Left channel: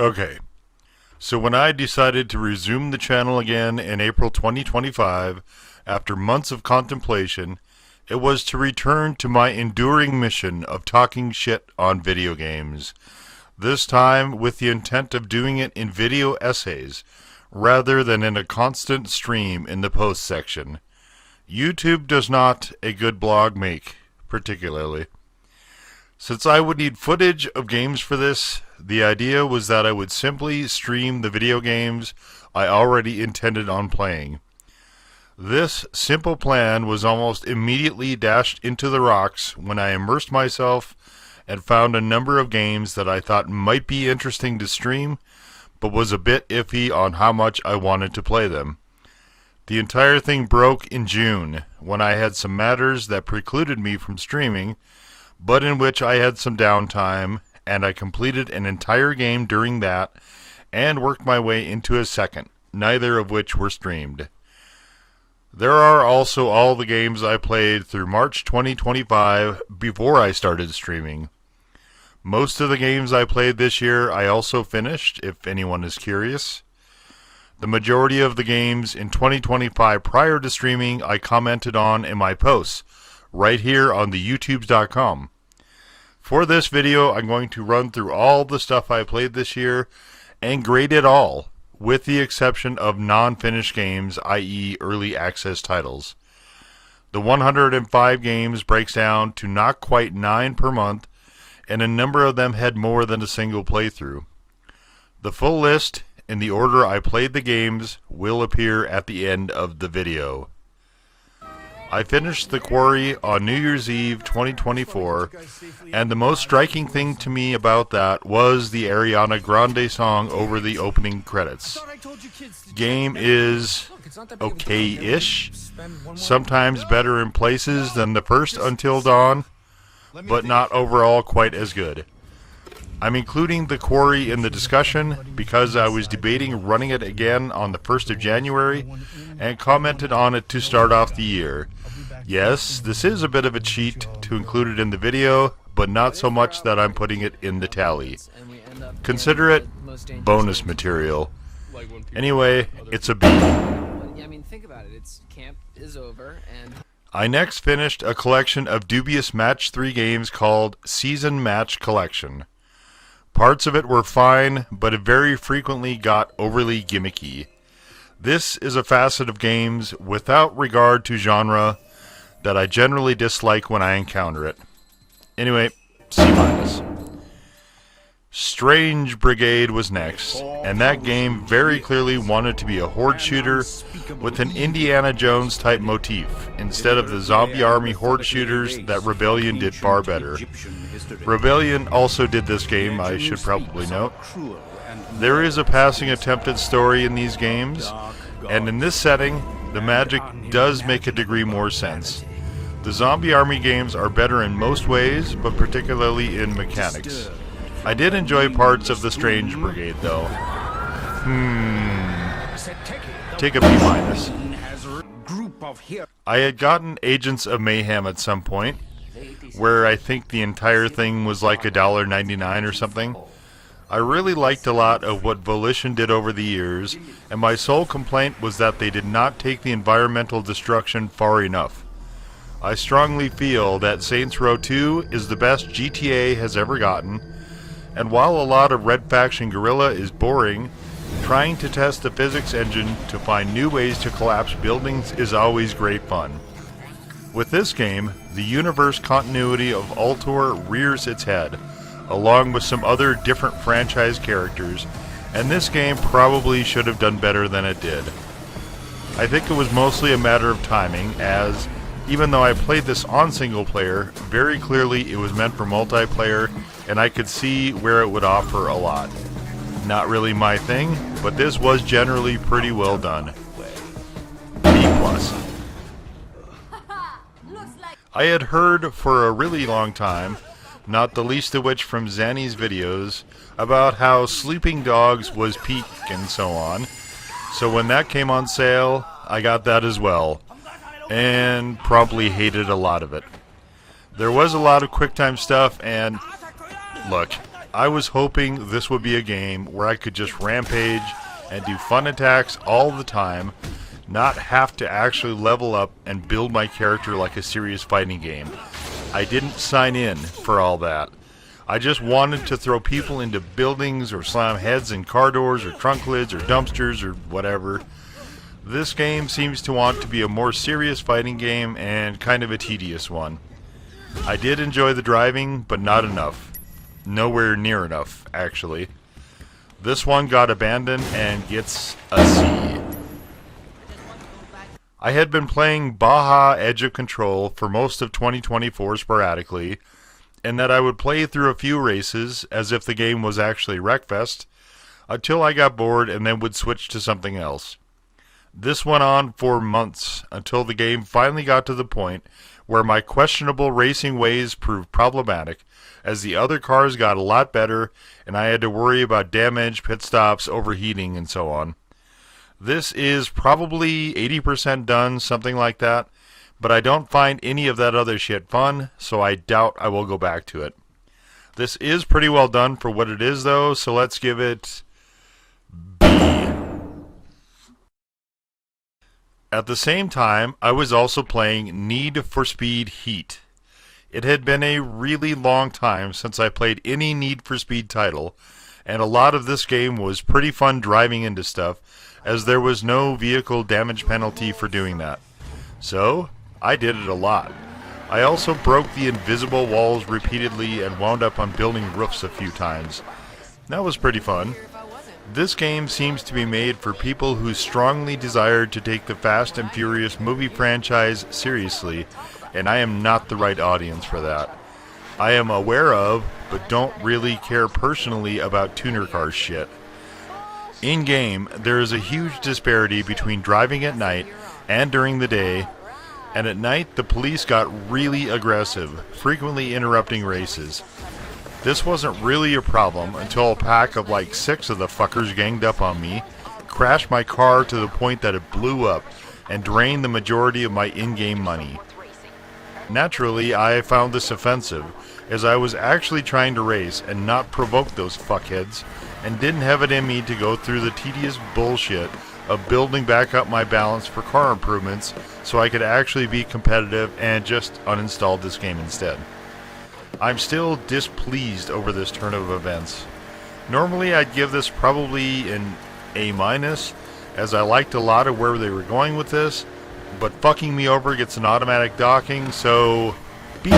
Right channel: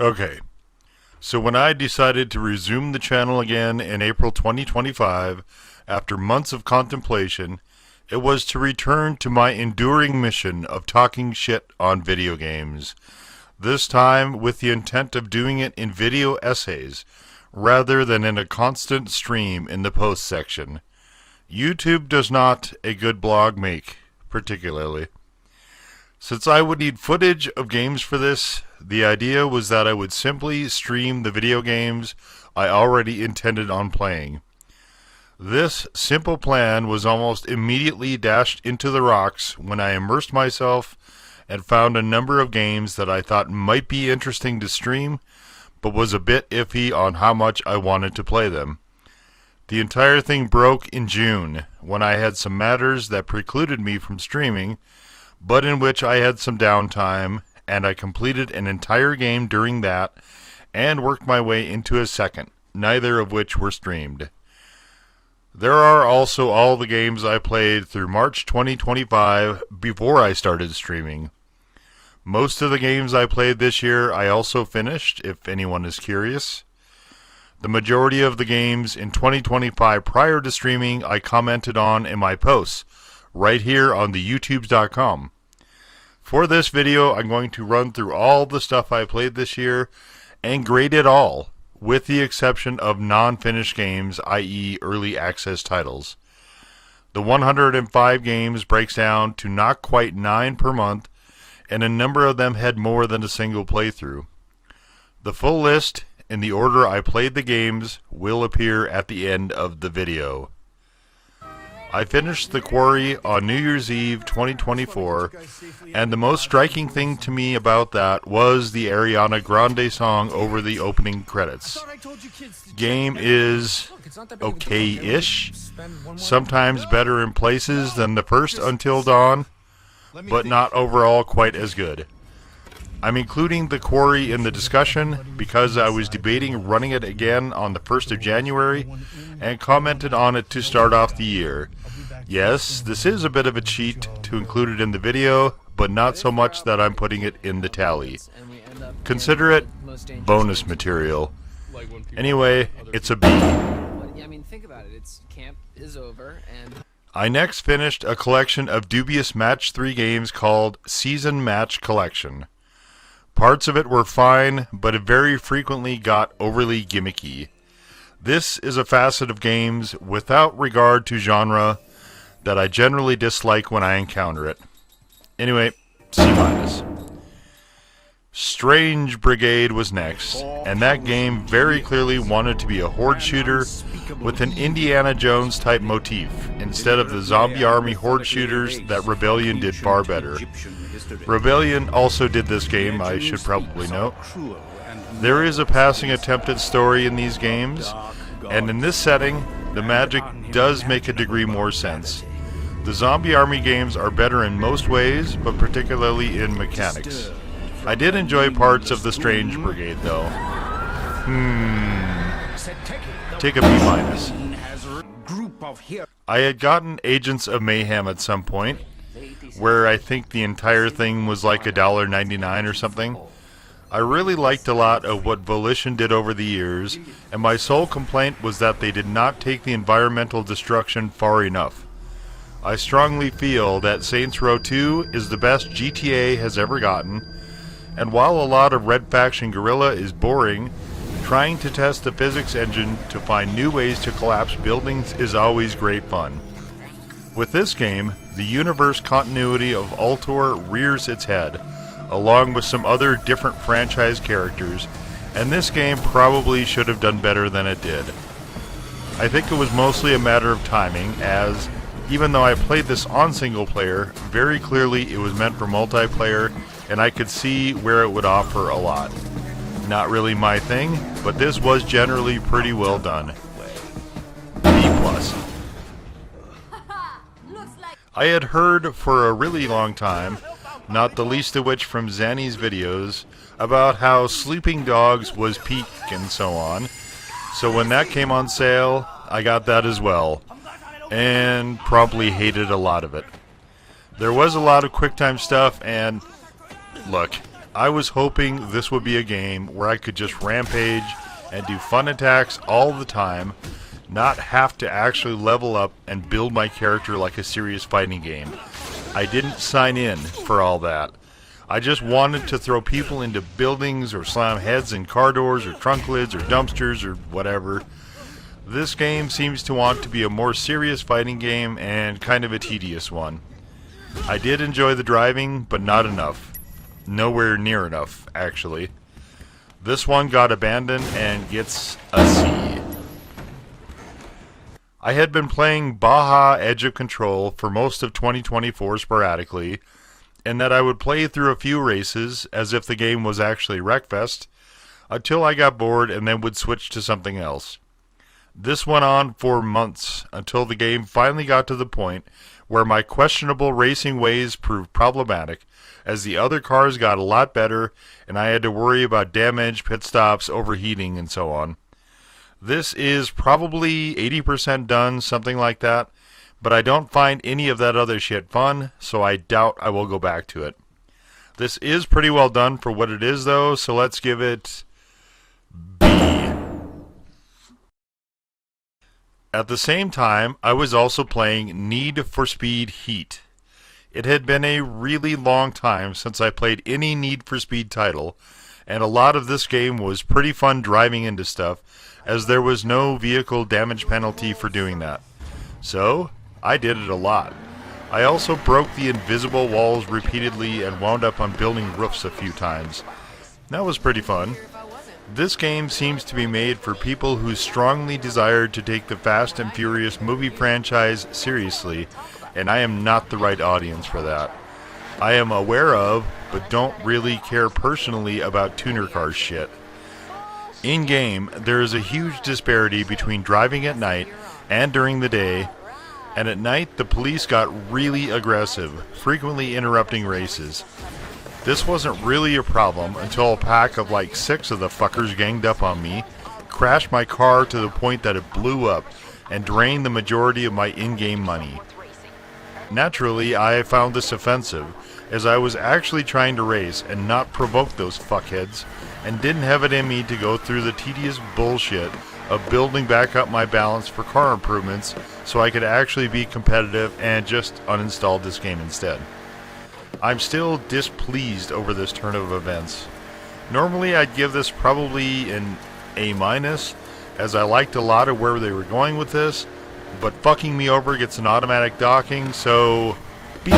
Okay, so when I decided to resume the channel again in April 2025, after months of contemplation, it was to return to my enduring mission of talking shit on video games. This time with the intent of doing it in video essays, rather than in a constant stream in the post section. YouTube does not a good blog make, particularly. Since I would need footage of games for this, the idea was that I would simply stream the video games I already intended on playing. This simple plan was almost immediately dashed into the rocks when I immersed myself and found a number of games that I thought might be interesting to stream, but was a bit iffy on how much I wanted to play them. The entire thing broke in June, when I had some matters that precluded me from streaming, but in which I had some downtime, and I completed an entire game during that, and worked my way into a second, neither of which were streamed. There are also all the games I played through March 2025 before I started streaming. Most of the games I played this year I also finished, if anyone is curious. The majority of the games in 2025 prior to streaming I commented on in my posts, right here on the youtubes.com. For this video, I'm going to run through all the stuff I played this year and grade it all, with the exception of non-finished games, i.e. early access titles. The 105 games breaks down to not quite 9 per month, and a number of them had more than a single playthrough. The full list, in the order I played the games, will appear at the end of the video. I finished the Quarry on New Year's Eve 2024, and the most striking thing to me about that was the Ariana Grande song over the opening credits. Game is okay-ish, sometimes better in places than the first Until Dawn, but not overall quite as good. I'm including the Quarry in the discussion because I was debating running it again on the 1st of January and commented on it to start off the year. Yes, this is a bit of a cheat to include it in the video, but not so much that I'm putting it in the tally. Consider it bonus material. Anyway, it's a biggie. I mean, think about it. It's camp is over, and I next finished a collection of dubious Match 3 games called Season Match Collection. Parts of it were fine, but it very frequently got overly gimmicky. This is a facet of games, without regard to genre, that I generally dislike when I encounter it. Anyway, C-. Strange Brigade was next, and that game very clearly wanted to be a horde shooter with an Indiana Jones type motif, instead of the zombie army horde shooters that Rebellion did far better. Rebellion also did this game, I should probably note. There is a passing attempted story in these games, and in this setting, the magic does make a degree more sense. The zombie army games are better in most ways, but particularly in mechanics. I did enjoy parts of the Strange Brigade, though. Take a B-. I had gotten Agents of Mayhem at some point, where I think the entire thing was like $1.99 or something. I really liked a lot of what Volition did over the years, and my sole complaint was that they did not take the environmental destruction far enough. I strongly feel that Saints Row 2 is the best GTA has ever gotten, and while a lot of Red Faction guerrilla is boring, trying to test the physics engine to find new ways to collapse buildings is always great fun. With this game, the universe continuity of Ultor rears its head, along with some other different franchise characters, and this game probably should have done better than it did. I think it was mostly a matter of timing, as even though I played this on single player, very clearly it was meant for multiplayer, and I could see where it would offer a lot. Not really my thing, but this was generally pretty well done. B+. I had heard for a really long time, not the least of which from Zanny's videos, about how Sleeping Dogs was peak and so on. So when that came on sale, I got that as well, and probably hated a lot of it. There was a lot of QuickTime stuff, and look, I was hoping this would be a game where I could just rampage and do fun attacks all the time, not have to actually level up and build my character like a serious fighting game. I didn't sign in for all that. I just wanted to throw people into buildings or slam heads in car doors or trunk lids or dumpsters or whatever. This game seems to want to be a more serious fighting game and kind of a tedious one. I did enjoy the driving, but not enough. Nowhere near enough, actually. This one got abandoned and gets a C. I had been playing Baja Edge of Control for most of 2024 sporadically, and that I would play through a few races as if the game was actually Wreckfest, until I got bored and then would switch to something else. This went on for months, until the game finally got to the point where my questionable racing ways proved problematic, as the other cars got a lot better, and I had to worry about damage, pit stops, overheating, and so on. This is probably 80% done, something like that, but I don't find any of that other shit fun, so I doubt I will go back to it. This is pretty well done for what it is, though, so let's give it B. At the same time, I was also playing Need for Speed Heat. It had been a really long time since I played any Need for Speed title, and a lot of this game was pretty fun driving into stuff, as there was no vehicle damage penalty for doing that. So, I did it a lot. I also broke the invisible walls repeatedly and wound up on building roofs a few times. That was pretty fun. This game seems to be made for people who strongly desire to take the Fast and Furious movie franchise seriously, and I am not the right audience for that. I am aware of, but don't really care personally about tuner car shit. In-game, there is a huge disparity between driving at night and during the day, and at night the police got really aggressive, frequently interrupting races. This wasn't really a problem until a pack of like 6 of the fuckers ganged up on me, crashed my car to the point that it blew up, and drained the majority of my in-game money. Naturally, I found this offensive, as I was actually trying to race and not provoke those fuckheads, and didn't have it in me to go through the tedious bullshit of building back up my balance for car improvements so I could actually be competitive, and just uninstalled this game instead. I'm still displeased over this turn of events. Normally I'd give this probably an A-, as I liked a lot of where they were going with this, but fucking me over gets an automatic docking, so B-.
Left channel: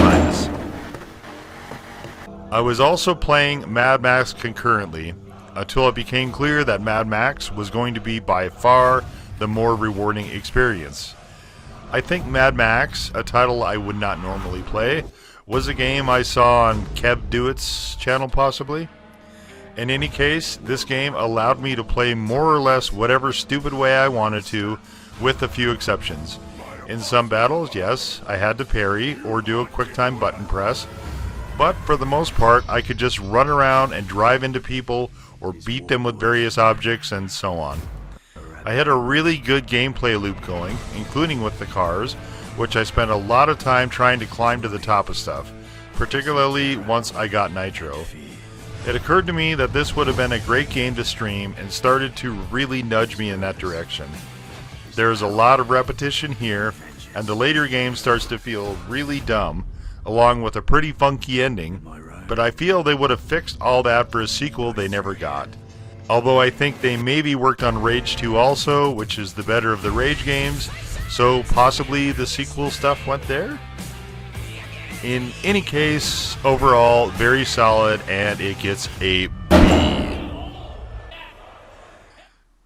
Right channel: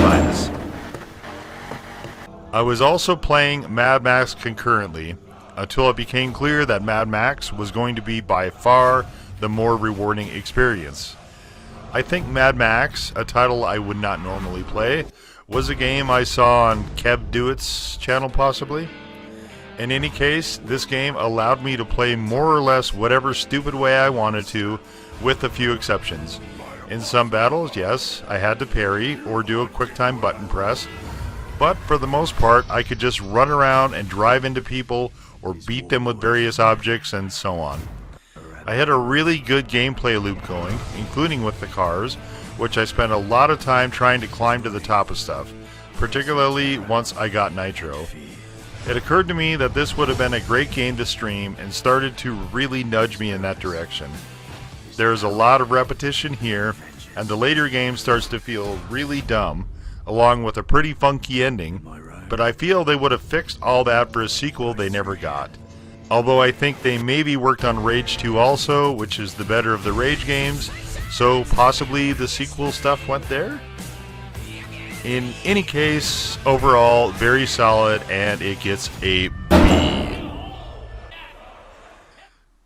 I was also playing Mad Max concurrently, until it became clear that Mad Max was going to be by far the more rewarding experience. I think Mad Max, a title I would not normally play, was a game I saw on Kev Dewitt's channel possibly. In any case, this game allowed me to play more or less whatever stupid way I wanted to, with a few exceptions. In some battles, yes, I had to parry or do a quick-time button press, but for the most part I could just run around and drive into people or beat them with various objects and so on. I had a really good gameplay loop going, including with the cars, which I spent a lot of time trying to climb to the top of stuff, particularly once I got Nitro. It occurred to me that this would have been a great game to stream, and started to really nudge me in that direction. There's a lot of repetition here, and the later game starts to feel really dumb, along with a pretty funky ending, but I feel they would have fixed all that for a sequel they never got. Although I think they maybe worked on Rage 2 also, which is the better of the Rage games, so possibly the sequel stuff went there? In any case, overall, very solid, and it gets a B.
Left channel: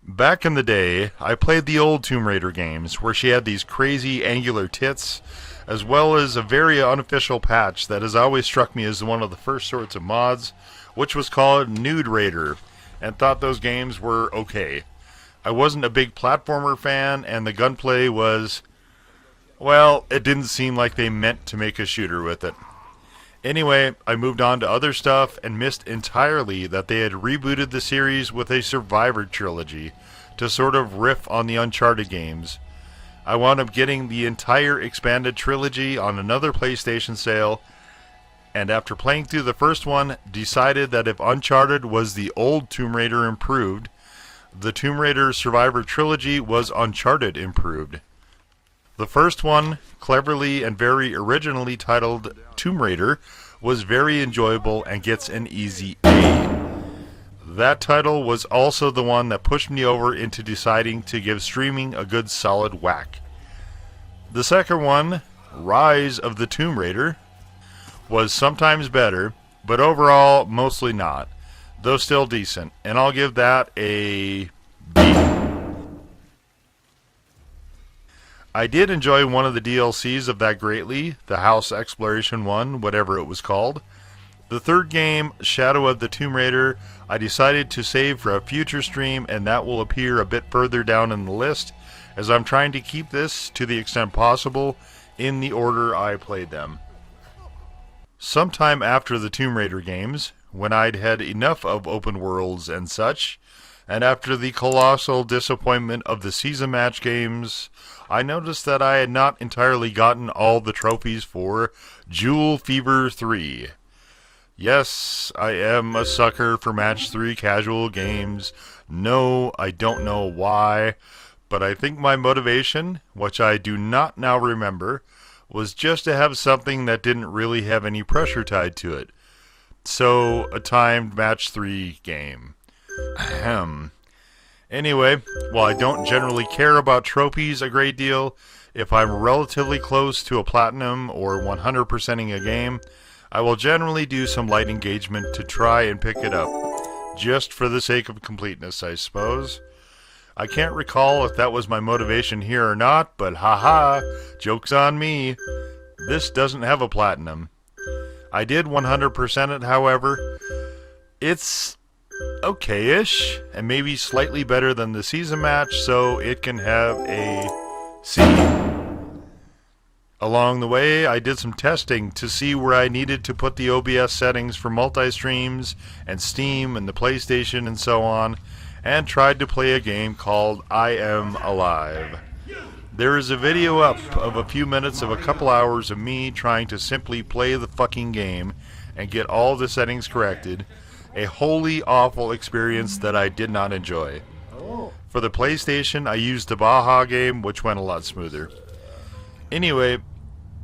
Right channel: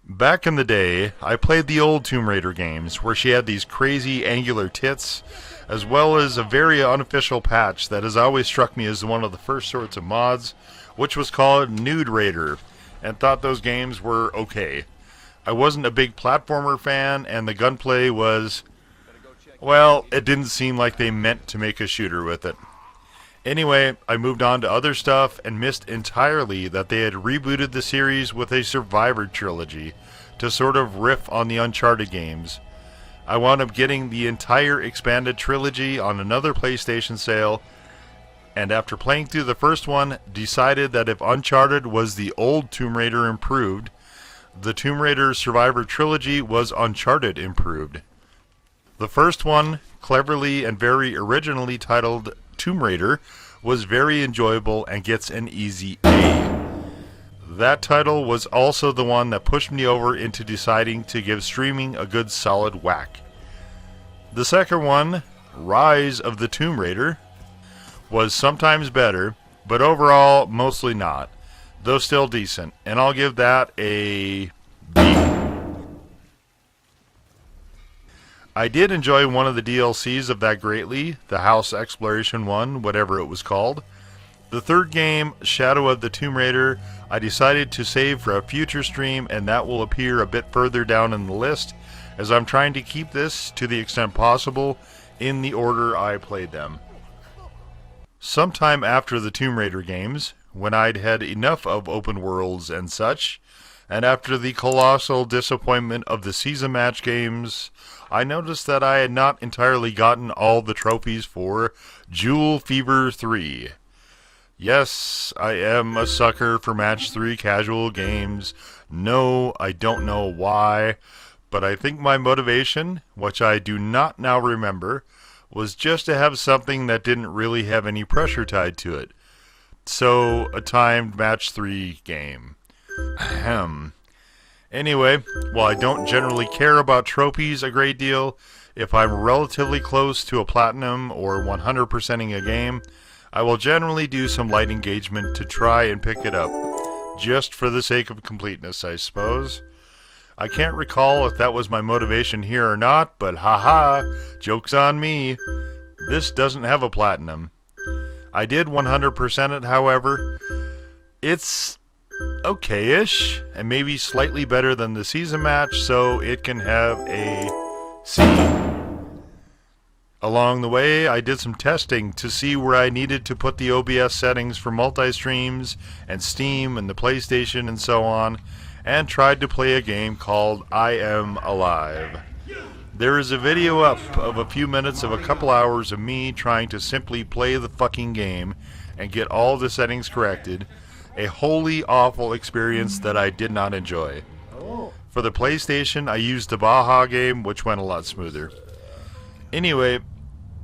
Back in the day, I played the old Tomb Raider games, where she had these crazy angular tits, as well as a very unofficial patch that has always struck me as one of the first sorts of mods, which was called Nude Raider, and thought those games were okay. I wasn't a big platformer fan, and the gunplay was, well, it didn't seem like they meant to make a shooter with it. Anyway, I moved on to other stuff and missed entirely that they had rebooted the series with a Survivor trilogy to sort of riff on the Uncharted games. I wound up getting the entire expanded trilogy on another PlayStation sale, and after playing through the first one, decided that if Uncharted was the old Tomb Raider improved, the Tomb Raider Survivor Trilogy was Uncharted improved. The first one, cleverly and very originally titled Tomb Raider, was very enjoyable and gets an easy A. That title was also the one that pushed me over into deciding to give streaming a good solid whack. The second one, Rise of the Tomb Raider, was sometimes better, but overall mostly not, though still decent, and I'll give that a B. I did enjoy one of the DLCs of that greatly, the House Exploration 1, whatever it was called. The third game, Shadow of the Tomb Raider, I decided to save for a future stream, and that will appear a bit further down in the list, as I'm trying to keep this, to the extent possible, in the order I played them. Sometime after the Tomb Raider games, when I'd had enough of open worlds and such, and after the colossal disappointment of the season match games, I noticed that I had not entirely gotten all the trophies for Jewel Fever 3. Yes, I am a sucker for Match 3 casual games. No, I don't know why, but I think my motivation, which I do not now remember, was just to have something that didn't really have any pressure tied to it. So, a timed Match 3 game. Ahem. Anyway, while I don't generally care about trophies a great deal, if I'm relatively close to a platinum or 100%ing a game, I will generally do some light engagement to try and pick it up, just for the sake of completeness, I suppose. I can't recall if that was my motivation here or not, but haha, joke's on me. This doesn't have a platinum. I did 100% it, however. It's okay-ish, and maybe slightly better than the season match, so it can have a C. Along the way, I did some testing to see where I needed to put the OBS settings for multi-streams and Steam and the PlayStation and so on, and tried to play a game called I Am Alive. There is a video up of a few minutes of a couple hours of me trying to simply play the fucking game and get all the settings corrected. A wholly awful experience that I did not enjoy. For the PlayStation, I used the Baja game, which went a lot smoother. Anyway,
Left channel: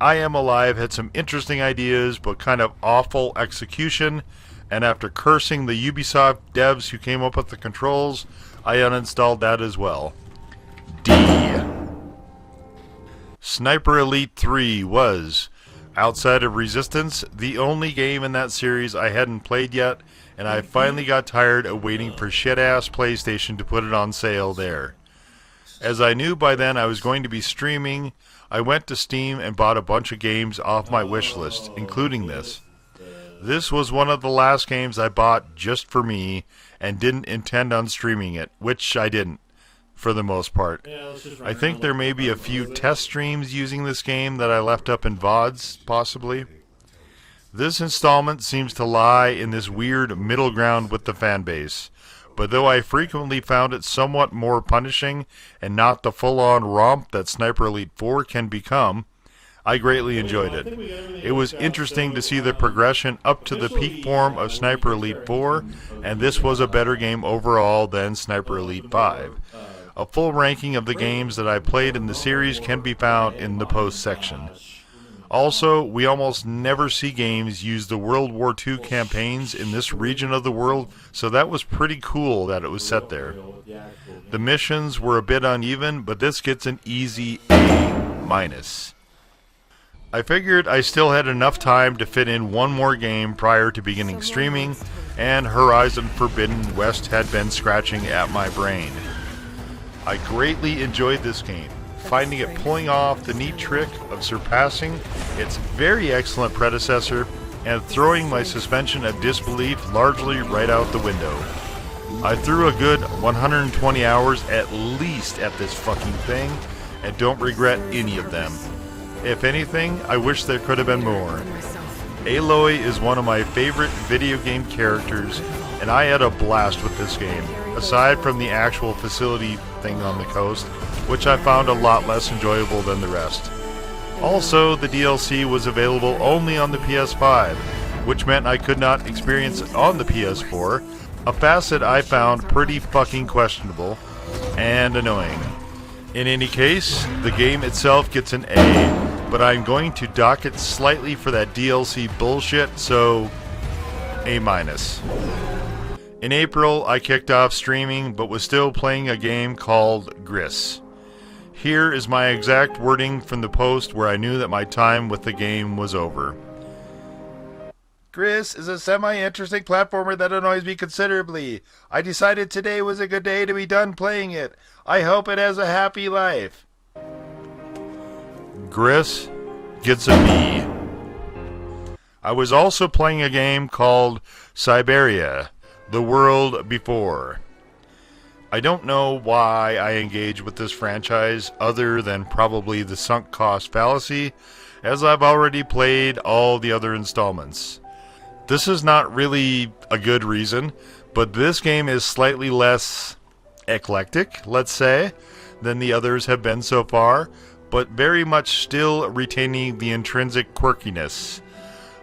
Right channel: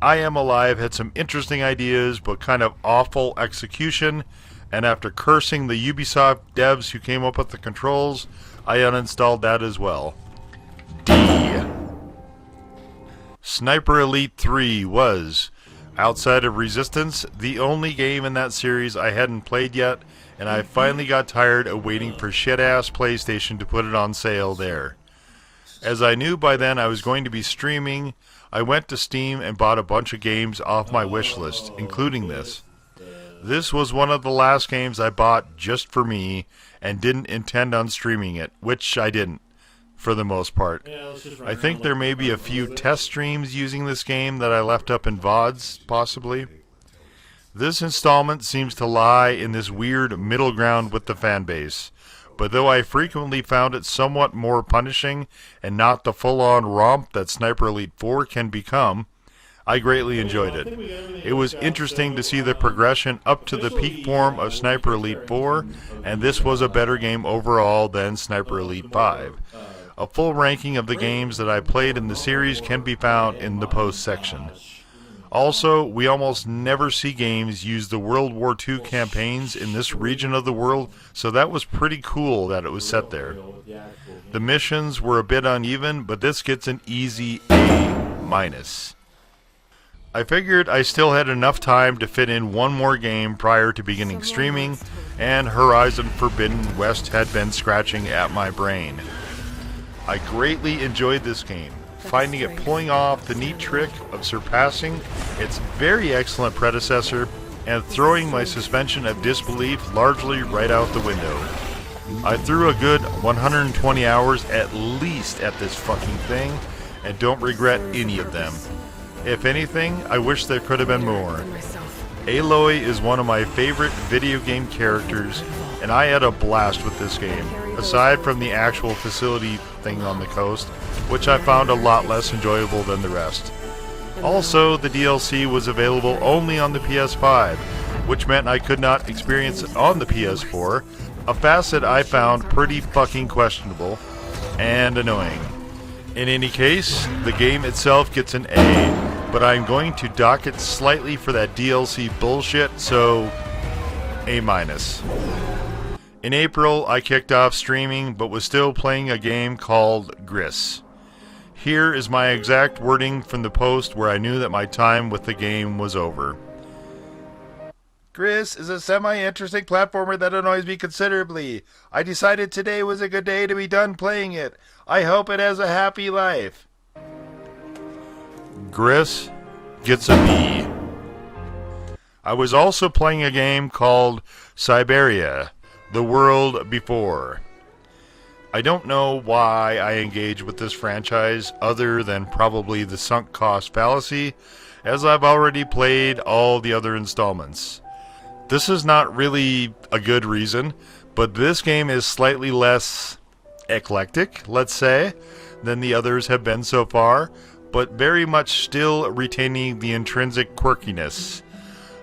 I Am Alive had some interesting ideas, but kind of awful execution, and after cursing the Ubisoft devs who came up with the controls, I uninstalled that as well. D. Sniper Elite 3 was, outside of Resistance, the only game in that series I hadn't played yet, and I finally got tired of waiting for shit-ass PlayStation to put it on sale there. As I knew by then I was going to be streaming, I went to Steam and bought a bunch of games off my wish list, including this. This was one of the last games I bought just for me, and didn't intend on streaming it, which I didn't, for the most part. I think there may be a few test streams using this game that I left up in VODs, possibly. This installment seems to lie in this weird middle ground with the fanbase, but though I frequently found it somewhat more punishing and not the full-on romp that Sniper Elite 4 can become, I greatly enjoyed it. It was interesting to see the progression up to the peak form of Sniper Elite 4, and this was a better game overall than Sniper Elite 5. A full ranking of the games that I played in the series can be found in the post section. Also, we almost never see games use the World War II campaigns in this region of the world, so that was pretty cool that it was set there. The missions were a bit uneven, but this gets an easy A-. I figured I still had enough time to fit in one more game prior to beginning streaming, and Horizon Forbidden West had been scratching at my brain. I greatly enjoyed this game, finding it pulling off the neat trick of surpassing its very excellent predecessor and throwing my suspension of disbelief largely right out the window. I threw a good 120 hours at least at this fucking thing, and don't regret any of them. If anything, I wish there could have been more. Aloy is one of my favorite video game characters, and I had a blast with this game, aside from the actual facility thing on the coast, which I found a lot less enjoyable than the rest. Also, the DLC was available only on the PS5, which meant I could not experience it on the PS4, a facet I found pretty fucking questionable and annoying. In any case, the game itself gets an A, but I'm going to dock it slightly for that DLC bullshit, so A-. In April, I kicked off streaming, but was still playing a game called Gris. Here is my exact wording from the post where I knew that my time with the game was over. Gris is a semi-interesting platformer that annoys me considerably. I decided today was a good day to be done playing it. I hope it has a happy life. Gris gets a B. I was also playing a game called Syberia, The World Before. I don't know why I engage with this franchise other than probably the sunk cost fallacy, as I've already played all the other installments. This is not really a good reason, but this game is slightly less eclectic, let's say, than the others have been so far, but very much still retaining the intrinsic quirkiness.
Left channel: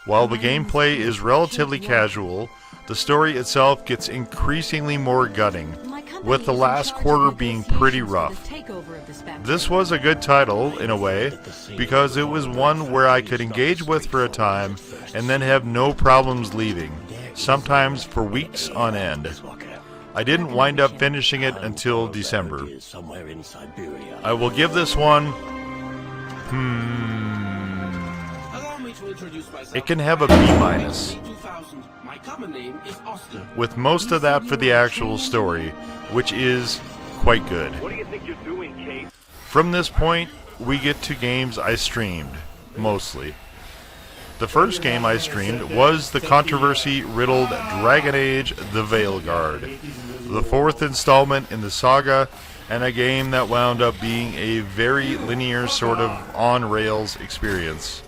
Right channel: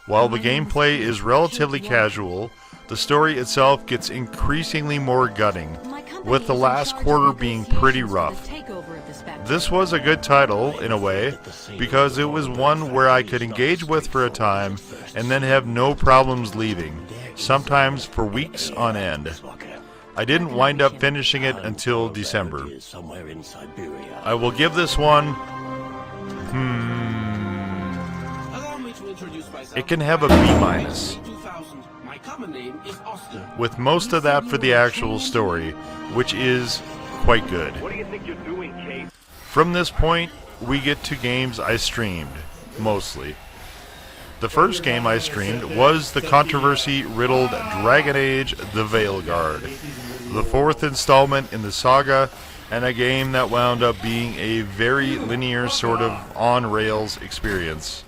While the gameplay is relatively casual, the story itself gets increasingly more gutting, with the last quarter being pretty rough. This was a good title, in a way, because it was one where I could engage with for a time, and then have no problems leaving, sometimes for weeks on end. I didn't wind up finishing it until December. I will give this one... It can have a B-, with most of that for the actual story, which is quite good. What do you think you're doing, Kate? From this point, we get to games I streamed, mostly. The first game I streamed was the controversy-riddled Dragon Age: The Veilguard, the fourth installment in the saga, and a game that wound up being a very linear sort of on-rails experience.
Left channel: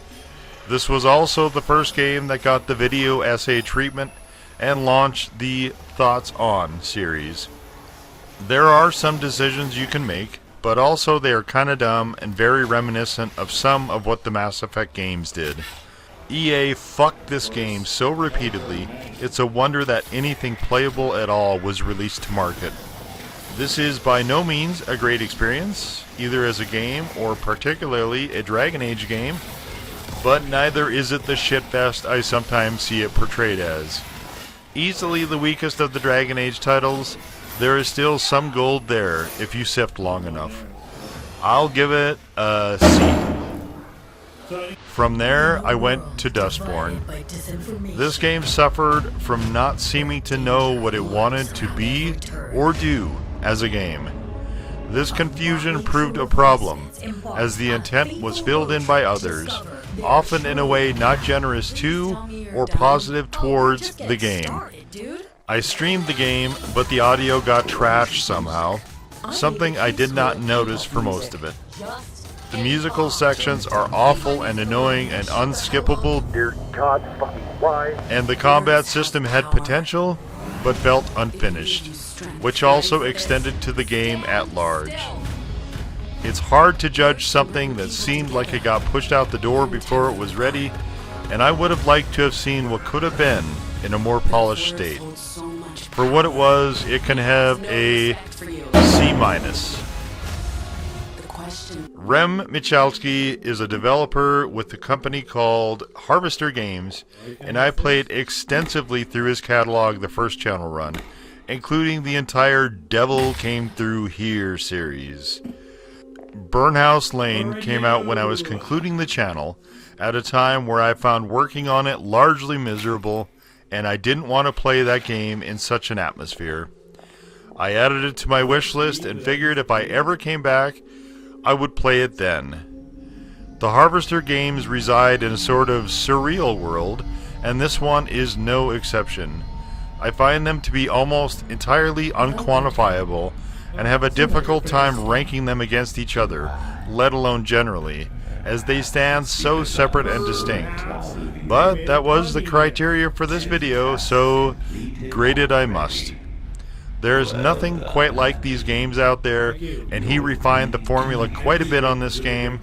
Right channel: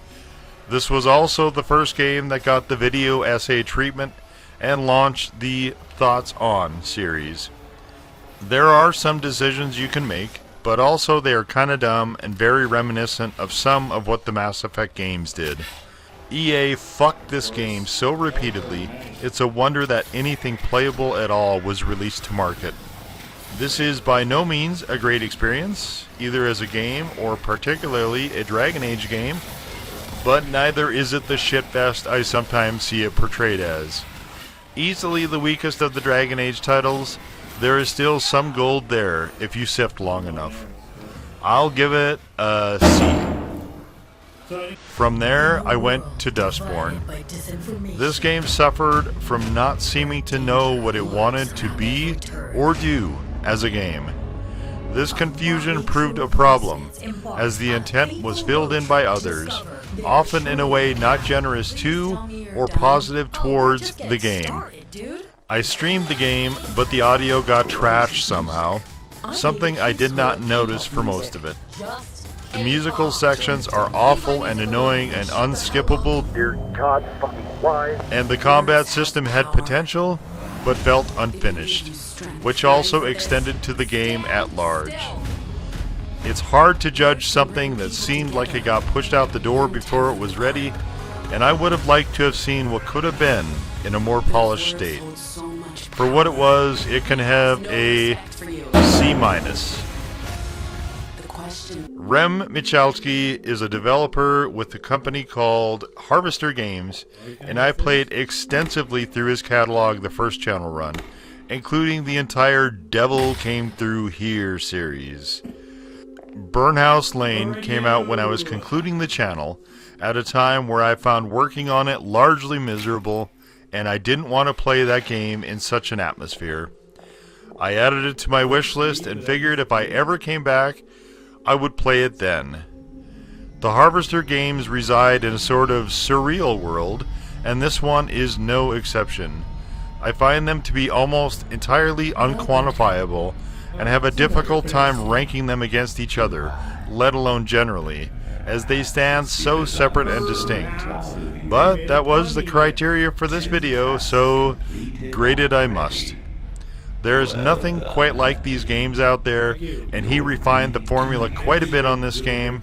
This was also the first game that got the video essay treatment and launched the Thoughts On series. There are some decisions you can make, but also they are kinda dumb and very reminiscent of some of what the Mass Effect games did. EA fucked this game so repeatedly, it's a wonder that anything playable at all was released to market. This is by no means a great experience, either as a game or particularly a Dragon Age game, but neither is it the shitfest I sometimes see it portrayed as. Easily the weakest of the Dragon Age titles, there is still some gold there if you sift long enough. I'll give it a C. From there, I went to Dustborn. This game suffered from not seeming to know what it wanted to be or do as a game. This confusion proved a problem, as the intent was filled in by others, often in a way not generous to or positive towards the game. I streamed the game, but the audio got trashed somehow, something I did not notice for most of it. The musical sections are awful and annoying and unskippable, and the combat system had potential, but felt unfinished, which also extended to the game at large. It's hard to judge something that seemed like it got pushed out the door before it was ready, and I would have liked to have seen what could have been in a more polished state. For what it was, it can have a C-. Rem Michalski is a developer with a company called Harvester Games, and I played extensively through his catalog the first channel run, including the entire Devil Came Through Here series. Burnhouse Lane came out when I was concluding the channel, at a time where I found working on it largely miserable, and I didn't want to play that game in such an atmosphere. I added it to my wish list and figured if I ever came back, I would play it then. The Harvester games reside in a sort of surreal world, and this one is no exception. I find them to be almost entirely unquantifiable, and have a difficult time ranking them against each other, let alone generally, as they stand so separate and distinct. But that was the criteria for this video, so grade it I must. There is nothing quite like these games out there, and he refined the formula quite a bit on this game.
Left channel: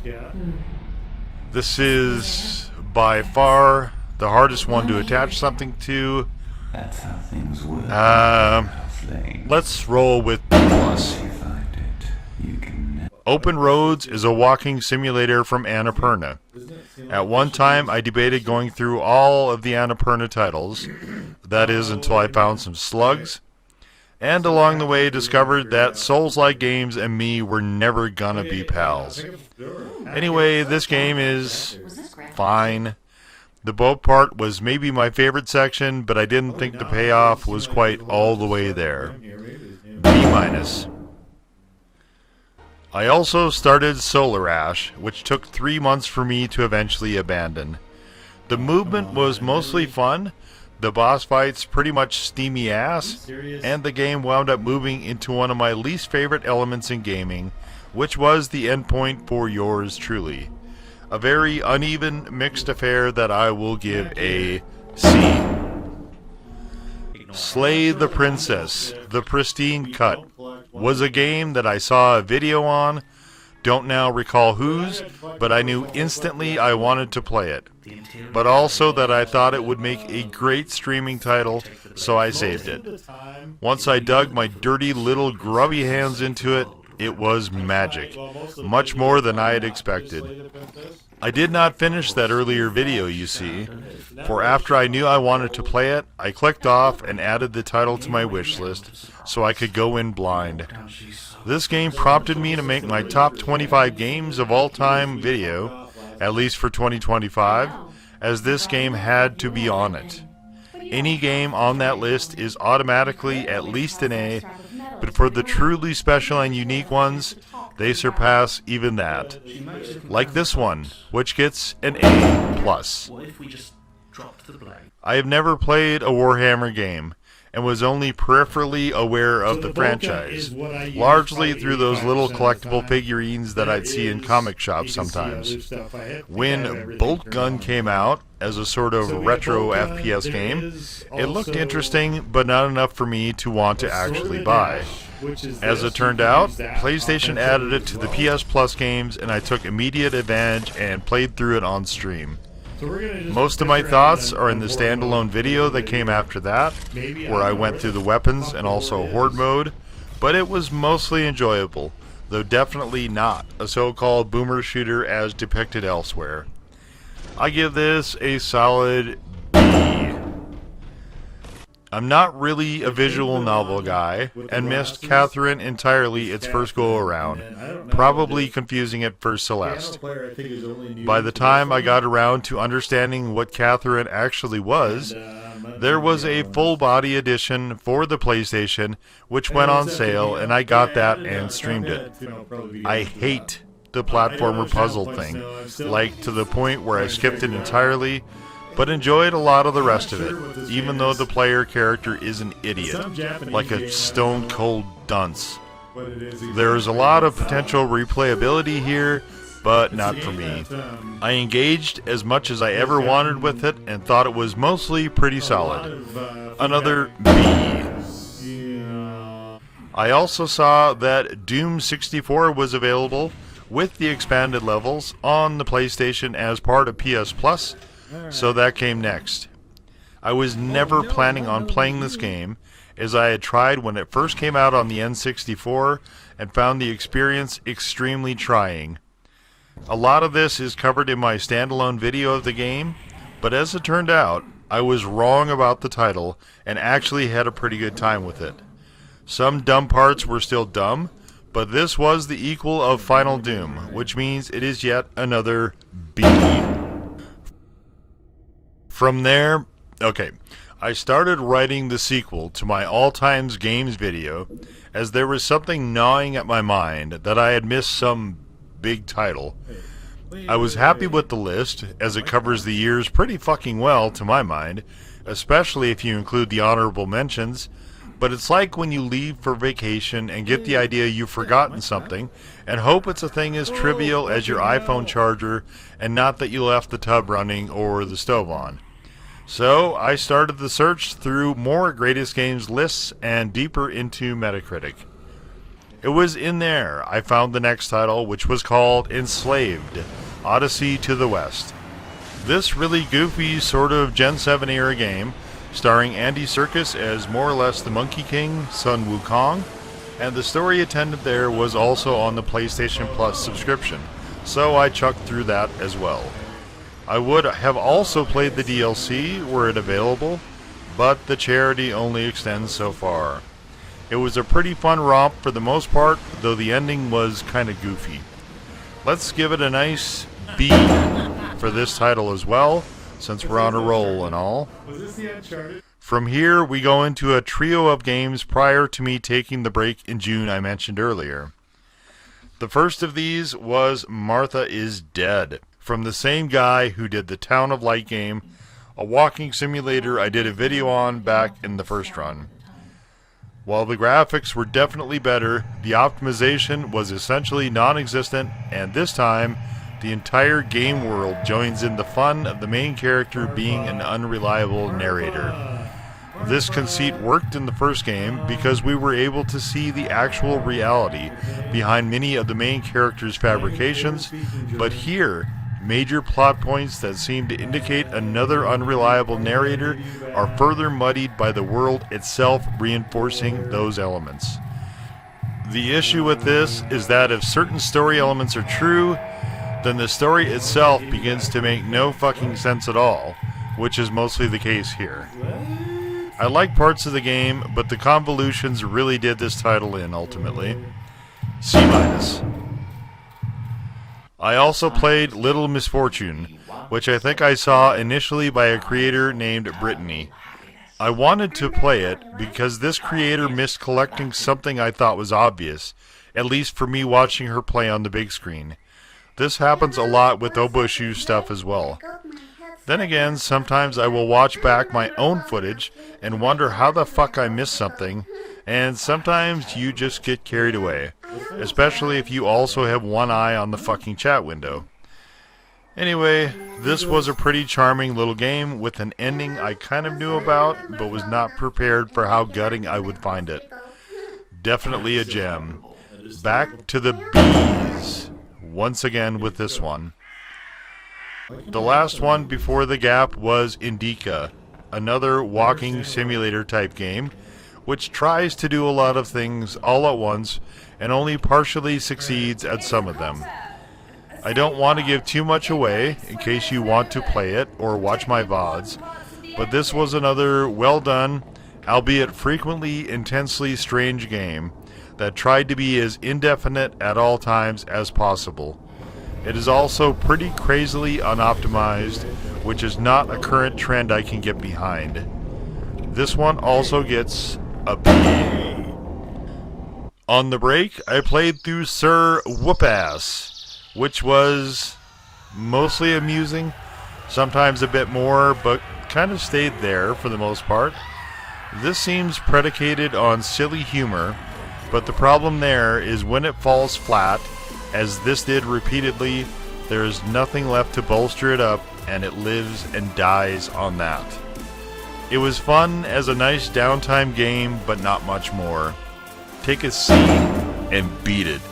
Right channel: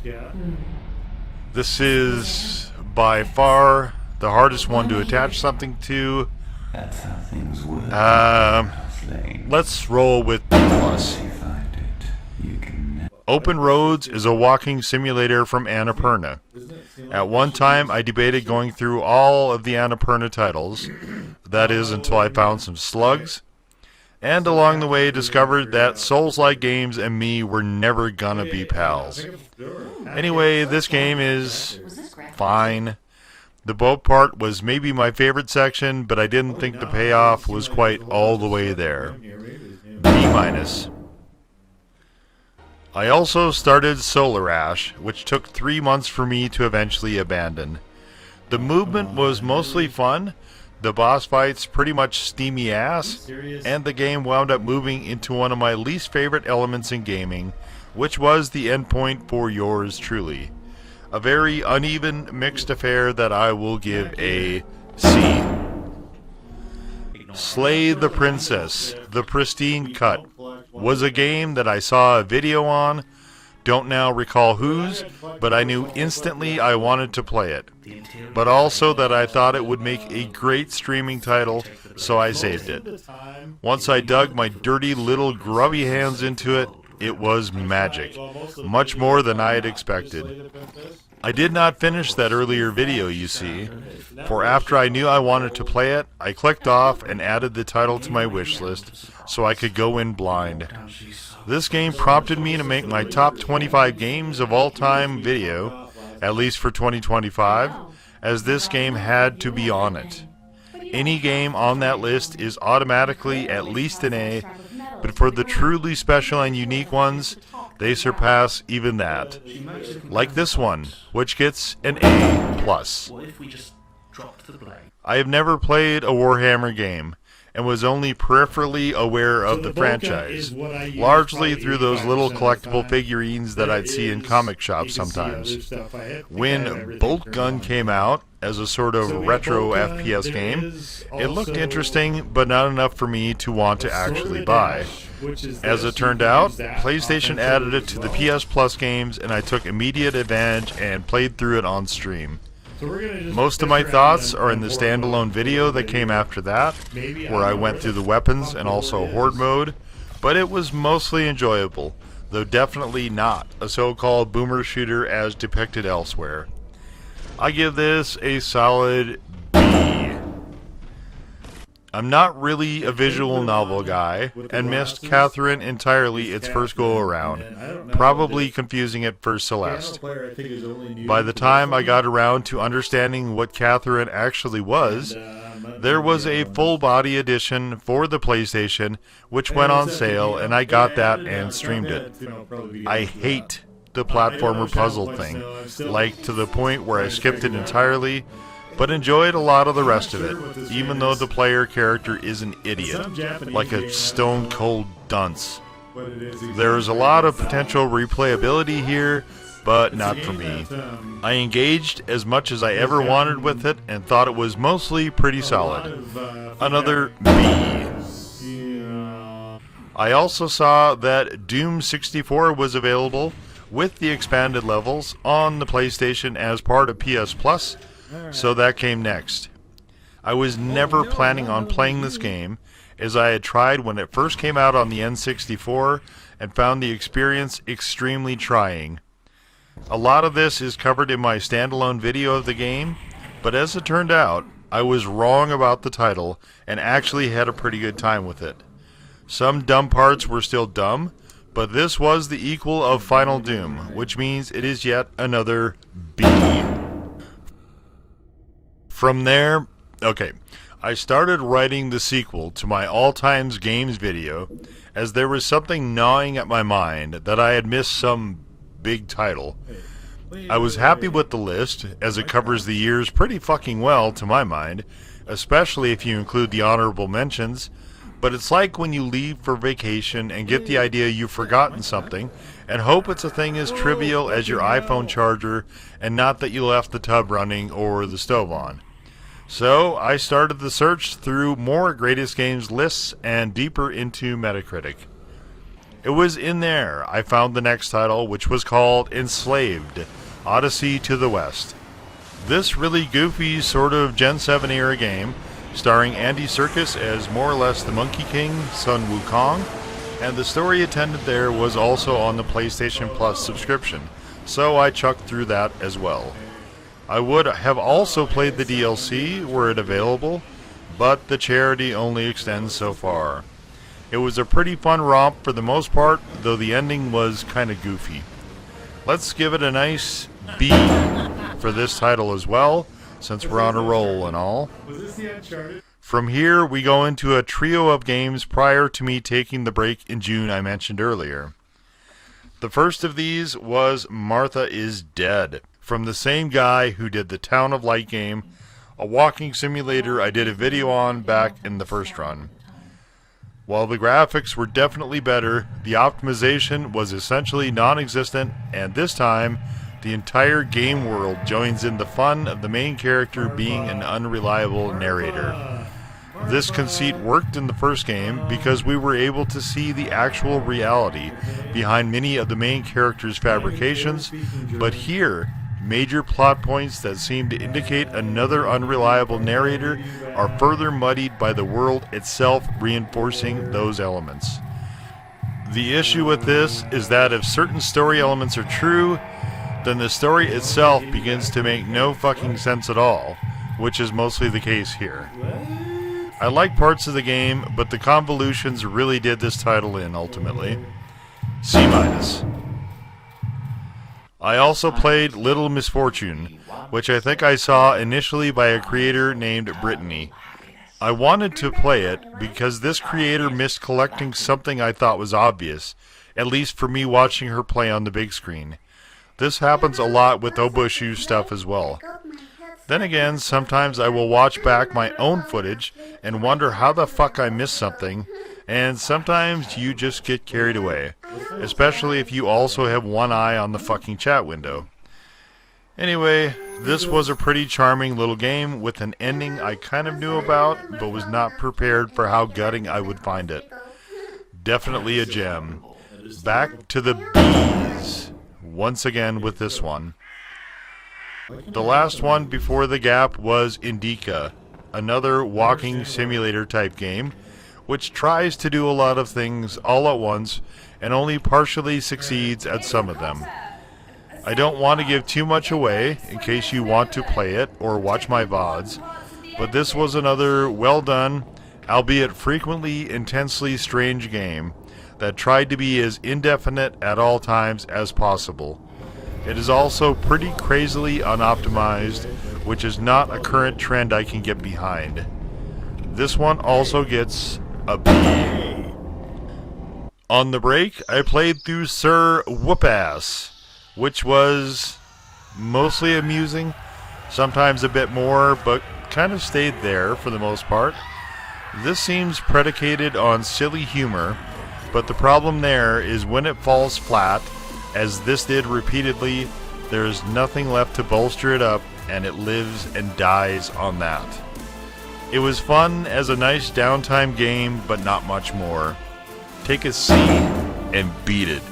This is, by far, the hardest one to attach something to. That's how things work. Burnhouse Lane. Let's roll with plus. You find it, you can. Open Roads is a walking simulator from Annapurna. At one time, I debated going through all of the Annapurna titles. That is, until I found some slugs. And along the way, discovered that Souls-like games and me were never gonna be pals. Anyway, this game is fine. The boat part was maybe my favorite section, but I didn't think the payoff was quite all the way there. B-. I also started Solar Ash, which took 3 months for me to eventually abandon. The movement was mostly fun, the boss fights pretty much steamy ass, and the game wound up moving into one of my least favorite elements in gaming, which was the endpoint for yours truly. A very uneven, mixed affair that I will give a C. Slay the Princess, the Pristine Cut, was a game that I saw a video on, don't now recall whose, but I knew instantly I wanted to play it. But also that I thought it would make a great streaming title, so I saved it. Once I dug my dirty little grubby hands into it, it was magic. Much more than I had expected. I did not finish that earlier video, you see, for after I knew I wanted to play it, I clicked off and added the title to my wish list so I could go in blind. This game prompted me to make my top 25 games of all time video, at least for 2025, as this game had to be on it. Any game on that list is automatically at least an A, but for the truly special and unique ones, they surpass even that. Like this one, which gets an A+. I have never played a Warhammer game, and was only peripherally aware of the franchise, largely through those little collectible figurines that I'd see in comic shops sometimes. When Boltgun came out, as a sort of retro FPS game, it looked interesting, but not enough for me to want to actually buy. As it turned out, PlayStation added it to the PS Plus games, and I took immediate advantage and played through it on stream. Most of my thoughts are in the standalone video that came after that, where I went through the weapons and also horde mode, but it was mostly enjoyable, though definitely not a so-called boomer shooter as depicted elsewhere. I give this a solid B. I'm not really a visual novel guy, and missed Catherine entirely its first go-around, probably confusing it for Celeste. By the time I got around to understanding what Catherine actually was, there was a full-body edition for the PlayStation, which went on sale, and I got that and streamed it. I hate the platformer puzzle thing, like to the point where I skipped it entirely, but enjoyed a lot of the rest of it, even though the player character is an idiot, like a stone-cold dunce. There is a lot of potential replayability here, but not for me. I engaged as much as I ever wanted with it, and thought it was mostly pretty solid. Another B. I also saw that Doom 64 was available, with the expanded levels, on the PlayStation as part of PS Plus, so that came next. I was never planning on playing this game, as I had tried when it first came out on the N64 and found the experience extremely trying. A lot of this is covered in my standalone video of the game, but as it turned out, I was wrong about the title and actually had a pretty good time with it. Some dumb parts were still dumb, but this was the equal of Final Doom, which means it is yet another B. From there, I started writing the sequel to my All Times Games video, as there was something gnawing at my mind that I had missed some big title. I was happy with the list, as it covers the years pretty fucking well to my mind, especially if you include the honorable mentions, but it's like when you leave for vacation and get the idea you've forgotten something, and hope it's a thing as trivial as your iPhone charger, and not that you left the tub running or the stove on. So I started the search through more Greatest Games lists and deeper into Metacritic. It was in there I found the next title, which was called Enslaved, Odyssey to the West. This really goofy sort of Gen 7 era game, starring Andy Serkis as more or less the Monkey King, Sun Wukong, and the story attendant there was also on the PlayStation Plus subscription, so I chucked through that as well. I would have also played the DLC were it available, but the charity only extends so far. It was a pretty fun romp for the most part, though the ending was kinda goofy. Let's give it a nice B for this title as well, since we're on a roll and all. Was this the Uncharted? From here, we go into a trio of games prior to me taking the break in June I mentioned earlier. The first of these was Martha is Dead, from the same guy who did the Town of Light game, a walking simulator I did a video on back in the first run. While the graphics were definitely better, the optimization was essentially non-existent, and this time, the entire game world joins in the fun of the main character being an unreliable narrator. This conceit worked in the first game because we were able to see the actual reality behind many of the main character's fabrications, but here, major plot points that seem to indicate another unreliable narrator are further muddied by the world itself reinforcing those elements. The issue with this is that if certain story elements are true, then the story itself begins to make no fucking sense at all, which is mostly the case here. I like parts of the game, but the convolutions really did this title in, ultimately. C-. I also played Little Misfortune, which I think I saw initially by a creator named Brittany. I wanted to play it because this creator missed collecting something I thought was obvious, at least for me watching her play on the big screen. This happens a lot with Oboshu stuff as well. Then again, sometimes I will watch back my own footage and wonder how the fuck I missed something, and sometimes you just get carried away, especially if you also have one eye on the fucking chat window. Anyway, this was a pretty charming little game with an ending I kind of knew about, but was not prepared for how gutting I would find it. Definitely a gem. Back to the bees, once again with this one. The last one before the gap was Indika, another walking simulator type game, which tries to do a lot of things all at once and only partially succeeds at some of them. I don't want to give too much away in case you want to play it or watch my VODs, but this was another well done, albeit frequently intensely strange game that tried to be as indefinite at all times as possible. It is also pretty crazily unoptimized, which is not a current trend I can get behind. This one also gets a B. On the break, I played through Sir Whoopass, which was mostly amusing, sometimes a bit more, but kind of stayed there for the most part. This seems predicated on silly humor, but the problem there is when it falls flat, as this did repeatedly, there is nothing left to bolster it up, and it lives and dies on that. It was fun as a nice downtime game, but not much more. Take a seat and beat it.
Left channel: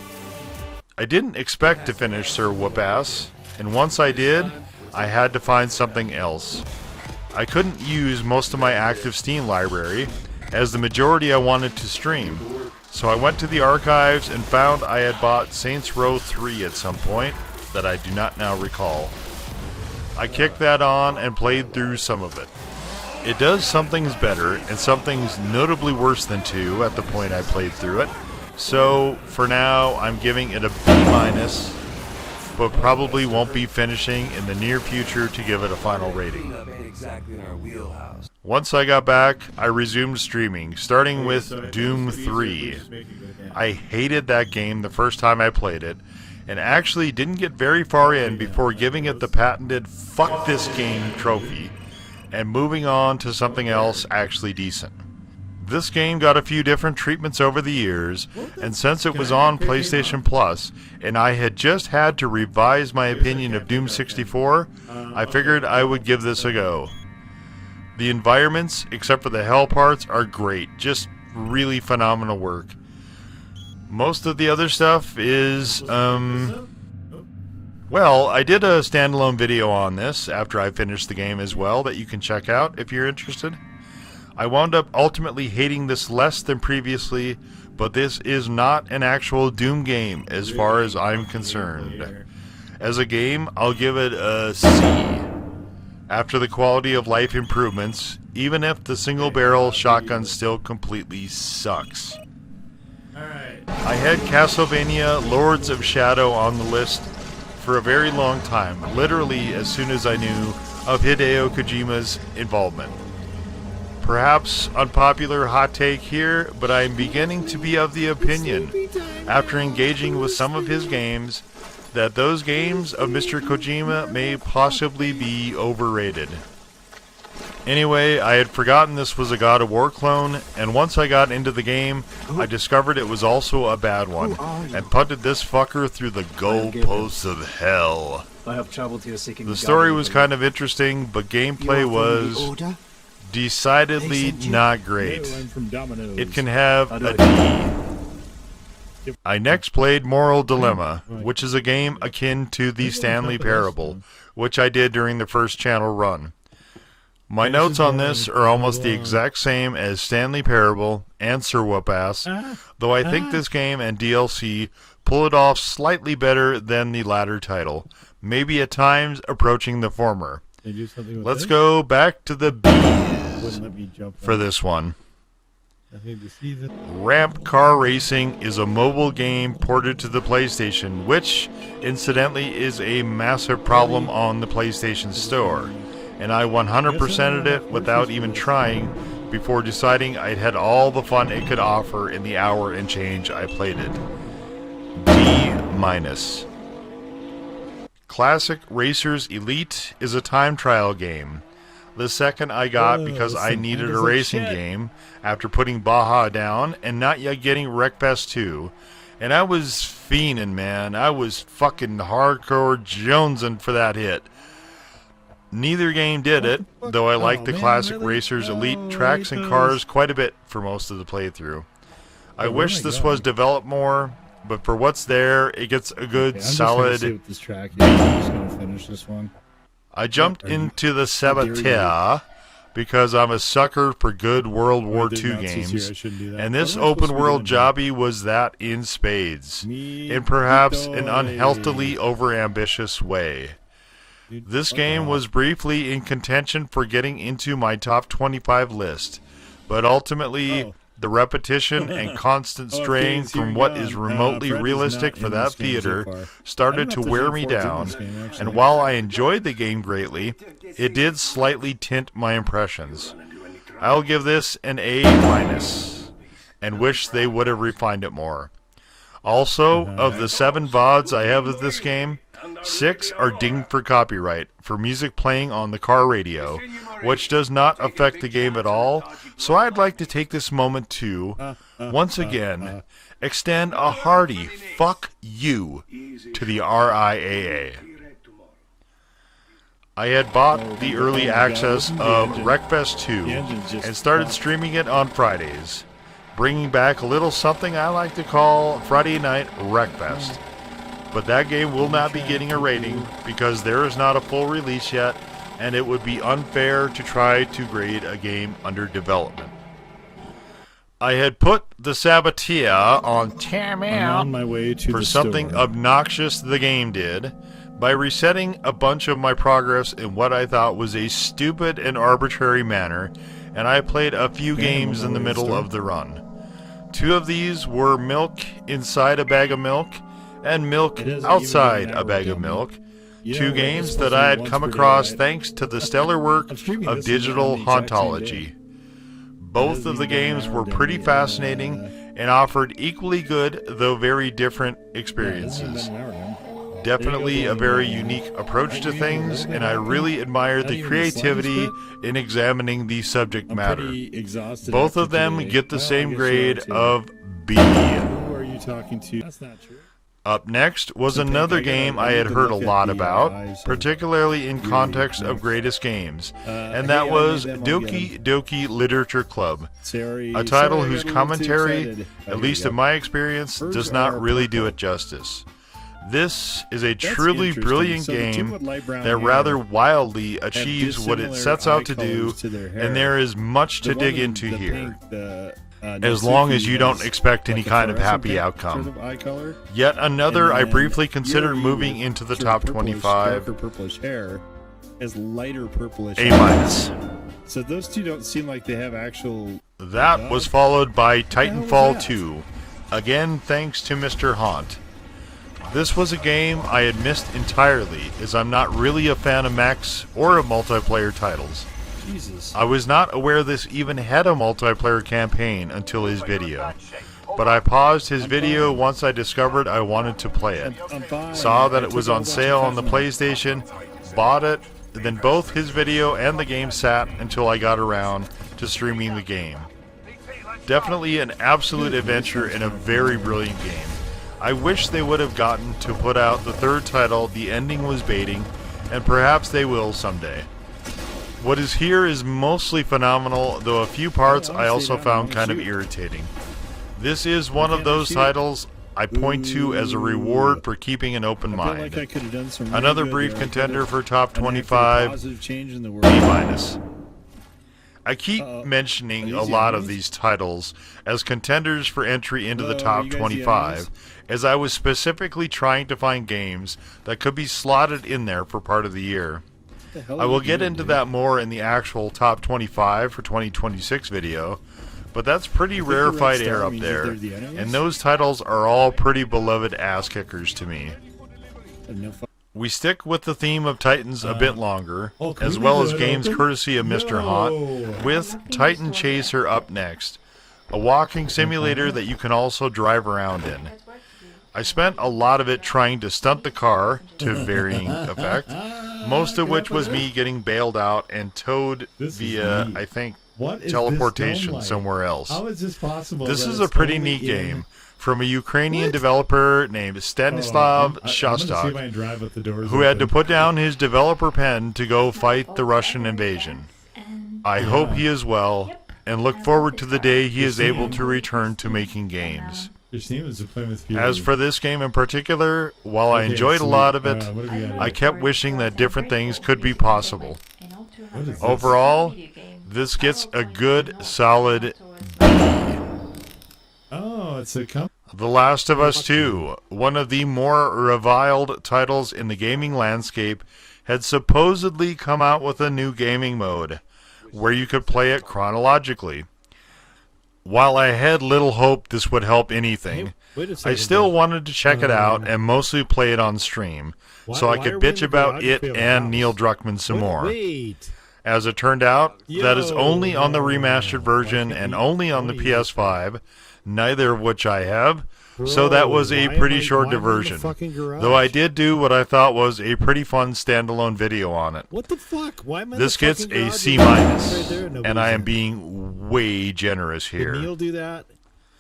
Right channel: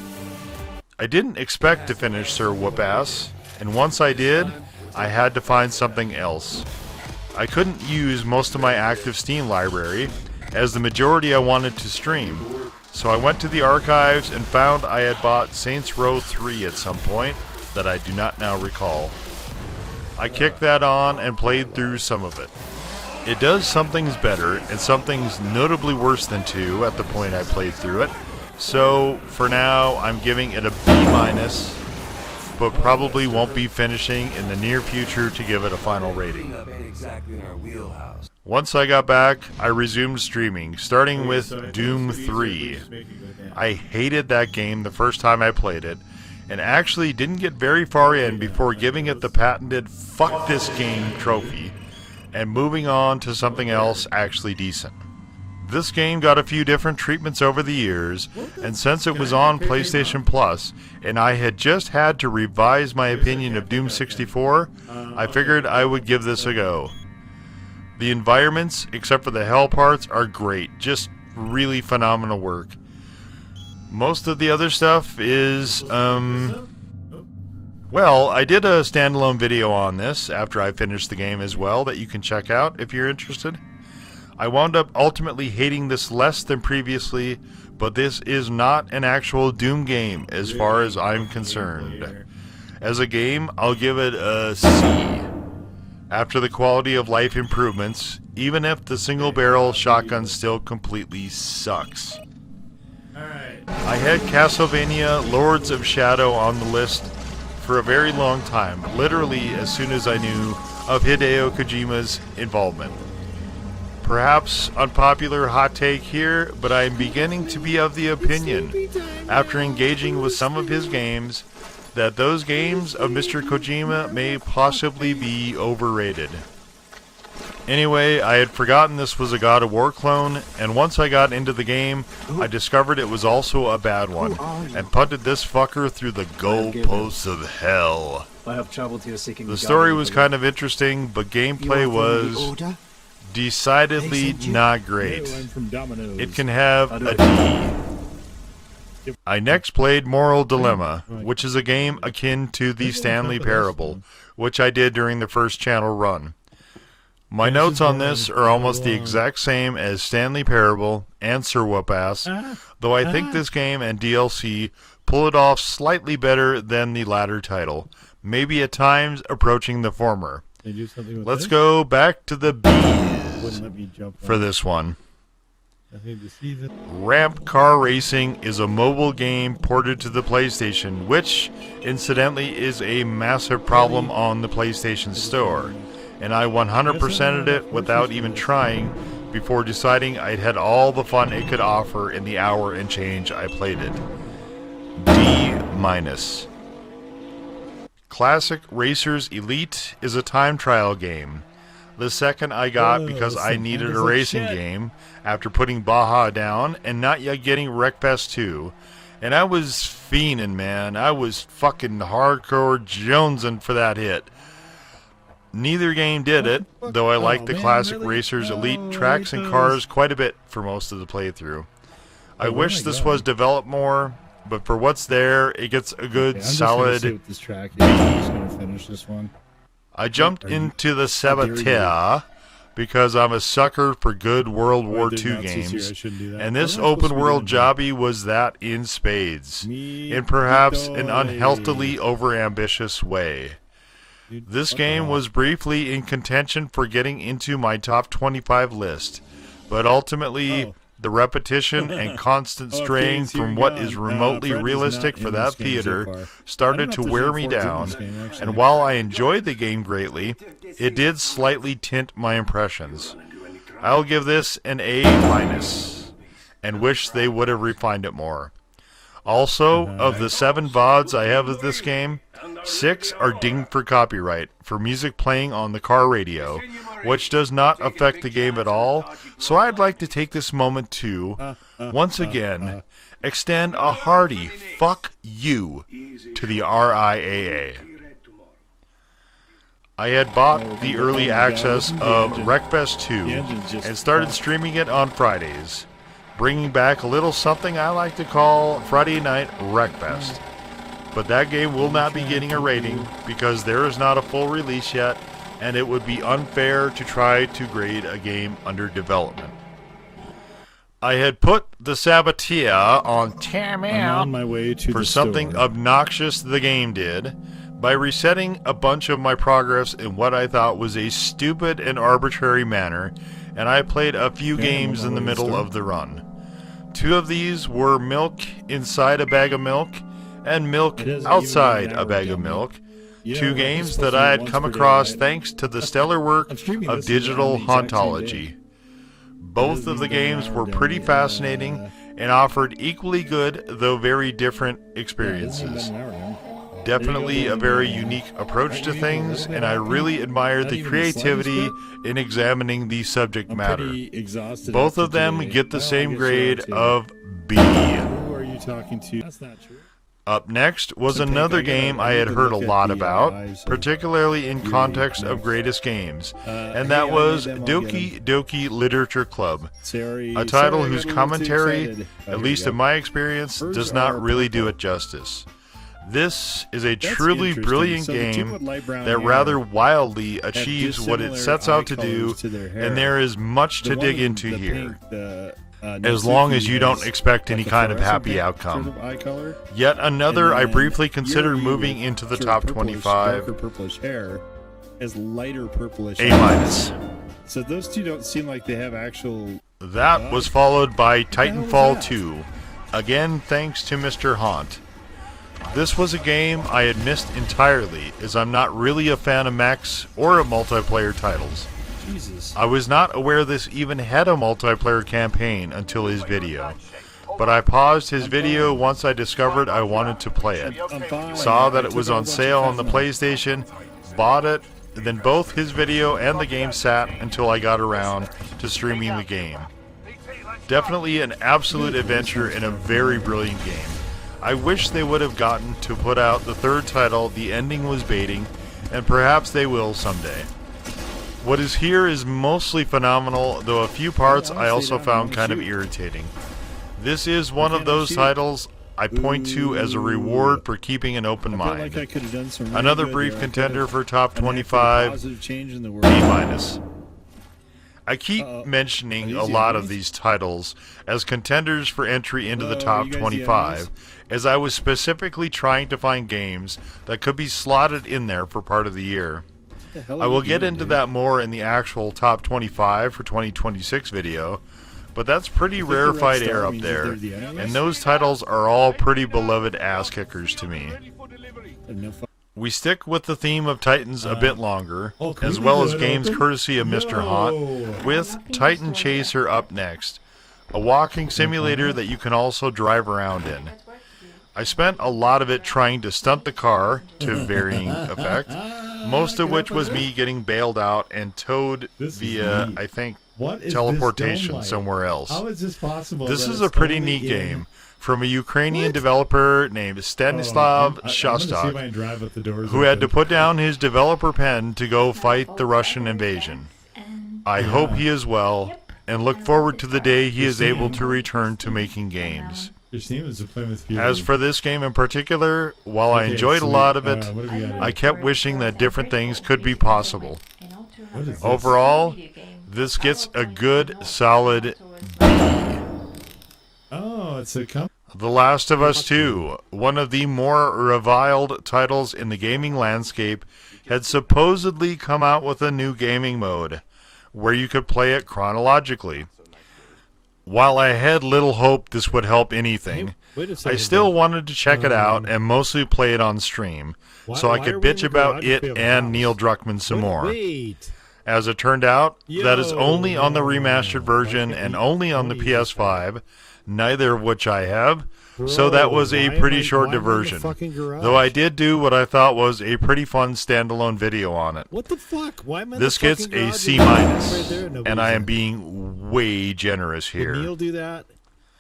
I didn't expect to finish Sir Whoopass, and once I did, I had to find something else. I couldn't use most of my active Steam library, as the majority I wanted to stream, so I went to the archives and found I had bought Saints Row 3 at some point that I do not now recall. I kicked that on and played through some of it. It does some things better and some things notably worse than 2 at the point I played through it, so for now I'm giving it a B-, but probably won't be finishing in the near future to give it a final rating. Once I got back, I resumed streaming, starting with Doom 3. I hated that game the first time I played it, and actually didn't get very far in before giving it the patented "fuck this game" trophy, and moving on to something else actually decent. This game got a few different treatments over the years, and since it was on PlayStation Plus, and I had just had to revise my opinion of Doom 64, I figured I would give this a go. The environments, except for the hell parts, are great, just really phenomenal work. Most of the other stuff is, Well, I did a standalone video on this after I finished the game as well that you can check out if you're interested. I wound up ultimately hating this less than previously, but this is not an actual Doom game as far as I'm concerned. As a game, I'll give it a C. After the quality of life improvements, even if the single barrel shotgun still completely sucks. Alright. I had Castlevania Lords of Shadow on the list for a very long time, literally as soon as I knew of Hideo Kojima's involvement. Perhaps unpopular hot take here, but I am beginning to be of the opinion, after engaging with some of his games, that those games of Mr. Kojima may possibly be overrated. Anyway, I had forgotten this was a God of War clone, and once I got into the game, I discovered it was also a bad one, and punted this fucker through the goalposts of hell. I have traveled here seeking the story was kind of interesting, but gameplay was decidedly not great. I'm from Domino's. It can have a D. I next played Moral Dilemma, which is a game akin to the Stanley Parable, which I did during the first channel run. My notes on this are almost the exact same as Stanley Parable and Sir Whoopass, though I think this game and DLC pull it off slightly better than the latter title, maybe at times approaching the former. They do something with Let's this? go back to the Wouldn't let me jump for this one. I need to see this. Ramp Car Racing is a mobile game ported to the PlayStation, which, incidentally, is a massive problem on the PlayStation Store. And I 100%ed it without even trying before deciding I had all the fun it could offer in the hour and change I played it. D-. Classic Racers Elite is a time trial game. The second I got because I needed a racing game after putting Baja down and not yet getting Wreckfest 2. And I was fiending, man. I was fucking hardcore jonesing for that hit. Neither game did it, though I liked the classic Racers Elite tracks and cars quite a bit for most of the playthrough. I wish this was developed more, but for what's there, it gets a good, solid... See what this track is. I'm just going to finish this one. I jumped into the Saboteur because I'm a sucker for good World War II games, and this open-world jobby was that in spades, in perhaps an unhealthily overambitious way. This game was briefly in contention for getting into my top 25 list, but ultimately the repetition and constant strain from what is remotely realistic for that theater started to wear me down, and while I enjoyed the game greatly, it did slightly tint my impressions. I'll give this an A-, and wish they would have refined it more. Also, of the 7 VODs I have of this game, 6 are dinged for copyright for music playing on the car radio, which does not affect the game at all, so I'd like to take this moment to, once again, extend a hearty fuck you to the RIAA. I had bought the early access of Wreckfest 2 and started streaming it on Fridays, bringing back a little something I like to call Friday Night Wreckfest. But that game will not be getting a rating because there is not a full release yet, and it would be unfair to try to grade a game under development. I had put the Saboteur on timeout I'm on my way to for the something store. obnoxious the game did by resetting a bunch of my progress in what I thought was a stupid and arbitrary manner, and I played a few games in the middle of the run. 2 of these were milk inside a bag of milk and milk outside a bag of milk. 2 games that I had come across thanks to the stellar work of Digital Hauntology. Both of the games were pretty fascinating and offered equally good, though very different, experiences. Definitely a very unique approach to things, and I really admire the creativity in examining the subject matter. Both of them get the same grade of B. Who are you talking to? That's not true. Up next was another game I had heard a lot about, particularly in context of greatest games, and that was Doki Literature Club, a title whose commentary, at least in my experience, does not really do it justice. This is a That's truly interesting. brilliant So the two game with light brown that hair rather wildly achieves what it dissimilar sets eye out to do, colors to their hair. and there is much The to one dig with into the here. pink, As long as Natsuki you don't has expect any like a kind of fluorescent happy pink outcome. Sort of eye color. Yet another And I then briefly considered Yuri moving with into the sort top of purplish, 25. darker purplish hair has lighter purplish A eyes. minus. So those two don't seem like they have actual. That was followed by the hell was Titanfall that? 2. Again, thanks to Mr. Haunt. This was a game I had missed entirely, as I'm not really a fan of mechs or of multiplayer titles. Jesus. I was not aware this even had a multiplayer campaign until his video. But I paused his video once I discovered I wanted to play it. I'm fine. Saw that I it was took a on whole sale bunch on of the fentanyl. PlayStation, bought it, and then both his video and the game sat until I got around to streaming the game. Definitely an absolute adventure and a very brilliant game. I wish they would have gotten to put out the third title the ending was baiting, and perhaps they will someday. What is here is mostly phenomenal, though a few parts I also found kind of irritating. This is one of those titles I point to as a reward for keeping an open I feel like I mind. could have done some really Another good brief there. I contender could've for top enacted a 25, positive change in the B world. minus. I keep Are mentioning these a the lot of enemies? these titles as contenders for entry into the Hello, top you guys the 25, enemies? as I was specifically trying to find games that could be slotted in there for part of the year. What the hell I are will you get doing, into dude? that more in the actual top 25 for 2026 video, but that's pretty think the red rarefied star air up means that there, they're the enemies? and those titles are all pretty beloved ass kickers to me. I have no fu- We stick with the theme of Titans a bit longer, can as we well leave as it games open? courtesy of Mr. Haunt, with Titan Chaser up next, a walking simulator that you can also drive around in. I spent a lot of it trying to stunt the car, to varying effect, most of which was me getting bailed out and towed This is via, neat. I think, What is teleportation this dome like? somewhere else. How is this possible? This that is it's a pretty only neat in- game from a Ukrainian What? developer named Stanislav I'm gonna see if I Shostak, can drive with the doors who had to open. put down his developer pen to go fight the Russian invasion. I hope he is well, and look forward to the day he is able to return to making games. Christine was a Plymouth Fury. As for this game in particular, while I Okay, enjoyed a sweet. lot of it, What have we got I here? kept wishing that different things could be possible. What is this? Overall, this gets a good, solid Oh, it's a company. The Last of Us 2, one of the more reviled titles in the gaming landscape, had supposedly come out with a new gaming mode, where you could play it chronologically. While I had little hope this would help anything, Wait a I second. still wanted to check it out and mostly play it on stream, so I why could are we in bitch the about it geography of a and house? Neil Druckmann some more. Wait. As it turned out, that is Yo, only on the no. remastered version Why can't and we- only on the why- PS5, neither of which I have, so Bro, that was why a am pretty I- short why am I in the diversion. fucking garage? Though I did do what I thought was a pretty fun standalone video on it. What the fuck? Why am I in This the gets fucking a garage? C Right minus, there, nobody's and I am in. being way generous Did here. Neil do that?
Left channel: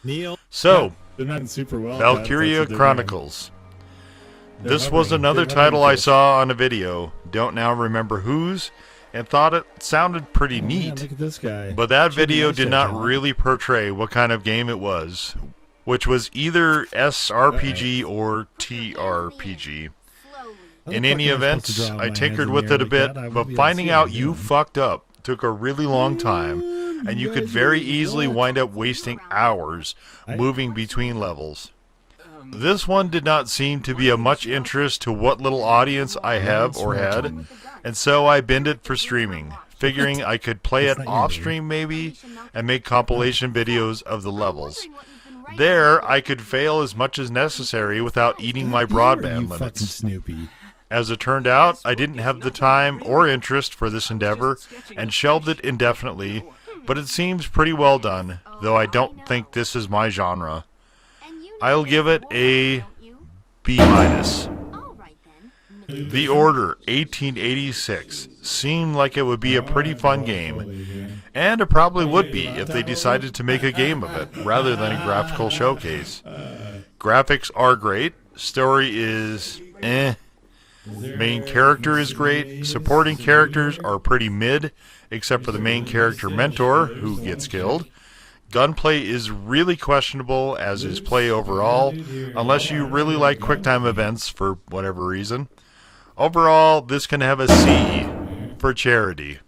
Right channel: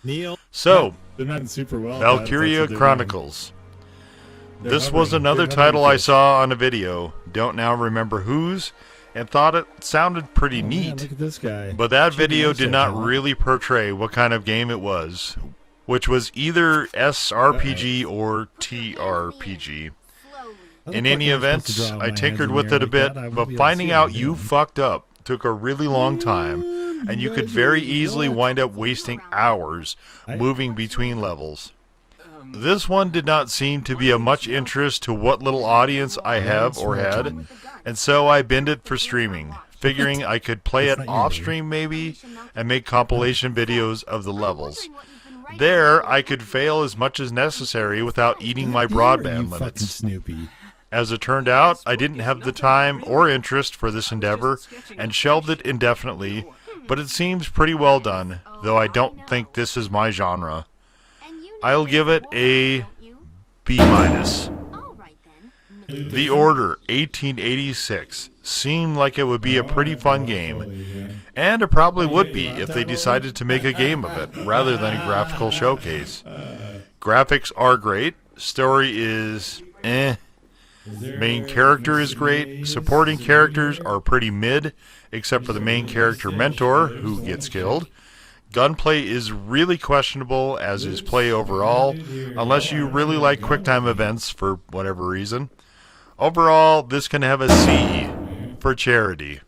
Neil? So, They're not super well. Valkyria Chronicles. This was another title I saw on a video, don't now remember whose, and thought it sounded pretty Oh, neat. man, look at this guy. But that video did not John. really portray what kind of game it was, which was either SRPG or TRPG. How the In fuck any am I supposed to event, draw I my hands tinkered in with the air it a like bit, that? I won't but be able to finding see out what I'm you doing. fucked up took a really long time, and you could very easily wind up wasting hours moving between levels. This one did not seem to be of much interest to what little audience I have or had, and so I binned it for streaming, figuring I could play it off stream maybe, and make compilation videos of the levels. There, I could fail as much as necessary without eating my You broadband fucking limits. Snoopy. As it turned out, I didn't have the time or interest for this endeavor, and shelved it indefinitely, but it seems pretty well done, though I don't think this is my genre. I'll give it a B minus. The Order 1886 seemed like it would be a pretty fun game, and it probably would be if they decided to make a game of it rather than a graphical showcase. Graphics are great, story is main character is great, supporting characters are pretty mid, except for the main character mentor, who gets killed. gunplay is really questionable, as is play overall, unless you really like QuickTime events for whatever reason. Overall, this can have a C for charity.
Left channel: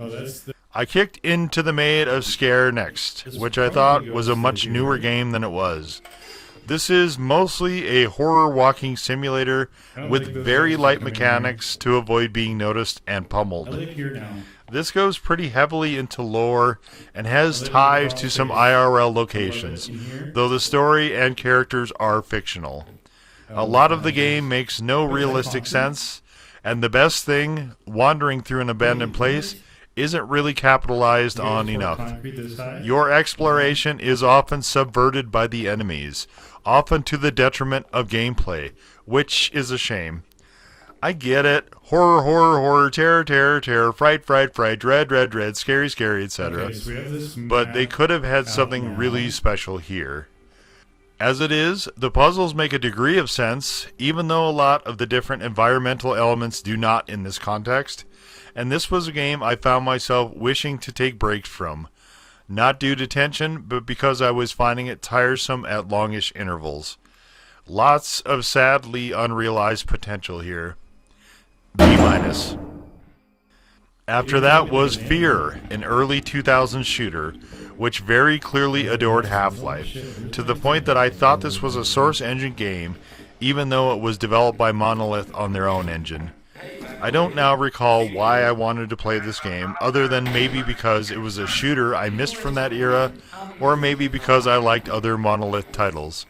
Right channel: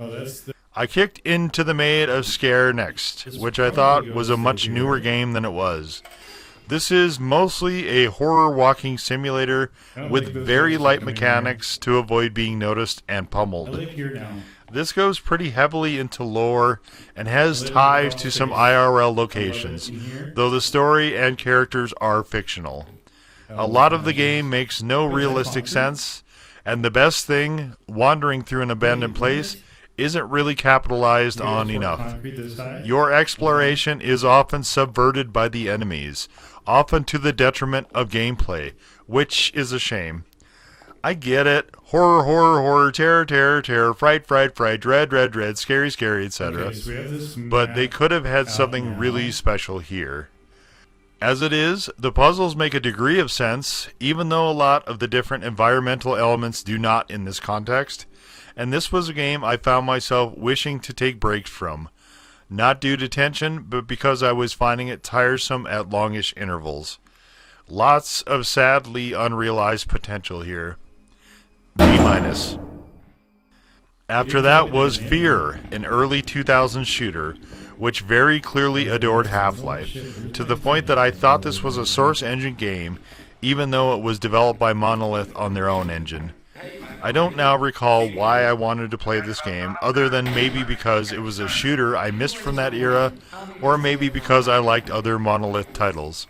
Oh, that's the. I kicked into the Maid of Sker next, which I thought was a much newer game than it was. This is mostly a horror walking simulator with very light mechanics to avoid being noticed and I pummeled. live here now. This goes pretty heavily into lore and has ties to some IRL locations, though the story and characters are fictional. A lot of the game makes no realistic sense, and the best thing, wandering through an abandoned place, isn't really capitalized on enough. Your exploration is often subverted by the enemies, often to the detriment of gameplay, which is a shame. I get it. Horror, horror, horror, terror, terror, terror, fright, fright, fright, dread, dread, dread, scary, scary, etc. Okay, so we have this But they could have had something now. really special here. As it is, the puzzles make a degree of sense, even though a lot of the different environmental elements do not in this context. And this was a game I found myself wishing to take breaks from. Not due to tension, but because I was finding it tiresome at longish intervals. Lots of sadly unrealized potential here. B-. After that was Fear, an early 2000s shooter, which very clearly adored Half-Life, to the point that I thought this was a Source Engine game, even though it was developed by Monolith on their own engine. I don't now recall why I wanted to play this game, other than maybe because it was a shooter I missed from that era, or maybe because I liked other Monolith titles.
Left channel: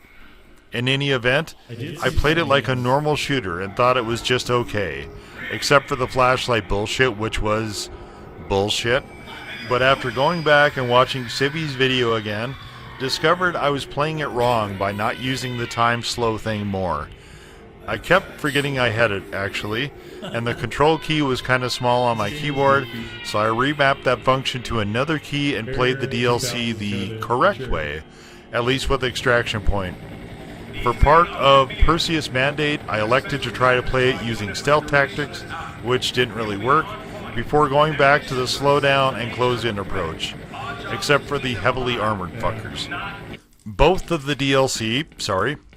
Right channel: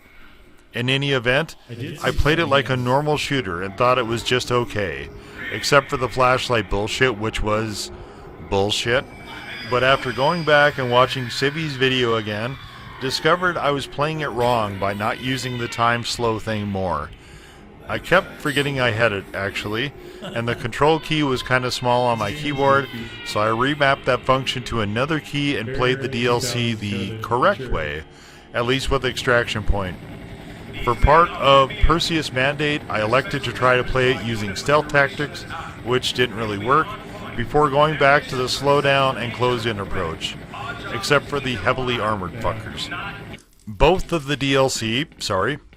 In any event, I played it like a normal shooter and thought it was just okay, except for the flashlight bullshit, which was bullshit. But after going back and watching Sibby's video again, discovered I was playing it wrong by not using the time slow thing more. I kept forgetting I had it, actually, and the control key was kind of small on my keyboard, so I remapped that function to another key and played the DLC the correct way, at least with Extraction Point. For part of Perseus Mandate, I elected to try to play it using stealth tactics, which didn't really work, before going back to the slowdown and close-in approach, except for the heavily armored fuckers. Both of the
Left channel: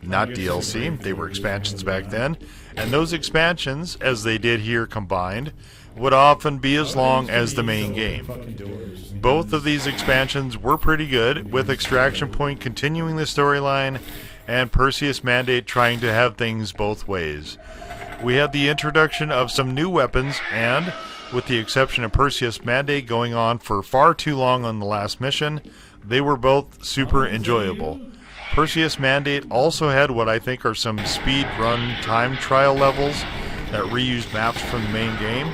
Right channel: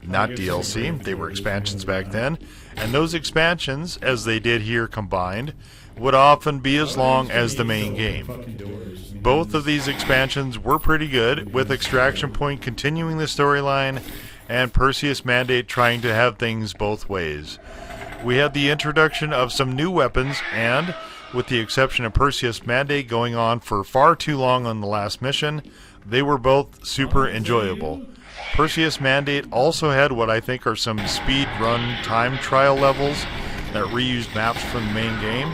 not DLC, they were expansions back then, and those expansions, as they did here combined, would often be as long as the main game. Both of these expansions were pretty good, with Extraction Point continuing the storyline and Perseus Mandate trying to have things both ways. We had the introduction of some new weapons, and, with the exception of Perseus Mandate going on for far too long on the last mission, they were both super enjoyable. Perseus Mandate also had what I think are some speed run time trial levels that reused maps from the main game,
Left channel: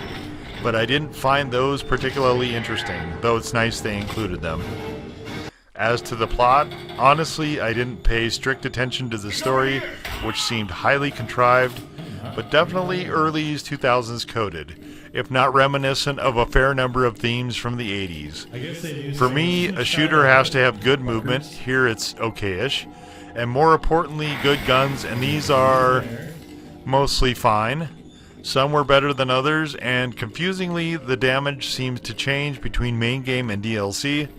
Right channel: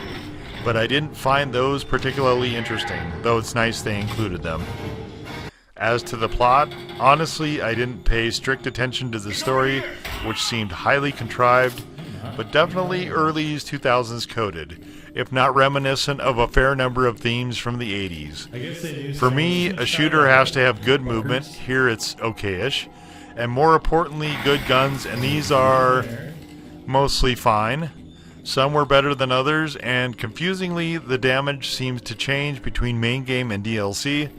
but I didn't find those particularly interesting, though it's nice they included them. As to the plot, honestly, I didn't pay strict attention to the story, which seemed highly contrived, but definitely early 2000s coded, if not reminiscent of a fair number of themes from the 80s. For me, a shooter has to have good movement, here it's okay-ish, and more importantly, good guns, and these are mostly fine. Some were better than others, and confusingly, the damage seems to change between main game and DLC,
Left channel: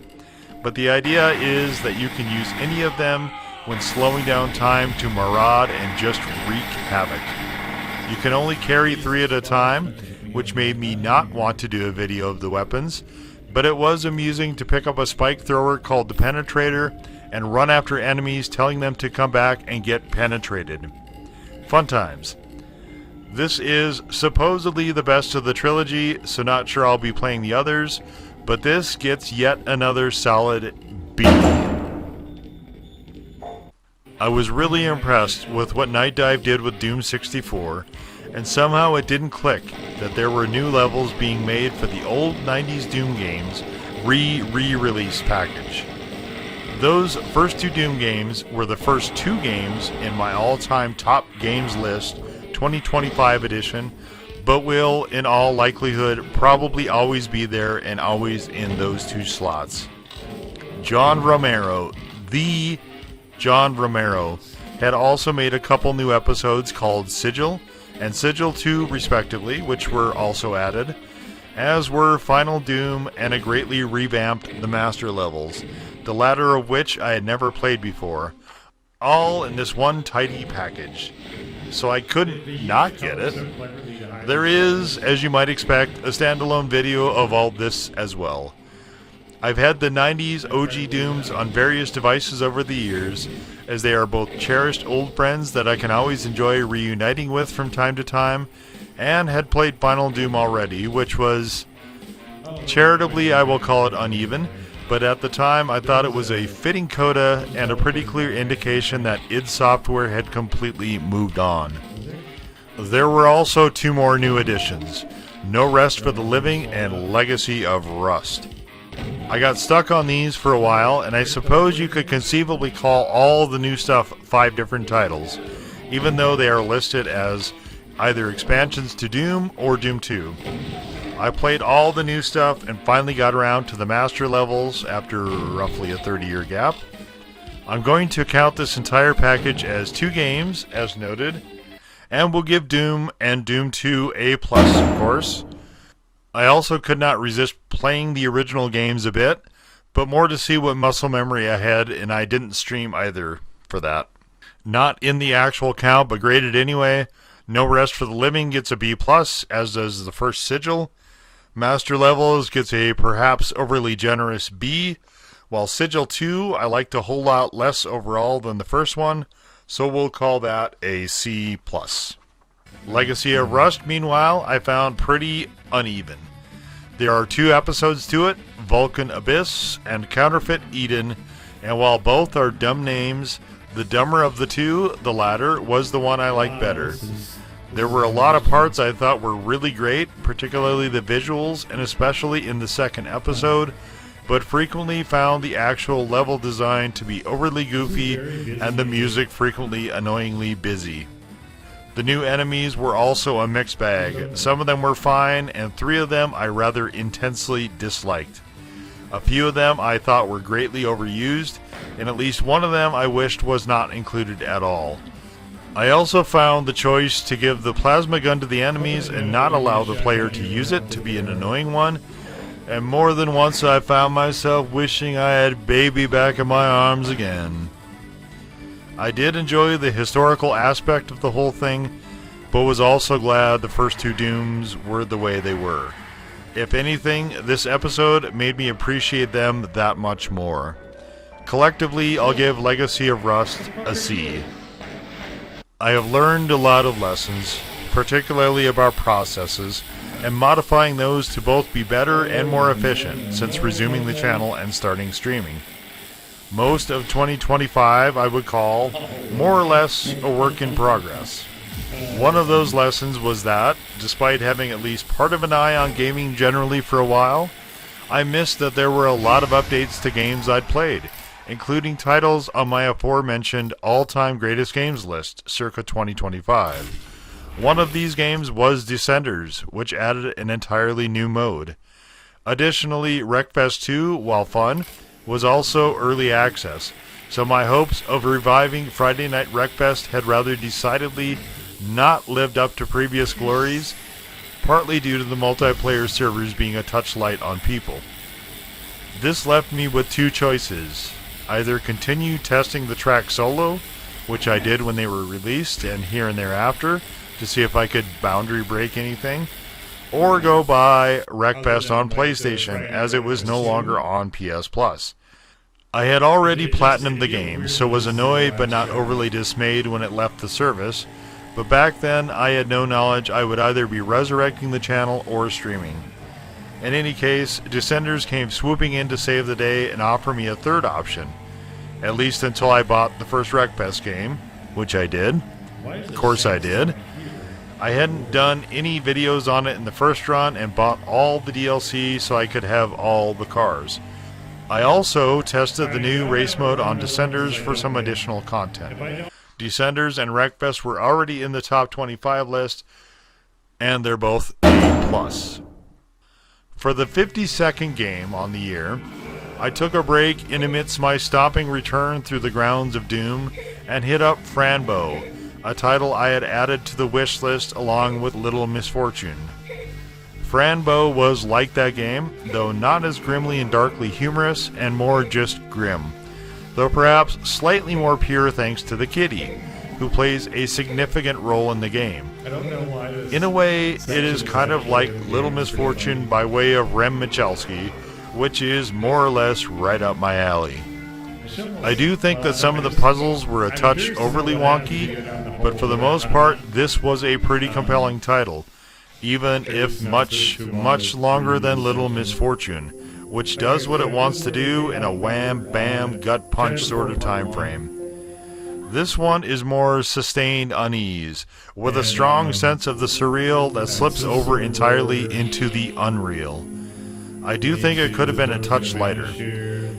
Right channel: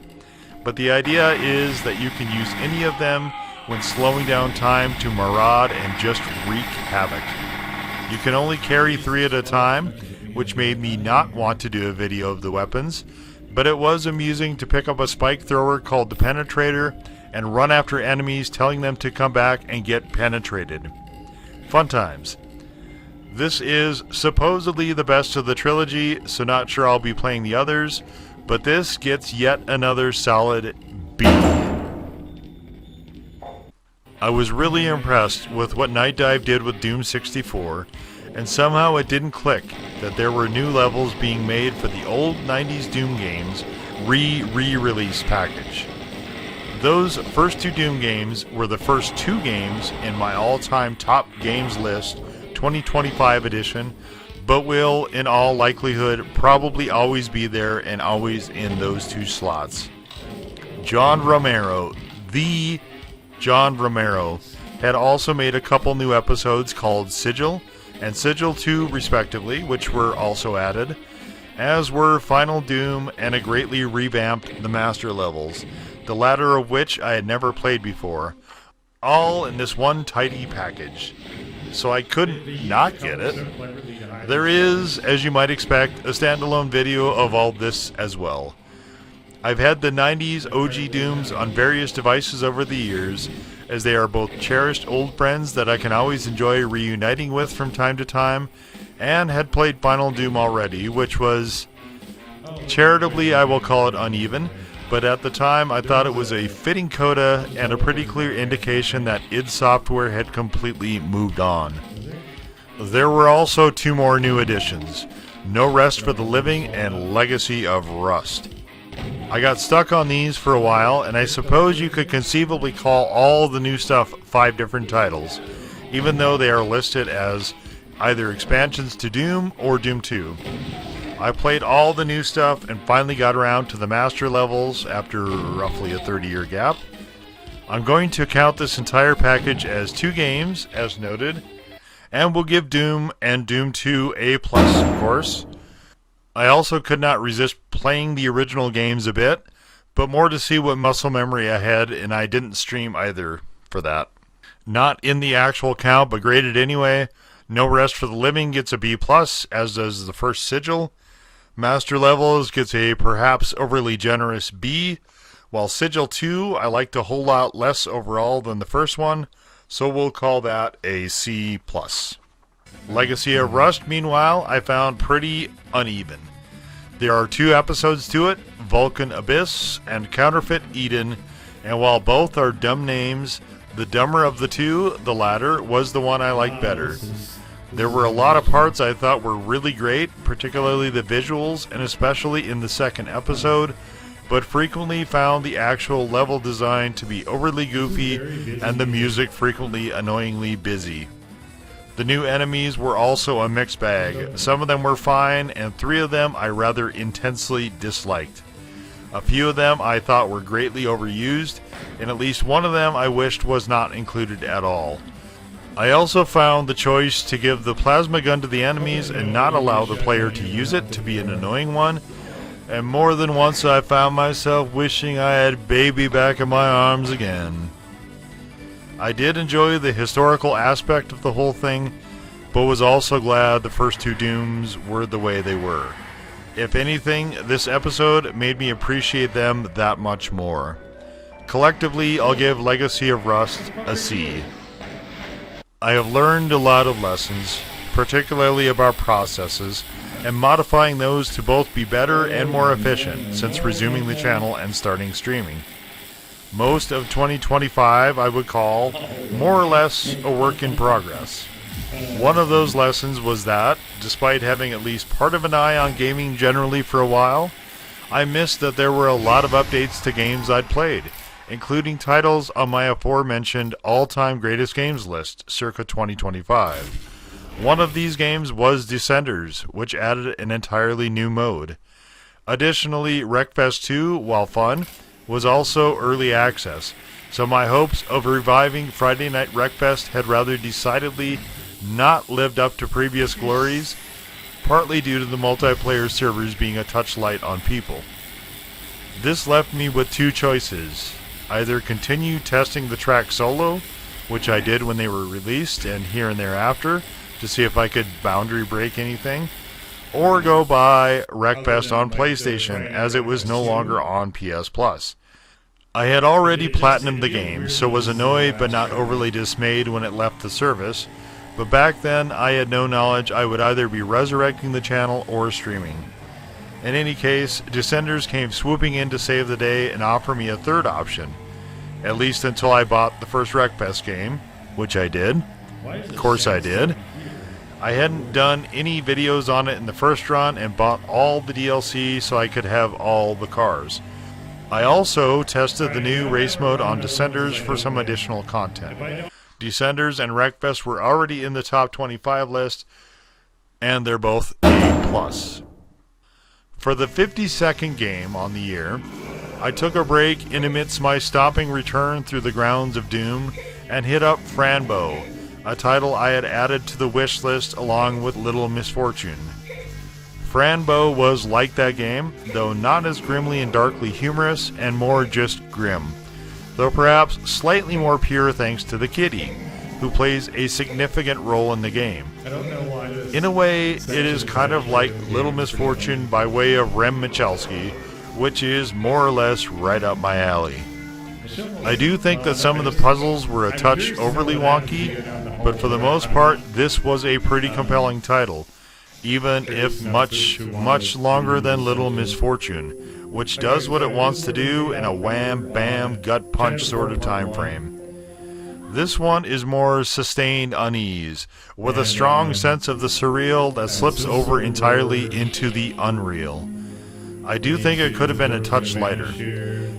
but the idea is that you can use any of them when slowing down time to maraud and just wreak havoc. You can only carry 3 at a time, which made me not want to do a video of the weapons, but it was amusing to pick up a spike thrower called the Penetrator and run after enemies telling them to come back and get penetrated. Fun times. This is supposedly the best of the trilogy, so not sure I'll be playing the others, but this gets yet another solid B. I was really impressed with what Night Dive did with Doom 64, and somehow it didn't click that there were new levels being made for the old 90s Doom games re-release package. Those first 2 Doom games were the first 2 games in my all-time top games list 2025 edition, but will, in all likelihood, probably always be there and always in those 2 slots. John Romero, the John Romero, had also made a couple new episodes called Sigil and Sigil 2 respectively, which were also added, as were Final Doom and a greatly revamped The Master levels, the latter of which I had never played before, all in this one tidy package. So I couldn't not get it. There is, as you might expect, a standalone video of all this as well. I've had the 90s OG Dooms on various devices over the years, as they are both cherished old friends that I can always enjoy reuniting with from time to time, and had played Final Doom already, which was, charitably I will call it uneven, but at the time I thought it was a fitting coda and a pretty clear indication that id Software had completely moved on. There were also 2 more new additions, No Rest for the Living and Legacy of Rust. I got stuck on these for a while, and I suppose you could conceivably call all the new stuff 5 different titles, even though they are listed as either expansions to Doom or Doom 2. I played all the new stuff and finally got around to the master levels after roughly a 30-year gap. I'm going to count this entire package as 2 games, as noted, and will give Doom and Doom 2 A+, of course. I also could not resist playing the original games a bit, but more to see what muscle memory I had, and I didn't stream either for that. Not in the actual count, but graded anyway. No Rest for the Living gets a B+, as does the first Sigil. Master Levels gets a perhaps overly generous B, while Sigil 2 I liked a whole lot less overall than the first one, so we'll call that a C+. Legacy of Rust, meanwhile, I found pretty uneven. There are 2 episodes to it, Vulcan Abyss and Counterfeit Eden, and while both are dumb names, the dumber of the 2, the latter, was the one I liked better. There were a lot of parts I thought were really great, particularly the visuals, and especially in the second episode, but frequently found the actual level design to be overly goofy and the music frequently annoyingly busy. The new enemies were also a mixed bag. Some of them were fine, and 3 of them I rather intensely disliked. A few of them I thought were greatly overused, and at least one of them I wished was not included at all. I also found the choice to give the plasma gun to the enemies and not allow the player to use it to be an annoying one, and more than once I found myself wishing I had Baby back in my arms again. I did enjoy the historical aspect of the whole thing, but was also glad the first 2 Dooms were the way they were. If anything, this episode made me appreciate them that much more. Collectively, I'll give Legacy of Rust a C. I have learned a lot of lessons, particularly about processes, and modifying those to both be better and more efficient since resuming the channel and starting streaming. Most of 2025 I would call more or less a work in progress. One of those lessons was that, despite having at least part of an eye on gaming generally for a while, I missed that there were a lot of updates to games I'd played, including titles on my aforementioned all-time greatest games list, circa 2025. One of these games was Descenders, which added an entirely new mode. Additionally, Wreckfest 2, while fun, was also early access, so my hopes of reviving Friday Night Wreckfest had rather decidedly not lived up to previous glories, partly due to the multiplayer servers being a touch light on people. This left me with 2 choices: either continue testing the track solo, which I did when they were released and here and thereafter, to see if I could boundary break anything, or go buy Wreckfest on PlayStation, as it was no longer on PS Plus. I had already platinumed the game, so was annoyed but not overly dismayed when it left the service, but back then I had no knowledge I would either be resurrecting the channel or streaming. In any case, Descenders came swooping in to save the day and offer me a third option, at least until I bought the first Wreckfest game, which I did. Of course I did. I hadn't done any videos on it in the first run and bought all the DLC so I could have all the cars. I also tested the new race mode on Descenders for some additional content. Descenders and Wreckfest were already in the top 25 list, and they're both A+. For the 52nd game on the year, I took a break in amidst my stopping return through the grounds of Doom and hit up Fran Bow, a title I had added to the wish list along with Little Misfortune. Fran Bow was like that game, though not as grimly and darkly humorous and more just grim, though perhaps slightly more pure thanks to the kitty, who plays a significant role in the game. I don't know why this. In a way, it is kind of like Little Misfortune by way of Rem Michalski, which is more or less right up my alley. I do think that some of the puzzles were a touch overly wonky, but for the most part, this was a pretty compelling title, even if much longer than Little Misfortune, which does what it wants to do in a wham, bam, gut punch sort of time frame. This one is more sustained unease, with a strong sense of the surreal that slips over entirely into the unreal. I do think it could have been a touch lighter.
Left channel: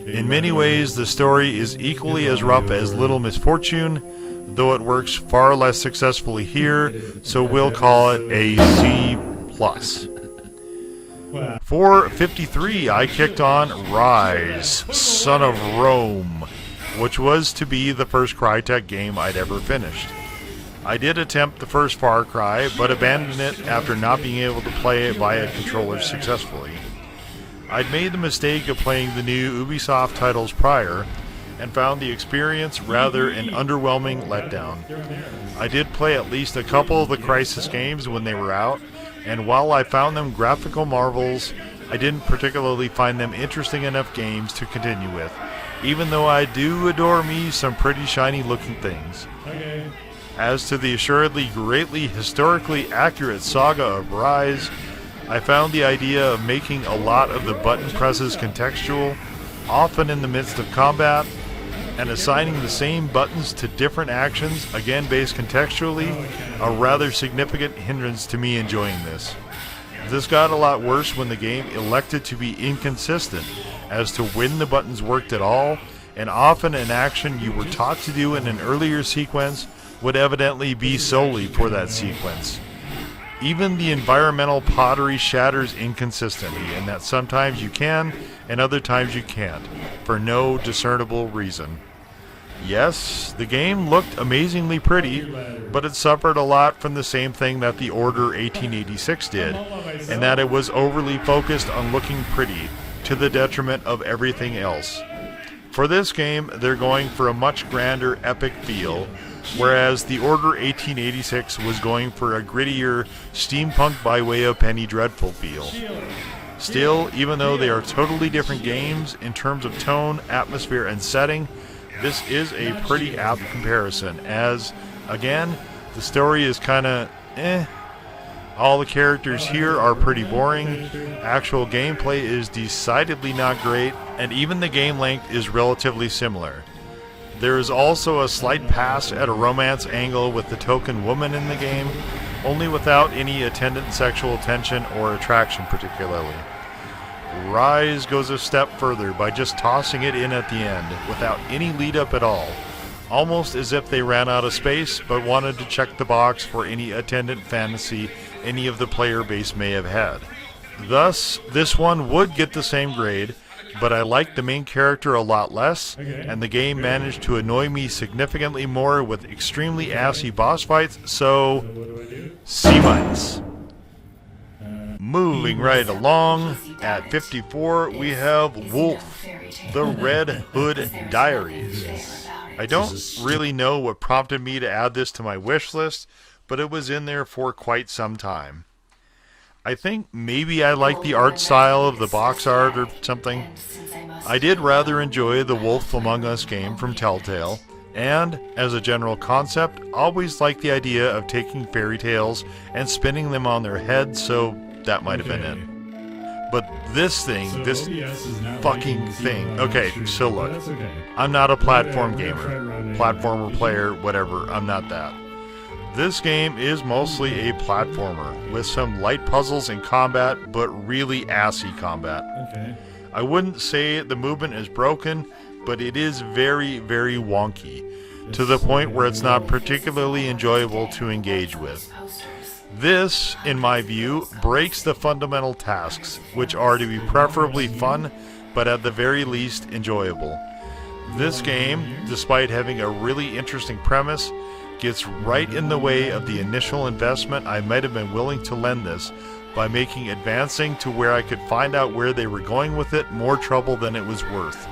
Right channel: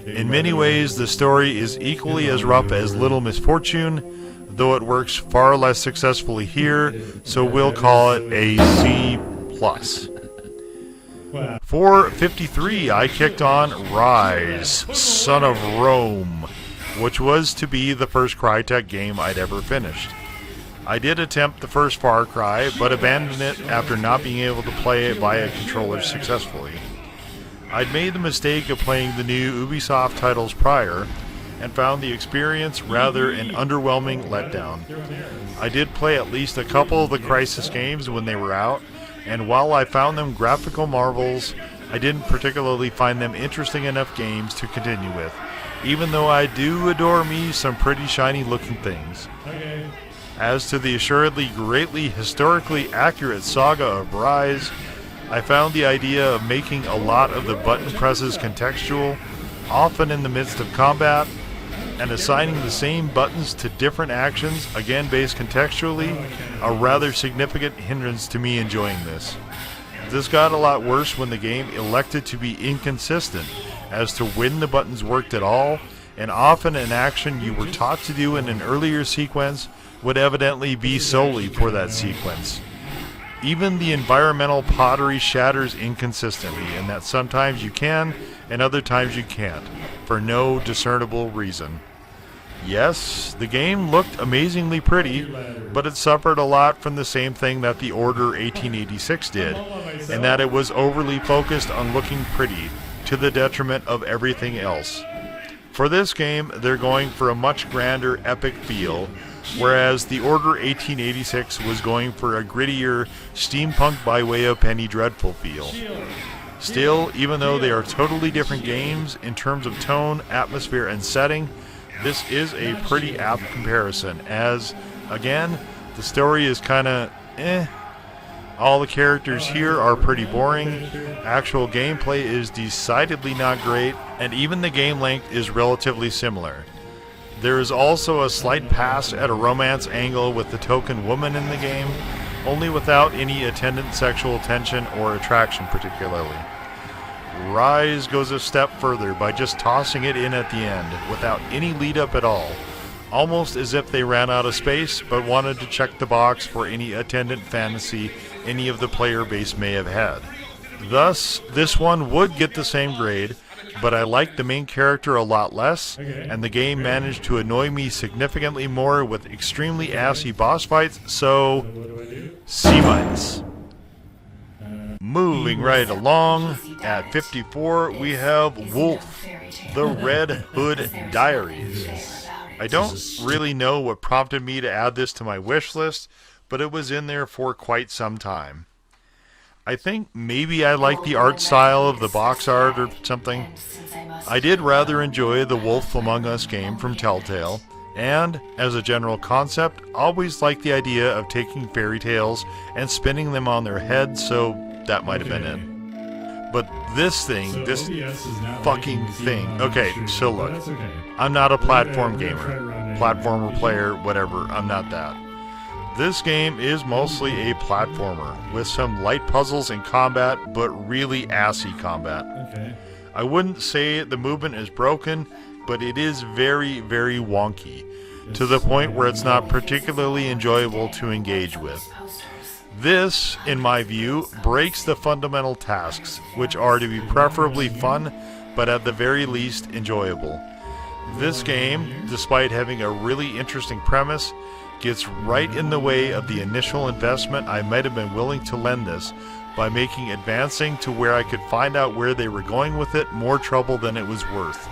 In many ways, the story is equally as rough as Little Misfortune, though it works far less successfully here, so we'll call it a C+. For 53, I kicked on Ryse, Son of Rome, which was to be the first Crytek game I'd ever finished. I did attempt the first Far Cry, but abandoned it after not being able to play it via controller successfully. I'd made the mistake of playing the new Ubisoft titles prior, and found the experience rather an underwhelming letdown. I did play at least a couple of the Crysis games when they were out, and while I found them graphical marvels, I didn't particularly find them interesting enough games to continue with, even though I do adore me some pretty shiny looking things. As to the assuredly greatly historically accurate saga of Ryse, I found the idea of making a lot of the button presses contextual, often in the midst of combat, and assigning the same buttons to different actions, again based contextually, a rather significant hindrance to me enjoying this. This got a lot worse when the game elected to be inconsistent as to when the buttons worked at all, and often an action you were taught to do in an earlier sequence would evidently be solely for that sequence. Even the environmental pottery shatters inconsistency, in that sometimes you can, and other times you can't, for no discernible reason. Yes, the game looked amazingly pretty, but it suffered a lot from the same thing that the Order 1886 did, in that it was overly focused on looking pretty, to the detriment of everything else. For this game, they're going for a much grander, epic feel, whereas the Order 1886 was going for a grittier, steampunk by way of Penny Dreadful feel. Still, even though they are totally different games in terms of tone, atmosphere, and setting, this is a pretty apt comparison, as, again, the story is kinda all the characters here are pretty boring, actual gameplay is decidedly not great, and even the game length is relatively similar. There is also a slight pass at a romance angle with the token woman in the game, only without any attendant sexual tension or attraction particularly. Ryse goes a step further by just tossing it in at the end, without any lead up at all, almost as if they ran out of space but wanted to check the box for any attendant fantasy any of the player base may have had. Thus, this one would get the same grade, but I liked the main character a lot less, and the game managed to annoy me significantly more with extremely assy boss fights, so C-. Moving right along, at 54 we have Woofle, the Red Hood Diaries. I don't really know what prompted me to add this to my wish list, but it was in there for quite some time. I think maybe I like the art style of the box art or something. I did rather enjoy the Wolf Among Us game from Telltale, and, as a general concept, always liked the idea of taking fairy tales and spinning them on their heads, so that might have been it. But this thing, this fucking thing. Okay, so look, I'm not a platform gamer, platformer player, whatever, I'm not that. This game is mostly a platformer, with some light puzzles in combat, but really assy combat. I wouldn't say the movement is broken, but it is very, very wonky, to the point where it's not particularly enjoyable to engage with. This, in my view, breaks the fundamental tasks, which are to be preferably fun, but at the very least enjoyable. This game, despite having a really interesting premise, gets right in the way of the initial investment I might have been willing to lend this by making advancing to where I could find out where they were going with it more trouble than it was worth.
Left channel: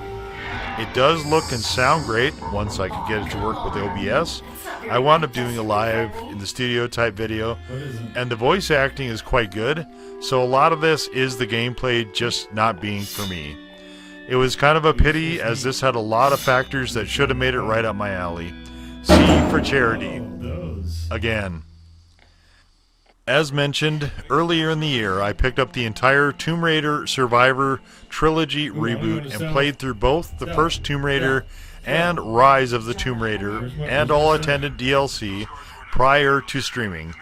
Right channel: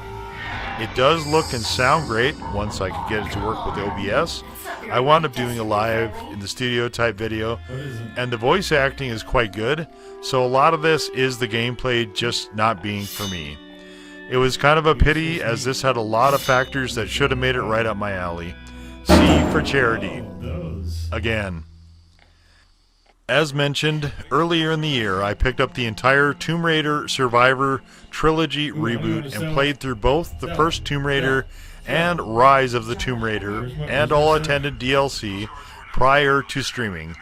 It does look and sound great once I could get it to work with OBS. I wound up doing a live in the studio type video, and the voice acting is quite good, so a lot of this is the gameplay just not being for me. It was kind of a pity, as this had a lot of factors that should have made it right up my alley. C for charity. Again. As mentioned, earlier in the year, I picked up the entire Tomb Raider Survivor trilogy reboot and played through both the first Tomb Raider and Rise of the Tomb Raider and all attended DLC prior to streaming.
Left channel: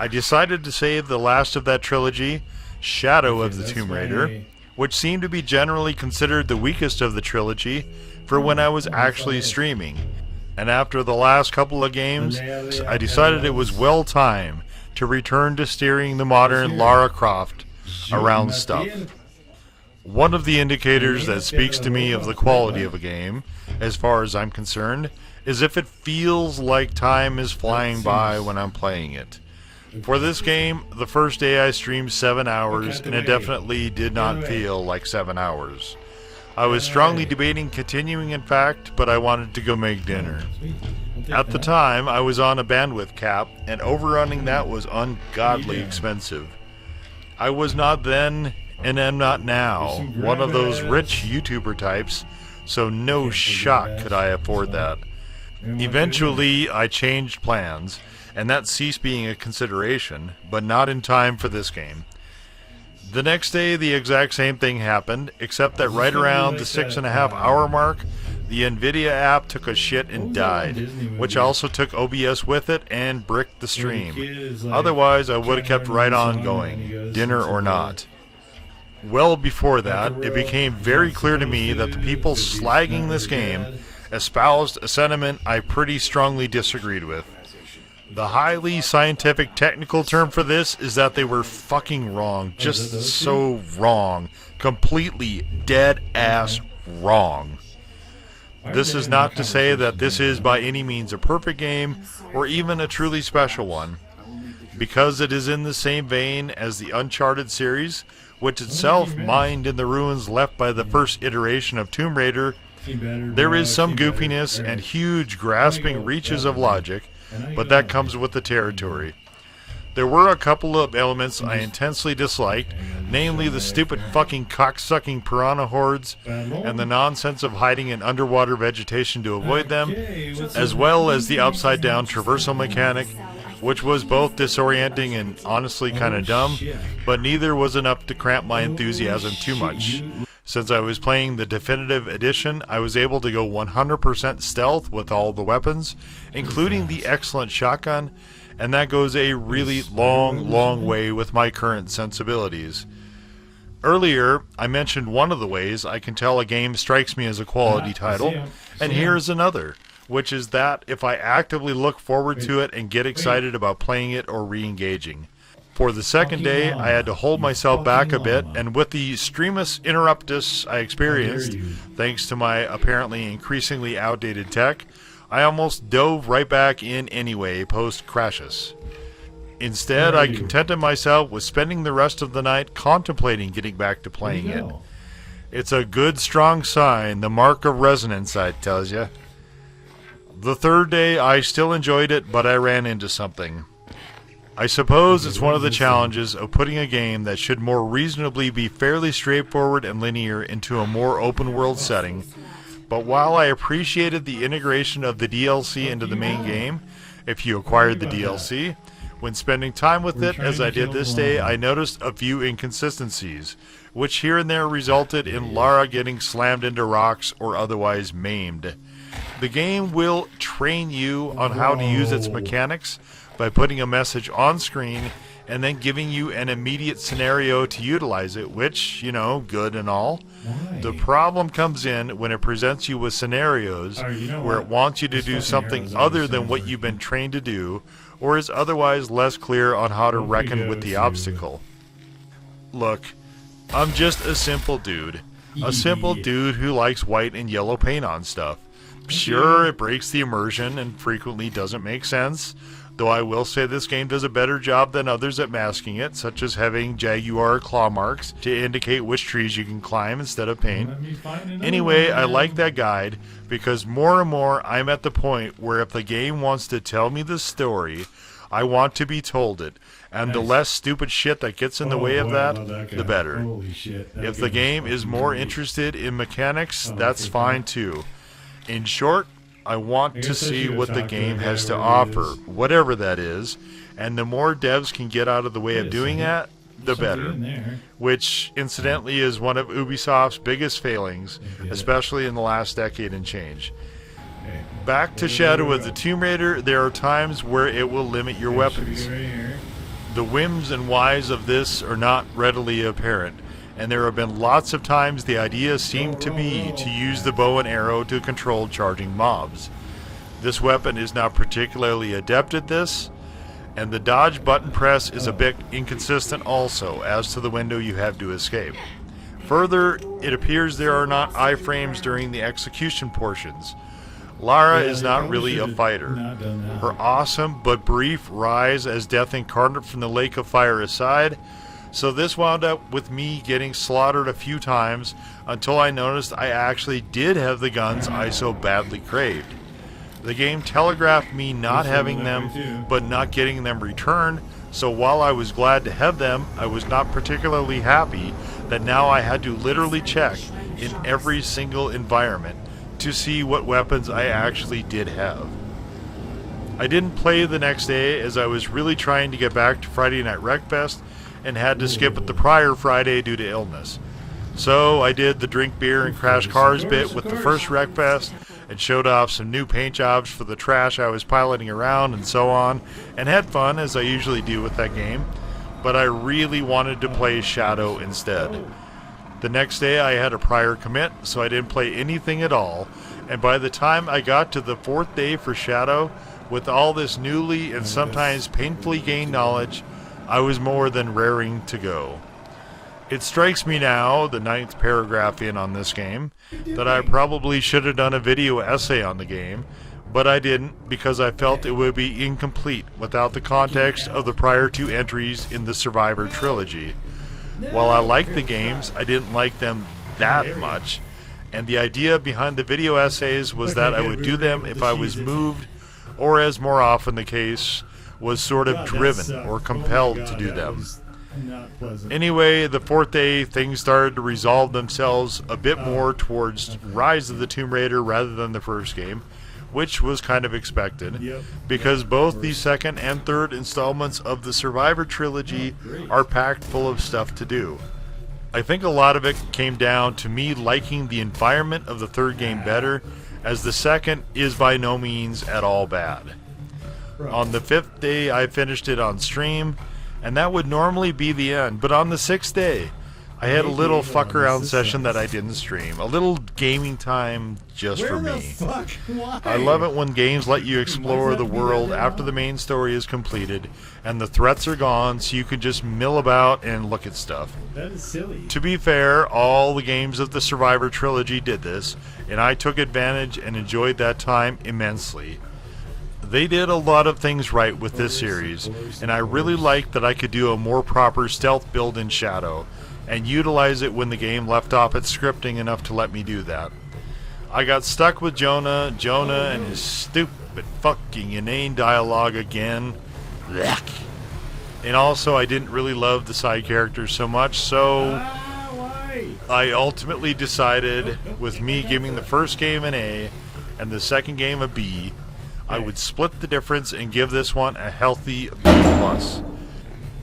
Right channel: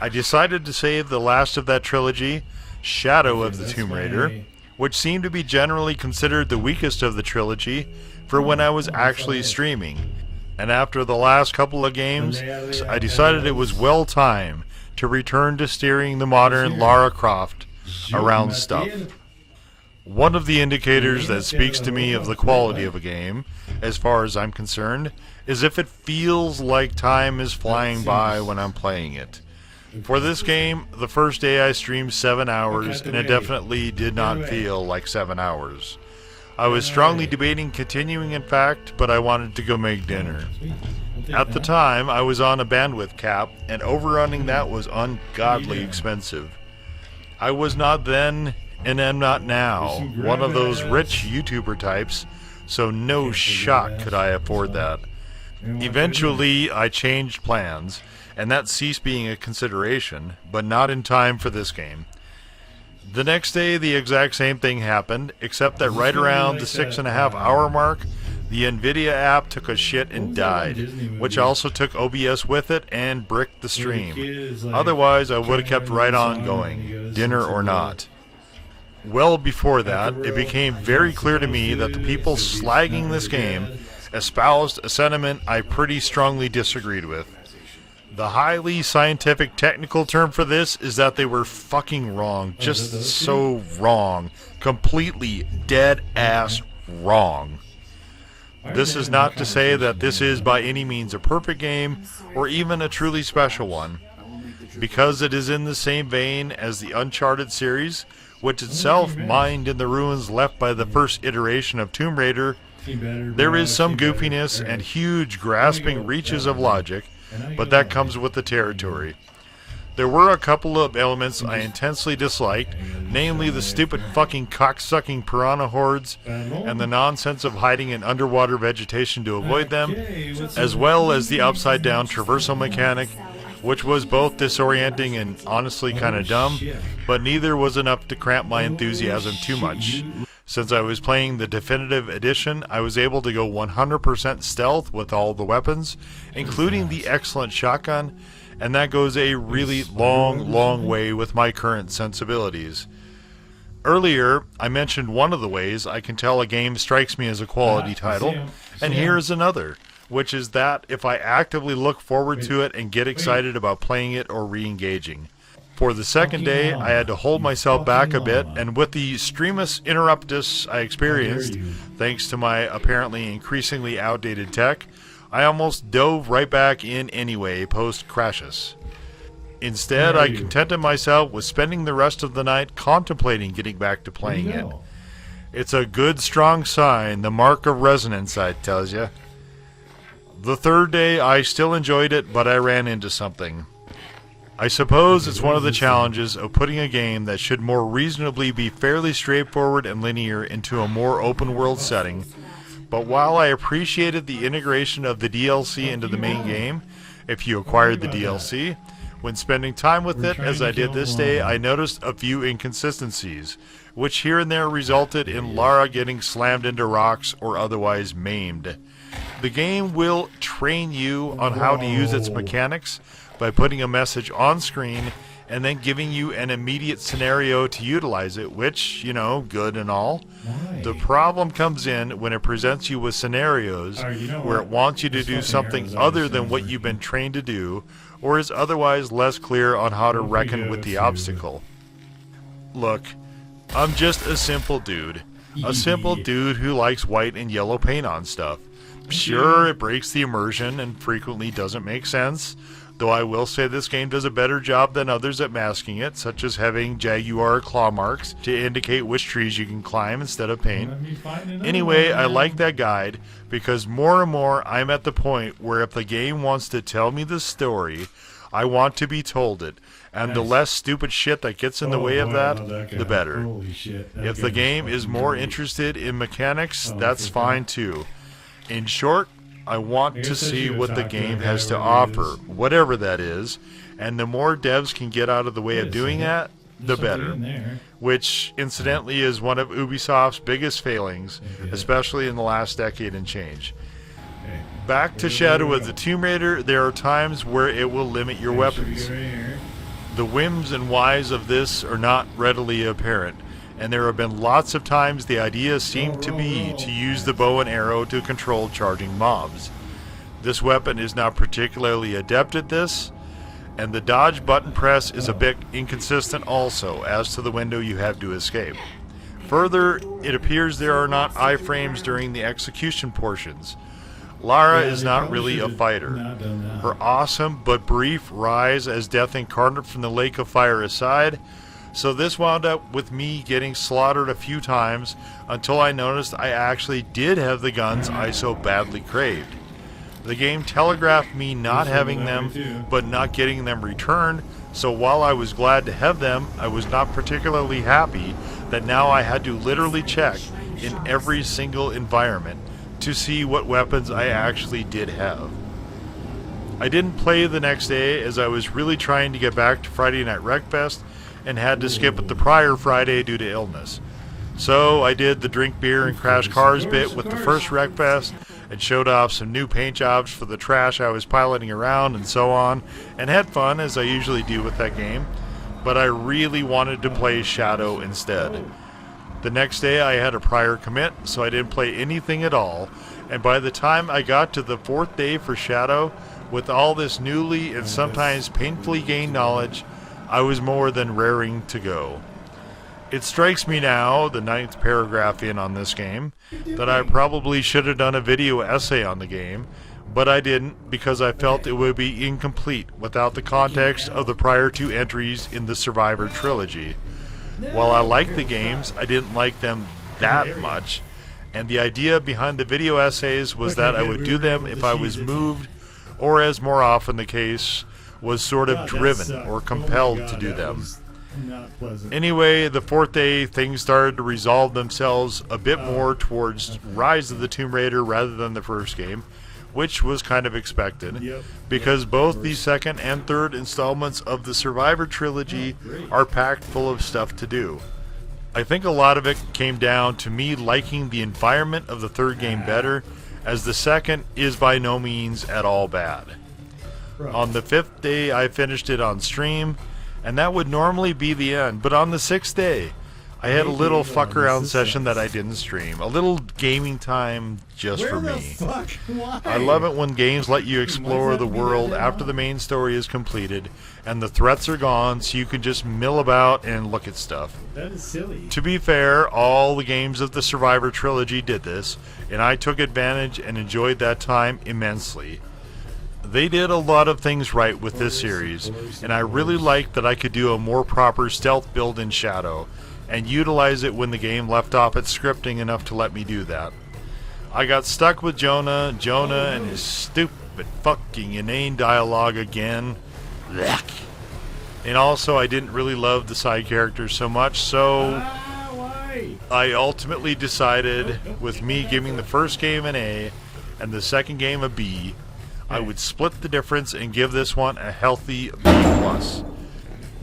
I decided to save the last of that trilogy, Shadow of the Tomb Raider, which seemed to be generally considered the weakest of the trilogy, for when I was actually streaming. And after the last couple of games, I decided it was well time to return to steering the modern Lara Croft around stuff. One of the indicators that speaks to me of the quality of a game, as far as I'm concerned, is if it feels like time is flying by when I'm playing it. For this game, the first day I streamed 7 hours, and it definitely did not feel like 7 hours. I was strongly debating continuing, in fact, but I wanted to go make dinner. At the time, I was on a bandwidth cap, and overrunning that was ungodly expensive. I was not then, and am not now, one of those rich YouTuber types, so no shot could I afford that. Eventually, I changed plans, and that ceased being a consideration, but not in time for this game. The next day, the exact same thing happened, except that right around the 6.5 hour mark, the Nvidia app took a shit and died, which also took OBS with it and bricked the stream. Otherwise, I would have kept right on going, dinner or not. Well before that, it became very clear to me that the people slagging this game espoused a sentiment I pretty strongly disagreed with. The highly scientific technical term for this is that they were fucking wrong. Just so wrong. Completely dead-ass wrong. This is not to say that this is by any means a perfect game, or even a truly special one. Because it is in the same vein as the Uncharted series, which itself mined in the ruins left by the first iteration of Tomb Raider, there is some goofiness and huge grasping reaches of logic, but that comes with the territory. There were a couple of elements I intensely disliked, namely the stupid fucking cocksucking piranha hordes, and the nonsense of hiding in underwater vegetation to avoid them, as well as the upside-down traversal mechanic, which was both disorienting and honestly kinda dumb, but neither was enough to cramp my enthusiasm too much. Since I was playing the definitive edition, I was able to go 100% stealth with all the weapons, including the excellent shotgun, and that goes a really long way with my current sensibilities. Earlier, I mentioned one of the ways I can tell a game strikes me as a quality title, and here's another, which is that if I actively look forward to it and get excited about playing it or re-engaging. For the second day, I had to hold myself back a bit, and with the streamus interruptus I experienced, thanks to my apparently increasingly outdated tech, I almost dove right back in anyway post-Crysis. Instead, I contented myself with spending the rest of the night contemplating getting back to playing it. It's a good strong sign, the mark of resonance, I tells ya. The third day, I still enjoyed it, but I ran into something. I suppose it's one of the challenges of putting a game that should more reasonably be fairly straightforward and linear into a more open-world setting. But while I appreciated the integration of the DLC into the main game, if you acquired the DLC, when spending time with it, as I did this day, I noticed a few inconsistencies, which here and there resulted in Lara getting slammed into rocks or otherwise maimed. The game will train you on how to use its mechanics by putting a message on screen and then giving you an immediate scenario to utilize it, which, you know, good and all. The problem comes in when it presents you with scenarios where it wants you to do something other than what you've been trained to do, or is otherwise less clear on how to reckon with the obstacle. Look, I'm just a simple dude. A simple dude who likes white and yellow paint on stuff. Sure, it breaks the immersion and frequently doesn't make sense, though I will say this game does a better job than others at masking it, such as having jaguar claw marks to indicate which trees you can climb instead of paint. Let me find another Anyway, one. I like that guide because more and more I'm at the point where if the game wants to tell me the story, I want to be told it. And the Nice. less stupid shit that gets in the Oh, way of boy, I that, love that guy. the better. Holy shit. that If the game game is fucking more great. interested in mechanics, Oh, that's okay. fine too. In short, I want I to guess I see should've what the talked to game that guy has to wherever he offer, is. whatever that is, and the more devs can get out of the way Wait of a doing second. that, the There's something better. in there. Which, incidentally, is one of Ubisoft's biggest failings, Yeah. especially in the last decade and change. Okay. Back to Where do Shadow we of go? the Tomb Raider, there are times where it will limit your Okay, should we weapons. go right here? The whims and whys of this are not readily apparent, and there have been lots of times the idea seemed to be to use the bow and arrow to control charging mobs. This weapon is not particularly adept at this, and the dodge button press is a bit inconsistent also as to the window you have to escape. Further, it appears there are not iframes during the execution portions. Lara Yeah, is they not probably really a should've fighter. not done that. Her awesome but brief rise as Death Incarnate from the Lake of Fire aside, so this wound up with me getting slaughtered a few times until I noticed I actually did have the guns I so badly craved. The game telegraphed me not This having one that them, way too. but not getting them returned, so while I was glad to have them, I was not particularly happy that now I had to literally check in every single environment to see what weapons I actually did have. I didn't play the next day as I was really trying to get back to Friday Night Wreckfest and had to skip it the prior Friday due to illness. So I did the drink beer and crash cars bit with the first Wreckfest and showed off some new paint jobs for the trash I was piloting around and so on, and had fun as I usually do with that game, but I really wanted to play Shadow instead. The next day I had a prior commit, so I didn't play anything at all, and by the time I got to the fourth day for Shadow, with all this newly and sometimes painfully gained knowledge, I was more than raring to go. It strikes me now, the 9th paragraph in on this game, that I probably should have done a video essay on the game, but I didn't because I felt it would be incomplete without the context of the prior 2 entries in the Survivor trilogy. While I liked the games, I didn't like them that much, and the idea behind the video essays was that I would do them if I was moved, or as more often the case, was sort of God, that driven sucked. or Oh my compelled God, to do that them. was Not pleasant. Anyway, the fourth day, things started to resolve themselves a bit more towards Rise of the Tomb Raider rather than the first game, which was kind of expected, Yep. because Yep, both of the course. second and third installments of the Survivor trilogy Oh, great. are packed full of stuff to do. I think a lot of it came down to me liking the environment of the third game better, as the second is by no means at all bad. Right. On the 5th day, I finished it on stream, and that would normally be the end. But on the 6th day, I had a little fuck around session that I didn't stream. A little gaming time just Where for the me. fuck? Why? I love it when games let you explore that the be that world damn after hard? the main story is completed, and the threats are gone, so you can just mill about and look at stuff. That is silly. To be fair, all the games of the Survivor trilogy did this, and I took advantage and enjoyed that time immensely. They did a lot of things right with this series, and I really liked that I could do a more proper stealth build in Shadow, and utilize it when the game left off its scripting enough to let me do that. I got stuck with Jonah and his stupid fucking inane dialogue again. Blech. And also I didn't really love the side characters so much, so Why? I ultimately decided, with me giving the first game an A and the second game a B, I would split the difference and give this one a healthy B+.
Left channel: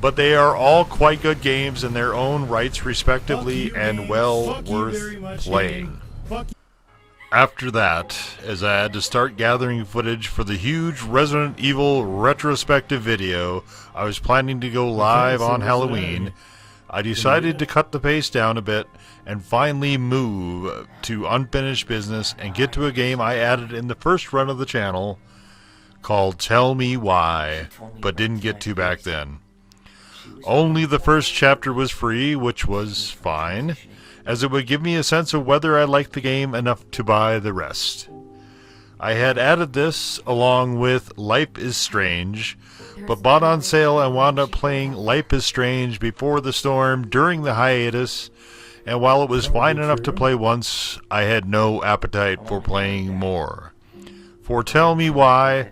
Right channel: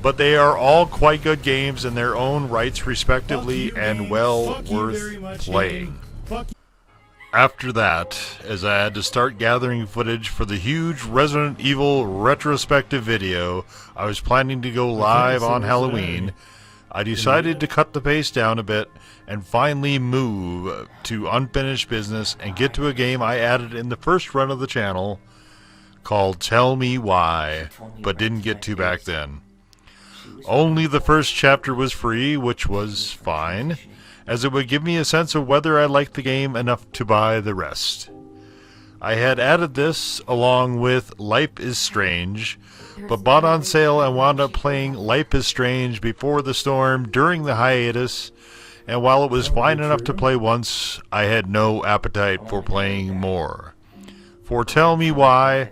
But they are all quite good games in their own rights, respectively, Fuck you, and game. well Fuck you very worth much, playing. game. Fuck you. After that, as I had to start gathering footage for the huge Resident Evil retrospective video I was planning to go live on Halloween, I decided to cut the pace down a bit and finally move to unfinished business and get to a game I added in the first run of the channel called Tell Me Why, but didn't get to back then. Only the first chapter was free, which was fine, as it would give me a sense of whether I liked the game enough to buy the rest. I had added this along with Life is Strange, but bought on sale and wound up playing Life is Strange before the storm during the hiatus, and while it was fine enough to play once, I had no appetite for playing more. For tell me why,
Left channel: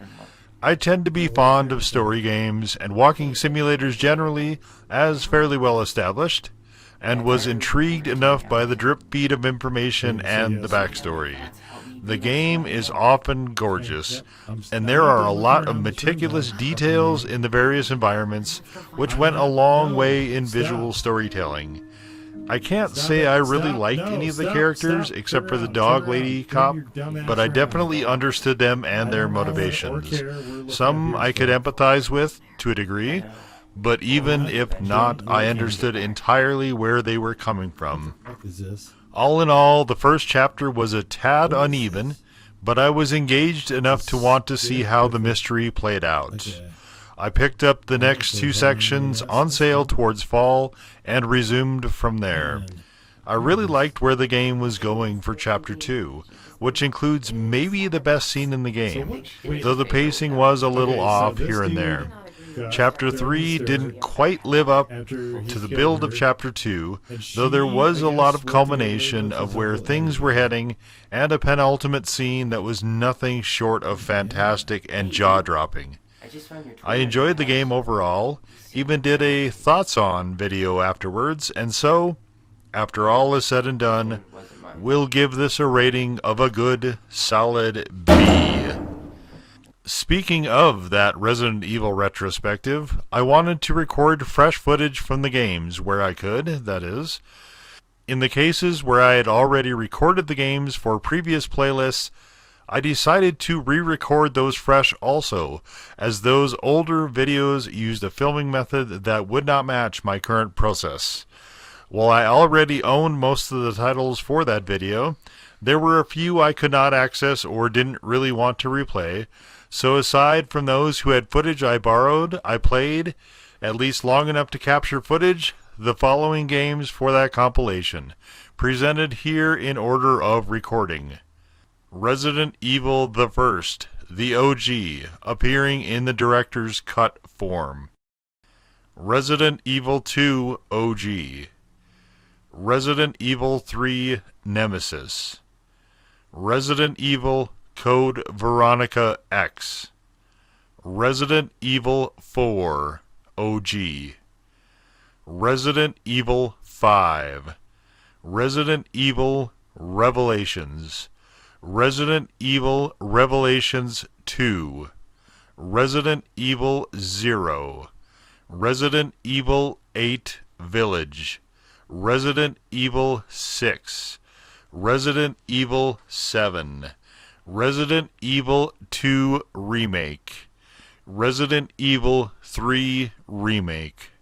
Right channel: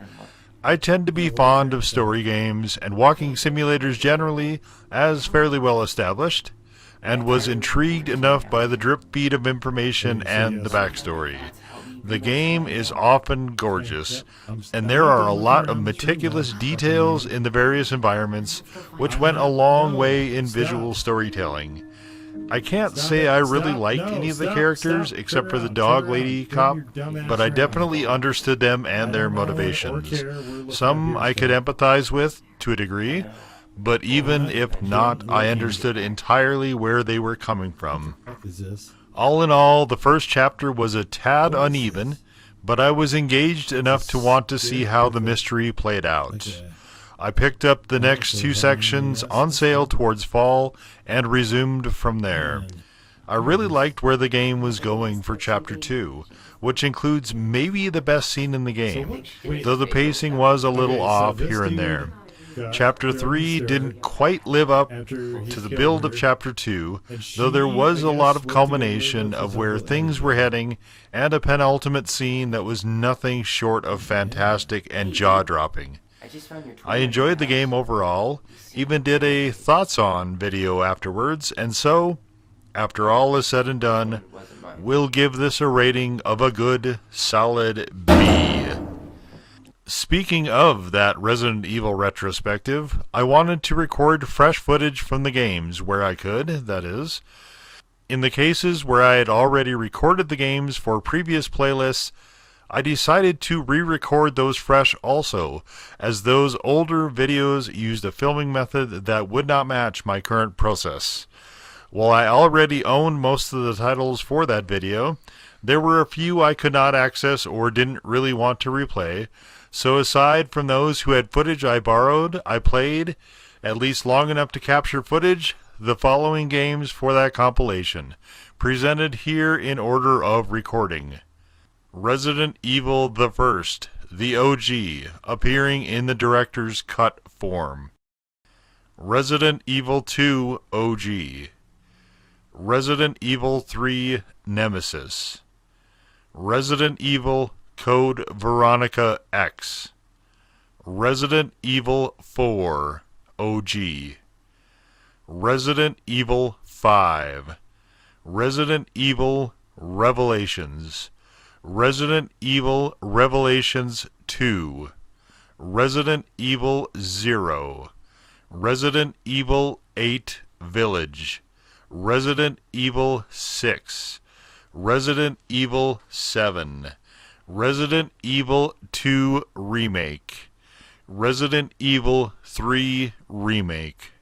I tend to be fond of story games and walking simulators generally, as fairly well established, and was intrigued enough by the drip feed of information and the backstory. The game is often gorgeous, and there are a lot of meticulous details in the various environments, which went a long way in visual storytelling. I can't say I really liked any of the characters except for the dog lady cop, but I definitely understood them and their motivations. Some I could empathize with to a degree, but even if not, I understood entirely where they were coming from. What is this? All in all, the first chapter was a tad uneven, but I was engaged enough to want to see how the mystery played out. Okay. I picked up the next two sections on sale towards fall and resumed from there. I really liked where the game was going for Chapter 2, which includes maybe the best scene in the game, though the pacing was a little off here and there. Chapter 3 didn't quite live up to the build of Chapter 2, though there was a lot of culmination of where things were heading, and a penultimate scene that was nothing short of fantastic and jaw-dropping. I enjoyed the game overall, even did a thoughts on video afterwards, and so, after all is said and done, we'll give this a rating of a good, solid B. Speaking of that Resident Evil retrospective, I wanted to record fresh footage from the games where I could, that is. In the cases where I had already recorded the games for previous playlists, I decided to re-record those fresh also, as those older videos used a filming method that would not match my current process. While I already owned most of the titles for that video, there were a few I could not access or didn't really want to replay, so aside from those who had footage I borrowed, I played, at least long enough to capture footage, the following games for that compilation, presented here in order of recording. Resident Evil the First, the OG, appearing in the director's cut form. Resident Evil 2 OG. Resident Evil 3 Nemesis. Resident Evil Code Veronica X. Resident Evil 4 OG. Resident Evil 5. Resident Evil Revelations. Resident Evil Revelations 2, Resident Evil 0, Resident Evil 8 Village, Resident Evil 6, Resident Evil 7, Resident Evil 2 Remake, Resident Evil 3 Remake.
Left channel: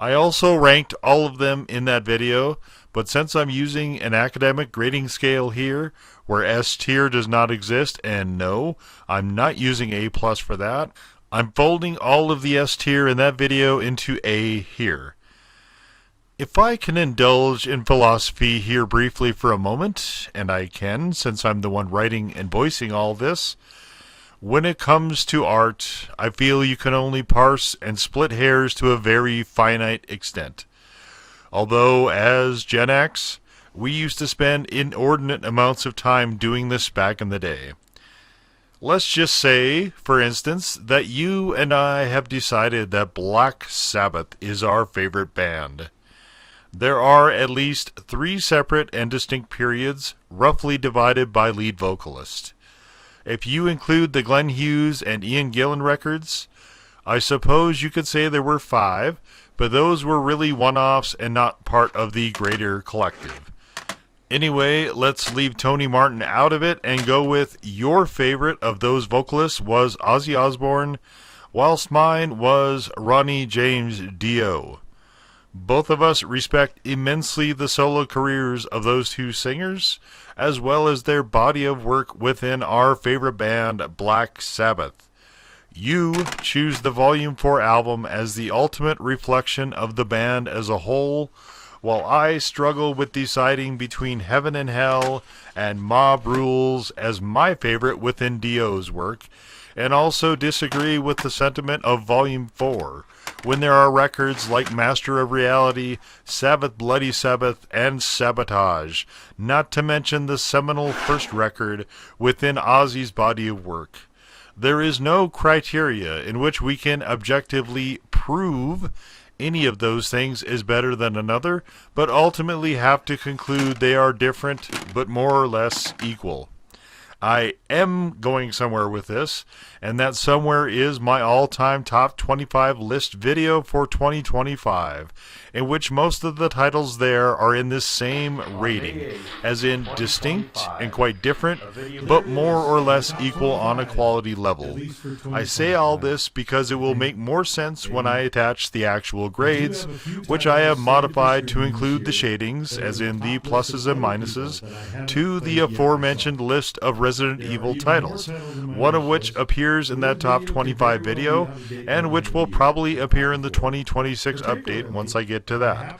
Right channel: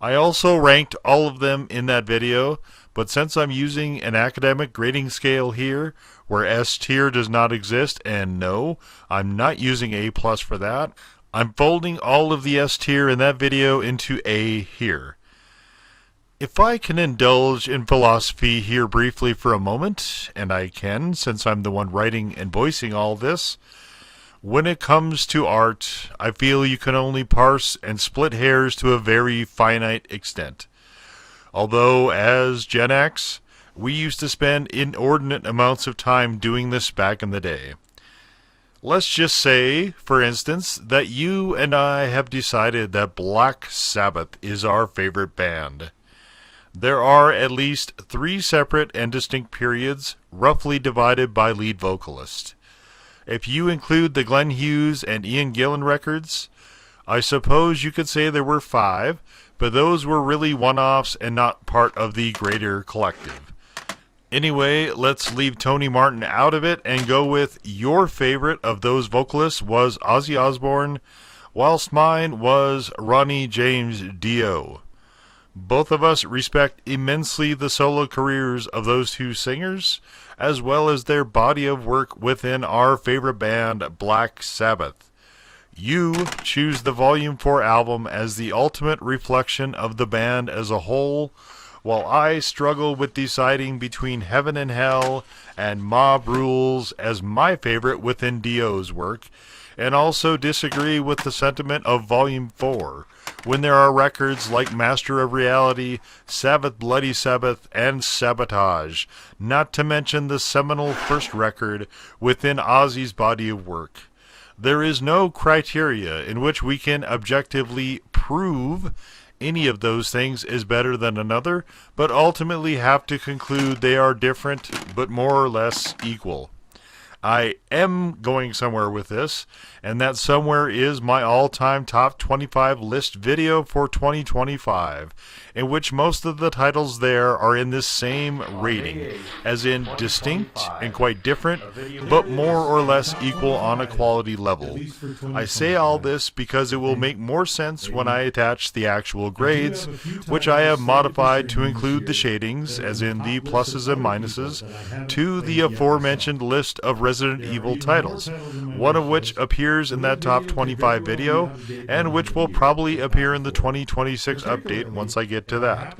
I also ranked all of them in that video, but since I'm using an academic grading scale here, where S tier does not exist, and no, I'm not using A+ for that, I'm folding all of the S tier in that video into A here. If I can indulge in philosophy here briefly for a moment, and I can, since I'm the one writing and voicing all this, when it comes to art, I feel you can only parse and split hairs to a very finite extent. Although, as Gen X, we used to spend inordinate amounts of time doing this back in the day. Let's just say, for instance, that you and I have decided that Black Sabbath is our favorite band. There are at least 3 separate and distinct periods, roughly divided by lead vocalist. If you include the Glenn Hughes and Ian Gillan records, I suppose you could say there were 5, but those were really one-offs and not part of the greater collective. Anyway, let's leave Tony Martin out of it and go with your favorite of those vocalists was Ozzy Osbourne, whilst mine was Ronnie James Dio. Both of us respect immensely the solo careers of those 2 singers, as well as their body of work within our favorite band, Black Sabbath. You choose the Volume 4 album as the ultimate reflection of the band as a whole, while I struggle with deciding between Heaven and Hell and Mob Rules as my favorite within Dio's work, and also disagree with the sentiment of Volume 4, when there are records like Master of Reality, Sabbath Bloody Sabbath, and Sabotage, not to mention the seminal first record within Ozzy's body of work. There is no criteria in which we can objectively prove any of those things is better than another, but ultimately have to conclude they are different, but more or less equal. I am going somewhere with this, and that somewhere is my all-time top 25 list video for 2025, in which most of the titles there are in this same rating, as in distinct and quite different, but more or less equal on a quality level. I say all this because it will make more sense when I attach the actual grades, which I have modified to include the shadings, as in the pluses and minuses, to the aforementioned list of Resident Evil titles, one of which appears in that top 25 video, and which will probably appear in the 2026 update once I get to that.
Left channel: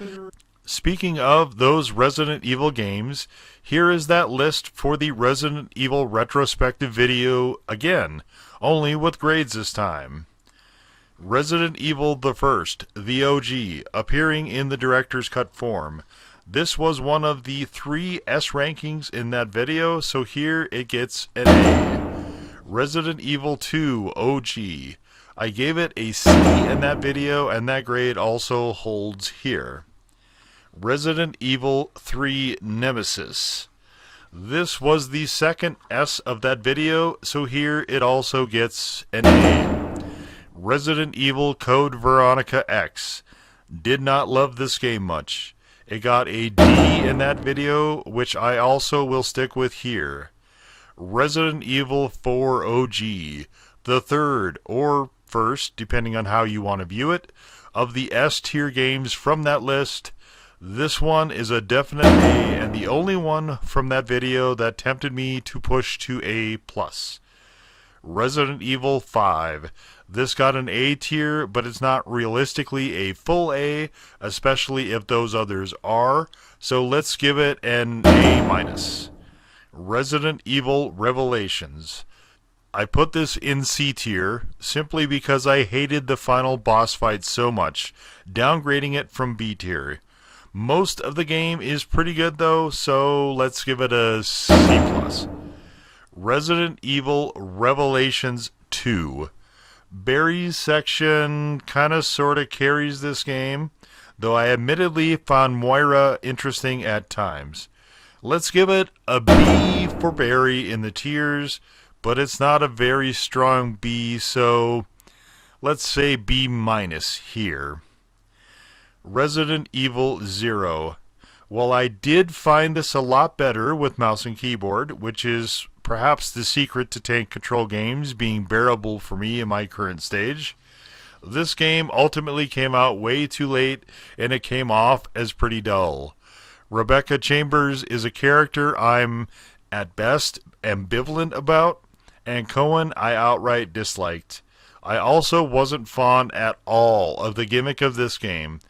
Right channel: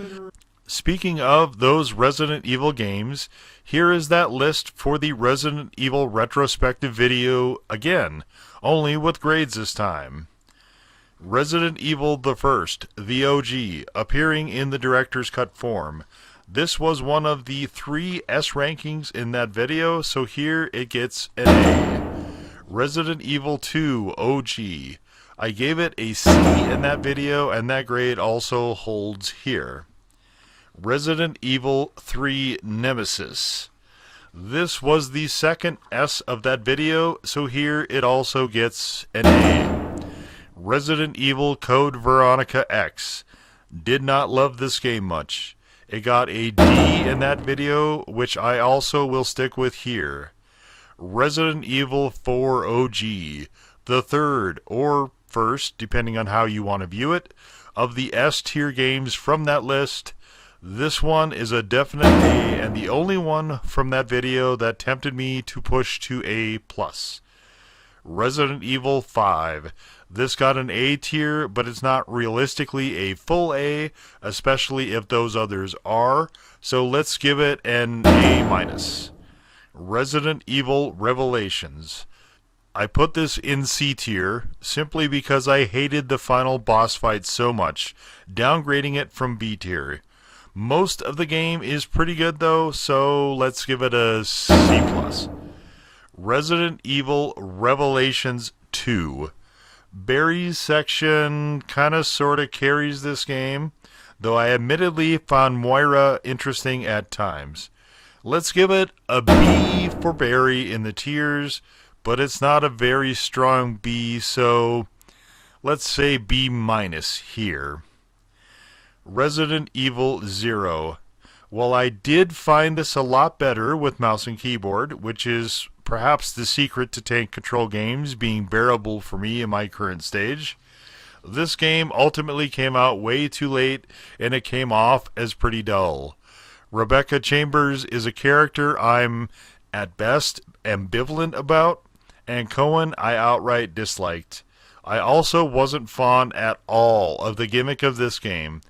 Speaking of those Resident Evil games, here is that list for the Resident Evil retrospective video again, only with grades this time. Resident Evil the First, the OG, appearing in the director's cut form. This was one of the 3 S rankings in that video, so here it gets an A. Resident Evil 2 OG. I gave it a C in that video, and that grade also holds here. Resident Evil 3 Nemesis. This was the second S of that video, so here it also gets an A. Resident Evil Code Veronica X. Did not love this game much. It got a D in that video, which I also will stick with here. Resident Evil 4 OG, the third, or first, depending on how you want to view it, of the S-tier games from that list. This one is a definite A, and the only one from that video that tempted me to push to A+. Resident Evil 5. This got an A tier, but it's not realistically a full A, especially if those others are, so let's give it an A-. Resident Evil Revelations. I put this in C tier simply because I hated the final boss fight so much, downgrading it from B tier. Most of the game is pretty good though, so let's give it a C+. Resident Evil Revelations 2. Barry's section kinda sorta carries this game, though I admittedly found Moira interesting at times. Let's give it a B for Barry in the tiers, but it's not a very strong B, so let's say B- here. Resident Evil 0. While I did find this a lot better with mouse and keyboard, which is perhaps the secret to tank control games being bearable for me in my current stage, this game ultimately came out way too late, and it came off as pretty dull. Rebecca Chambers is a character I'm, at best, ambivalent about, and Cohen I outright disliked. I also wasn't fond at all of the gimmick of this game.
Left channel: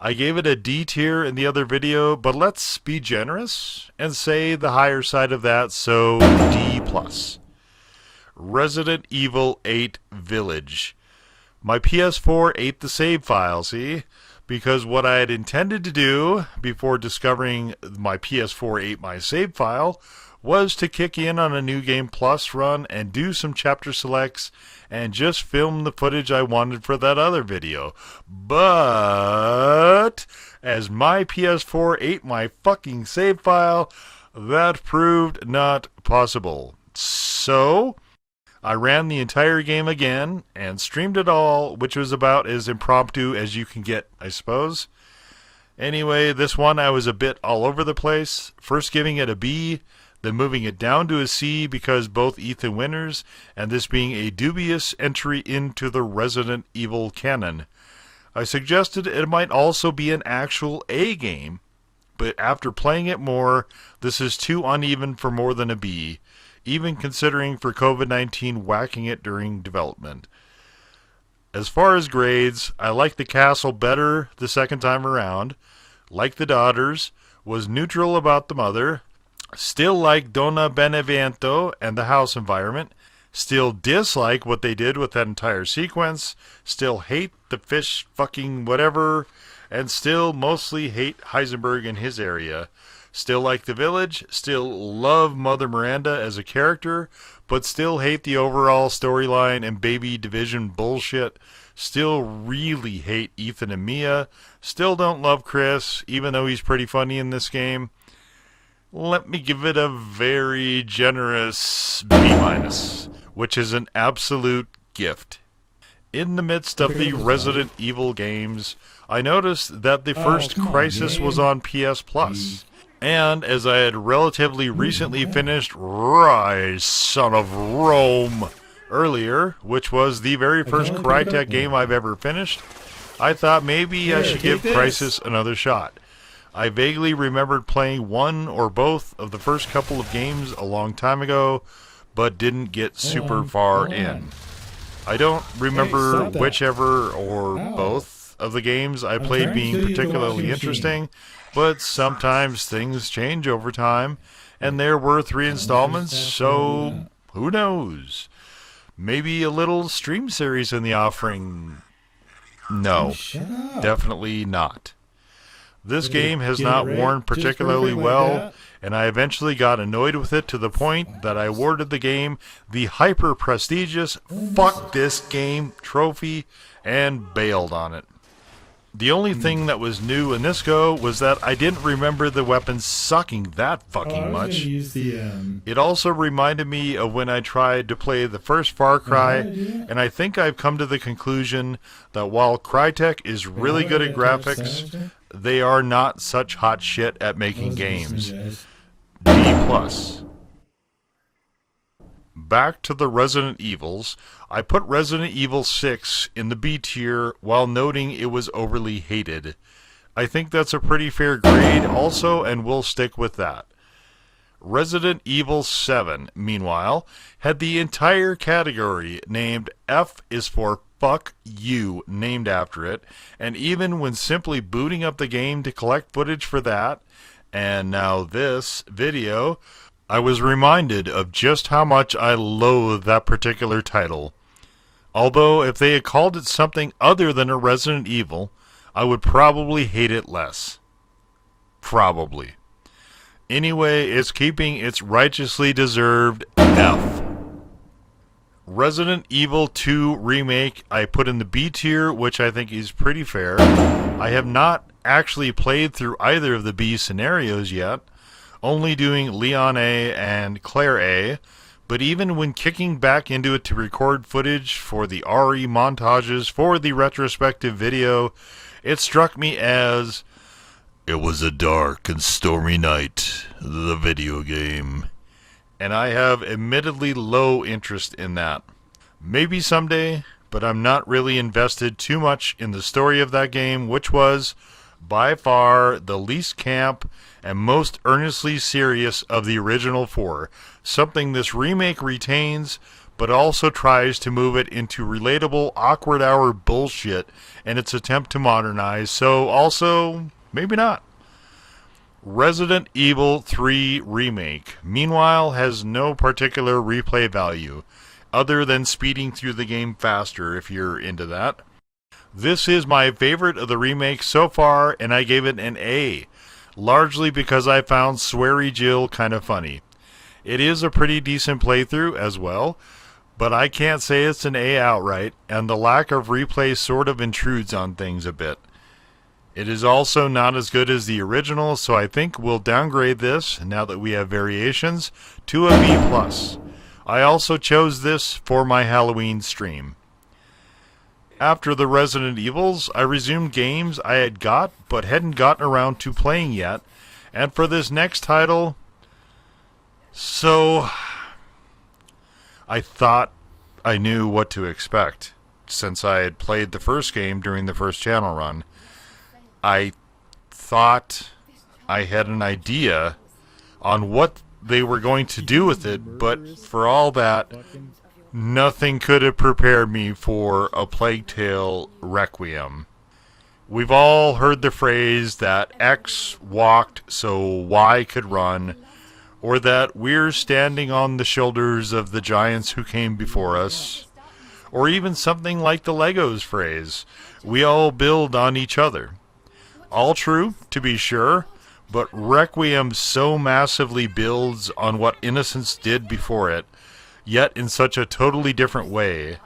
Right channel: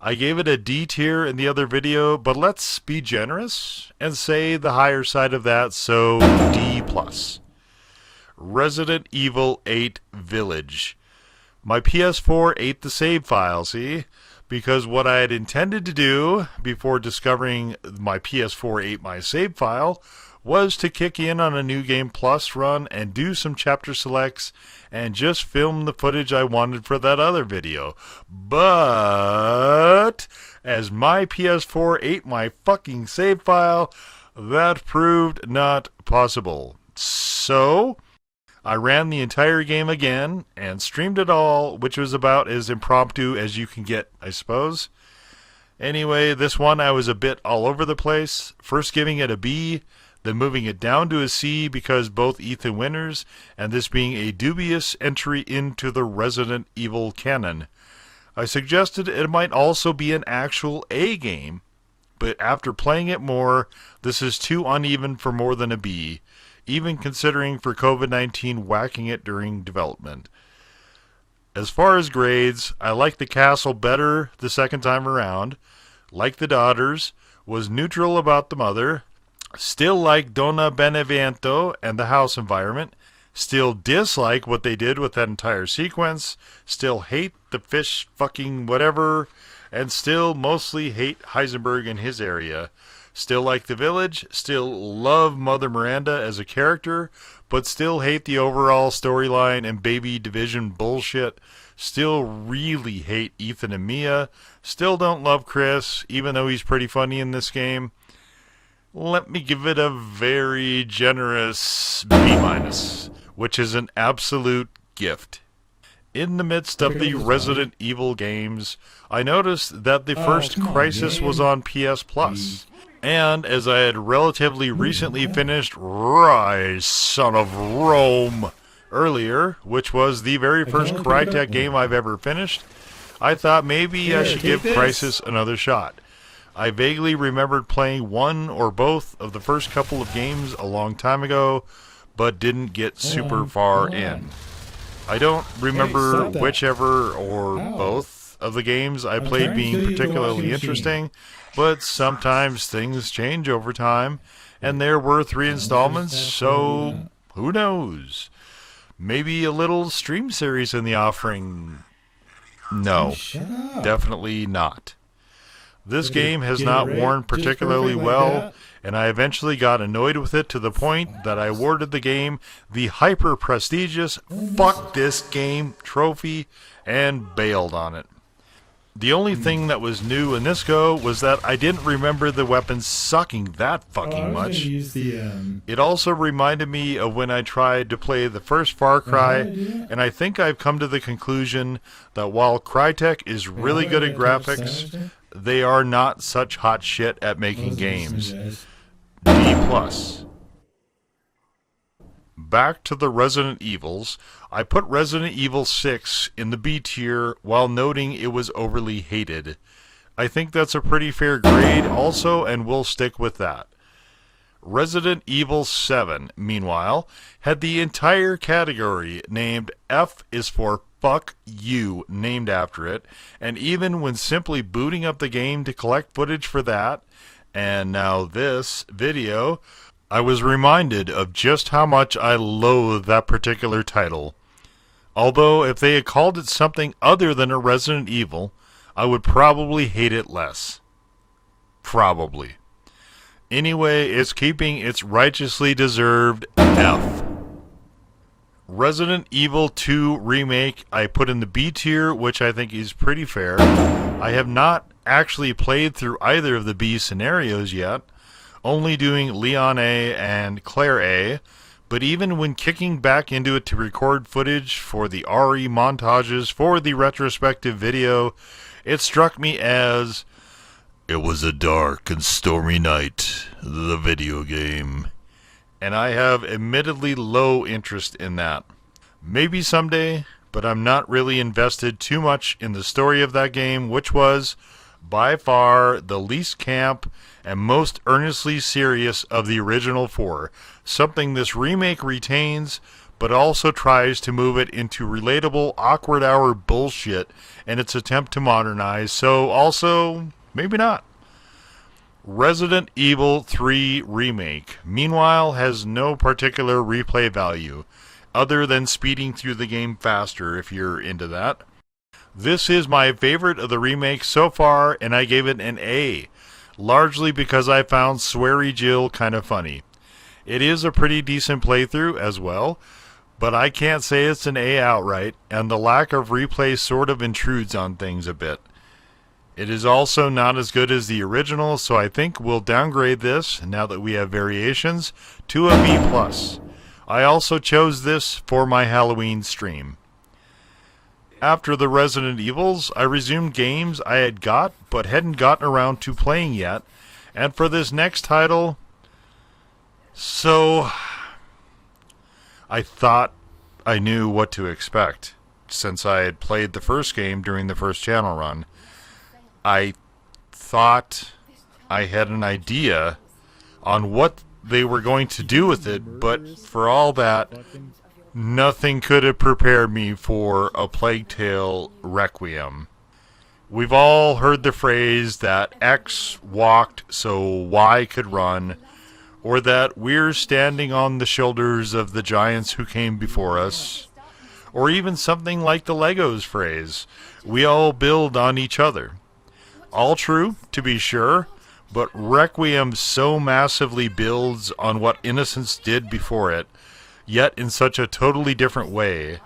I gave it a D tier in the other video, but let's be generous and say the higher side of that, so D+. Resident Evil 8 Village. My PS4 ate the save file, see? Because what I had intended to do before discovering my PS4 ate my save file was to kick in on a New Game Plus run and do some chapter selects and just film the footage I wanted for that other video. But as my PS4 ate my fucking save file, that proved not possible. So I ran the entire game again and streamed it all, which was about as impromptu as you can get, I suppose. Anyway, this one I was a bit all over the place, first giving it a B, then moving it down to a C because both Ethan Winters, and this being a dubious entry into the Resident Evil canon. I suggested it might also be an actual A game, but after playing it more, this is too uneven for more than a B, even considering for COVID-19 whacking it during development. As far as grades, I like the castle better the second time around. like the daughters, was neutral about the mother, still like Donna Benevento and the house environment, still dislike what they did with that entire sequence, still hate the fish fucking whatever, and still mostly hate Heisenberg and his area. Still like the village, still love Mother Miranda as a character, but still hate the overall storyline and baby division bullshit. Still really hate Ethan and Mia. Still don't love Chris, even though he's pretty funny in this game. Let me give it a very generous B-, which is an absolute gift. In the midst of the Resident Evil games, I noticed that the first Crysis was on PS Plus. And as I had relatively recently finished Ryse, Son of Rome, earlier, which was the very first Crytek game I've ever finished, I thought maybe I should give Crysis another shot. I vaguely remembered playing one or both of the first couple of games a long time ago, but didn't get super far in. I don't remember whichever or both of the games I played being particularly interesting, but sometimes things change over time, and there were 3 installments, so who knows? Maybe a little stream series in the offering. No, definitely not. This game has not worn particularly well, and I eventually got annoyed with it to the point that I awarded the game the hyper-prestigious "fuck this game" trophy and bailed on it. The only thing that was new in this go was that I didn't remember the weapons sucking that fucking much. It also reminded me of when I tried to play the first Far Cry, and I think I've come to the conclusion that while Crytek is really good at graphics, they are not such hot shit at making games. B+. Back to the Resident Evils, I put Resident Evil 6 in the B tier while noting it was overly hated. I think that's a pretty fair grade also, and we'll stick with that. Resident Evil 7, meanwhile, had the entire category named F is for Fuck You named after it, and even when simply booting up the game to collect footage for that, and now this video, I was reminded of just how much I loathe that particular title. Although if they had called it something other than a Resident Evil, I would probably hate it less. Probably. Anyway, it's keeping its righteously deserved F. Resident Evil 2 Remake I put in the B tier, which I think is pretty fair. I have not actually played through either of the B scenarios yet, only doing Leon A and Claire A, but even when kicking back into it to record footage for the RE montages for the retrospective video, it struck me as, it was a dark and stormy night, the video game. And I have admittedly low interest in that. Maybe someday, but I'm not really invested too much in the story of that game, which was, by far, the least camp and most earnestly serious of the original 4, something this remake retains, but also tries to move it into relatable awkward hour bullshit in its attempt to modernize, so also, maybe not. Resident Evil 3 Remake, meanwhile, has no particular replay value, other than speeding through the game faster if you're into that. This is my favorite of the remakes so far, and I gave it an A, largely because I found Sweary Jill kind of funny. It is a pretty decent playthrough as well, but I can't say it's an A outright, and the lack of replay sort of intrudes on things a bit. It is also not as good as the original, so I think we'll downgrade this, now that we have variations, to a B+. I also chose this for my Halloween stream. After the Resident Evils, I resumed games I had got but hadn't gotten around to playing yet, and for this next title, so I thought I knew what to expect, since I had played the first game during the first channel run. I thought I had an idea on what they were going to do with it, but for all that, nothing could have prepared me for A Plague Tale Requiem. We've all heard the phrase that X walked so Y could run, or that we're standing on the shoulders of the giants who came before us, or even something like the Legos phrase, we all build on each other. All true, to be sure, but Requiem so massively builds on what Innocence did before it, yet in such a totally different way,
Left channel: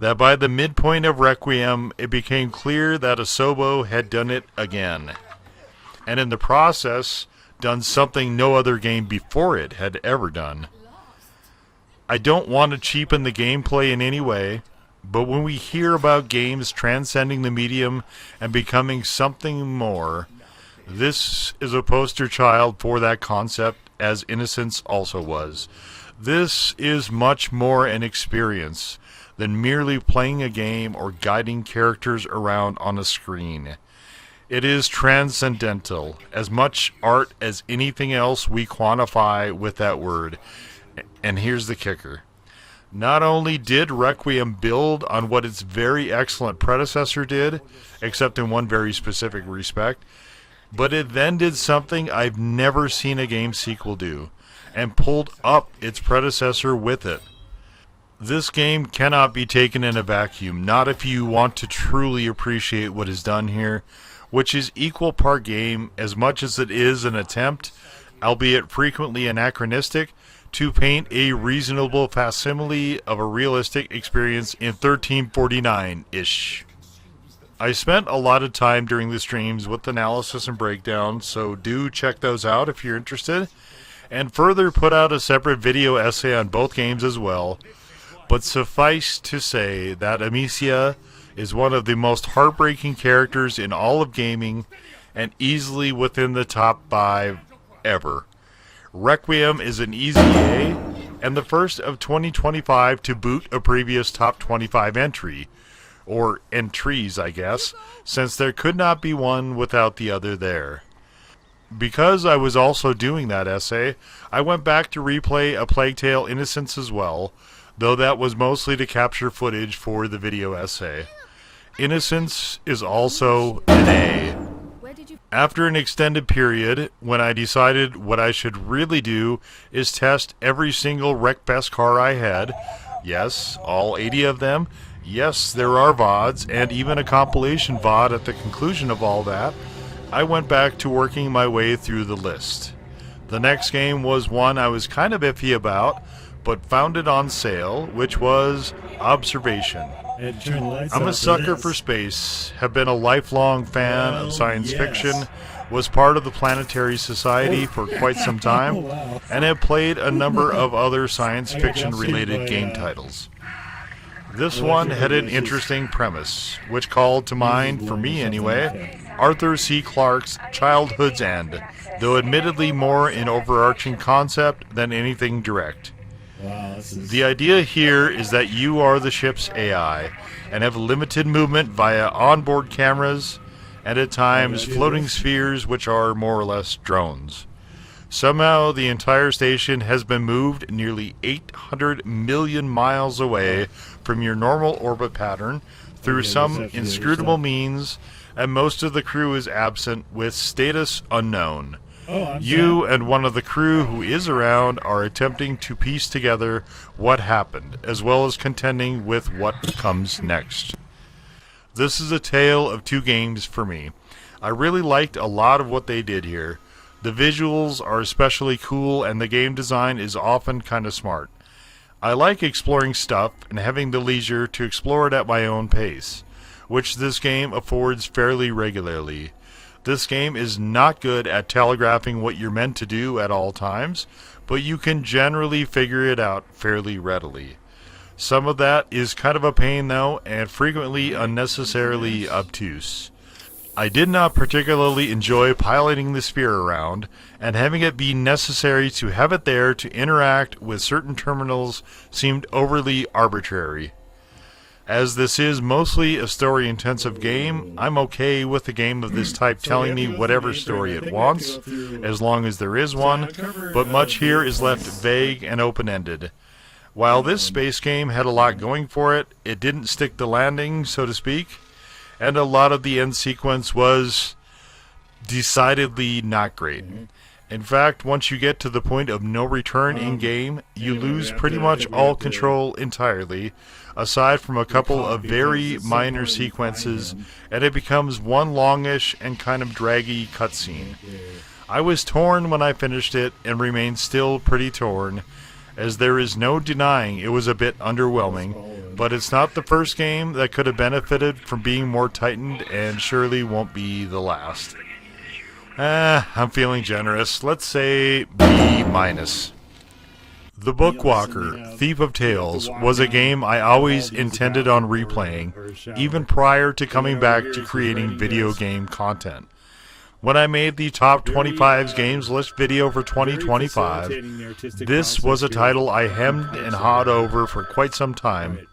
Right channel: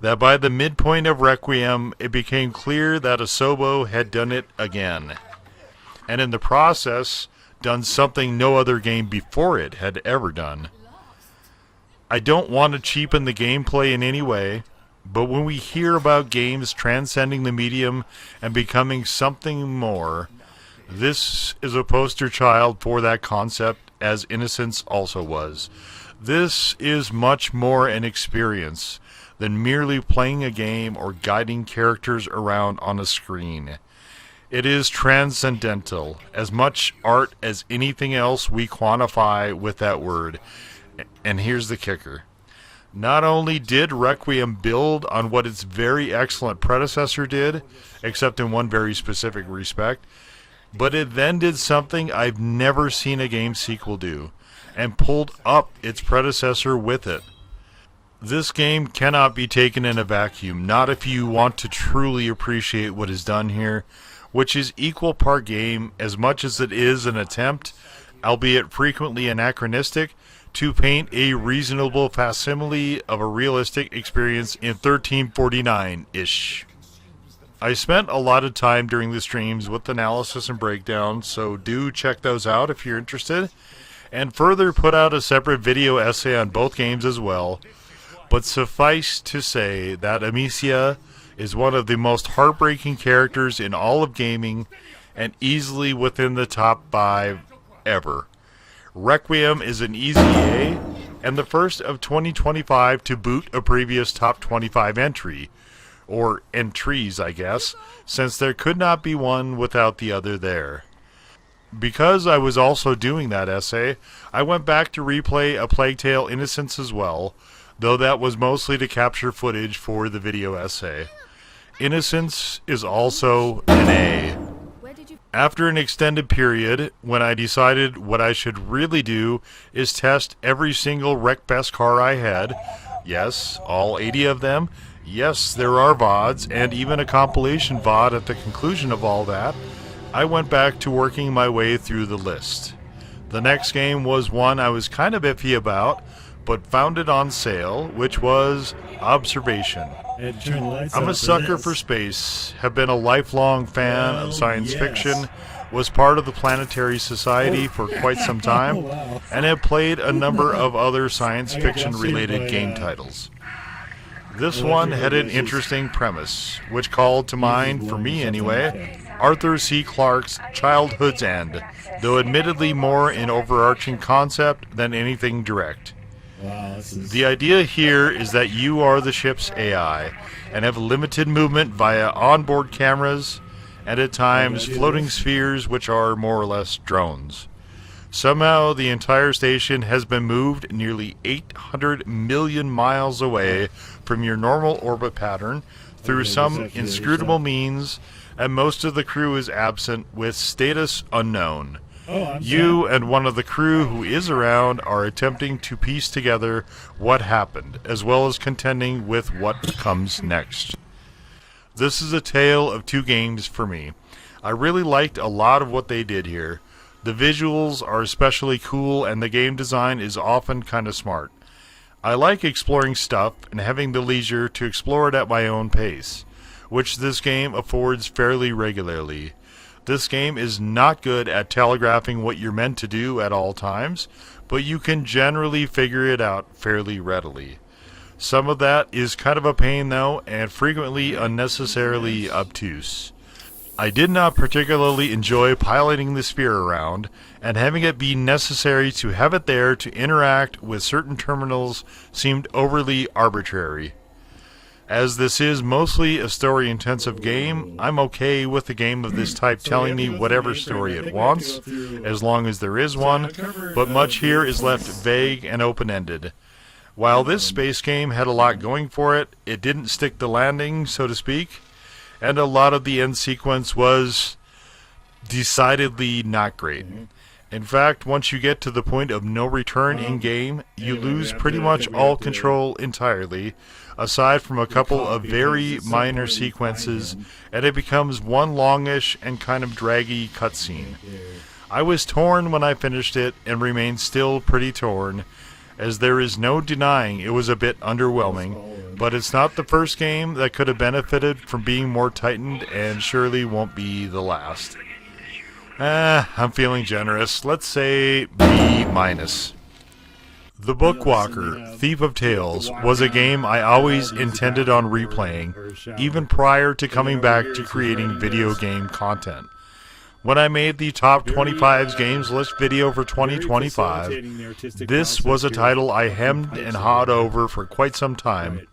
that by the midpoint of Requiem, it became clear that Asobo had done it again, and in the process, done something no other game before it had ever done. I don't want to cheapen the gameplay in any way, but when we hear about games transcending the medium and becoming something more, this is a poster child for that concept, as Innocence also was. This is much more an experience than merely playing a game or guiding characters around on a screen. It is transcendental, as much art as anything else we quantify with that word. And here's the kicker. Not only did Requiem build on what its very excellent predecessor did, except in one very specific respect, but it then did something I've never seen a game sequel do, and pulled up its predecessor with it. This game cannot be taken in a vacuum, not if you want to truly appreciate what is done here, which is equal part game as much as it is an attempt, albeit frequently anachronistic, to paint a reasonable facsimile of a realistic experience in 1349-ish. I spent a lot of time during the streams with analysis and breakdown, so do check those out if you're interested, and further put out a separate video essay on both games as well. But suffice to say that Amicia is one of the most heartbreaking characters in all of gaming, and easily within the top 5 ever. Requiem is an easy A, and the first of 2025 to boot a previous top 25 entry. Or entries, I guess, since there could not be one without the other there. Because I was also doing that essay, I went back to replay A Plague Tale Innocence as well, though that was mostly to capture footage for the video essay. Innocence is also an A. After an extended period, when I decided what I should really do is test every single Wreckfest car I had, yes, all 80 of them, yes, there are VODs, and even a compilation VOD at the conclusion of all that, I went back to working my way through the list. The next game was one I was kind of iffy about, but found it on sale, which was Observation. I'm a sucker for space, have been a lifelong fan of science fiction, was part of the Planetary Society for quite some time, and have played a number of other science fiction-related game titles. This one had an interesting premise, which called to mind, for me anyway, Arthur C. Clarke's Childhood's End, though admittedly more an overarching concept than anything direct. The idea here is that you are the ship's AI, and have limited movement via onboard cameras, and at times floating spheres which are more or less drones. Somehow the entire station has been moved nearly 800 million miles away from your normal orbit pattern through some inscrutable means, and most of the crew is absent with status unknown. You and one of the crew who is around are attempting to piece together what happened, as well as contending with what comes next. This is a tale of two games for me. I really liked a lot of what they did here. The visuals are especially cool, and the game design is often kind of smart. I like exploring stuff and having the leisure to explore it at my own pace, which this game affords fairly regularly. This game is not good at telegraphing what you're meant to do at all times, but you can generally figure it out fairly readily. Some of that is kind of a pain though, and frequently unnecessarily obtuse. I did not particularly enjoy piloting the sphere around, and having it be necessary to have it there to interact with certain terminals seemed overly arbitrary. As this is mostly a story-intensive game, I'm okay with a game of this type telling me whatever story it wants, as long as there is one, but much here is left vague and open-ended. While this space game had a lot going for it, it didn't stick the landing, so to speak, and a lot of the end sequence was decidedly not great. In fact, once you get to the point of no return in-game, you lose pretty much all control entirely, aside from a couple of very minor sequences, and it becomes one longish and kind of draggy cutscene. I was torn when I finished it, and remain still pretty torn, as there is no denying it was a bit underwhelming, but it's not the first game that could have benefited from being more tightened, and surely won't be the last. I'm feeling generous. Let's say B-. The Bookwalker, Thief of Tales, was a game I always intended on replaying, even prior to coming back to creating video game content. When I made the Top 25 Games List video for 2025, this was a title I hemmed and hawed over for quite some time,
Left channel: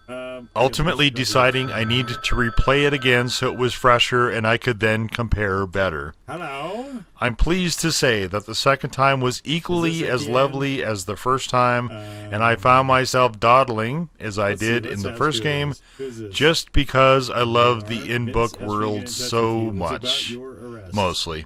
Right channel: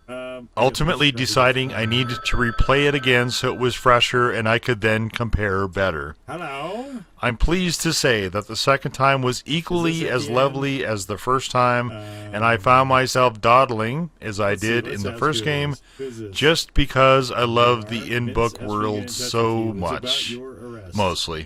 ultimately deciding I needed to replay it again so it was fresher and I could then compare better. Hello? I'm pleased to say that the second time was equally as lovely as the first time, and I found myself dawdling, as I did in the first game, just because I love the in-book world so much. Mostly.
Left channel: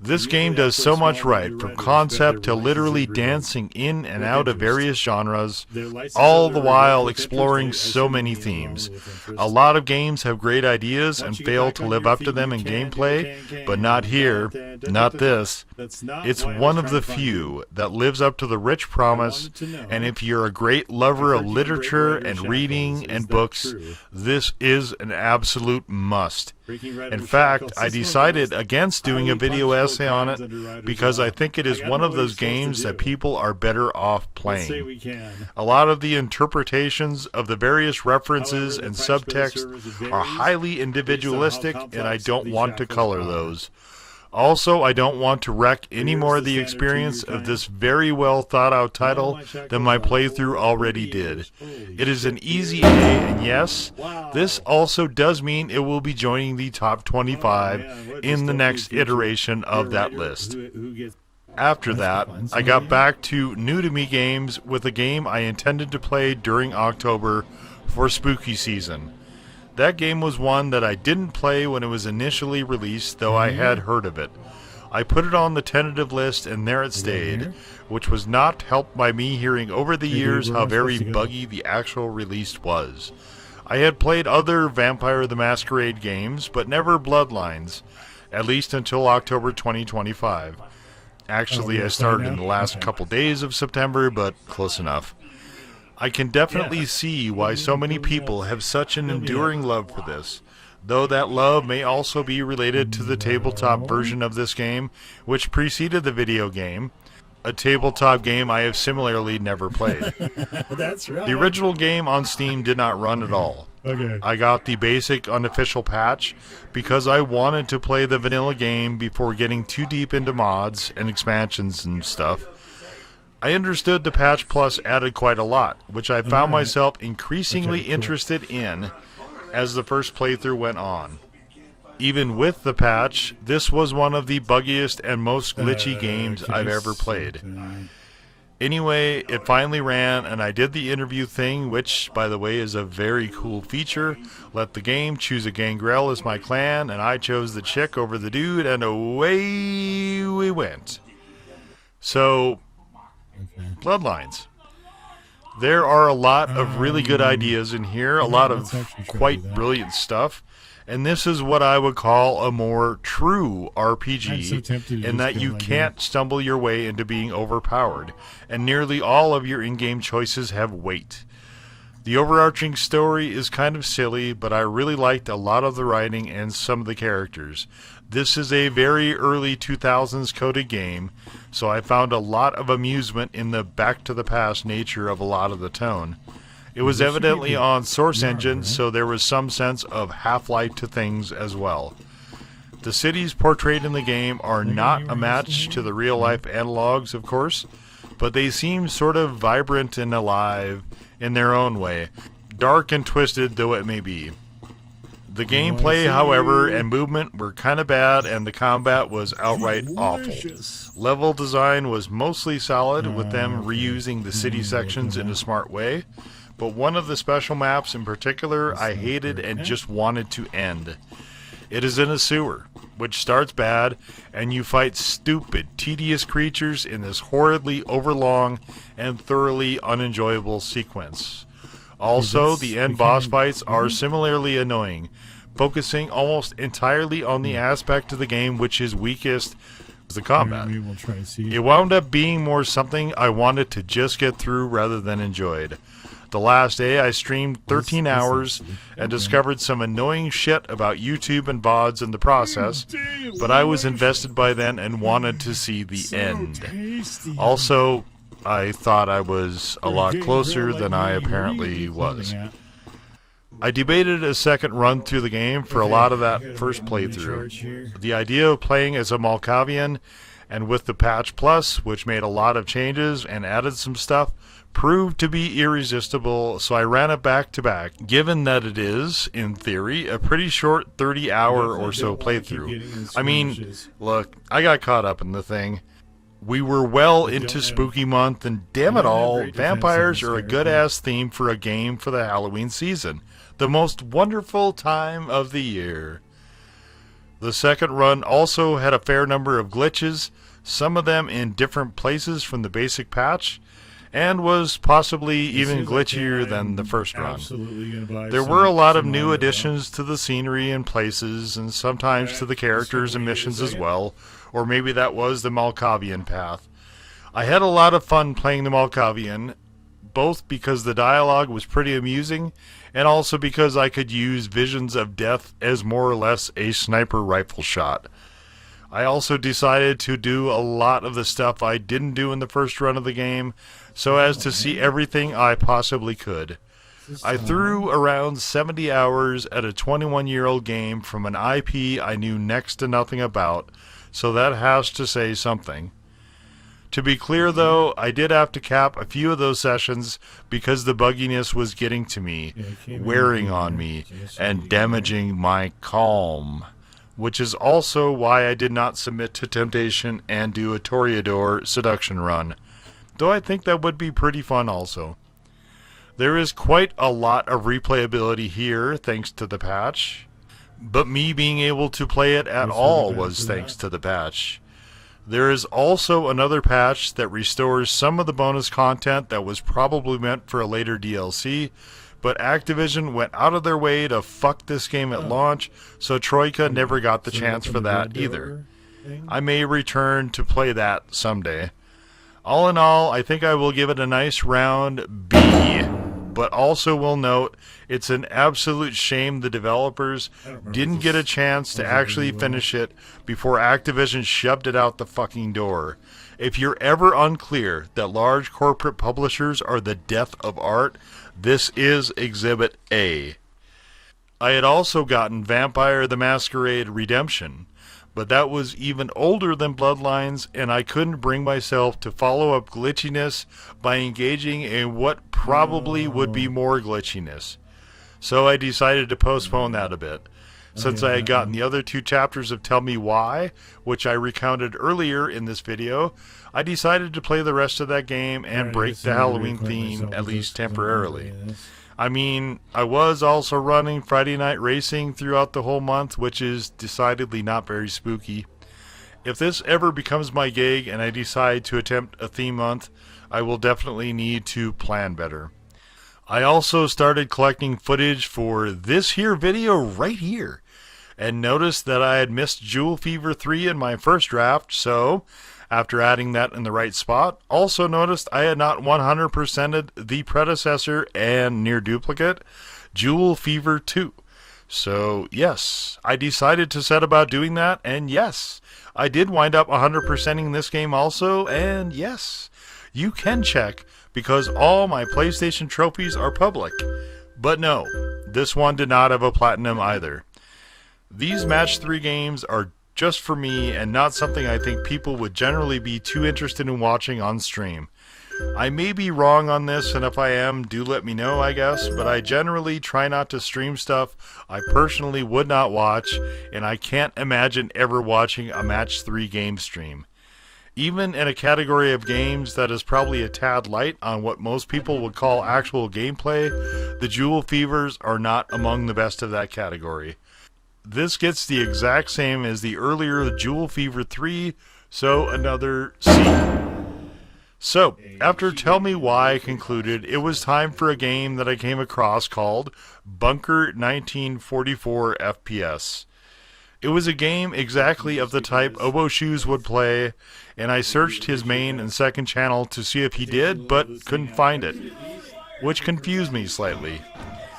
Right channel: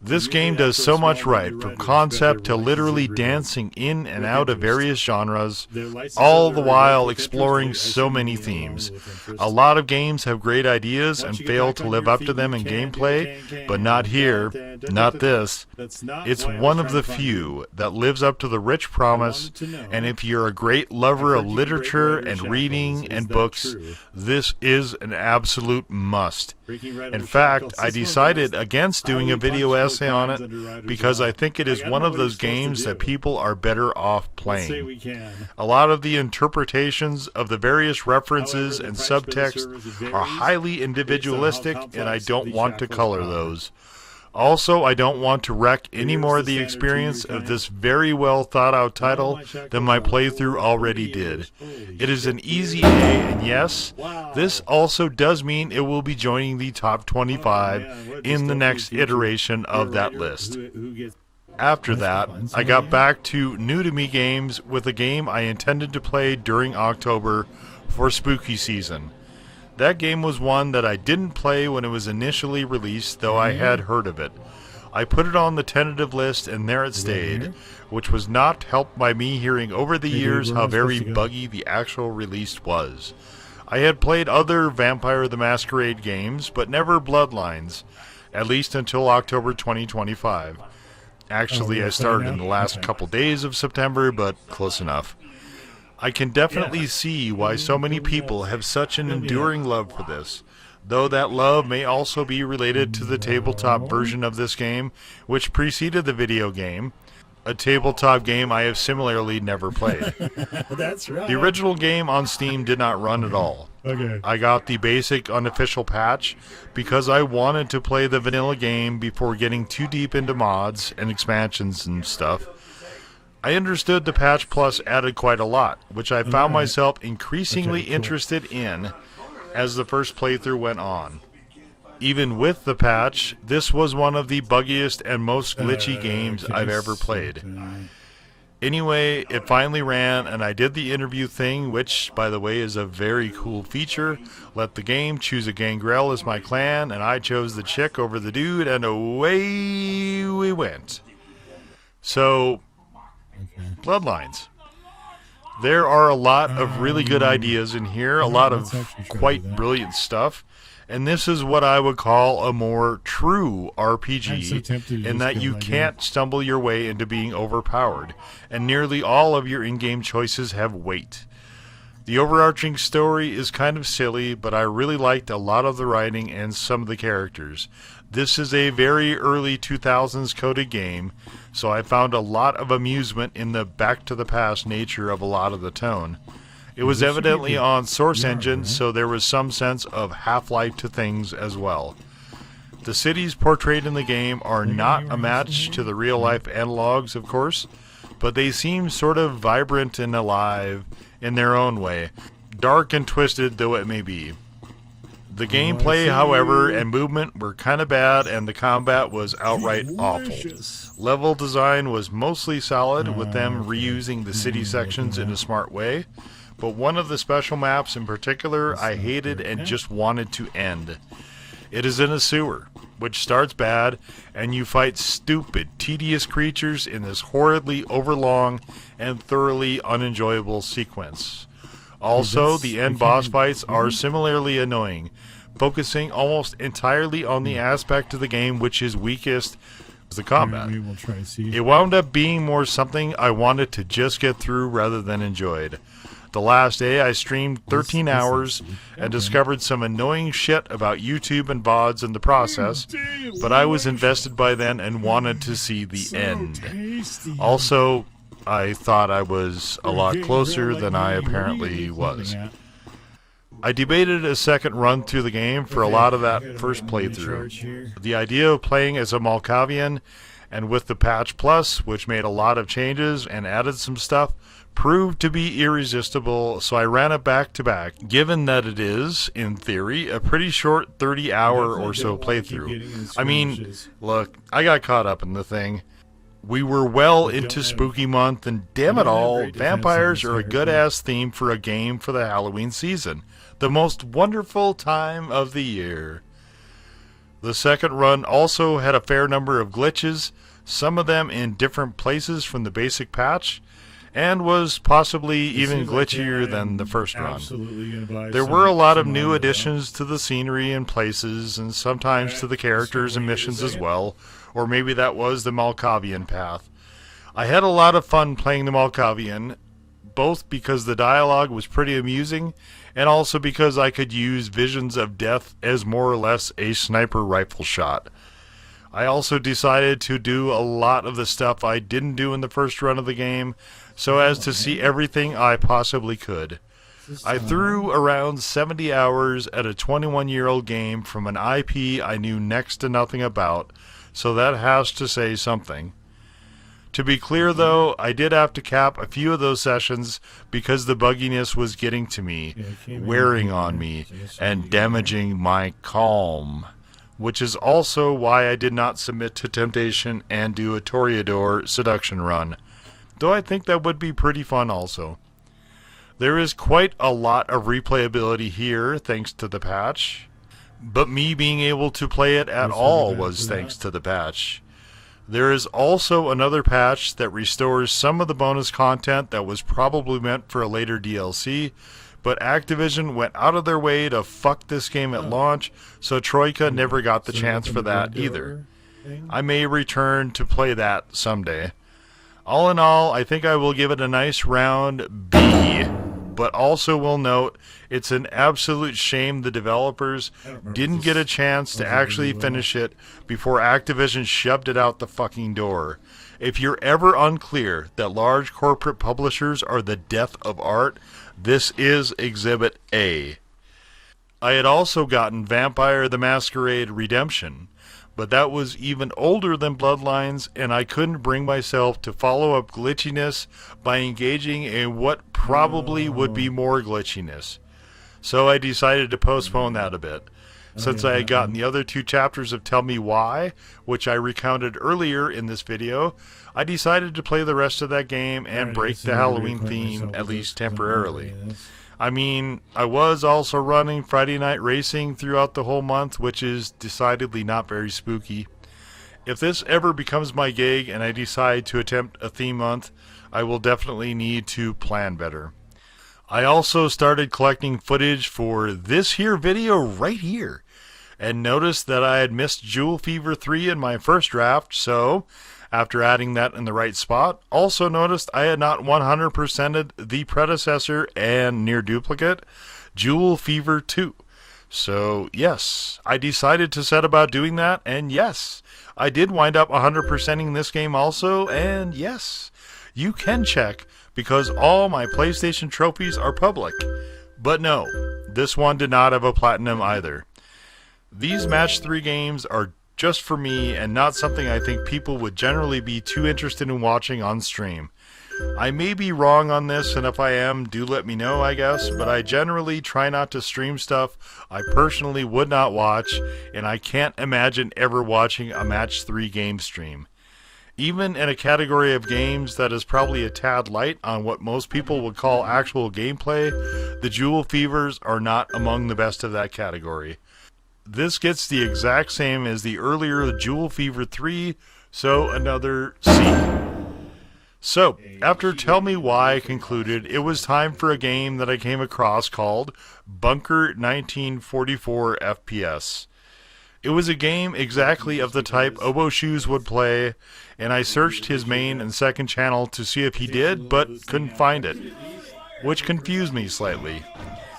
This game does so much right, from concept to literally dancing in and out of various genres, all the while exploring so many themes. A lot of games have great ideas and fail to live up to them in gameplay, but not here, not this. It's one of the few that lives up to the rich promise, and if you're a great lover of literature and reading and books, this is an absolute must. In fact, I decided against doing a video essay on it because I think it is one of those games that people are better off playing. A lot of the interpretations of the various references and subtext are highly individualistic, and I don't want to color those. Also, I don't want to wreck any more of the experience of this very well thought out title than my playthrough already did. It is an easy A, and yes, this also does mean it will be joining the top 25 in the next iteration of that list. After that, I got back to new-to-me games with a game I intended to play during October for spooky season. That game was one that I didn't play when it was initially released, though I had heard of it. I put it on the tentative list, and there it stayed, which was not helped by me hearing over the years how very buggy the actual release was. I had played other Vampire the Masquerade games, but never Bloodlines, at least until October 2025. Actually, I started in the last couple days of September, but close enough. I can definitely see why so many people have such an enduring love for this, though that love may also be related to the tabletop version of this game, which preceded the video game, a tabletop game I have similarly never played. That's right. The original game on Steam did not run at all. Okay. I got the basic unofficial patch because I wanted to play the vanilla game before getting too deep into mods and expansions and stuff. I understood the Patch Plus added quite a lot, which I found myself increasingly interested in as the first playthrough went on. Even with the patch, this was one of the buggiest and most glitchy games I've ever played. Anyway, it finally ran, and I did the interview thing, which, by the way, is a very cool feature. Let the game choose a gangrel as my clan, and I chose the chick over the dude, and away we went. So, Bloodlines. There are a lot of really good ideas in here, a lot of quite brilliant stuff, and this is what I would call a more true RPG, in that you can't stumble your way into being overpowered, and nearly all of your in-game choices have weight. The overarching story is kind of silly, but I really liked a lot of the writing and some of the characters. This is a very early 2000s coded game, so I found a lot of amusement in the back-to-the-past nature of a lot of the tone. It was evidently on Source Engine, so there was some sense of Half-Life to things as well. The cities portrayed in the game are not a match to the real-life analogs, of course, but they seem sort of vibrant and alive in their own way, dark and twisted though it may be. The gameplay, however, and movement were kind of bad, and the combat was outright awful. Level design was mostly solid, with them reusing the city sections in a smart way, but one of the special maps in particular I hated and just wanted to end. It is in a sewer, which starts bad, and you fight stupid, tedious creatures in this horridly overlong and thoroughly unenjoyable sequence. Also, the end boss fights are similarly annoying, focusing almost entirely on the aspect of the game which is weakest, the combat. Maybe we'll try to see. It wound up being more something I wanted to just get through rather than enjoyed. The last day I streamed 13 hours and discovered some annoying shit about YouTube and VODs in the process, but I was invested by then and wanted to see the end. Also, I thought I was a lot closer than I apparently was. I debated a second run through the game for a lot of that first playthrough. The idea of playing as a Malkavian, and with the patch plus, which made a lot of changes and added some stuff, proved to be irresistible, so I ran it back to back, given that it is, in theory, a pretty short 30-hour or so playthrough. I mean, look, I got caught up in the thing. We were well into spooky month, and damn it all, vampires are a good-ass theme for a game for the Halloween season. The most wonderful time of the year. The second run also had a fair number of glitches, some of them in different places from the basic patch, and was possibly even glitchier than the first run. There were a lot of new additions to the scenery and places, and sometimes to the characters and missions as well, or maybe that was the Malkavian path. I had a lot of fun playing the Malkavian, both because the dialogue was pretty amusing, and also because I could use visions of death as more or less a sniper rifle shot. I also decided to do a lot of the stuff I didn't do in the first run of the game, so as to see everything I possibly could. I threw around 70 hours at a 21-year-old game from an IP I knew next to nothing about, so that has to say something. To be clear, though, I did have to cap a few of those sessions because the bugginess was getting to me, wearing on me, and damaging my calm. Which is also why I did not submit to temptation and do a Toreador seduction run, though I think that would be pretty fun also. There is quite a lot of replayability here thanks to the patch, but me being able to play it at all was thanks to the patch. There is also another patch that restores some of the bonus content that was probably meant for a later DLC, but Activision went out of their way to fuck this game at launch, so Troika never got the chance for that either. I may return to play that someday. All in all, I think I will give it a nice round B, but also will note it's an absolute shame the developers didn't get a chance to actually finish it before Activision shoved it out the fucking door. If you're ever unclear that large corporate publishers are the death of art, this is Exhibit A. I had also gotten Vampire the Masquerade Redemption, but that was even older than Bloodlines, and I couldn't bring myself to follow up glitchiness by engaging in what probably would be more glitchiness. So I decided to postpone that a bit. Since I had gotten the other two chapters of Tell Me Why, which I recounted earlier in this video, I decided to play the rest of that game and break the Halloween theme, at least temporarily. I mean, I was also running Friday Night Racing throughout the whole month, which is decidedly not very spooky. If this ever becomes my gig and I decide to attempt a theme month, I will definitely need to plan better. I also started collecting footage for this here video right here, and noticed that I had missed Jewel Fever 3 in my first draft, so after adding that in the right spot, also noticed I had not 100%ed the predecessor and near duplicate, Jewel Fever 2. So yes, I decided to set about doing that, and yes, I did wind up 100%ing this game also, and yes, you can check, because all my PlayStation trophies are public. But no, this one did not have a platinum either. These Match 3 games are just for me and not something I think people would generally be too interested in watching on stream. I may be wrong on this, and if I am, do let me know, I guess, but I generally try not to stream stuff I personally would not watch, and I can't imagine ever watching a Match 3 game stream. Even in a category of games that is probably a tad light on what most people would call actual gameplay, the Jewel Fevers are not among the best of that category. This gets the exact same as the earlier Jewel Fever 3, so another C. So, after Tell Me Why concluded, it was time for a game that I came across called Bunker 1944 FPS. It was a game exactly of the type Obo Shoes would play, and I searched his main and second channel to see if he did, but couldn't find it, which confused me slightly.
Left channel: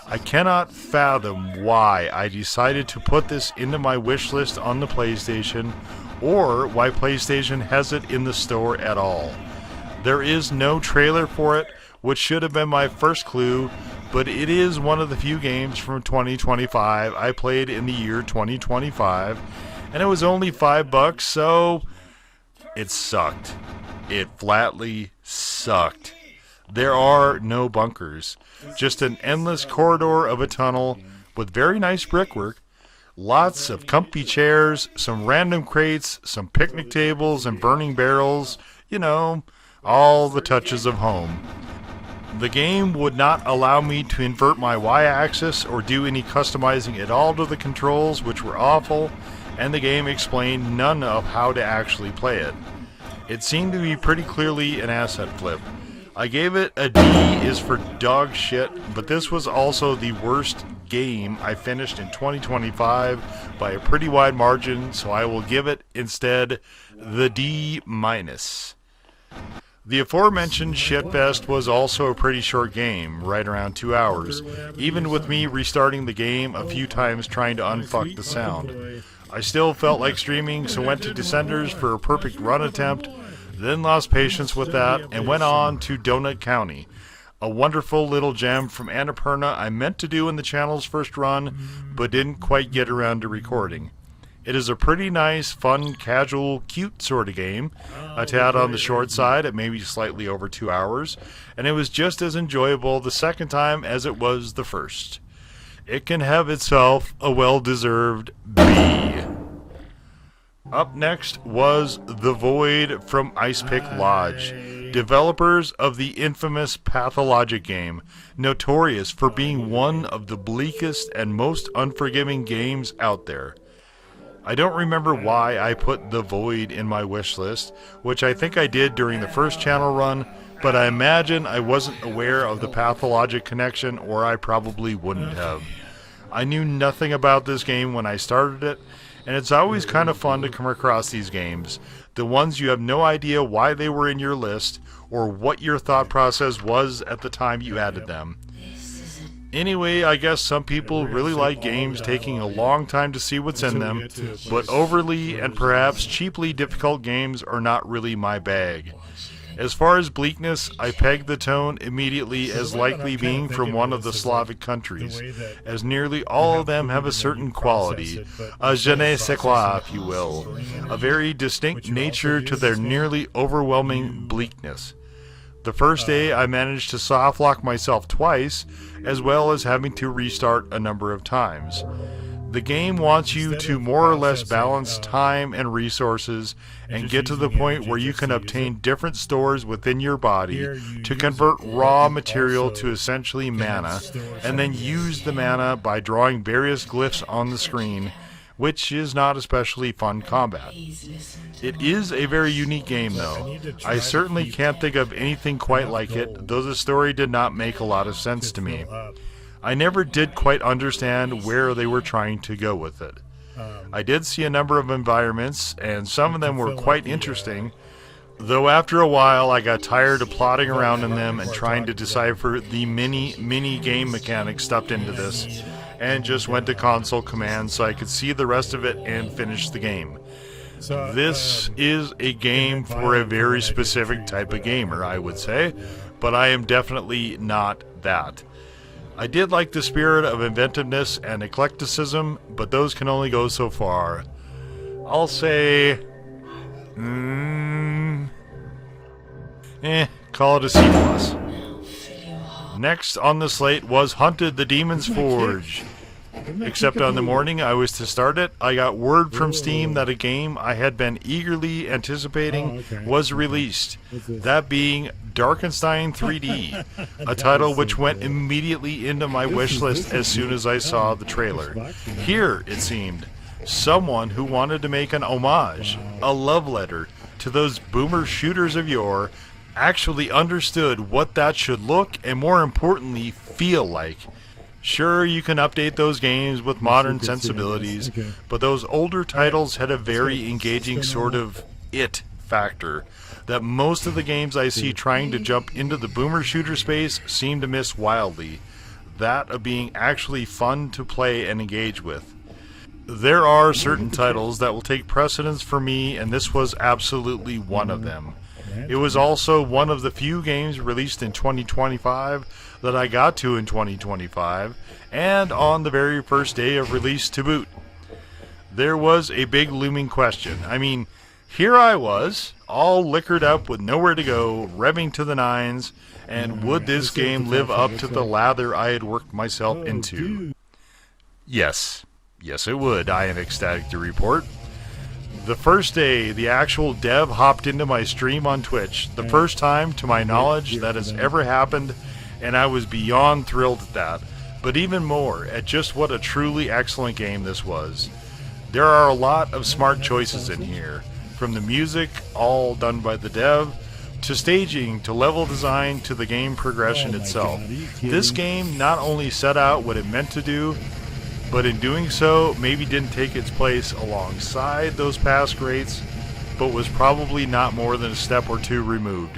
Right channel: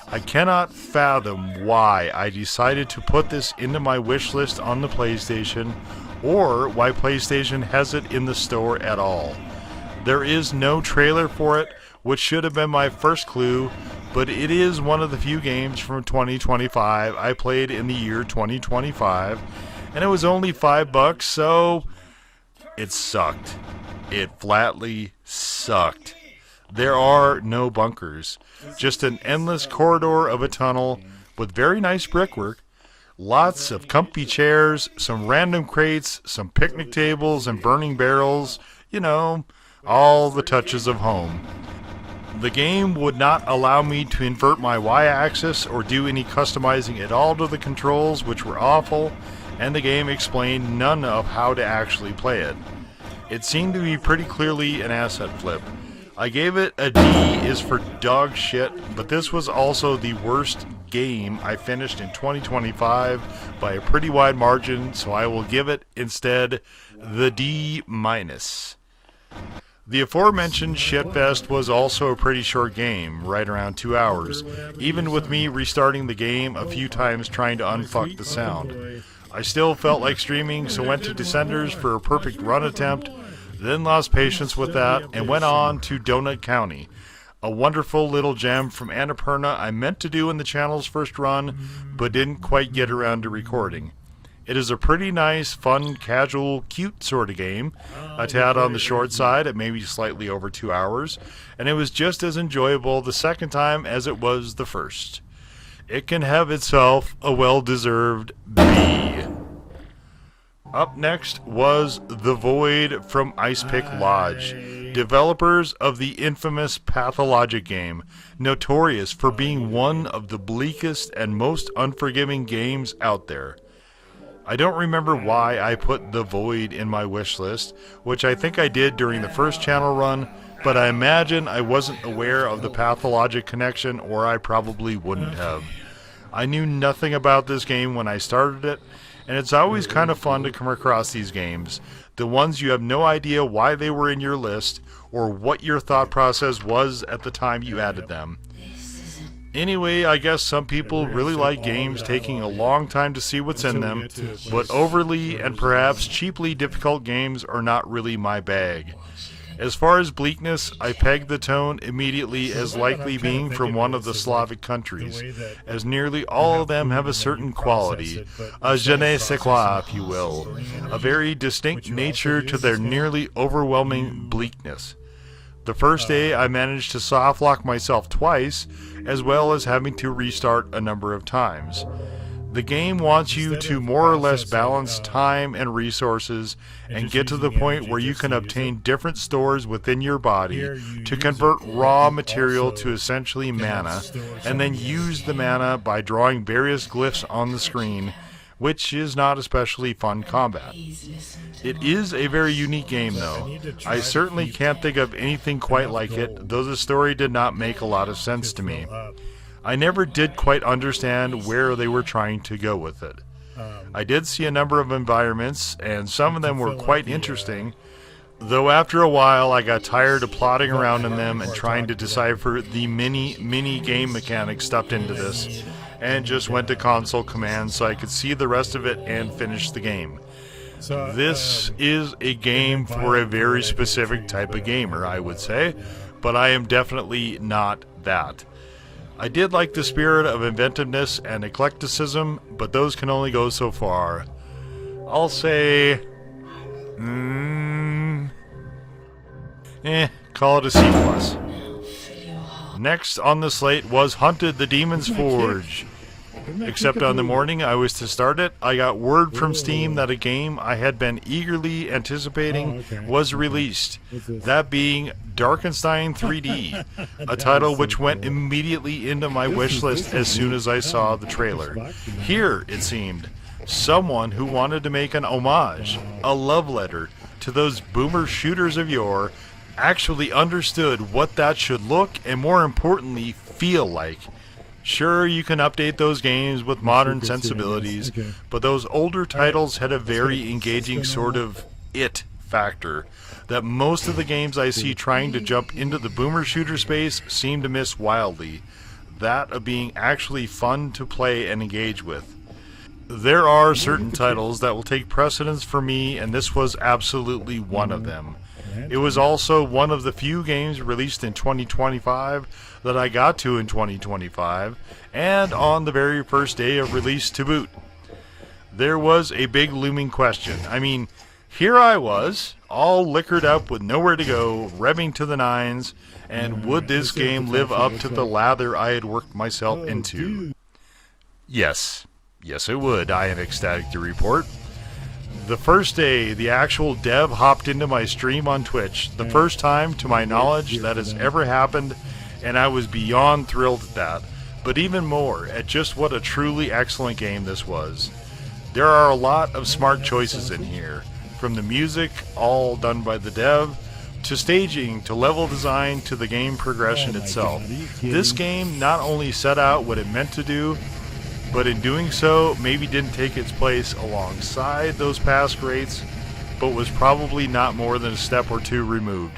I cannot fathom why I decided to put this into my wish list on the PlayStation, or why PlayStation has it in the store at all. There is no trailer for it, which should have been my first clue, but it is one of the few games from 2025 I played in the year 2025, and it was only $5, so it sucked. It flatly sucked. There are no bunkers, just an endless corridor of a tunnel with very nice brickwork, lots of comfy chairs, some random crates, some picnic tables and burning barrels, you know, all the touches of home. The game would not allow me to invert my Y-axis or do any customizing at all to the controls, which were awful, and the game explained none of how to actually play it. It seemed to be pretty clearly an asset flip. I gave it a D is for dog shit, but this was also the worst game I finished in 2025 by a pretty wide margin, so I will give it instead the D-. The aforementioned shitfest was also a pretty short game, right around 2 hours, even with me restarting the game a few times trying to unfuck the sound. I still felt like streaming, so went to Descenders for a perfect run attempt, then lost patience with that and went on to Donut County, a wonderful little gem from Annapurna I meant to do in the channel's first run, but didn't quite get around to recording. It is a pretty nice, fun, casual, cute sort of game, a tad on the short side at maybe slightly over 2 hours, and it was just as enjoyable the second time as it was the first. It can have itself a well-deserved B. Up next was The Void from Icepick Lodge, developers of the infamous Pathologic game, notorious for being one of the bleakest and most unforgiving games out there. I don't remember why I put The Void in my wish list, which I think I did during the first channel run, but I imagine I wasn't aware of the Pathologic connection, or I probably wouldn't have. I knew nothing about this game when I started it, and it's always kind of fun to come across these games, the ones you have no idea why they were in your list, or what your thought process was at the time you added them. Anyway, I guess some people really like games taking a long time to see what's in them, but overly and perhaps cheaply difficult games are not really my bag. As far as bleakness, I pegged the tone immediately as likely being from one of the Slavic countries, as nearly all of them have a certain quality, a je ne sais quoi, if you will, a very distinct nature to their nearly overwhelming bleakness. The first day I managed to softlock myself twice, as well as having to restart a number of times. The game wants you to more or less balance time and resources and get to the point where you can obtain different stores within your body to convert raw material to essentially mana, and then use the mana by drawing various glyphs on the screen, which is not especially fun combat. It is a very unique game though. I certainly can't think of anything quite like it, though the story did not make a lot of sense to me. I never did quite understand where they were trying to go with it. I did see a number of environments, and some of them were quite interesting, though after a while I got tired of plodding around in them and trying to decipher the mini game mechanics stuffed into this, and just went to console commands so I could see the rest of it and finish the game. This is a game for a very specific type of gamer, I would say, but I am definitely not that. I did like the spirit of inventiveness and eclecticism, but those can only go so far. I'll say... call it a C+. Next on the slate was Hunted the Demon's Forge. except on the morning I was to start it, I got word from Steam that a game I had been eagerly anticipating was released. That being Darkenstein 3D, a title which went immediately into my wish list as soon as I saw the trailer. Here, it seemed, someone who wanted to make an homage, a love letter, to those boomer shooters of yore actually understood what that should look and, more importantly, feel like. Sure, you can update those games with modern sensibilities, but those older titles had a very engaging sort of it factor that most of the games I see trying to jump into the boomer shooter space seem to miss wildly. That of being actually fun to play and engage with. There are certain titles that will take precedence for me, and this was absolutely one of them. It was also one of the few games released in 2025 that I got to in 2025, and on the very first day of release to boot. There was a big looming question. I mean, here I was, all liquored up with nowhere to go, revving to the nines, and would this game live up to the lather I had worked myself into? Yes. Yes, it would, I am ecstatic to report. The first day, the actual dev hopped into my stream on Twitch. The first time, to my knowledge, that has ever happened, and I was beyond thrilled at that. But even more, at just what a truly excellent game this was. There are a lot of smart choices in here, from the music, all done by the dev, to staging, to level design, to the game progression itself. This game not only set out what it meant to do, but in doing so, maybe didn't take its place alongside those past greats, but was probably not more than a step or two removed.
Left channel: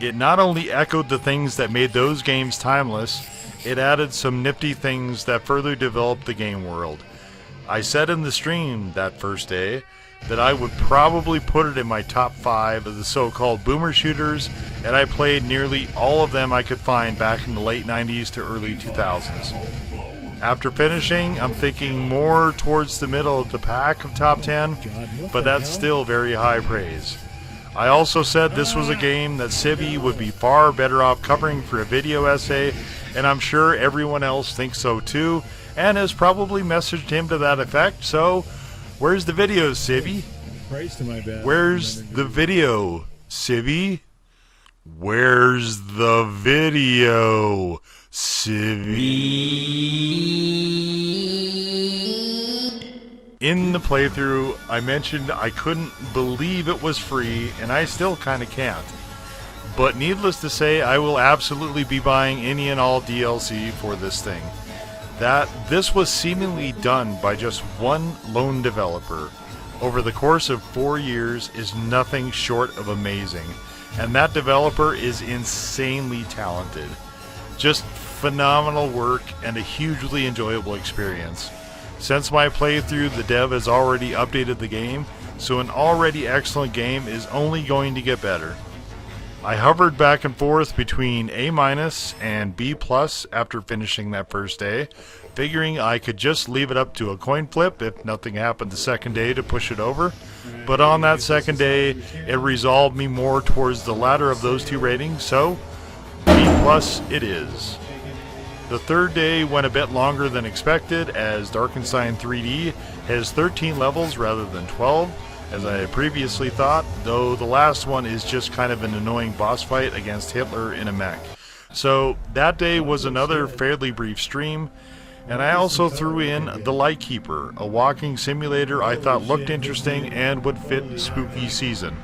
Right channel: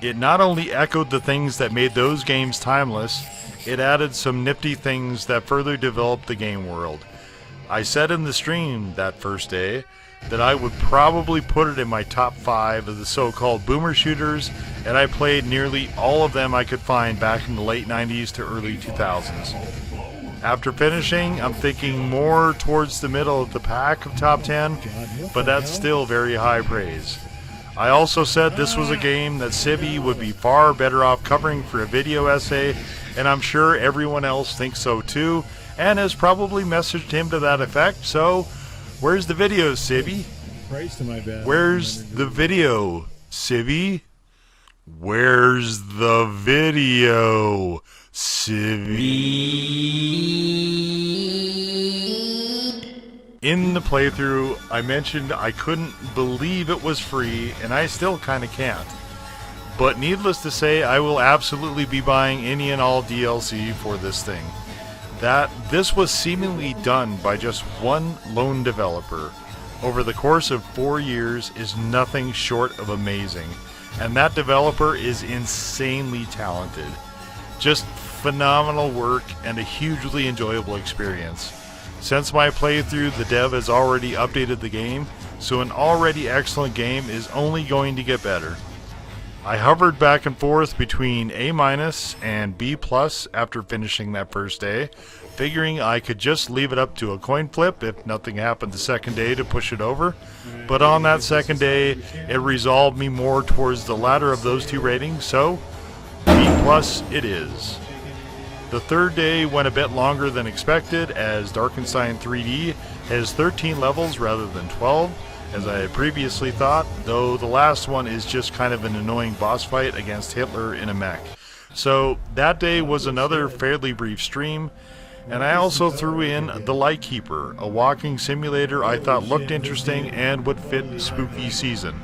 It not only echoed the things that made those games timeless, it added some nifty things that further developed the game world. I said in the stream that first day that I would probably put it in my top 5 of the so-called boomer shooters, and I played nearly all of them I could find back in the late 90s to early 2000s. After finishing, I'm thinking more towards the middle of the pack of top 10, but that's still very high praise. I also said this was a game that Sybi would be far better off covering for a video essay, and I'm sure everyone else thinks so too, and has probably messaged him to that effect, so where's the video, Sybi? Where's the video, Sybi? Where's the video, Sybi? In the playthrough, I mentioned I couldn't believe it was free, and I still kinda can't. But needless to say, I will absolutely be buying any and all DLC for this thing. That this was seemingly done by just one lone developer over the course of 4 years is nothing short of amazing. And that developer is insanely talented. Just phenomenal work and a hugely enjoyable experience. Since my playthrough, the dev has already updated the game, so an already excellent game is only going to get better. I hovered back and forth between A- and B+ after finishing that first day, figuring I could just leave it up to a coin flip if nothing happened the second day to push it over. But on that second day, it resolved me more towards the latter of those two ratings, so B+ it is. The third day went a bit longer than expected, as Darkenstein 3D has 13 levels rather than 12, as I had previously thought, though the last one is just kind of an annoying boss fight against Hitler in a mech. So that day was another fairly brief stream, and I also threw in The Lightkeeper, a walking simulator I thought looked interesting and would fit the spooky season.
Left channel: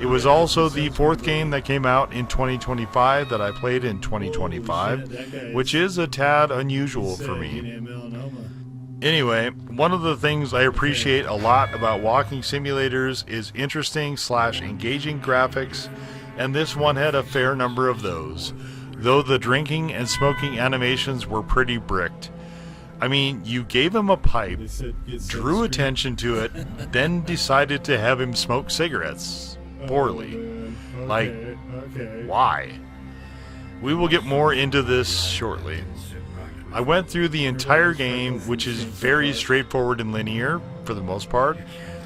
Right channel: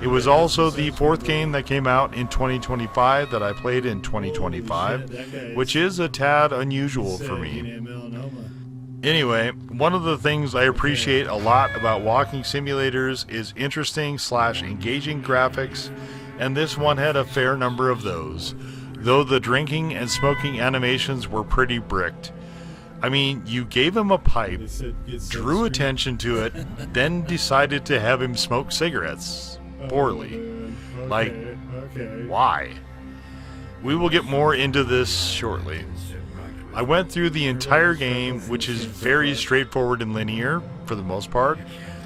It was also the 4th game that came out in 2025 that I played in 2025, which is a tad unusual for me. Anyway, one of the things I appreciate a lot about walking simulators is interesting/engaging graphics, and this one had a fair number of those, though the drinking and smoking animations were pretty bricked. I mean, you gave him a pipe, drew attention to it, then decided to have him smoke cigarettes. Poorly. Like, why? We will get more into this shortly. I went through the entire game, which is very straightforward and linear, for the most part.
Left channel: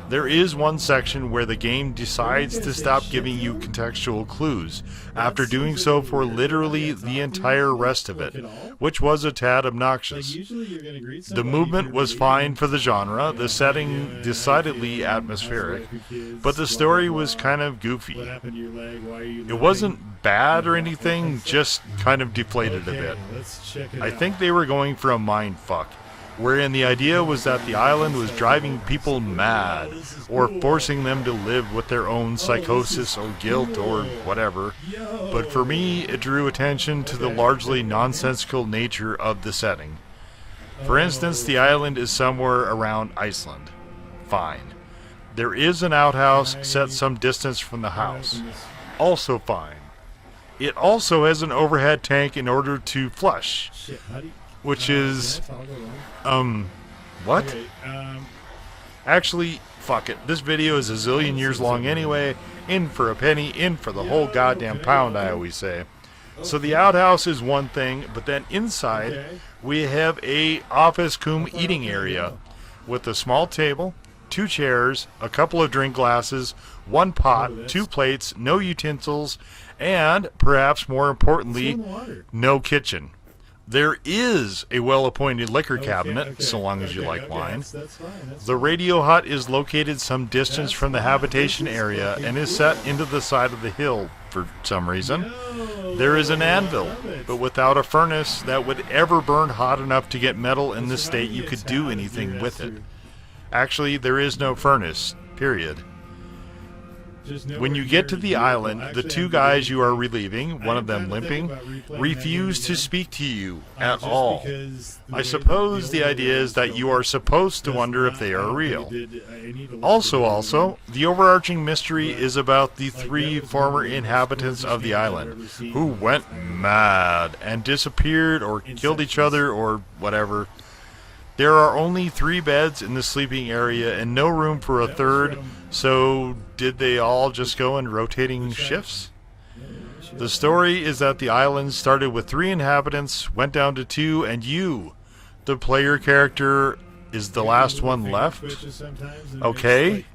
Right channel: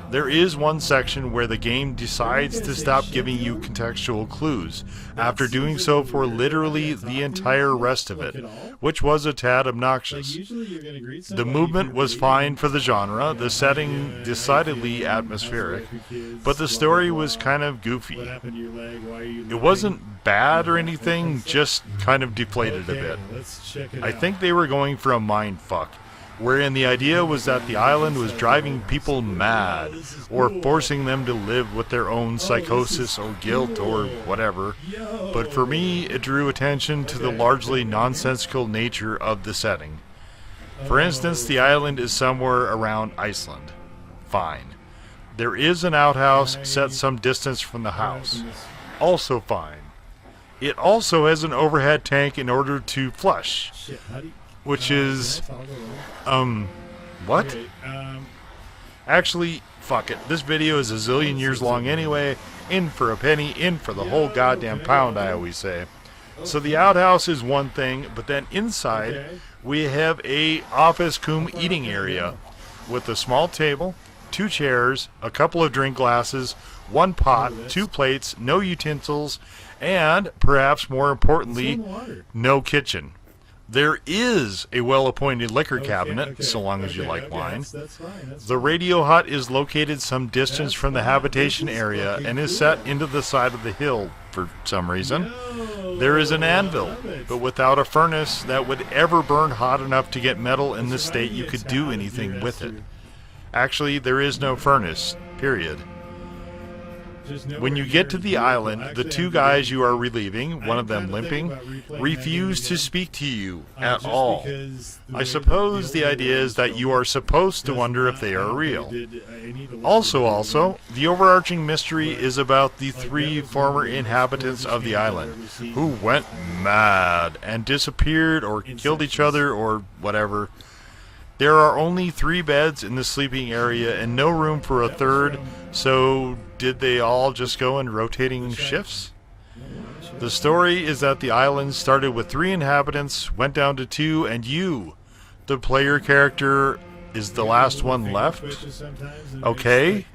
There is one section where the game decides to stop giving you contextual clues, after doing so for literally the entire rest of it, which was a tad obnoxious. The movement was fine for the genre, the setting decidedly atmospheric, but the story was kind of goofy. It wasn't bad or anything, just kind of deflated a bit. I think they were going for a mind fuck, wherein the idea was that the island was driving people mad, or forcing them to live with their own psychosis or guilt or whatever. But for me, it drew attention to the largely nonsensical nature of the setting. For instance, the island is somewhere around Iceland. Fine. There is an outhouse set some distance from the house. Also fine. It also has an overhead tank in order to flush. Which is, what? Actually, fuck it. This video is a zillion years long anyway. In for a penny, in for the whole goddamn pound, I always say. So the outhouse is one thing, but then inside, we have a office cum eating area with a small table, 2 chairs, a couple of drink glasses, 1 pot, 2 plates, no utensils, and, perhaps more importantly, no kitchen. There is a well-appointed liquor cabinet, so long as you like wine. The radio hut is located some distance from the habitation area and is set into the side of the hill for some reason. There is an anvil, but without a furnace that would ever burn hot enough to get metal in the state you could do anything with it. Actually, there is no furnace, period. When you get to the island, the 2 guys you are relieving, one of them limping, refuse to speak to you at all. I suppose the idea is that you are supposed to wonder if they are real. Also, the overarching mystery is about the 3 former inhabitants of the island, who went mad and disappeared or killed each other or whatever. There are only 3 beds in the sleeping area and no room for a 3rd, so did they all just go in rotating shifts? The story is that the island started with 3 inhabitants, went down to 2, and you, the player character, is the last one left? Okay.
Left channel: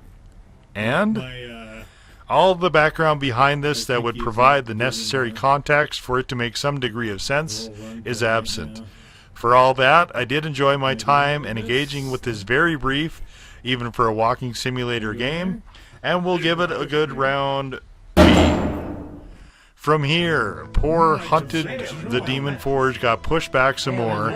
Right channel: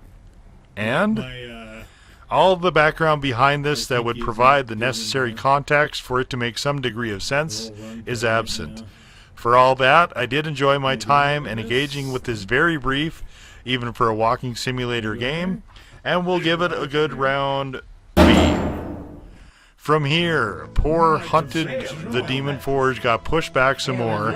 And? All of the background behind this that would provide the necessary context for it to make some degree of sense is absent. For all that, I did enjoy my time and engaging with this very brief, even for a walking simulator game, and we'll give it a good round B. From here, poor Hunted the Demon Forge got pushed back some more,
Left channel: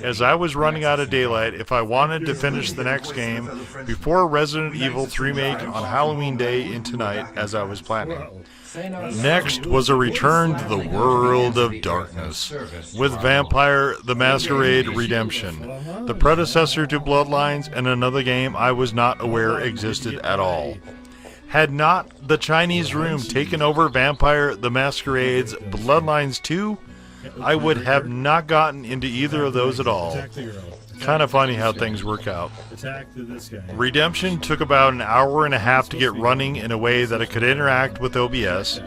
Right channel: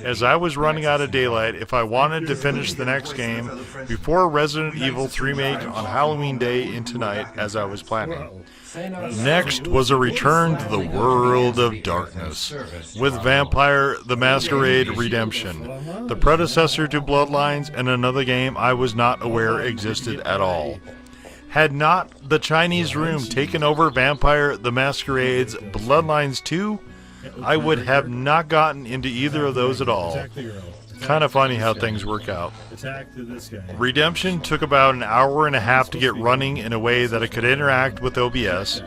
as I was running out of daylight if I wanted to finish the next game before Resident Evil 3 remake on Halloween Day in tonight, as I was planning. Next was a return to the world of darkness, with Vampire the Masquerade Redemption, the predecessor to Bloodlines, and another game I was not aware existed at all. Had not the Chinese Room taken over Vampire the Masquerade's Bloodlines 2, I would have not gotten into either of those at all. Kind of funny how things work out. Redemption took about an hour and a half to get running in a way that it could interact with OBS,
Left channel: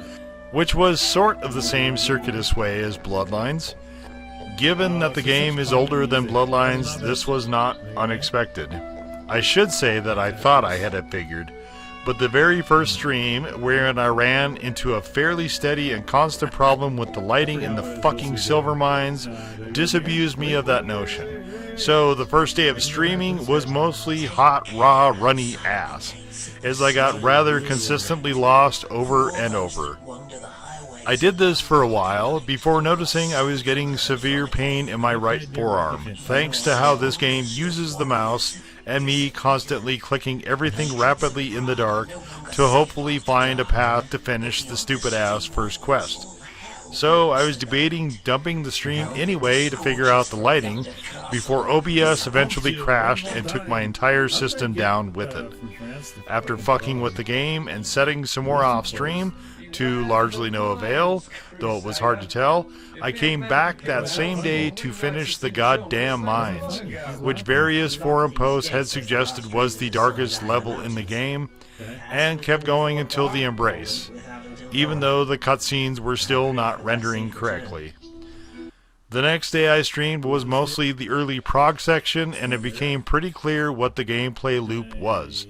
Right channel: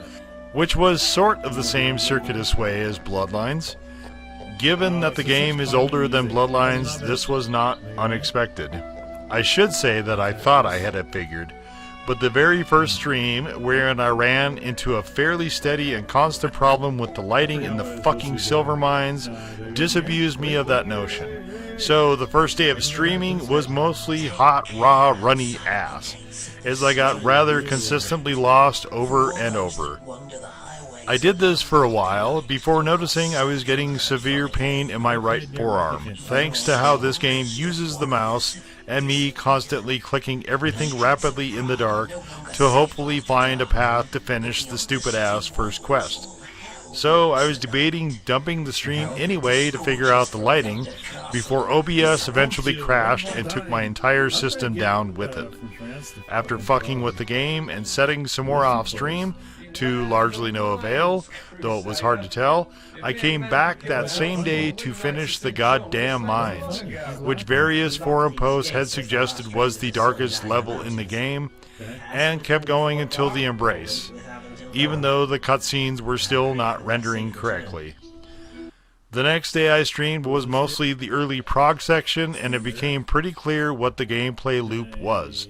which was sort of the same circuitous way as Bloodlines. Given that the game is older than Bloodlines, this was not unexpected. I should say that I thought I had it figured. But the very first stream, wherein I ran into a fairly steady and constant problem with the lighting in the fucking silver mines, disabused me of that notion. So the first day of streaming was mostly hot, raw, runny ass, as I got rather consistently lost over and over. I did this for a while, before noticing I was getting severe pain in my right forearm, thanks to how this game uses the mouse and me constantly clicking everything rapidly in the dark to hopefully find a path to finish the stupid-ass first quest. So I was debating dumping the stream anyway to figure out the lighting, before OBS eventually crashed and took my entire system down with it. After fucking with the game and setting some more off-stream, to largely no avail, though it was hard to tell, I came back that same day to finish the goddamn mines, which various forum posts had suggested was the darkest level in the game, and kept going until the Embrace, even though the cutscenes were still not rendering correctly. The next day I streamed was mostly the early prog section, and it became pretty clear what the gameplay loop was.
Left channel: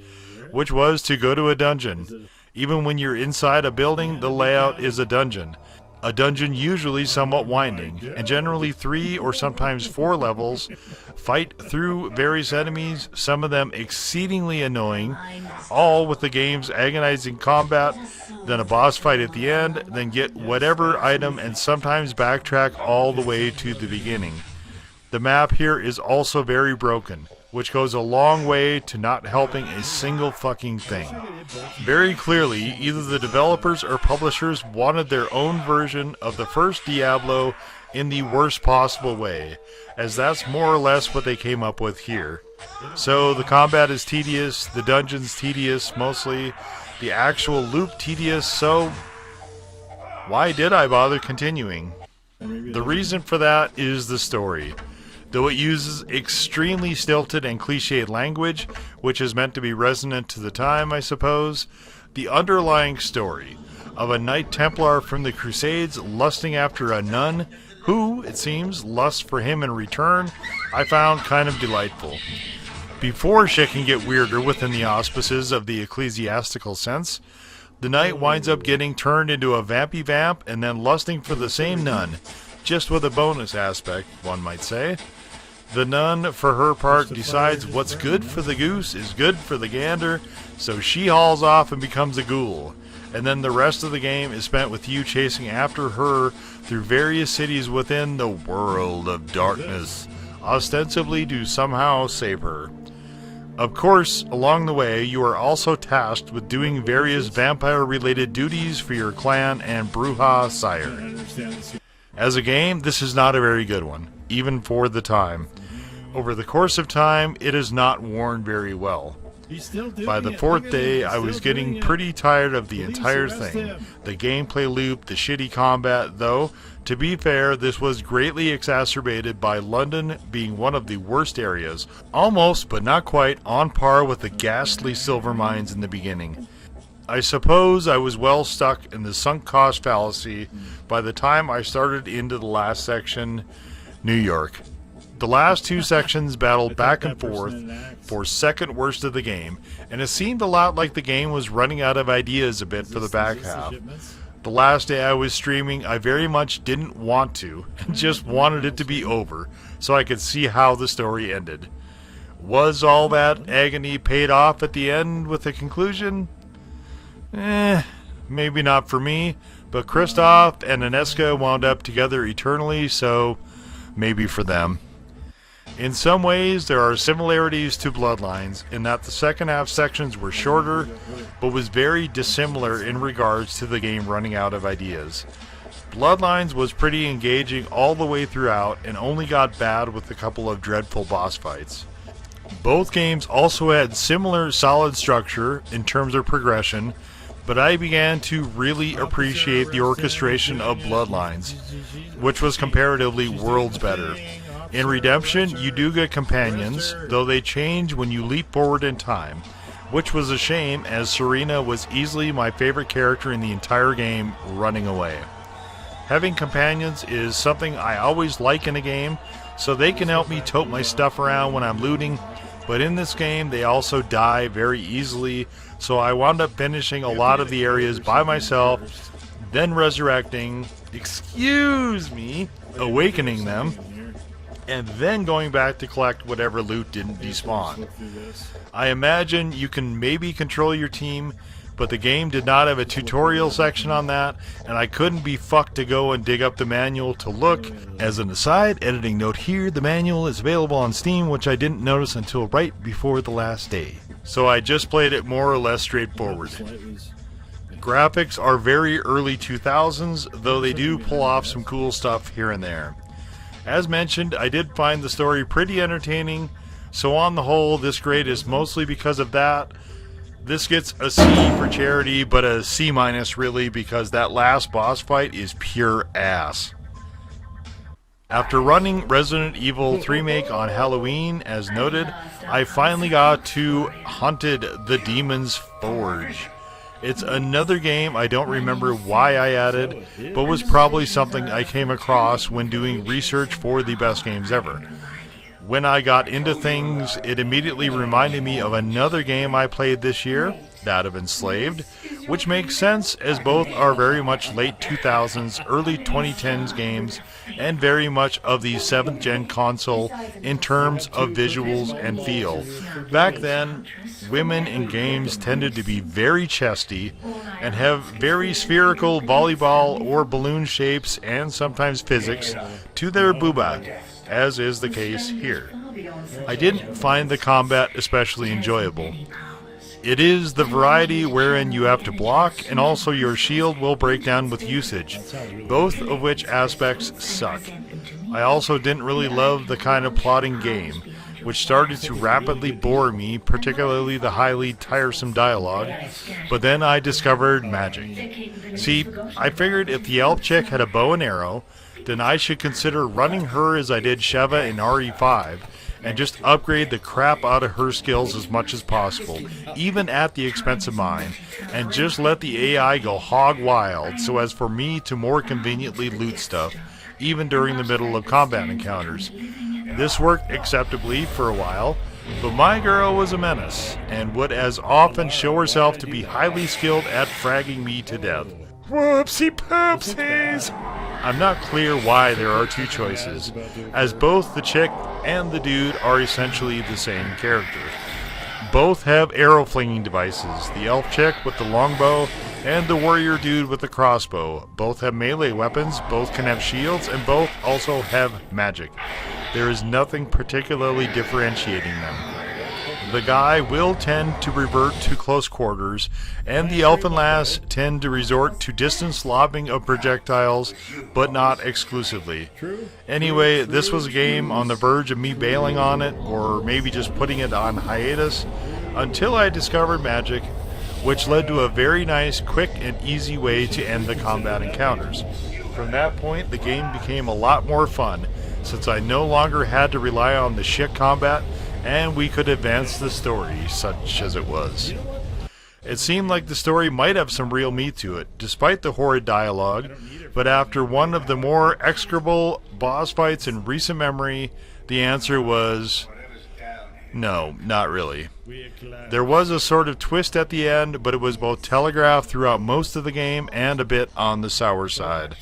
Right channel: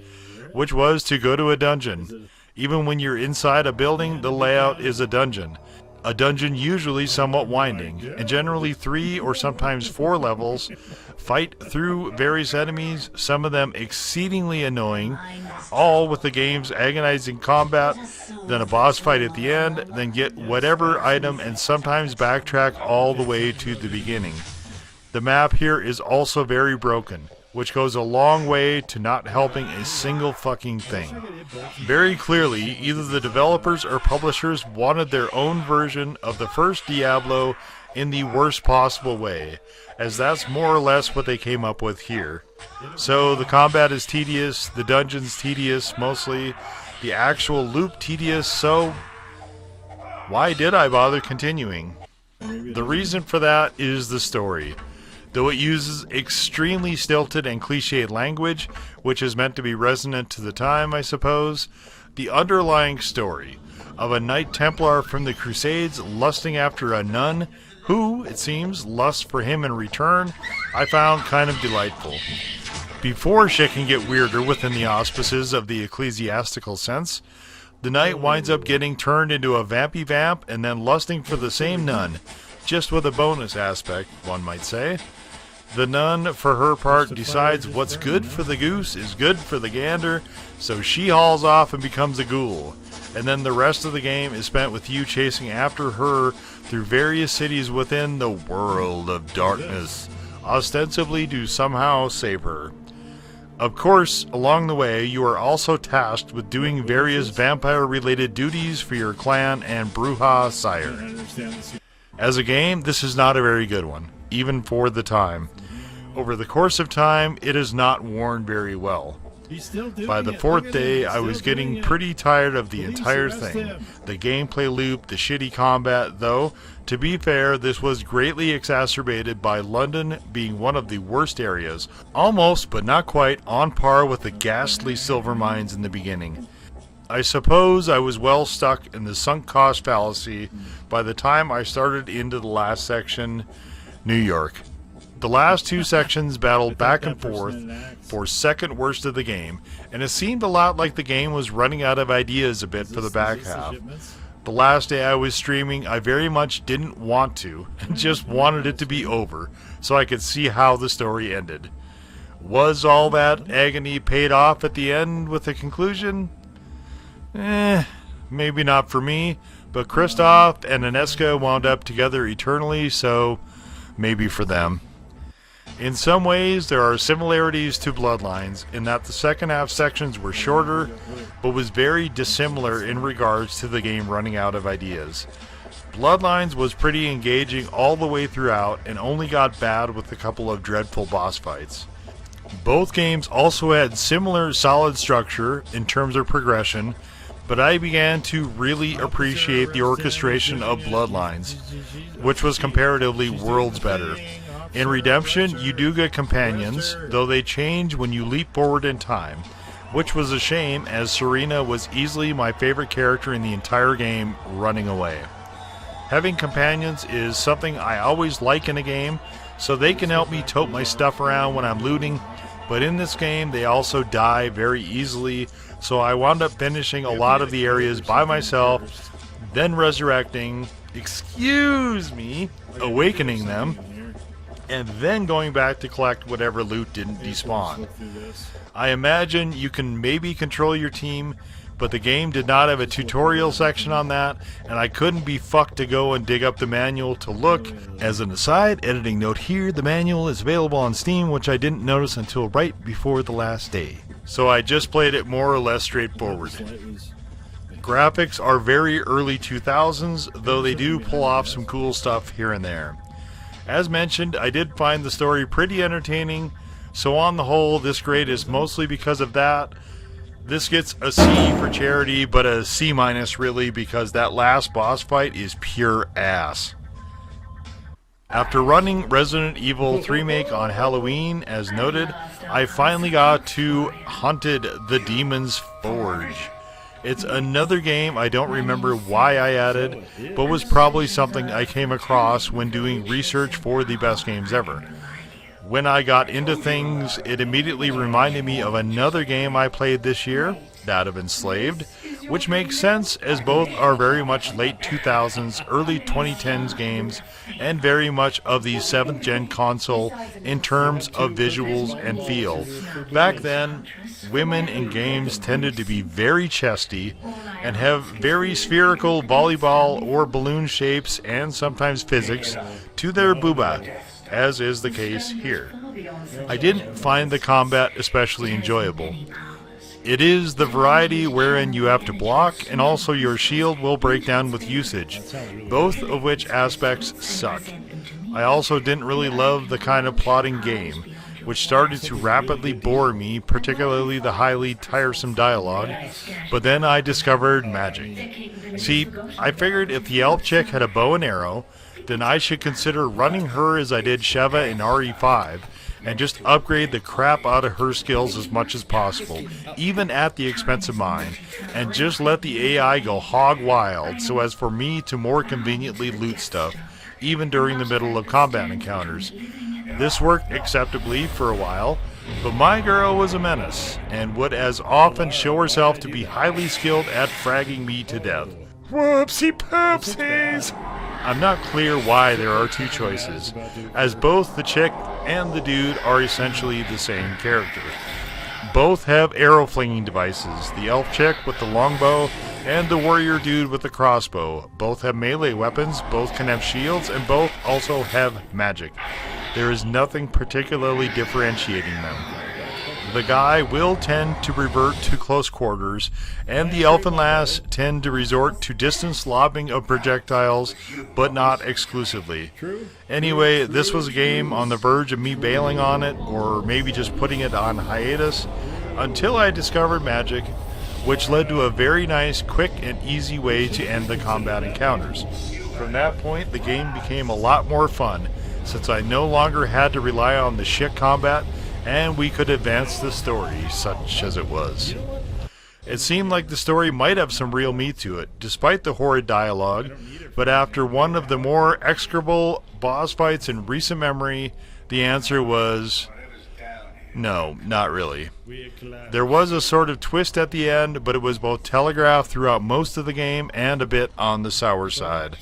which was to go to a dungeon. Even when you're inside a building, the layout is a dungeon. A dungeon usually somewhat winding, and generally 3 or sometimes 4 levels. Fight through various enemies, some of them exceedingly annoying, all with the game's agonizing combat, then a boss fight at the end, then get whatever item and sometimes backtrack all the way to the beginning. The map here is also very broken, which goes a long way to not helping a single fucking thing. Very clearly, either the developers or publishers wanted their own version of the first Diablo in the worst possible way, as that's more or less what they came up with here. So the combat is tedious, the dungeon's tedious mostly, the actual loop tedious, so why did I bother continuing? The reason for that is the story. Though it uses extremely stilted and cliched language, which is meant to be resonant to the time, I suppose, the underlying story of a Knight Templar from the Crusades lusting after a nun who, it seems, lusts for him in return, I found kind of delightful. Before shit can get weirder within the auspices of the ecclesiastical sense, the knight winds up getting turned into a vampy vamp and then lusting for the same nun, just with a bonus aspect, one might say. The nun, for her part, decides what's good for the goose is good for the gander, so she hauls off and becomes a ghoul. And then the rest of the game is spent with you chasing after her through various cities within the world of darkness, ostensibly to somehow save her. Of course, along the way, you are also tasked with doing various vampire-related duties for your clan and Brujah sire. As a game, this is not a very good one, even for the time. Over the course of time, it has not worn very well. By the 4th day, I was getting pretty tired of the entire thing. The gameplay loop, the shitty combat, though, to be fair, this was greatly exacerbated by London being one of the worst areas, almost, but not quite, on par with the ghastly silver mines in the beginning. I suppose I was well stuck in the sunk cost fallacy by the time I started into the last section, New York. The last 2 sections battled back and forth for second worst of the game, and it seemed a lot like the game was running out of ideas a bit for the back half. The last day I was streaming, I very much didn't want to, and just wanted it to be over, so I could see how the story ended. Was all that agony paid off at the end with a conclusion? Maybe not for me, but Kristoff and Ineska wound up together eternally, so maybe for them. In some ways, there are similarities to Bloodlines, in that the second half sections were shorter, but was very dissimilar in regards to the game running out of ideas. Bloodlines was pretty engaging all the way throughout, and only got bad with a couple of dreadful boss fights. Both games also had similar solid structure in terms of progression, but I began to really appreciate the orchestration of Bloodlines, which was comparatively worlds better. In Redemption, you do get companions, though they change when you leap forward in time, which was a shame as Serena was easily my favorite character in the entire game, running away. Having companions is something I always like in a game, so they can help me tote my stuff around when I'm looting, but in this game they also die very easily, so I wound up finishing a lot of the areas by myself, then resurrecting, awakening them, and then going back to collect whatever loot didn't despawn. I imagine you can maybe control your team, but the game did not have a tutorial section on that, and I couldn't be fucked to go and dig up the manual to look. As an aside, editing note here, the manual is available on Steam, which I didn't notice until right before the last day. So I just played it more or less straightforward. Graphics are very early 2000s, though they do pull off some cool stuff here and there. As mentioned, I did find the story pretty entertaining, so on the whole, this grade is mostly because of that. This gets a C for charity, but a C- really, because that last boss fight is pure ass. After running Resident Evil 3 Remake on Halloween, as noted, I finally got to Haunted the Demon's Forge. It's another game I don't remember why I added, but was probably something I came across when doing research for the best games ever. When I got into things, it immediately reminded me of another game I played this year, that of Enslaved, which makes sense as both are very much late 2000s, early 2010s games, and very much of the 7th gen console in terms of visuals and feel. Back then, women in games tended to be very chesty and have very spherical volleyball or balloon shapes and sometimes physics to their booba, as is the case here. I didn't find the combat especially enjoyable. It is the variety wherein you have to block and also your shield will break down with usage, both of which aspects suck. I also didn't really love the kind of plotting game, which started to rapidly bore me, particularly the highly tiresome dialogue, but then I discovered magic. See, I figured if the elf chick had a bow and arrow, then I should consider running her as I did Sheva in RE5, and just upgrade the crap out of her skills as much as possible, even at the expense of mine, and just let the AI go hog wild so as for me to more conveniently loot stuff, even during the middle of combat encounters. This worked acceptably for a while, but my girl was a menace, and would as often show herself to be highly skilled at fragging me to death. Whoopsie poopsies! I'm not clear why there are two choices, as both the chick and the dude are essentially the same character. Both have arrow flinging devices, the elf chick with the longbow and the warrior dude with the crossbow. Both have melee weapons, both can have shields, and both also have magic. There is nothing particularly differentiating them. The guy will tend to revert to close quarters, and the elf and lass tend to resort to distance lobbing of projectiles, but not exclusively. Anyway, this was a game on the verge of me bailing on it, or maybe just putting it on hiatus, until I discovered magic, which led to a very nice, quick, and easy way to end the combat encounters. From that point, the game became a lot more fun, since I no longer had to rely on the shit combat, and we could advance the story, such as it was. It seemed like the story might have some real meat to it, despite the horrid dialogue, but after one of the more execrable boss fights in recent memory, the answer was no, not really. There was a sort of twist at the end, but it was both telegraphed throughout most of the game and a bit on the sour side.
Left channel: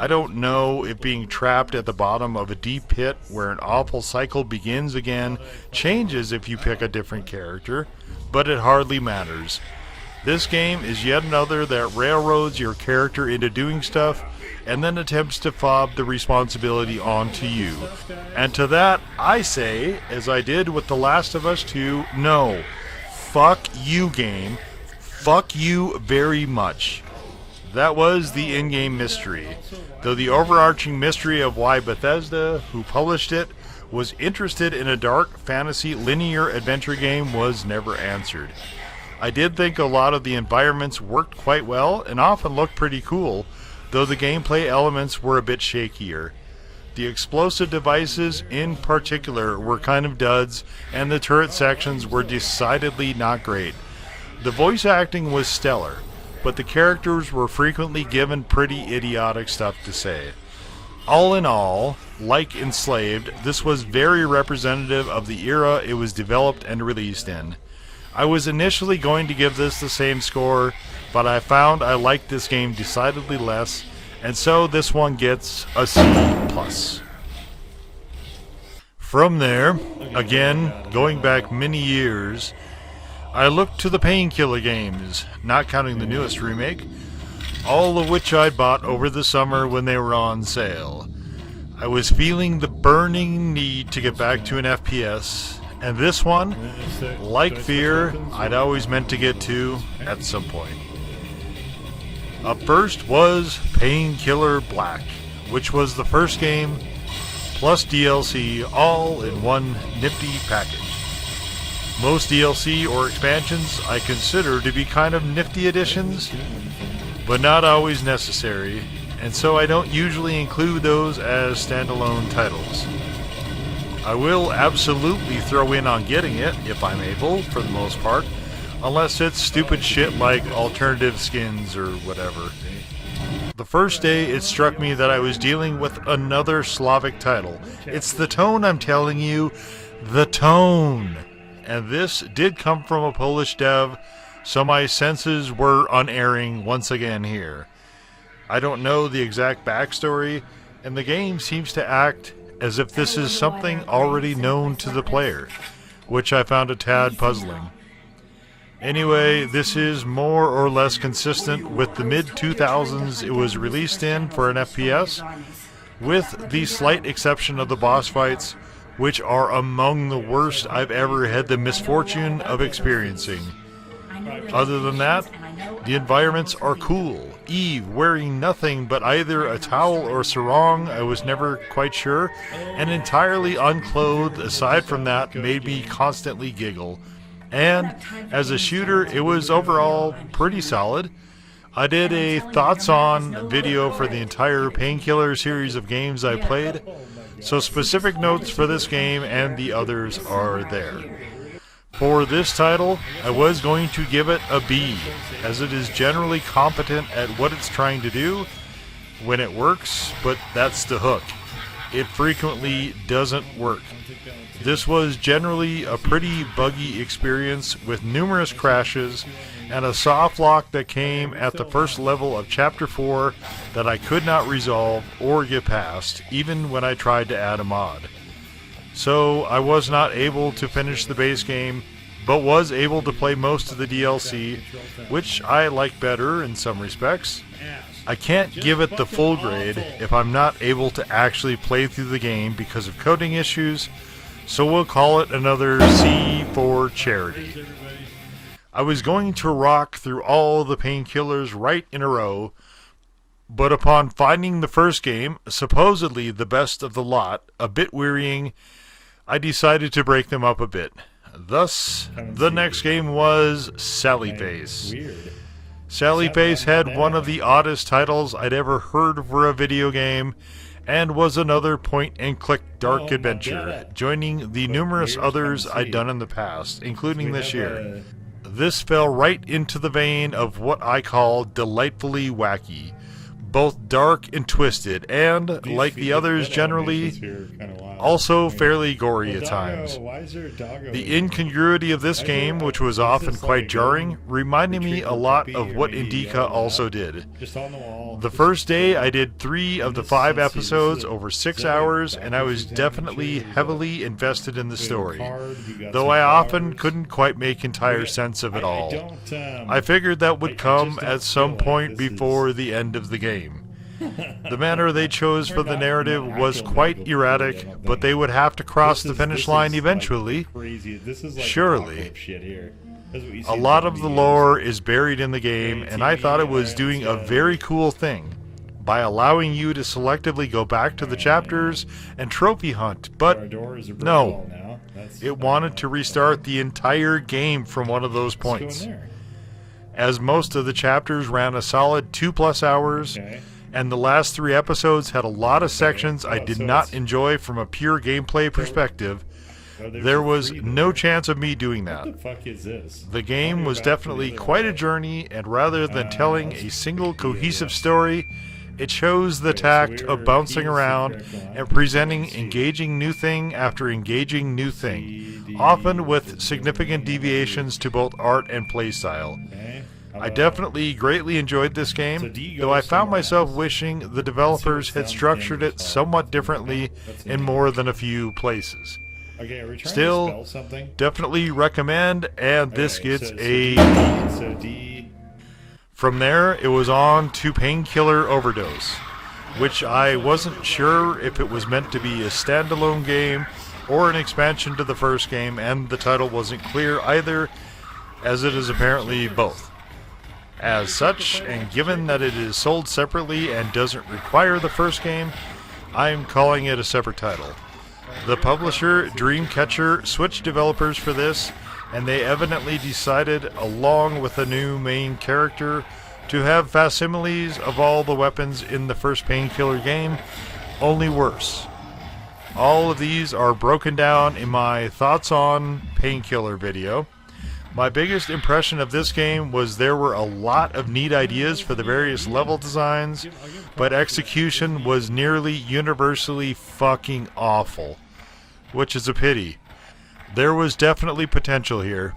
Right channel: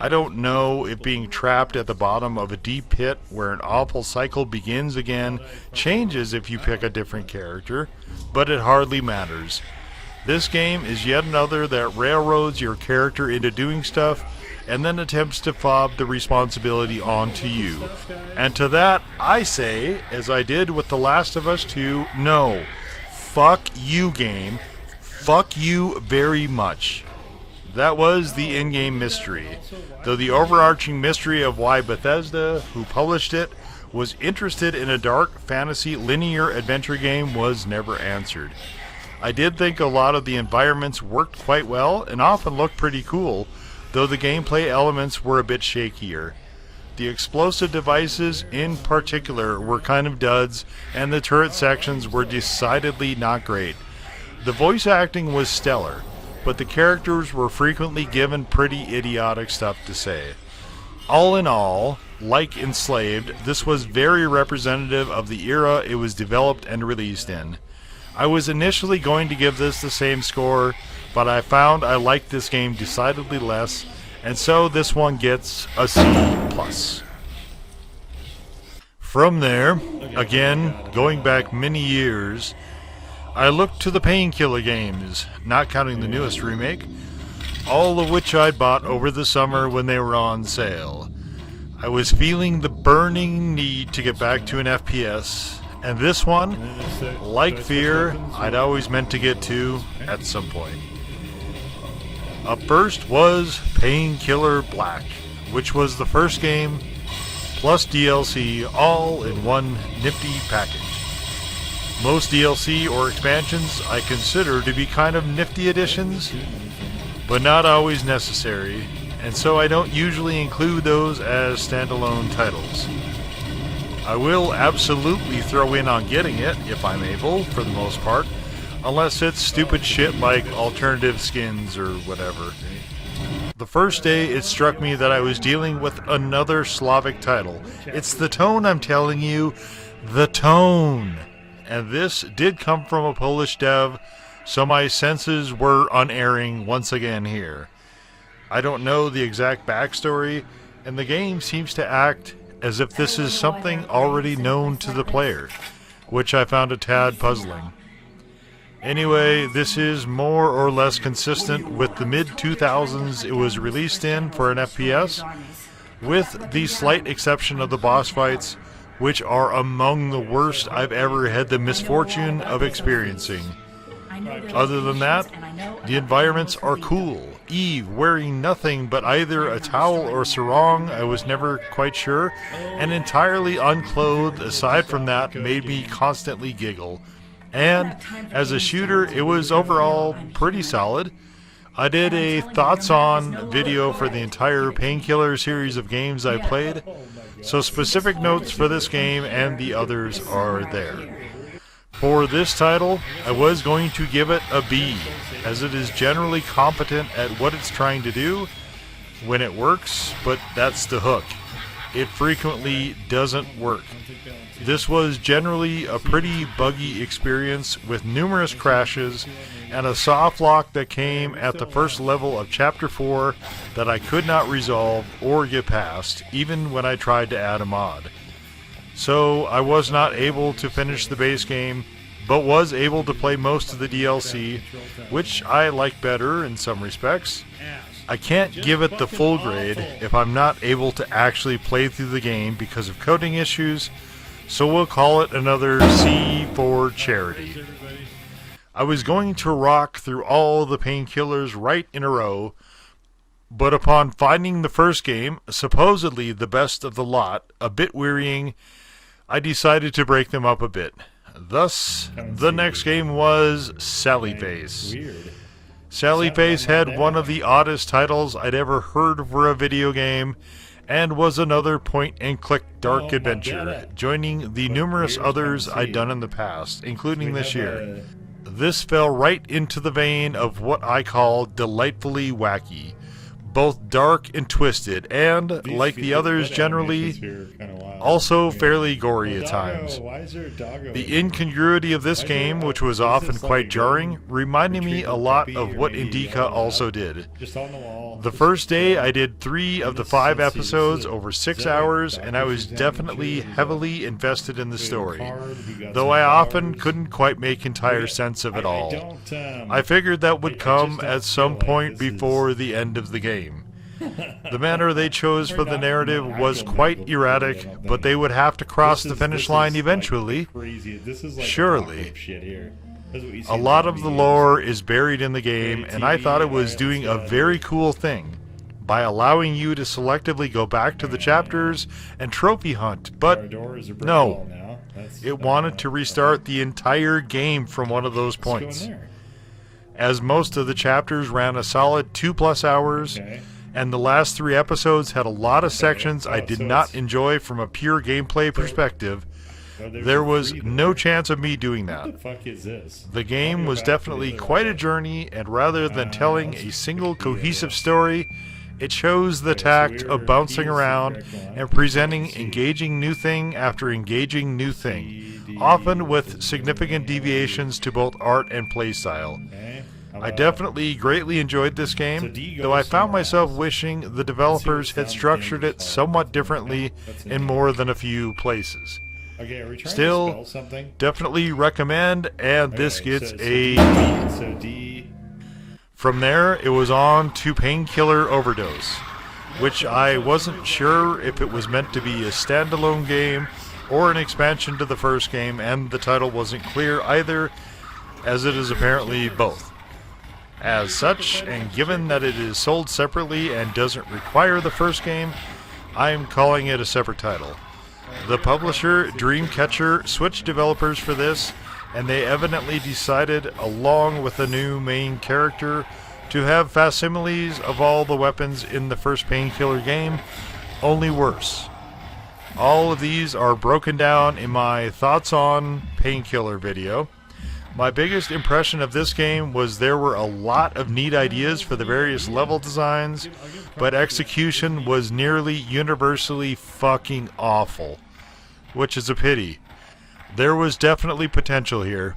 I don't know if being trapped at the bottom of a deep pit where an awful cycle begins again changes if you pick a different character, but it hardly matters. This game is yet another that railroads your character into doing stuff and then attempts to fob the responsibility onto you. And to that, I say, as I did with The Last of Us 2, no. Fuck you, game. Fuck you very much. That was the in-game mystery, though the overarching mystery of why Bethesda, who published it, was interested in a dark fantasy linear adventure game was never answered. I did think a lot of the environments worked quite well and often looked pretty cool, though the gameplay elements were a bit shakier. The explosive devices in particular were kind of duds, and the turret sections were decidedly not great. The voice acting was stellar, but the characters were frequently given pretty idiotic stuff to say. All in all, like Enslaved, this was very representative of the era it was developed and released in. I was initially going to give this the same score, but I found I liked this game decidedly less, and so this one gets a C+. From there, again, going back many years, I looked to the Painkiller games, not counting the newest remake, all of which I bought over the summer when they were on sale. I was feeling the burning need to get back to an FPS, and this one, like Fear, I'd always meant to get to at some point. Up first was Painkiller Black, which was the first game plus DLC all in one nifty package. Most DLC or expansions I consider to be kind of nifty additions, but not always necessary, and so I don't usually include those as standalone titles. I will absolutely throw in on getting it, if I'm able, for the most part, unless it's stupid shit like alternative skins or whatever. The first day, it struck me that I was dealing with another Slavic title. It's the tone, I'm telling you. The tone. And this did come from a Polish dev, so my senses were unerring once again here. I don't know the exact backstory, and the game seems to act as if this is something already known to the player, which I found a tad puzzling. Anyway, this is more or less consistent with the mid-2000s it was released in for an FPS, with the slight exception of the boss fights, which are among the worst I've ever had the misfortune of experiencing. Other than that, the environments are cool. Eve wearing nothing but either a towel or sarong, I was never quite sure, and entirely unclothed aside from that made me constantly giggle. And as a shooter, it was overall pretty solid. I did a thoughts on video for the entire Painkiller series of games I played, so specific notes for this game and the others are there. For this title, I was going to give it a B, as it is generally competent at what it's trying to do when it works, but that's the hook. It frequently doesn't work. This was generally a pretty buggy experience with numerous crashes and a soft lock that came at the first level of Chapter 4 that I could not resolve or get past, even when I tried to add a mod. So I was not able to finish the base game, but was able to play most of the DLC, which I like better in some respects. I can't give it the full grade if I'm not able to actually play through the game because of coding issues, so we'll call it another C for charity. I was going to rock through all the Painkillers right in a row, but upon finding the first game, supposedly the best of the lot, a bit wearying, I decided to break them up a bit. Thus, the next game was Sally Face. Weird. Sally Face had one of the oddest titles I'd ever heard for a video game, and was another point-and-click dark adventure, joining the numerous others I'd done in the past, including this year. This fell right into the vein of what I call delightfully wacky, both dark and twisted, and, like the others generally, also fairly gory at times. The incongruity of this game, which was often quite jarring, reminded me a lot of what Indika also did. The first day I did 3 of the 5 episodes over 6 hours, and I was definitely heavily invested in the story, though I often couldn't quite make entire sense of it all. I figured that would come at some point before the end of the game. The manner they chose for the narrative was quite erratic, but they would have to cross the finish line eventually. Surely. A lot of the lore is buried in the game, and I thought it was doing a very cool thing by allowing you to selectively go back to the chapters and trophy hunt, but no, it wanted to restart the entire game from one of those points. As most of the chapters ran a solid 2+ hours, and the last 3 episodes had a lot of sections I did not enjoy from a pure gameplay perspective, there was no chance of me doing that. The game was definitely quite a journey, and rather than telling a single cohesive story, it chose the tact of bouncing around and presenting engaging new thing after engaging new thing, often with significant deviations to both art and playstyle. I definitely greatly enjoyed this game, though I found myself wishing the developers had structured it somewhat differently in more than a few places. Still, definitely recommend, and this gets a D. From there, it was on to Painkiller Overdose, which I wasn't sure if it was meant to be a standalone game or an expansion to the first game, and the title wasn't clear either, as it is apparently both. As such, and given that it is sold separately and doesn't require the first game, I am calling it a separate title. The publisher, Dreamcatcher, switched developers for this, and they evidently decided, along with a new main character, to have facsimiles of all the weapons in the first Painkiller game, only worse. All of these are broken down in my Thoughts on Painkiller video. My biggest impression of this game was there were a lot of neat ideas for the various level designs, but execution was nearly universally fucking awful, which is a pity. There was definitely potential here.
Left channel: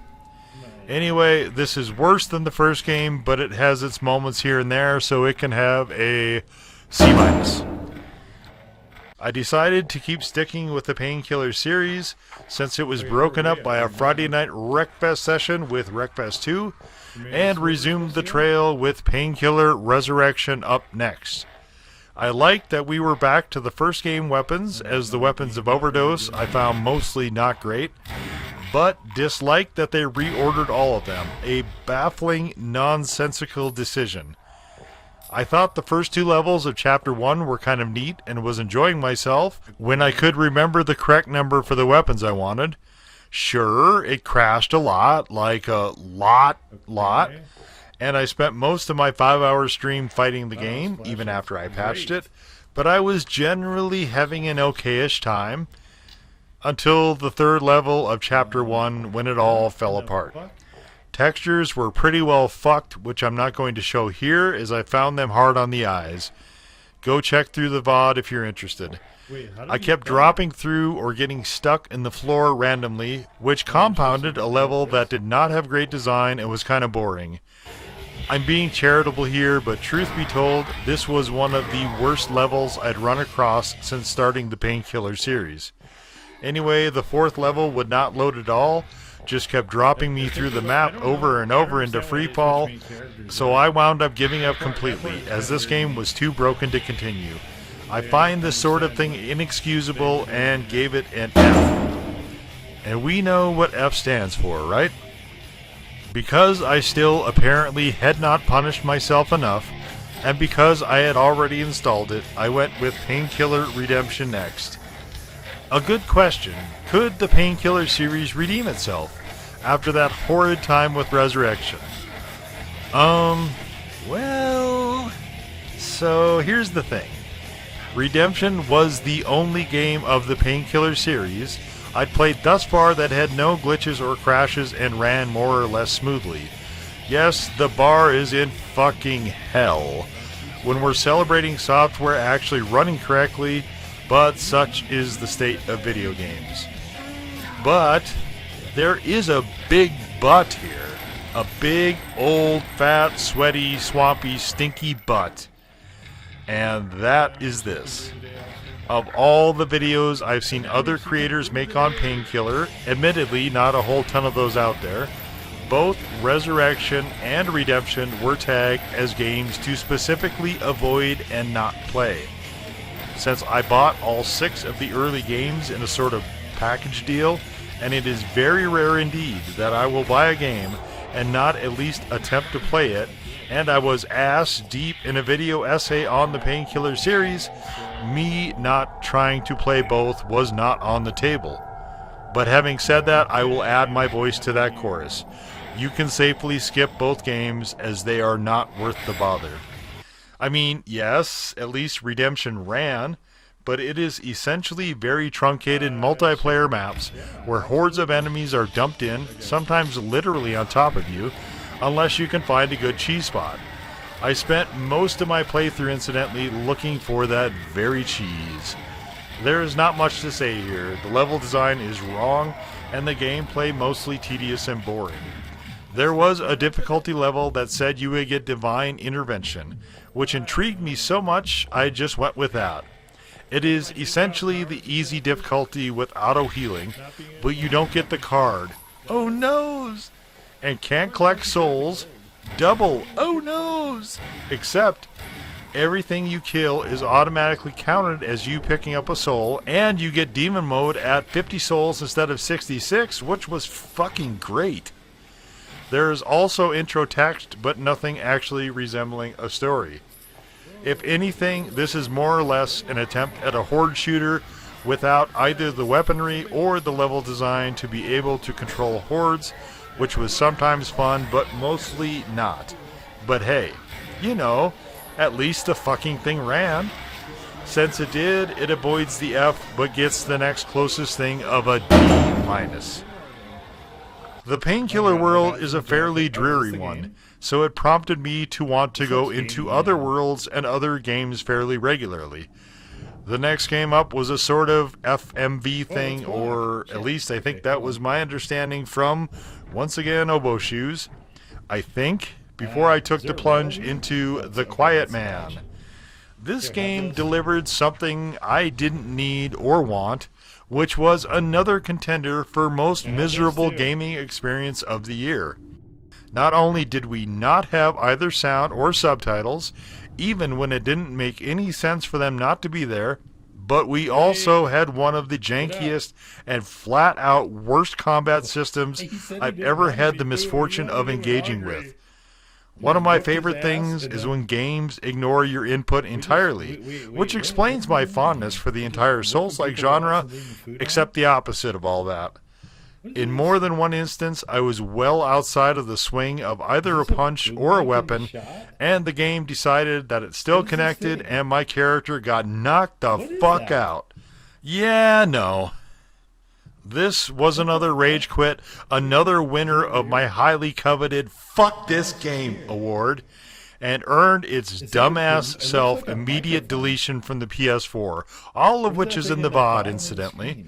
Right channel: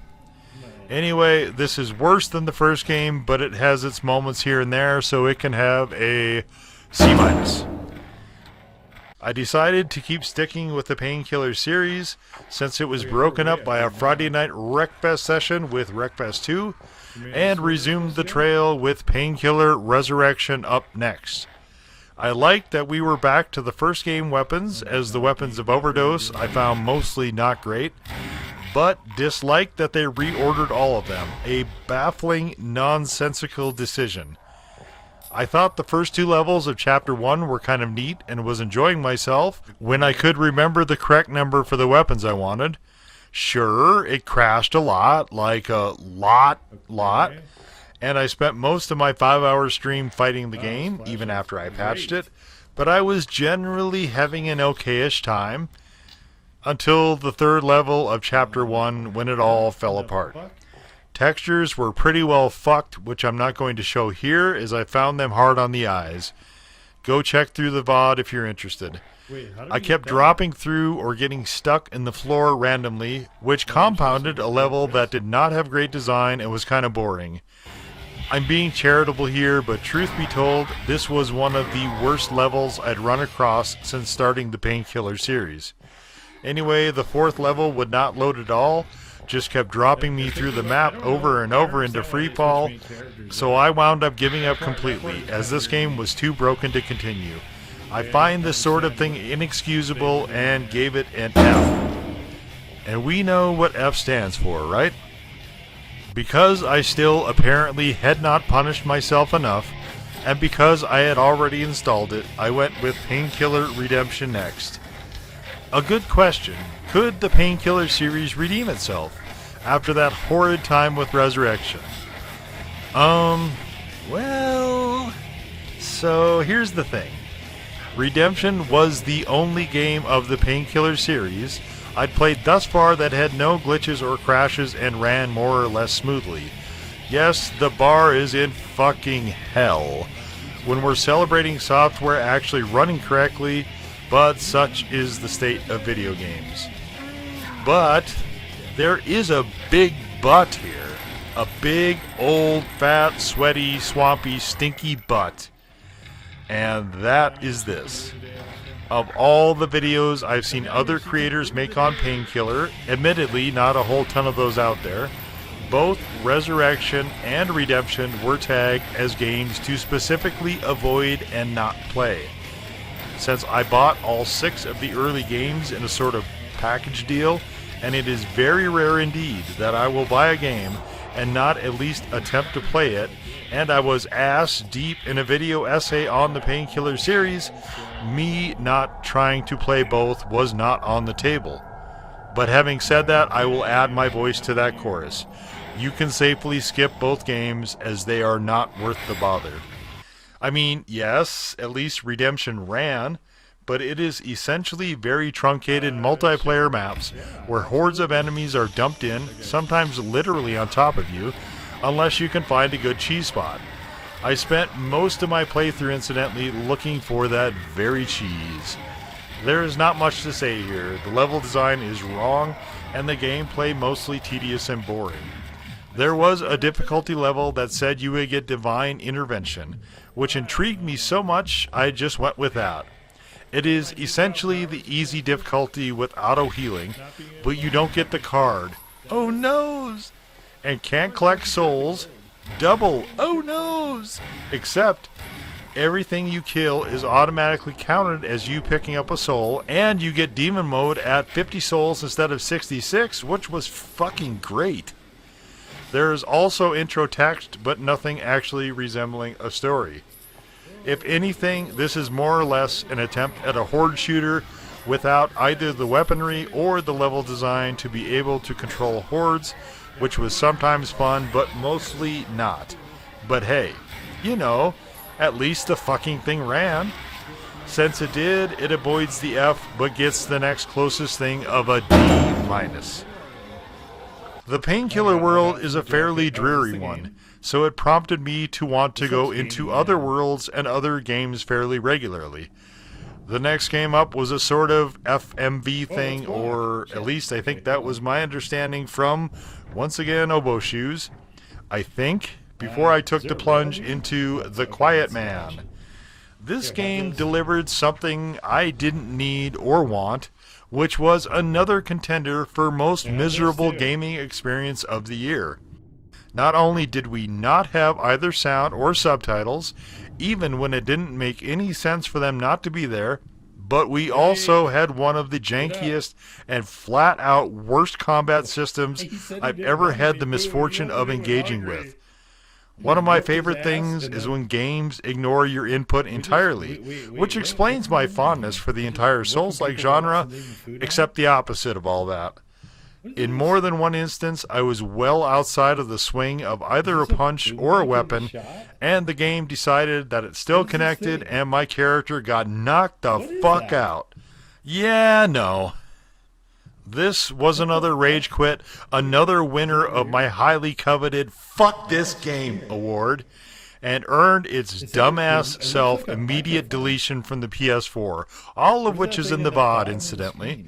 Anyway, this is worse than the first game, but it has its moments here and there, so it can have a C-. I decided to keep sticking with the Painkiller series since it was broken up by a Friday night Wreckfest session with Wreckfest 2, and resumed the trail with Painkiller Resurrection up next. I liked that we were back to the first game weapons, as the weapons of Overdose I found mostly not great, but disliked that they reordered all of them, a baffling, nonsensical decision. I thought the first 2 levels of Chapter 1 were kind of neat and was enjoying myself when I could remember the correct number for the weapons I wanted. Sure, it crashed a lot, like a lot, and I spent most of my 5-hour stream fighting the game, even after I patched it, but I was generally having an okayish time until the 3rd level of Chapter 1 when it all fell apart. Textures were pretty well fucked, which I'm not going to show here, as I found them hard on the eyes. Go check through the VOD if you're interested. I kept dropping through or getting stuck in the floor randomly, which compounded a level that did not have great design and was kind of boring. I'm being charitable here, but truth be told, this was one of the worst levels I'd run across since starting the Painkiller series. Anyway, the 4th level would not load at all, just kept dropping me through the map over and over into free fall, so I wound up giving up completely, as this game was too broken to continue. I find this sort of thing inexcusable and gave it an F. And we know what F stands for, right? Because I still apparently had not punished myself enough, and because I had already installed it, I went with Painkiller Redemption next. A good question. Could the Painkiller series redeem itself after that horrid time with Resurrection? Well, so here's the thing. Redemption was the only game of the Painkiller series I'd played thus far that had no glitches or crashes and ran more or less smoothly. Yes, the bar is in fucking hell when we're celebrating software actually running correctly, but such is the state of video games. But there is a big but here. A big, old, fat, sweaty, swampy, stinky but. And that is this. Of all the videos I've seen other creators make on Painkiller, admittedly not a whole ton of those out there, both Resurrection and Redemption were tagged as games to specifically avoid and not play. Since I bought all 6 of the early games in a sort of package deal, and it is very rare indeed that I will buy a game and not at least attempt to play it, and I was ass deep in a video essay on the Painkiller series, me not trying to play both was not on the table. But having said that, I will add my voice to that chorus. You can safely skip both games as they are not worth the bother. I mean, yes, at least Redemption ran, but it is essentially very truncated multiplayer maps where hordes of enemies are dumped in, sometimes literally on top of you, unless you can find a good cheese spot. I spent most of my playthrough, incidentally, looking for that very cheese. There is not much to say here. The level design is wrong, and the gameplay mostly tedious and boring. There was a difficulty level that said you would get Divine Intervention, which intrigued me so much I just went with that. It is essentially the easy difficulty with auto-healing, but you don't get the card. Oh noes! And can't collect souls. Double oh noes! Except everything you kill is automatically counted as you picking up a soul, and you get demon mode at 50 souls instead of 66, which was fucking great. There is also intro text, but nothing actually resembling a story. If anything, this is more or less an attempt at a horde shooter without either the weaponry or the level design to be able to control hordes, which was sometimes fun, but mostly not. But hey, you know, at least the fucking thing ran. Since it did, it avoids the F, but gets the next closest thing of a D-. The Painkiller world is a fairly dreary one, so it prompted me to want to go into other worlds and other games fairly regularly. The next game up was a sort of FMV thing, or at least I think that was my understanding from, once again, Oboe Shoes. I think, before I took the plunge into The Quiet Man. This game delivered something I didn't need or want, which was another contender for most miserable gaming experience of the year. Not only did we not have either sound or subtitles, even when it didn't make any sense for them not to be there, but we also had one of the jankiest and flat-out worst combat systems I've ever had the misfortune of engaging with. One of my favorite things is when games ignore your input entirely, which explains my fondness for the entire Souls-like genre, except the opposite of all that. In more than one instance, I was well outside of the swing of either a punch or a weapon, and the game decided that it still connected, and my character got knocked the fuck out. Yeah, no. This was another rage quit, another winner of my highly coveted Fuck This Game award, and earned its dumbass self immediate deletion from the PS4, all of which is in the VOD, incidentally.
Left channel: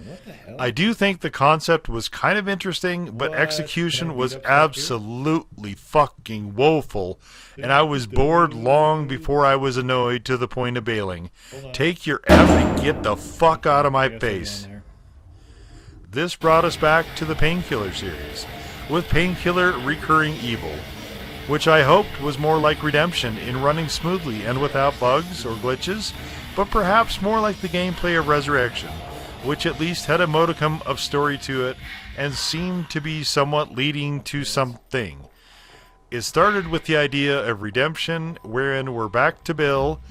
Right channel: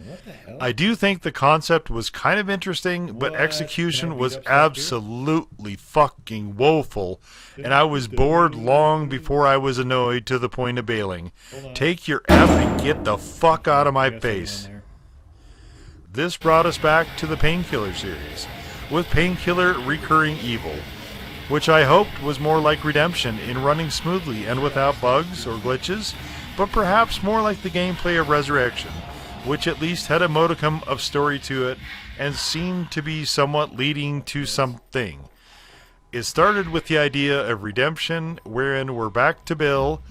I do think the concept was kind of interesting, but execution was absolutely fucking woeful, and I was bored long before I was annoyed to the point of bailing. Take your F and get the fuck out of my face. This brought us back to the Painkiller series, with Painkiller Recurring Evil, which I hoped was more like Redemption in running smoothly and without bugs or glitches, but perhaps more like the gameplay of Resurrection, which at least had a modicum of story to it and seemed to be somewhat leading to something. It started with the idea of Redemption, wherein we're back to Bill,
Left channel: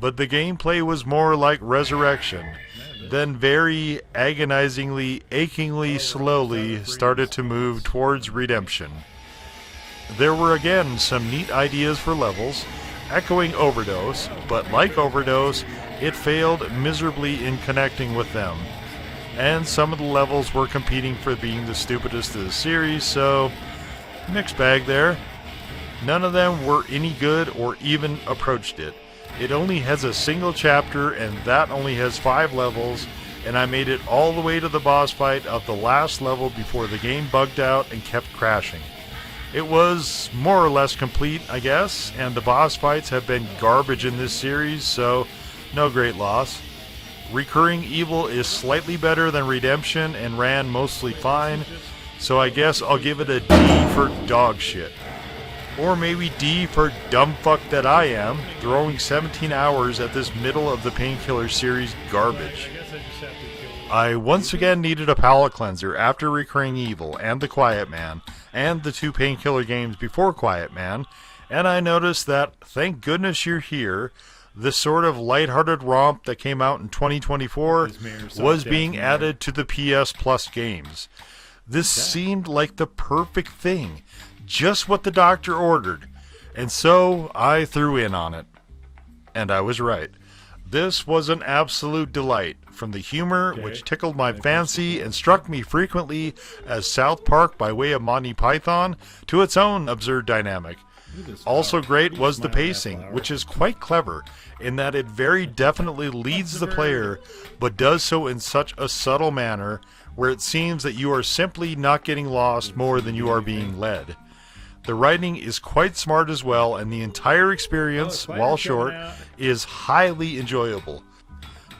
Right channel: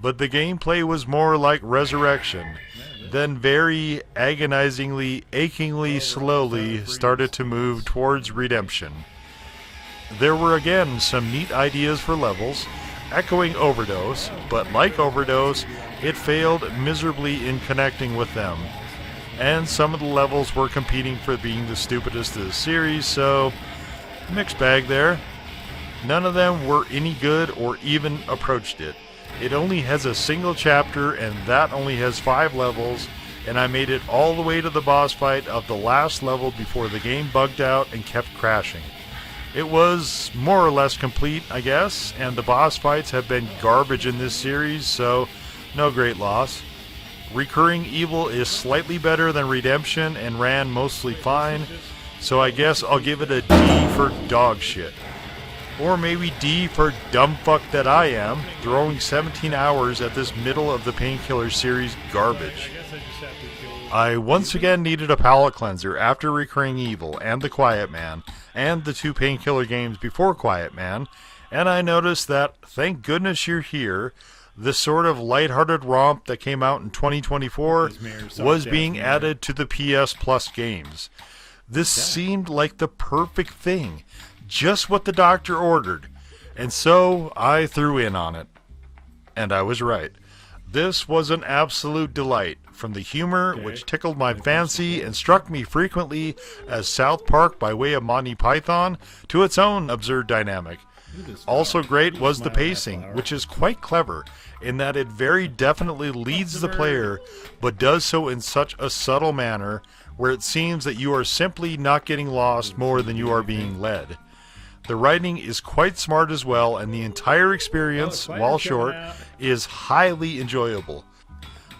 but the gameplay was more like Resurrection, then very agonizingly, achingly slowly started to move towards Redemption. There were again some neat ideas for levels, echoing Overdose, but like Overdose, it failed miserably in connecting with them. And some of the levels were competing for being the stupidest of the series, so mixed bag there. None of them were any good or even approached it. It only has a single chapter, and that only has 5 levels, and I made it all the way to the boss fight of the last level before the game bugged out and kept crashing. It was more or less complete, I guess, and the boss fights have been garbage in this series, so no great loss. Recurring Evil is slightly better than Redemption and ran mostly fine, so I guess I'll give it a D for dog shit. Or maybe D for dumb fuck that I am, throwing 17 hours at this middle of the Painkiller series garbage. I once again needed a palate cleanser after Recurring Evil and The Quiet Man, and the 2 Painkiller games before Quiet Man, and I noticed that, thank goodness you're here, this sort of lighthearted romp that came out in 2024 was being added to the PS Plus games. This seemed like the perfect thing, just what the doctor ordered, and so I threw in on it. And I was right. This was an absolute delight, from the humor, which tickled my fancy and struck me frequently as South Park by way of Monty Python, to its own absurd dynamic. Also great was the pacing, which is quite clever, in that it very definitely leads the player, but does so in such a subtle manner, where it seems that you are simply not getting lost more than you are being led. The writing is quite smart as well, and the entire experience, while short, is highly enjoyable.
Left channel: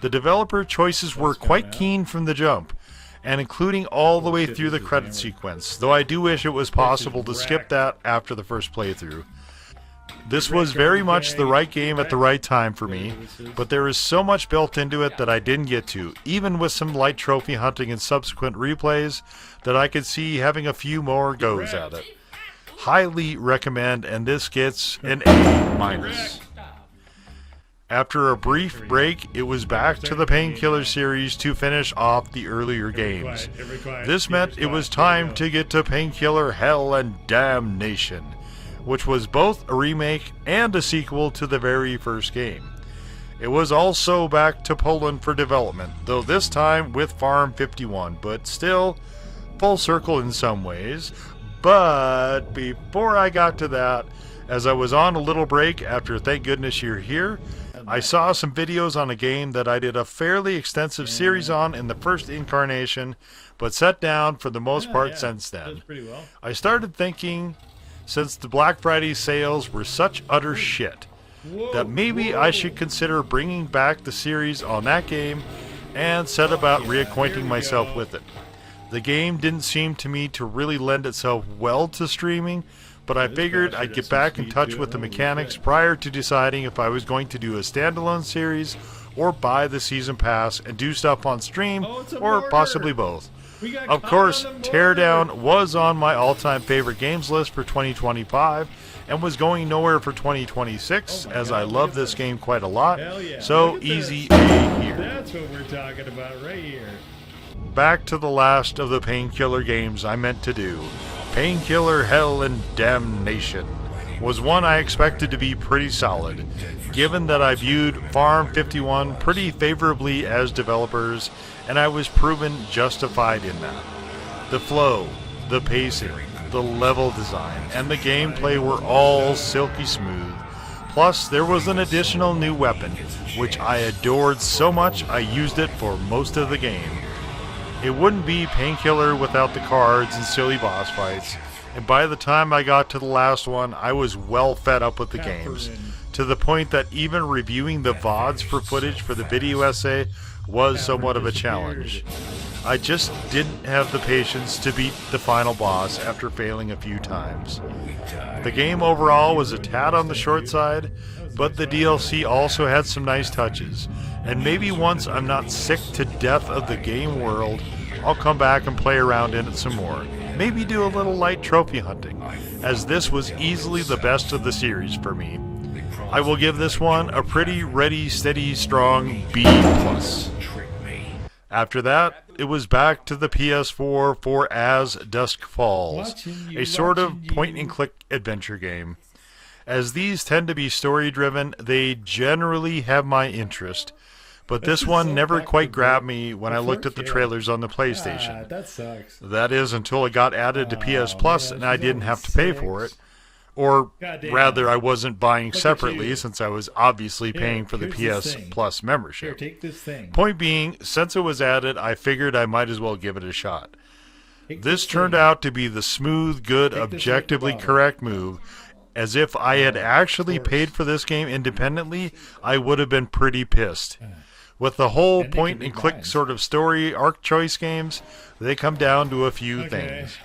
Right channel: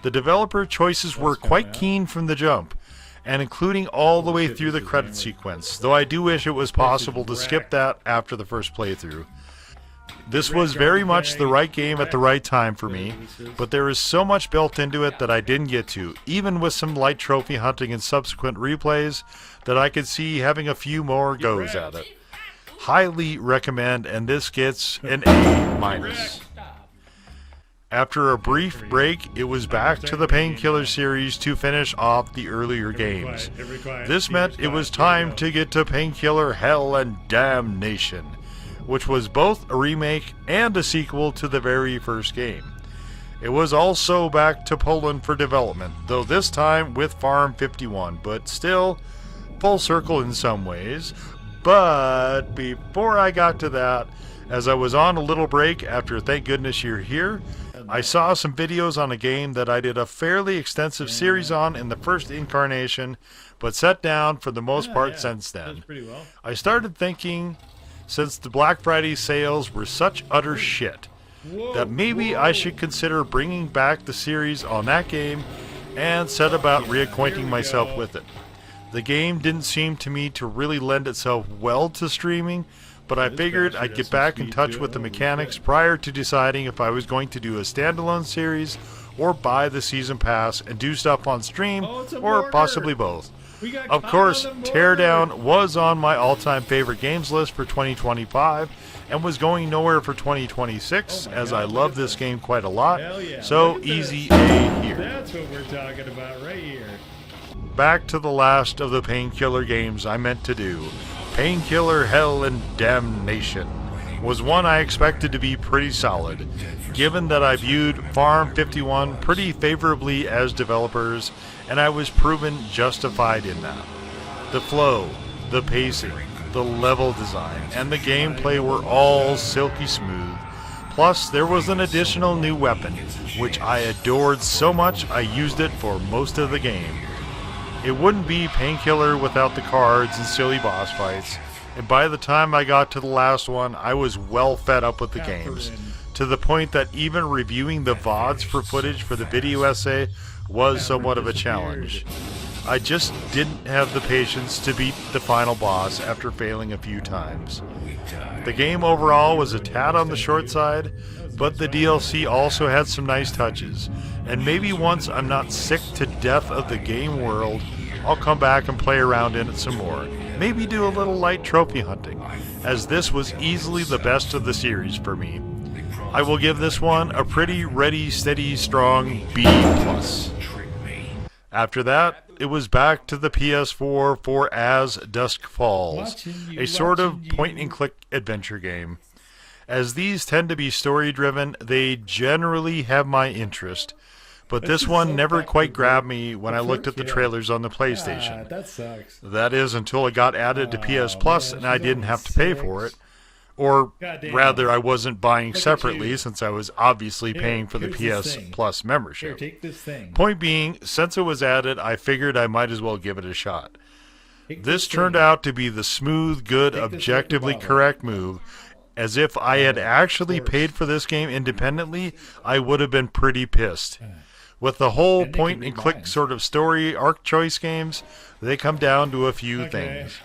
The developer choices were quite keen from the jump, and including all the way through the credit sequence, though I do wish it was possible to skip that after the first playthrough. This was very much the right game at the right time for me, but there is so much built into it that I didn't get to, even with some light trophy hunting and subsequent replays, that I could see having a few more goes at it. Highly recommend, and this gets an A-. After a brief break, it was back to the Painkiller series to finish off the earlier games. This meant it was time to get to Painkiller Hell and Damnation, which was both a remake and a sequel to the very first game. It was also back to Poland for development, though this time with Farm 51, but still full circle in some ways, But before I got to that, as I was on a little break after Thank Goodness You're Here, I saw some videos on a game that I did a fairly extensive series on in the first incarnation, but set down for the most part since then. Does pretty well. I started thinking, since the Black Friday sales were such utter shit, that maybe I should consider bringing back the series on that game and set about reacquainting myself with it. The game didn't seem to me to really lend itself well to streaming, but I figured I'd get back in touch with the mechanics prior to deciding if I was going to do a standalone series or buy the season pass and do stuff on stream, or possibly both. Of course, Teardown was on my all-time favorite games list for 2025 and was going nowhere for 2026, as I love this game quite a lot. Hell yeah. So easy A here. That's what we're talking about right here. Back to the last of the Painkiller games I meant to do. Painkiller Hell and Damnation was one I expected to be pretty solid, given that I viewed Farm 51 pretty favorably as developers, and I was proven justified in that. The flow, the pacing, the level design, and the gameplay were all silky smooth. Plus, there was an additional new weapon, which I adored so much I used it for most of the game. It wouldn't be Painkiller without the cards and silly boss fights, and by the time I got to the last one, I was well fed up with the games, to the point that even reviewing the VODs for footage for the video essay was somewhat of a challenge. I just didn't have the patience to beat the final boss after failing a few times. The game overall was a tad on the short side, but the DLC also had some nice touches, and maybe once I'm not sick to death of the game world, I'll come back and play around in it some more. Maybe do a little light trophy hunting, as this was easily the best of the series for me. I will give this one a pretty ready, steady, strong B+. After that, it was back to the PS4 for As Dusk Falls, a sort of point-and-click adventure game. As these tend to be story-driven, they generally have my interest, but this one never quite grabbed me when I looked at the trailers on the PlayStation. That sucks. That is, until it got added to PS Plus and I didn't have to pay for it. Or rather, I wasn't buying separately since I was obviously paying for the PS Plus membership. Here, take this thing. Point being, since it was added, I figured I might as well give it a shot. This turned out to be the smooth, good, objectively correct move. As if I had actually paid for this game independently, I would have been pretty pissed. With the whole point-and-click sort of story arc choice games, they come down to a few things.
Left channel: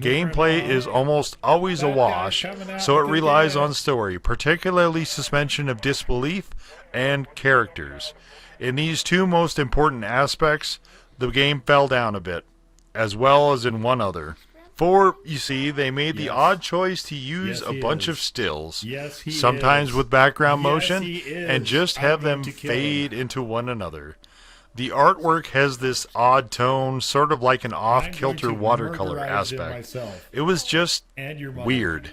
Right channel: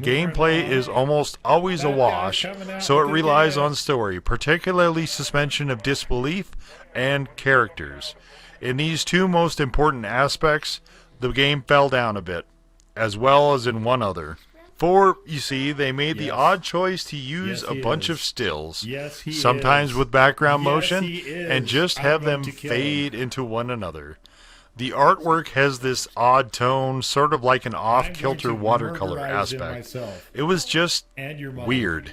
Gameplay is almost always a wash, so it relies on story, particularly suspension of disbelief and characters. In these two most important aspects, the game fell down a bit, as well as in one other. For, you see, they made the odd choice to use a bunch of stills, sometimes with background motion, and just have them fade into one another. The artwork has this odd tone, sort of like an off-kilter watercolor aspect. It was just weird.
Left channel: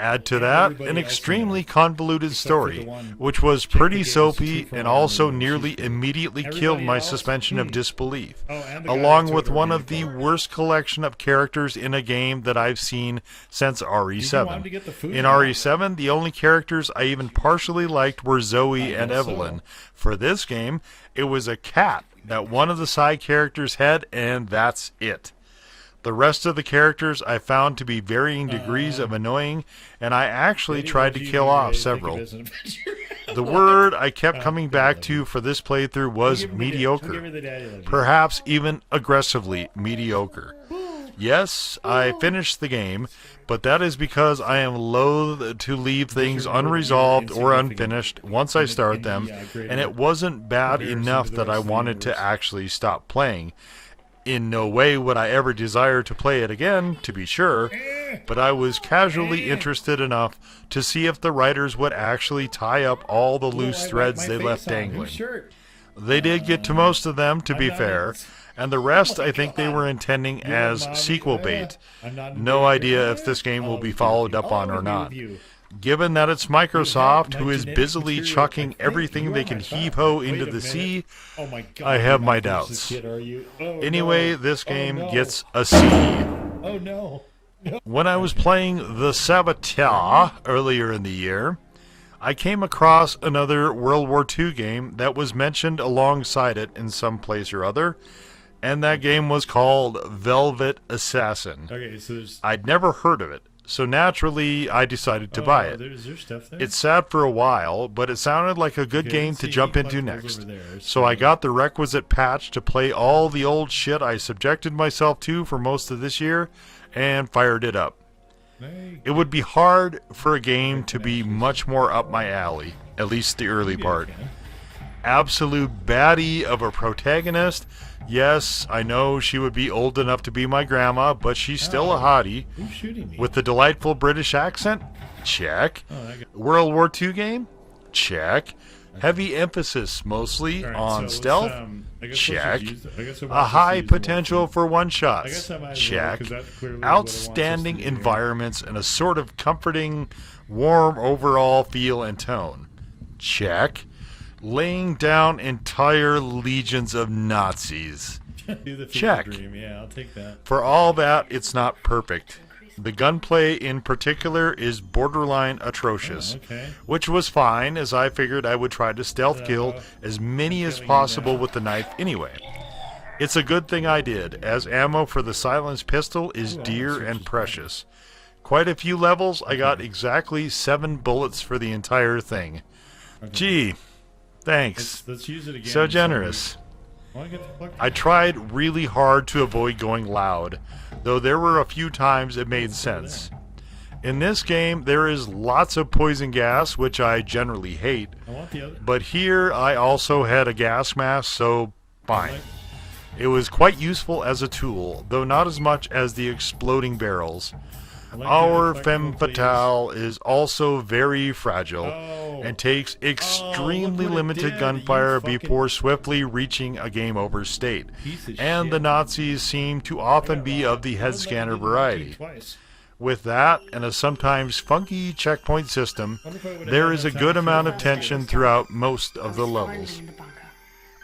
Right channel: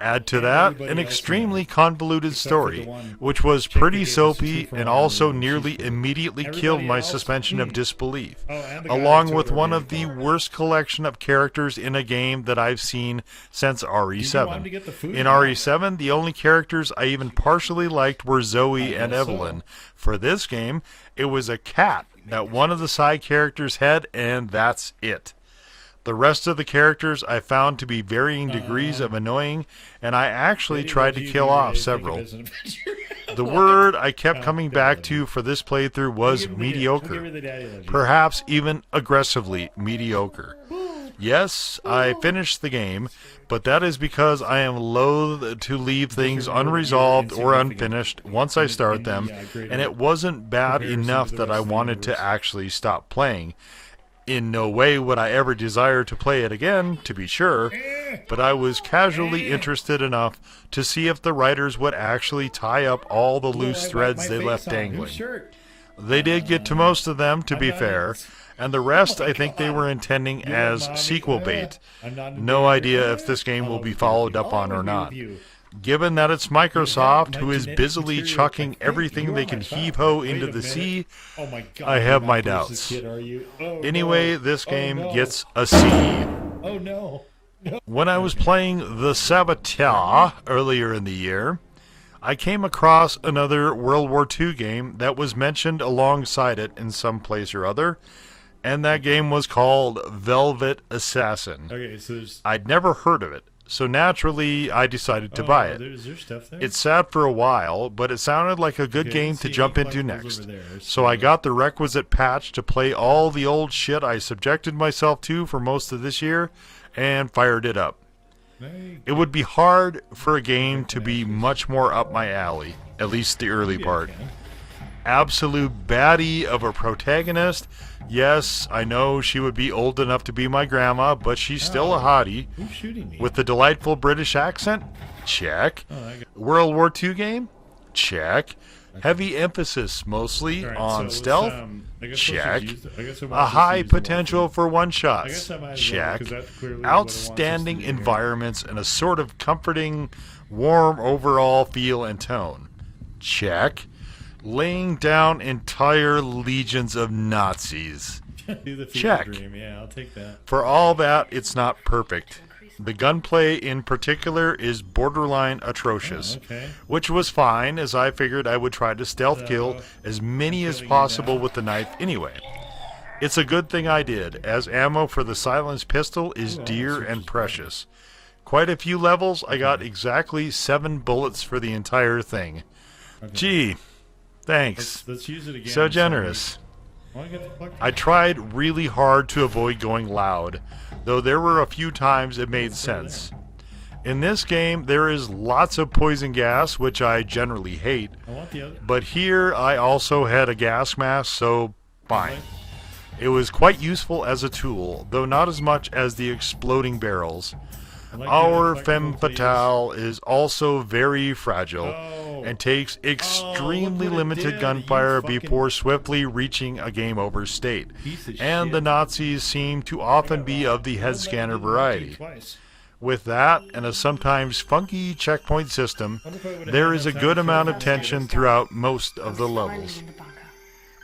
Add to that an extremely convoluted story, which was pretty soapy and also nearly immediately killed my suspension of disbelief, along with one of the worst collection of characters in a game that I've seen since RE7. In RE7, the only characters I even partially liked were Zoe and Evelyn. For this game, it was a cat that one of the side characters had, and that's it. The rest of the characters I found to be varying degrees of annoying, and I actually tried to kill off several. The word I kept coming back to for this playthrough was mediocre. Perhaps even aggressively mediocre. Yes, I finished the game, but that is because I am loath to leave things unresolved or unfinished once I start them, and it wasn't bad enough that I wanted to actually stop playing. In no way would I ever desire to play it again, to be sure, but I was casually interested enough to see if the writers would actually tie up all the loose threads they left dangling. They did get to most of them, to be fair, and the rest I think they were intending as sequel bait. No idea if this game will be followed up on or not. Given that it's Microsoft, who is busily chucking everything they can heave-ho into the sea, I have my doubts. Anyway, this game gets a C. Oh no. When I was playing the Saboteur earlier in the year, I came across another World War II game that was mentioned alongside it in some place or other, and that game was called Velvet Assassin. Okay, so there's... I'd never heard of it, so naturally I decided to buy it. Is there stuff there? It sat for a while, but it sounded like a good game to jump into next. So I got the requisite patch to play all the old shit I subjected myself to for most of this year, and fired it up. It would be hard for a game to be much more up my alley, at least the early part. Absolute baddie of a protagonist. Yes, I know she would be old enough to be my grandma, but she's still a hottie. Who's shooting me? With the delightful British accent? Check. World War II game? Check. Heavy emphasis mostly on stealth? Check. A high potential for one-shots? Check. Outstanding environments and a sort of comforting, warm overall feel and tone? Check. Laying down entire legions of Nazis? Check. Yeah, I'll take that. For all that, it's not perfect. The gunplay in particular is borderline atrocious, which was fine, as I figured I would try to stealth kill as many as possible with the knife anyway. It's a good thing I did, as ammo for the silenced pistol is dear and precious. Quite a few levels, I got exactly 7 bullets for the entire thing. Gee, thanks. Let's use it again. So generous. I tried really hard to avoid going loud, though there were a few times it made sense. In this game, there is lots of poison gas, which I generally hate, but here I also had a gas mask, so fine. It was quite useful as a tool, though not as much as the exploding barrels. Our femme fatale is also very fragile and takes extremely limited gunfire before swiftly reaching a game over state. And the Nazis seem to often be of the head scanner variety. With that and a sometimes funky checkpoint system, there is a good amount of tension throughout most of the levels.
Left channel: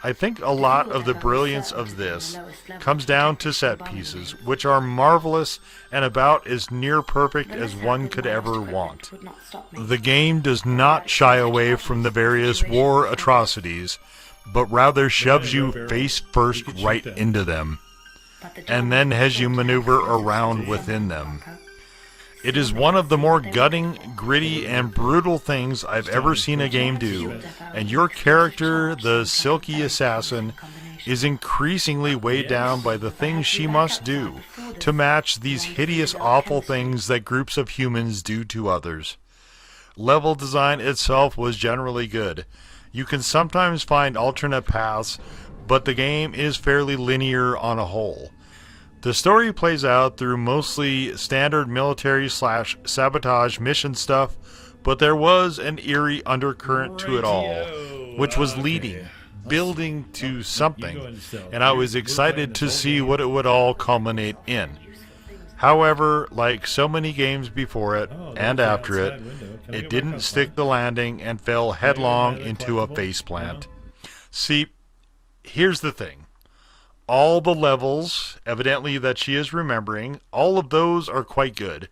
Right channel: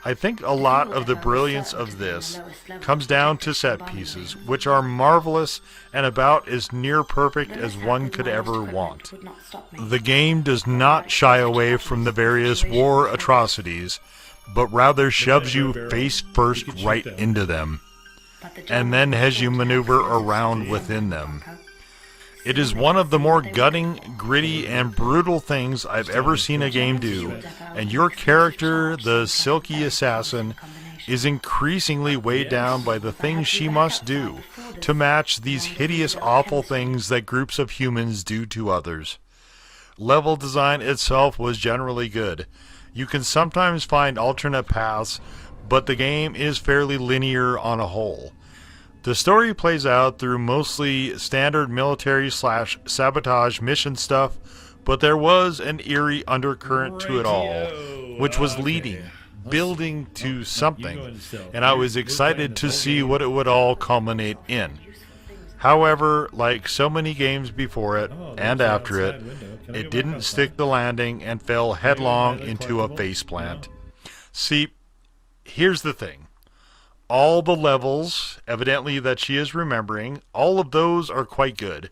I think a lot of the brilliance of this comes down to set pieces, which are marvelous and about as near perfect as one could ever want. The game does not shy away from the various war atrocities, but rather shoves you face first right into them, and then has you maneuver around within them. It is one of the more gutting, gritty, and brutal things I've ever seen a game do, and your character, the silky assassin, is increasingly weighed down by the things she must do to match these hideous, awful things that groups of humans do to others. Level design itself was generally good. You can sometimes find alternate paths, but the game is fairly linear on a whole. The story plays out through mostly standard military/sabotage mission stuff, but there was an eerie undercurrent to it all, which was leading, building to something, and I was excited to see what it would all culminate in. However, like so many games before it and after it, it didn't stick the landing and fell headlong into a faceplant. See, here's the thing. All the levels, evidently that she is remembering, all of those are quite good.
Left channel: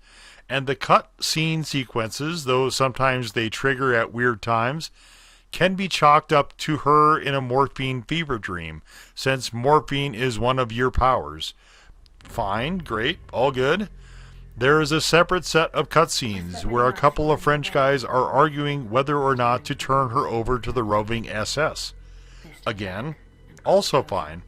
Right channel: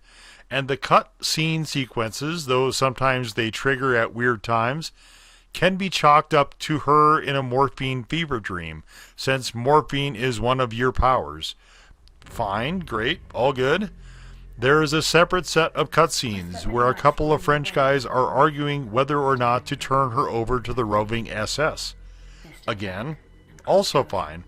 And the cut scene sequences, though sometimes they trigger at weird times, can be chalked up to her in a morphine fever dream, since morphine is one of your powers. Fine, great, all good. There is a separate set of cutscenes where a couple of French guys are arguing whether or not to turn her over to the roving SS. Again, also fine.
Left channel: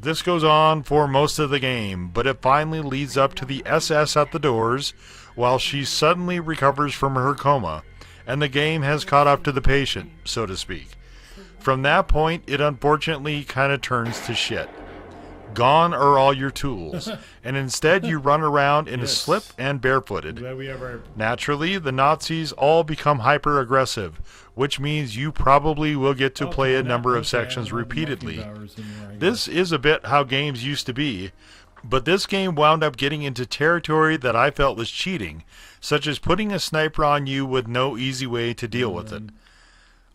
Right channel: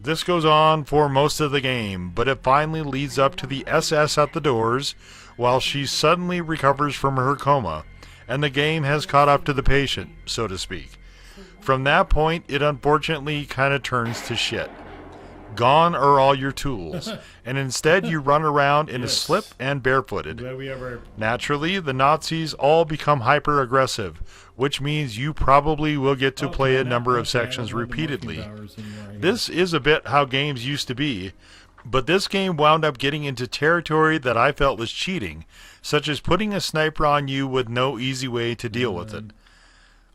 This goes on for most of the game, but it finally leads up to the SS at the doors, while she suddenly recovers from her coma, and the game has caught up to the patient, so to speak. From that point, it unfortunately kind of turns to shit. Gone are all your tools, and instead you run around in a slip and barefooted. Naturally, the Nazis all become hyper-aggressive, which means you probably will get to play a number of sections repeatedly. This is a bit how games used to be, but this game wound up getting into territory that I felt was cheating, such as putting a sniper on you with no easy way to deal with it.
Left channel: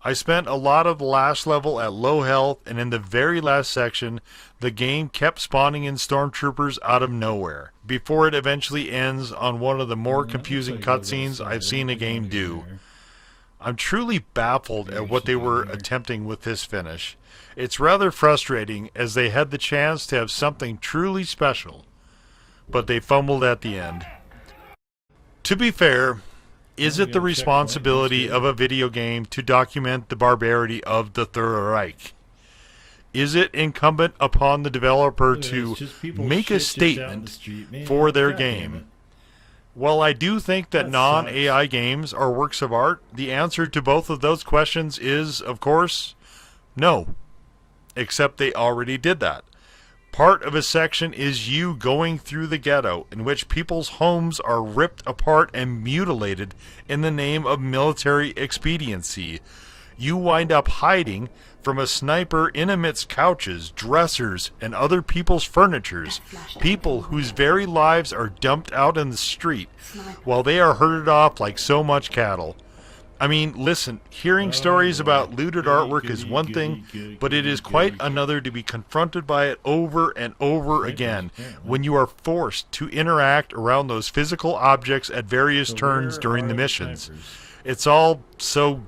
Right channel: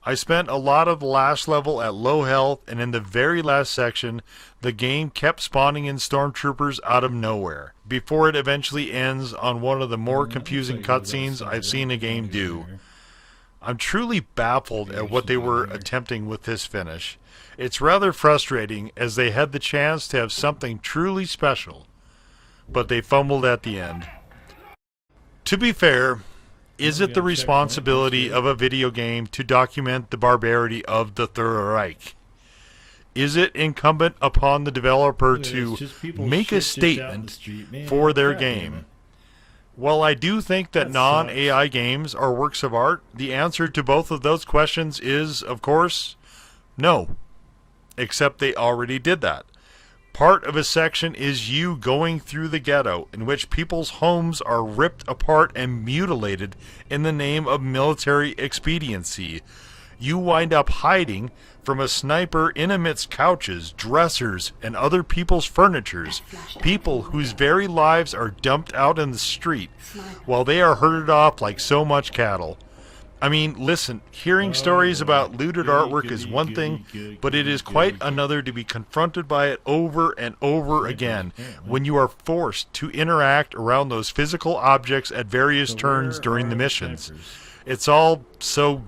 I spent a lot of the last level at low health, and in the very last section, the game kept spawning in stormtroopers out of nowhere, before it eventually ends on one of the more confusing cutscenes I've seen a game do. I'm truly baffled at what they were attempting with this finish. It's rather frustrating, as they had the chance to have something truly special, but they fumbled at the end. To be fair, is it the responsibility of a video game to document the barbarity of the Third Reich? Is it incumbent upon the developer to make a statement for their game? While I do think that non-AI games are works of art, the answer to both of those questions is, of course, no. Except they already did that. Part of a section is you going through the ghetto, in which people's homes are ripped apart and mutilated in the name of military expediency. You wind up hiding from a sniper in amidst couches, dressers, and other people's furnitures, people whose very lives are dumped out in the street, while they are herded off like so much cattle. I mean, listen, hearing stories about looted artwork is one thing, but it is quite another to be confronted by it over and over again when you are forced to interact around those physical objects at various turns during the missions. It's all so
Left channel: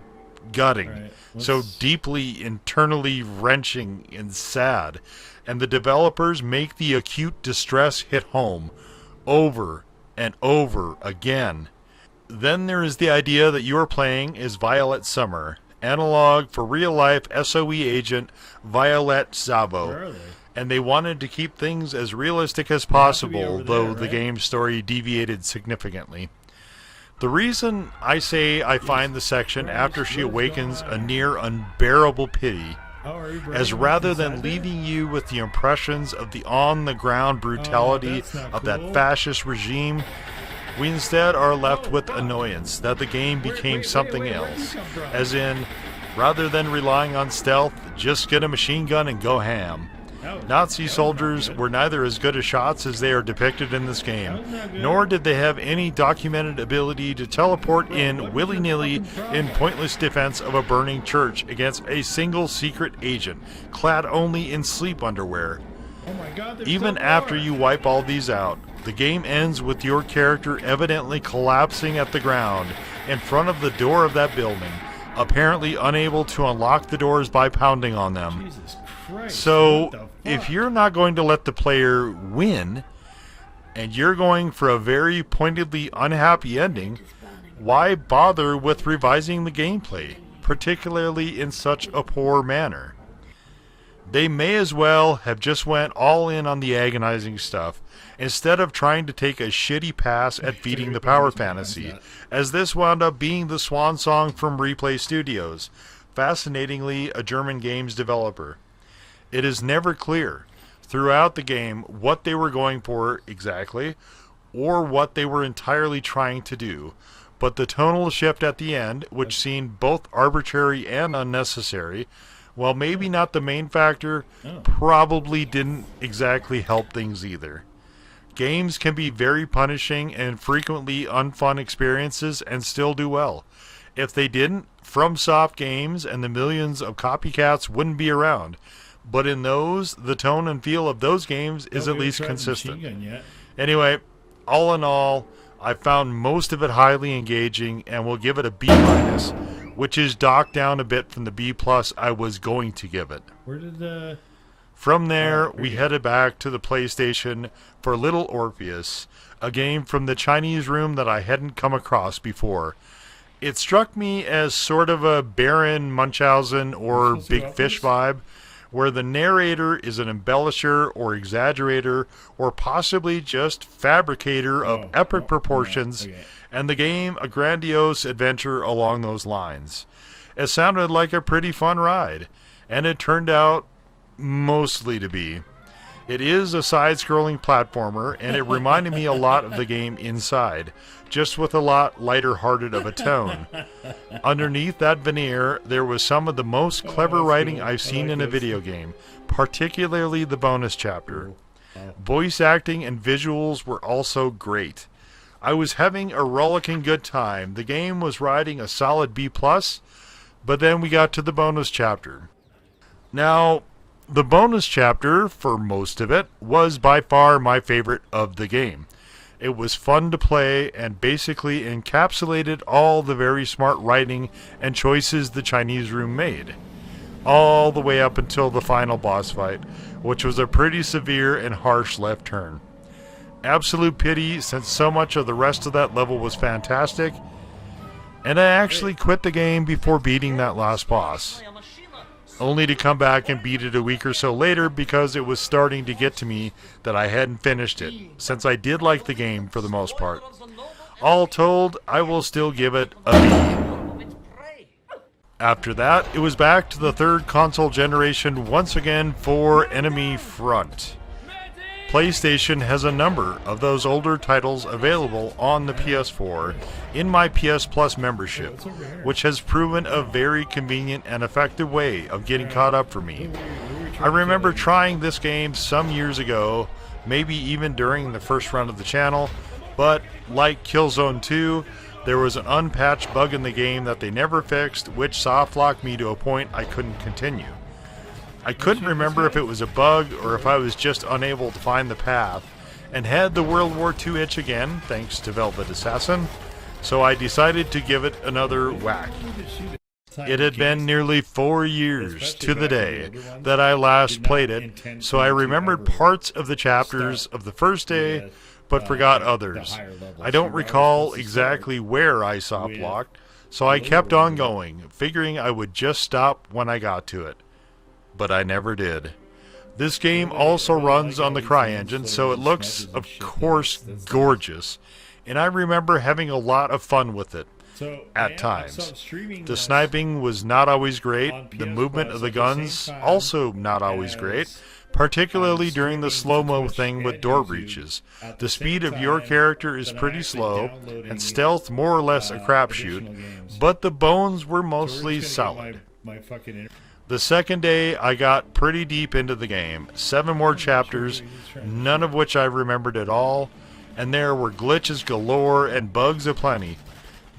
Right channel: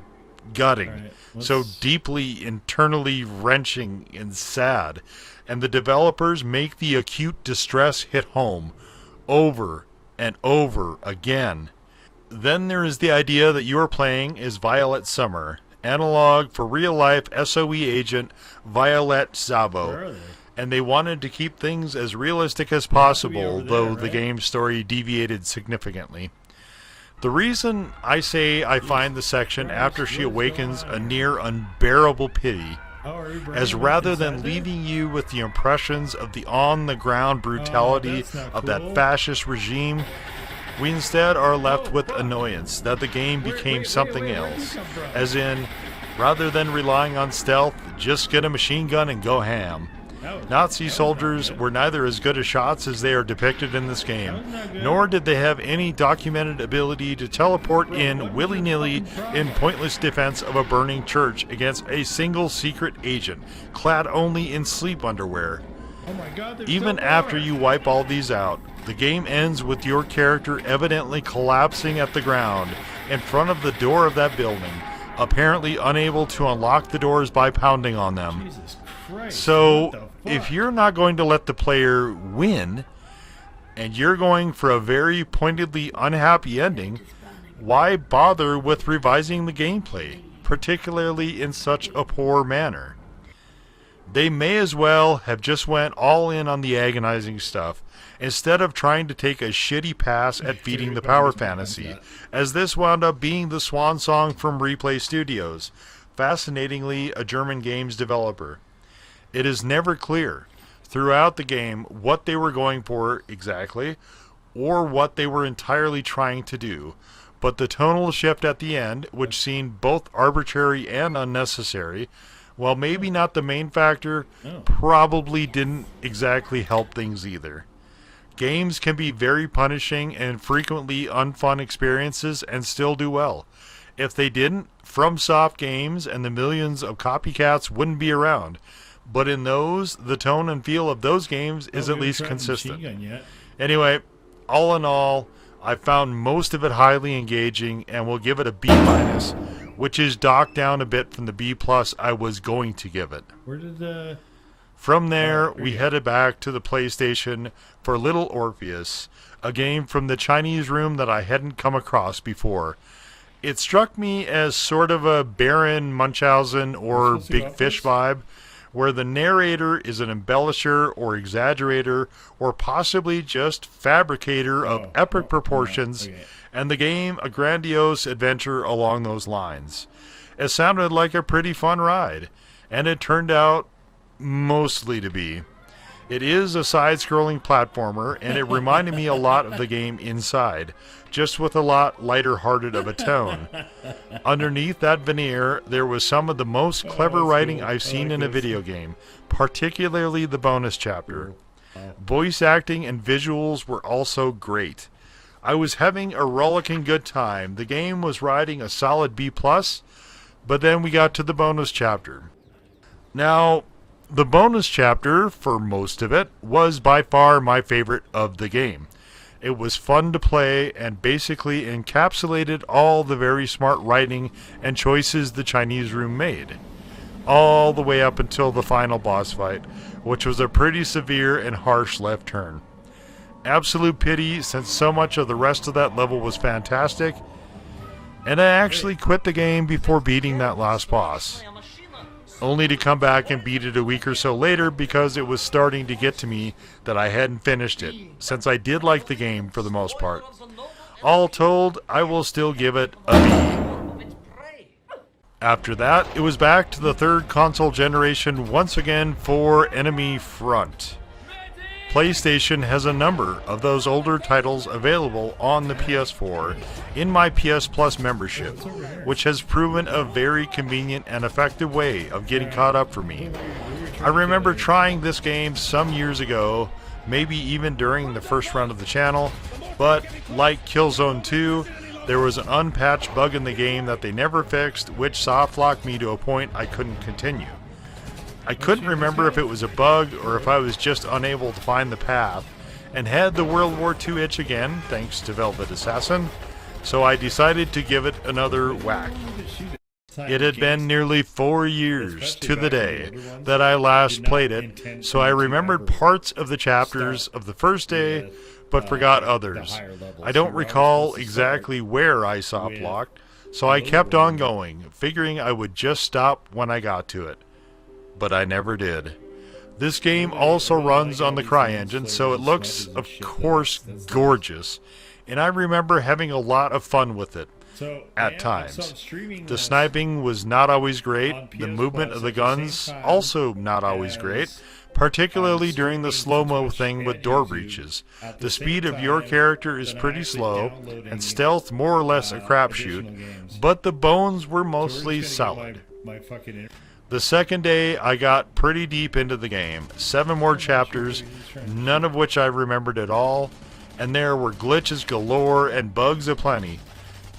gutting, so deeply internally wrenching and sad, and the developers make the acute distress hit home over and over again. Then there is the idea that you are playing as Violet Summer, analog for real-life SOE agent Violet Zavo, and they wanted to keep things as realistic as possible, though the game's story deviated significantly. The reason I say I find the section after she awakens a near unbearable pity, as rather than leaving you with the impressions of the on-the-ground brutality of that fascist regime, we instead are left with annoyance that the game became something else, as in, rather than relying on stealth, just get a machine gun and go ham. Nazi soldiers were neither as good as shots as they are depicted in this game, nor did they have any documented ability to teleport in willy-nilly in pointless defense of a burning church against a single secret agent, clad only in sleep underwear. Even after you wipe all these out, the game ends with your character evidently collapsing at the ground in front of the door of that building, apparently unable to unlock the doors by pounding on them. Jesus Christ, so, if you're not going to let the player win, and you're going for a very pointedly unhappy ending, why bother with revising the gameplay, particularly in such a poor manner? They may as well have just went all in on the agonizing stuff, instead of trying to take a shitty pass at feeding the power fantasy, as this wound up being the swan song from Replay Studios, fascinatingly a German games developer. It is never clear throughout the game what they were going for exactly, or what they were entirely trying to do, but the tonal shift at the end, which seemed both arbitrary and unnecessary, while maybe not the main factor, probably didn't exactly help things either. Games can be very punishing and frequently unfun experiences and still do well. If they didn't, FromSoft games and the millions of copycats wouldn't be around. But in those, the tone and feel of those games is at least consistent. Anyway, all in all, I found most of it highly engaging and will give it a B-, which is docked down a bit from the B+ I was going to give it. Where did the... From there, we headed back to the PlayStation for Little Orpheus, a game from the Chinese room that I hadn't come across before. It struck me as sort of a Baron Munchausen or Big Fish vibe, where the narrator is an embellisher or exaggerator or possibly just fabricator of epic proportions, and the game a grandiose adventure along those lines. It sounded like a pretty fun ride, and it turned out mostly to be. It is a side-scrolling platformer, and it reminded me a lot of the game Inside, just with a lot lighter-hearted of a tone. Underneath that veneer, there was some of the most clever writing I've seen in a video game, particularly the bonus chapter. Voice acting and visuals were also great. I was having a rollicking good time. The game was riding a solid B+, But then we got to the bonus chapter. Now, the bonus chapter, for most of it, was by far my favorite of the game. It was fun to play and basically encapsulated all the very smart writing and choices the Chinese room made. All the way up until the final boss fight, which was a pretty severe and harsh left turn. Absolute pity, since so much of the rest of that level was fantastic, and I actually quit the game before beating that last boss, only to come back and beat it a week or so later because it was starting to get to me that I hadn't finished it, since I did like the game for the most part. All told, I will still give it a B. After that, it was back to the third console generation once again for Enemy Front. PlayStation has a number of those older titles available on the PS4 in my PS Plus membership, which has proven a very convenient and effective way of getting caught up for me. I remember trying this game some years ago, maybe even during the first run of the channel, but like Killzone 2, there was an unpatched bug in the game that they never fixed, which softlocked me to a point I couldn't continue. I couldn't remember if it was a bug or if I was just unable to find the path, and had the World War II itch again, thanks to Velvet Assassin, so I decided to give it another whack. It had been nearly 4 years to the day that I last played it, so I remembered parts of the chapters of the first day, but forgot others. I don't recall exactly where I soft-locked, so I kept on going, figuring I would just stop when I got to it. But I never did. This game also runs on the CryEngine, so it looks, of course, gorgeous, and I remember having a lot of fun with it. At times. The sniping was not always great, the movement of the guns also not always great, particularly during the slow-mo thing with door breaches. The speed of your character is pretty slow, and stealth more or less a crapshoot, but the bones were mostly solid. The second day, I got pretty deep into the game. 7 more chapters, none of which I remembered at all, and there were glitches galore and bugs aplenty,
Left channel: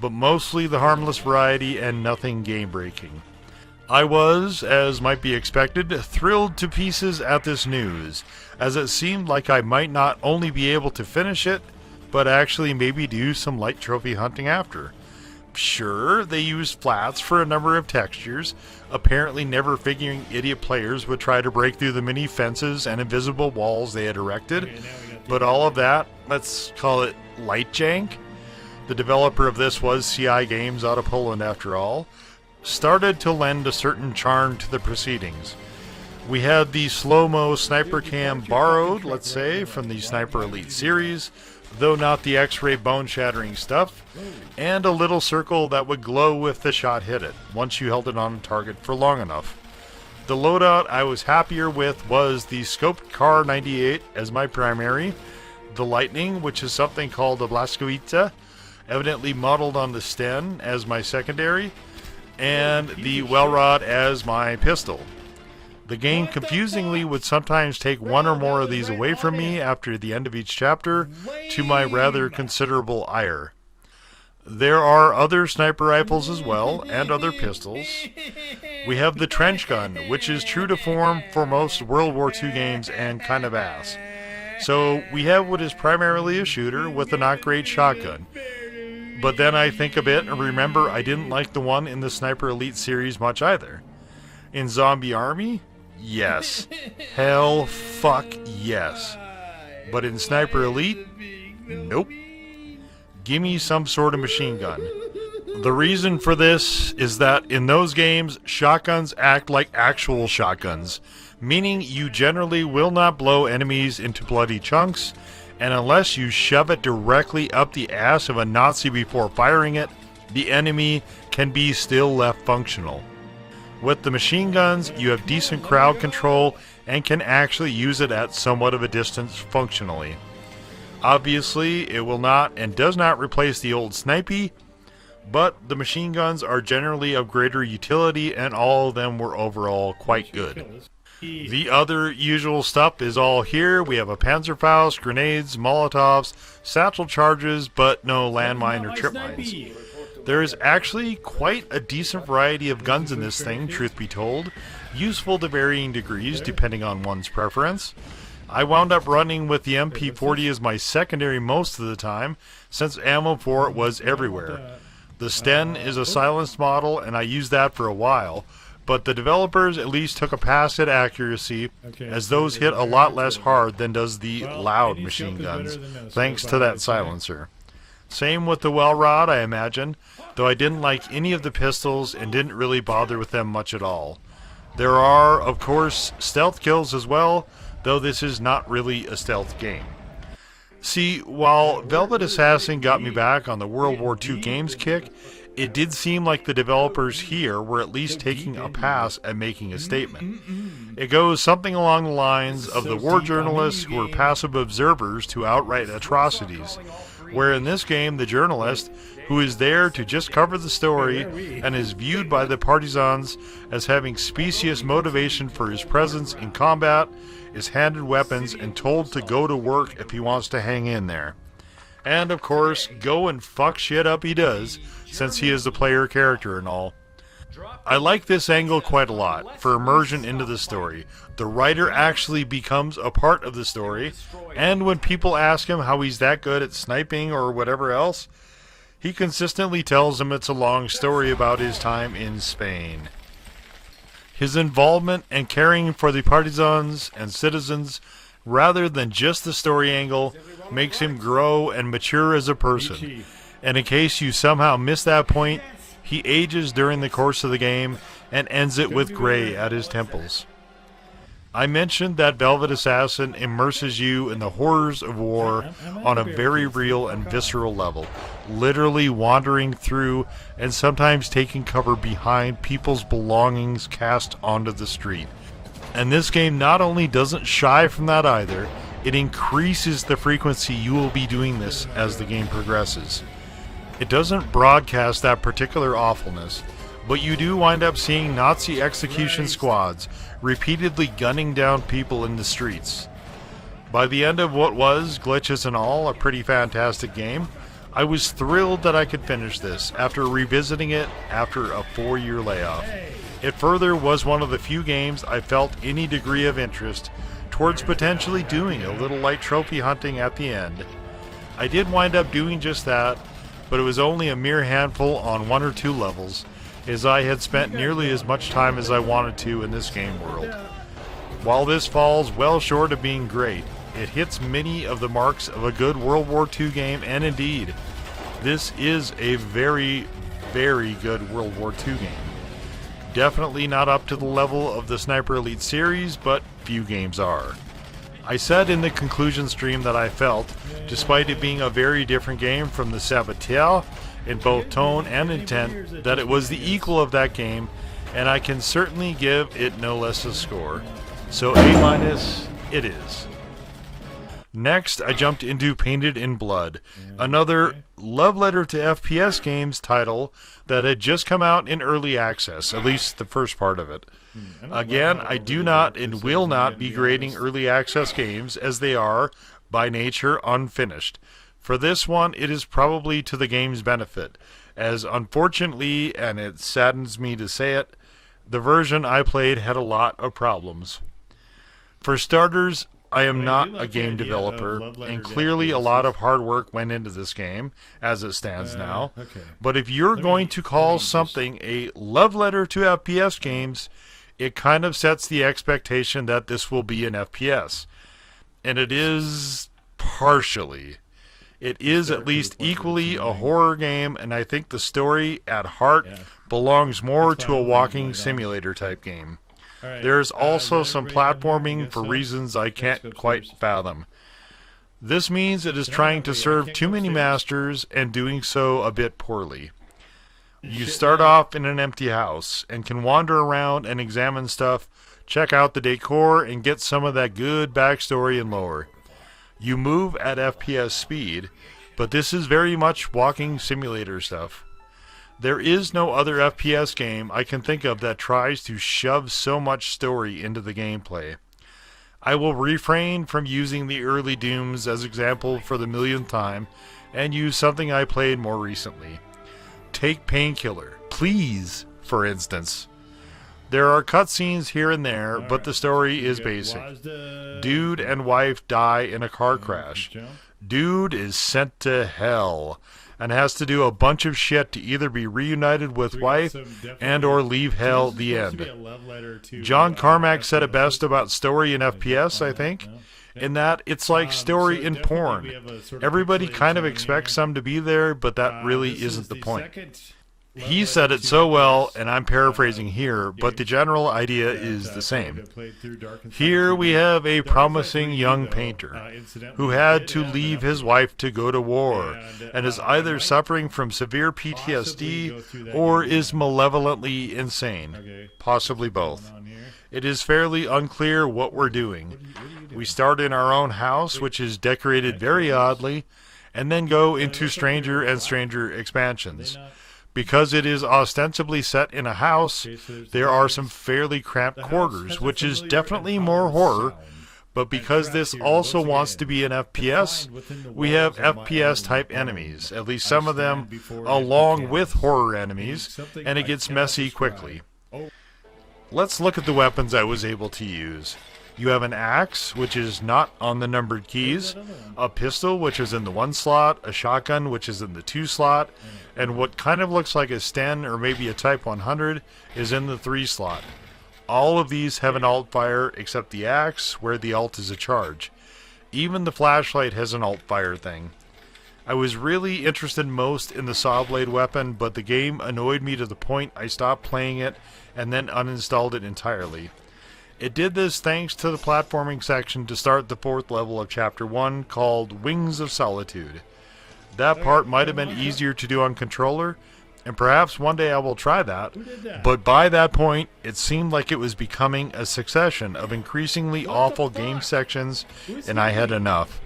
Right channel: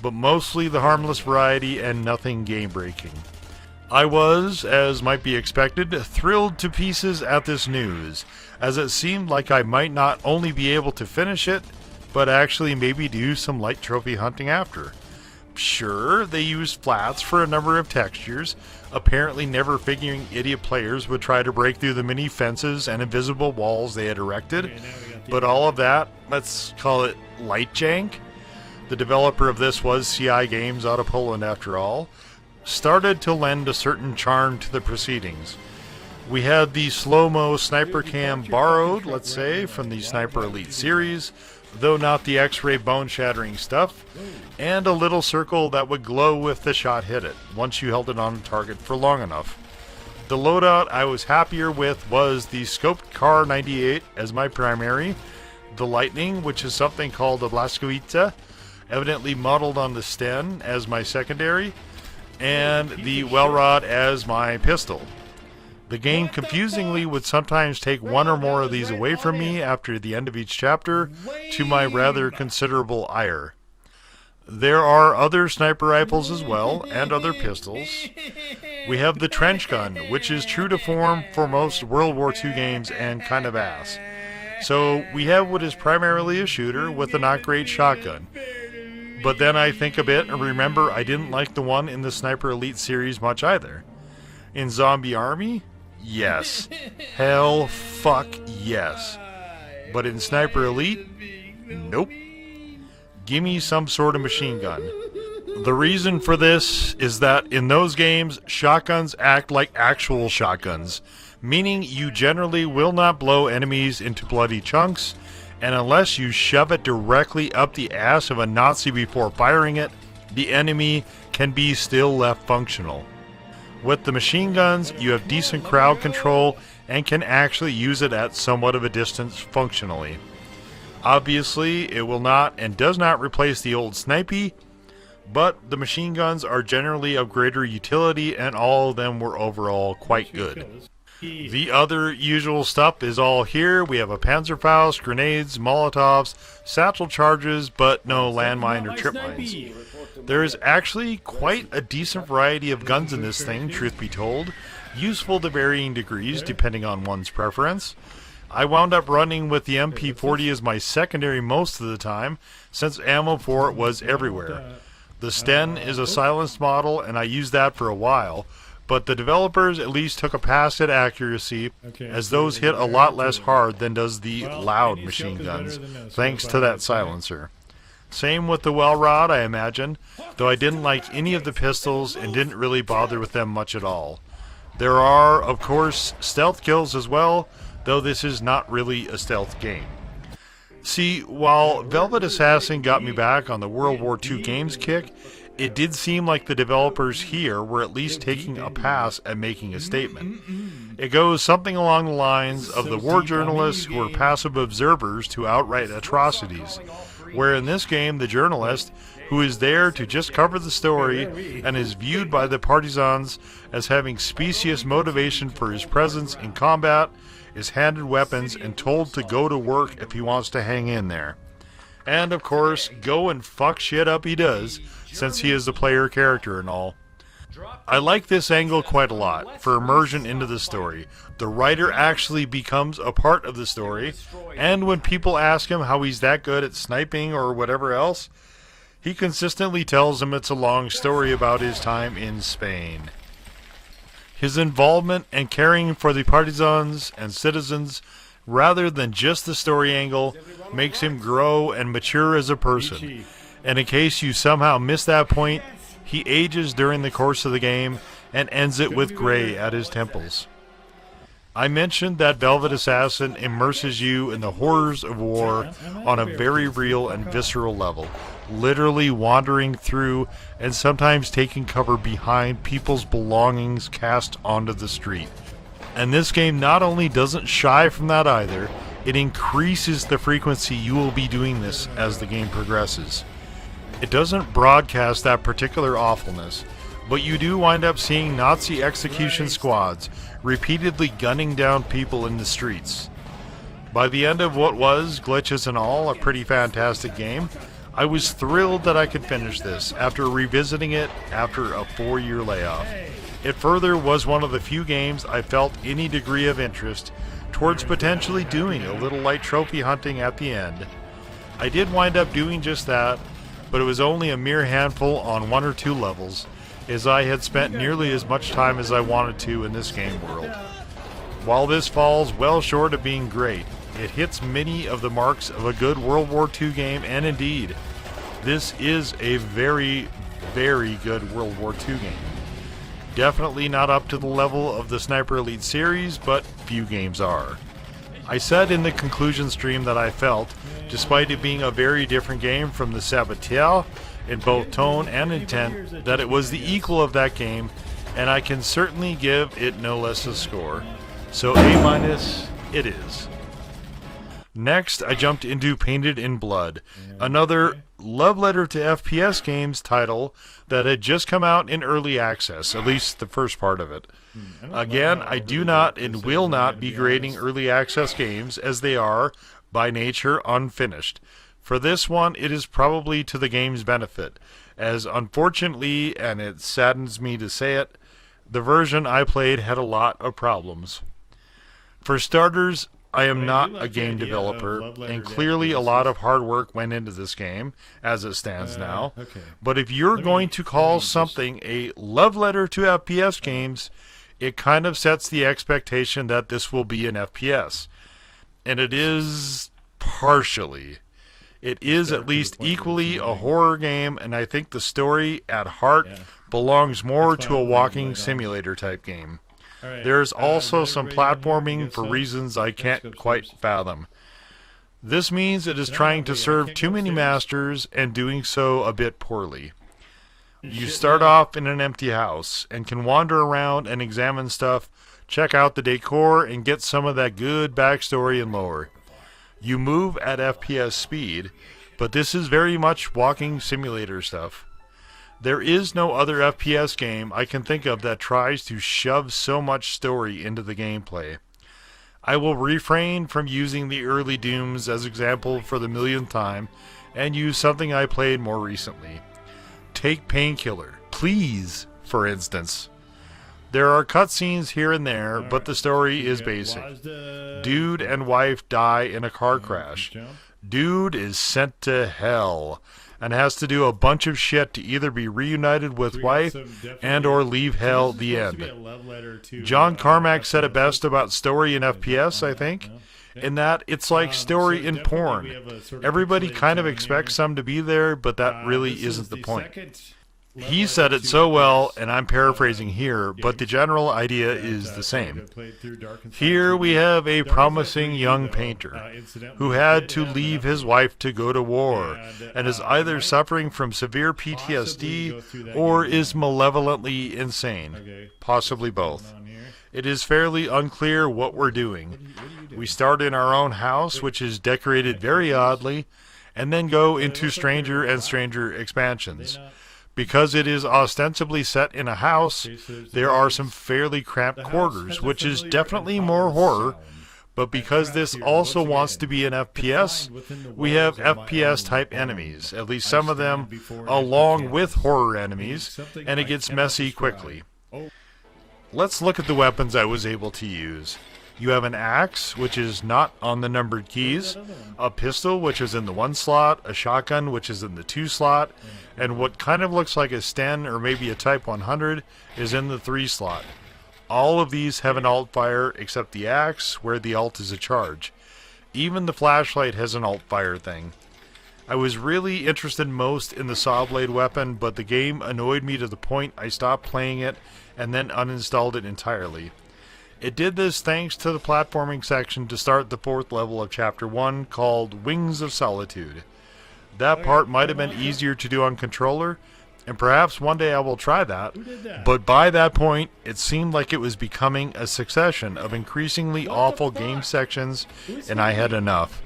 but mostly the harmless variety and nothing game-breaking. I was, as might be expected, thrilled to pieces at this news, as it seemed like I might not only be able to finish it, but actually maybe do some light trophy hunting after. Sure, they used flats for a number of textures, apparently never figuring idiot players would try to break through the many fences and invisible walls they had erected, but all of that, let's call it light jank. The developer of this was CI Games out of Poland after all, started to lend a certain charm to the proceedings. We had the slow-mo sniper cam borrowed, let's say, from the Sniper Elite series, though not the X-ray bone-shattering stuff, and a little circle that would glow if the shot hit it, once you held it on target for long enough. The loadout I was happier with was the scoped Kar 98 as my primary, the Lightning, which is something called a Blaskovita, evidently modeled on the Sten, as my secondary, and the Welrod as my pistol. The game confusingly would sometimes take one or more of these away from me after the end of each chapter, to my rather considerable ire. There are other sniper rifles as well, and other pistols. We have the trench gun, which is true to form for most World War II games and kind of ass. So we have what is primarily a shooter with a not great shotgun. But then I think of it and remember I didn't like the one in the Sniper Elite series much either. In Zombie Army? Yes. Hell fuck yes. But in Sniper Elite? Nope. Gimme some sort of machine gun. The reason for this is that in those games, shotguns act like actual shotguns, meaning you generally will not blow enemies into bloody chunks, and unless you shove it directly up the ass of a Nazi before firing it, the enemy can be still left functional. With the machine guns, you have decent crowd control and can actually use it at somewhat of a distance functionally. Obviously, it will not and does not replace the old snipey, but the machine guns are generally of greater utility and all of them were overall quite good. The other usual stuff is all here. We have a Panzerfaust, grenades, Molotovs, satchel charges, but no landmine or trip mines. There's actually quite a decent variety of guns in this thing, truth be told, useful to varying degrees depending on one's preference. I wound up running with the MP40 as my secondary most of the time, since ammo for it was everywhere. The Sten is a silenced model, and I used that for a while, but the developers at least took a pass at accuracy, as those hit a lot less hard than does the loud machine guns, thanks to that silencer. Same with the Welrod, I imagine, though I didn't like any of the pistols and didn't really bother with them much at all. There are, of course, stealth kills as well, though this is not really a stealth game. See, while Velvet Assassin got me back on the World War II games kick, it did seem like the developers here were at least taking a pass at making a statement. It goes something along the lines of the war journalists who are passive observers to outright atrocities, where in this game the journalist, who is there to just cover the story and is viewed by the partisans as having specious motivation for his presence in combat, is handed weapons and told to go to work if he wants to hang in there. And of course, go and fuck shit up he does, since he is the player character and all. I like this angle quite a lot, for immersion into the story. The writer actually becomes a part of the story, and when people ask him how he's that good at sniping or whatever else, he consistently tells them it's a long story about his time in Spain. His involvement and caring for the partisans and citizens, rather than just the story angle, makes him grow and mature as a person. And in case you somehow missed that point, he ages during the course of the game and ends it with gray at his temples. I mentioned that Velvet Assassin immerses you in the horrors of war on a very real and visceral level, literally wandering through and sometimes taking cover behind people's belongings cast onto the street. And this game not only doesn't shy from that either, it increases the frequency you will be doing this as the game progresses. It doesn't broadcast that particular awfulness, but you do wind up seeing Nazi execution squads repeatedly gunning down people in the streets. By the end of what was, glitches and all, a pretty fantastic game, I was thrilled that I could finish this after revisiting it after a 4-year layoff. It further was one of the few games I felt any degree of interest towards potentially doing a little light trophy hunting at the end. I did wind up doing just that, but it was only a mere handful on 1 or 2 levels, as I had spent nearly as much time as I wanted to in this game world. While this falls well short of being great, it hits many of the marks of a good World War II game, and indeed, this is a very, very good World War II game. Definitely not up to the level of the Sniper Elite series, but few games are. I said in the conclusion stream that I felt, despite it being a very different game from the Saboteur, in both tone and intent, that it was the equal of that game, and I can certainly give it no less a score. So A- it is. Next, I jumped into Painted in Blood, another love letter to FPS games title that had just come out in early access, at least the first part of it. Again, I do not and will not be grading early access games, as they are, by nature, unfinished. For this one, it is probably to the game's benefit, as unfortunately, and it saddens me to say it, the version I played had a lot of problems. For starters, I am not a game developer, and clearly a lot of hard work went into this game, as it stands now. But if you're going to call something a love letter to FPS games, it kind of sets the expectation that this will be an FPS. And it is partially. It is at least equally a horror game, and I think the story at heart belongs more to a walking simulator type game. There's also some platforming for reasons I can't quite fathom. This means it is trying to serve too many masters and doing so a bit poorly. You start off in an empty house and can wander around and examine stuff, check out the decor, and get some of that good backstory and lore. You move at FPS speed, but this is very much walking simulator stuff. There is no other FPS game I can think of that tries to shove so much story into the gameplay. I will refrain from using the early Dooms as example for the millionth time and use something I played more recently. Take Painkiller, please, for instance. There are cutscenes here and there, but the story is basic. Dude and wife die in a car crash. Dude is sent to hell and has to do a bunch of shit to either be reunited with wife and or leave hell the end. John Carmack said it best about story in FPS, I think, in that it's like story in porn. Everybody kind of expects some to be there, but that really isn't the point. He said it so well, and I'm paraphrasing here, but the general idea is the same. Here we have a promising young painter who had to leave his wife to go to war and is either suffering from severe PTSD or is malevolently insane, possibly both. It is fairly unclear what we're doing. We start in our own house, which is decorated very oddly, and then go into stranger and stranger expansions. Because it is ostensibly set in a house, there are some fairly cramped quarters, which is definitely more horror, but because this also wants to be an FPS, we have FPS-type enemies, at least some of them, along with horror enemies, and it gets messy quickly. Let's look at the weapons I was able to use. You have an axe, which is not on the numbered keys, a pistol, which is in the 1 slot, a shotgun, which is in the 2 slot, and what kind of looks like a Sten or maybe a Type 100 is in the 3 slot. All of these have an alt fire except the axe, where the alt is a charge. Even the flashlight has an alt fire thing. I was really interested most in the saw blade weapon, but the game annoyed me to the point I stopped playing it and then uninstalled it entirely. It did this thanks to the platforming section to start the 4th level of Chapter 1 called Wings of Solitude. That part might have been easier to do on controller, and perhaps one day I will try that, but by that point it seemed like it was becoming a succession of increasingly awful game sections, and I had enough.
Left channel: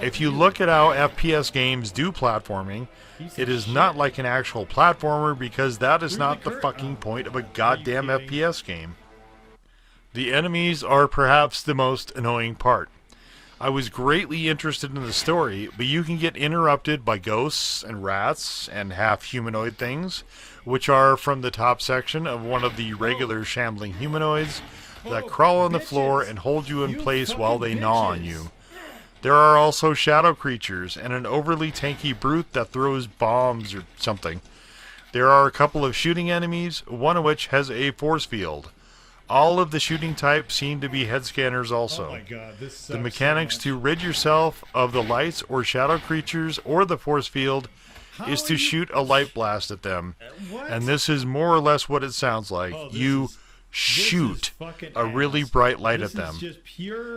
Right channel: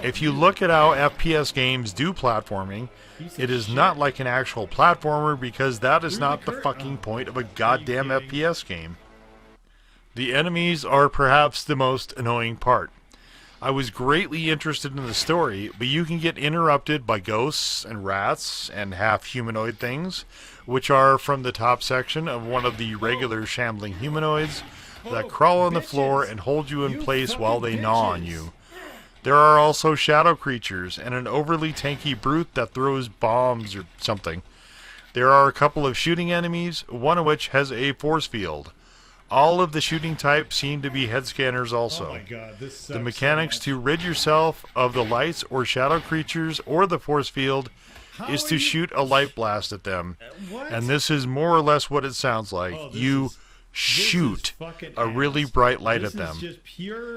If you look at how FPS games do platforming, it is not like an actual platformer because that is not the fucking point of a goddamn FPS game. The enemies are perhaps the most annoying part. I was greatly interested in the story, but you can get interrupted by ghosts and rats and half-humanoid things, which are from the top section of one of the regular shambling humanoids that crawl on the floor and hold you in place while they gnaw on you. There are also shadow creatures and an overly tanky brute that throws bombs or something. There are a couple of shooting enemies, one of which has a force field. All of the shooting types seem to be head scanners also. Oh my God, this sucks. The mechanics to rid yourself of the lights or shadow creatures or the force field is to shoot a light blast at them. And this is more or less what it sounds like. You shoot a really bright light at them.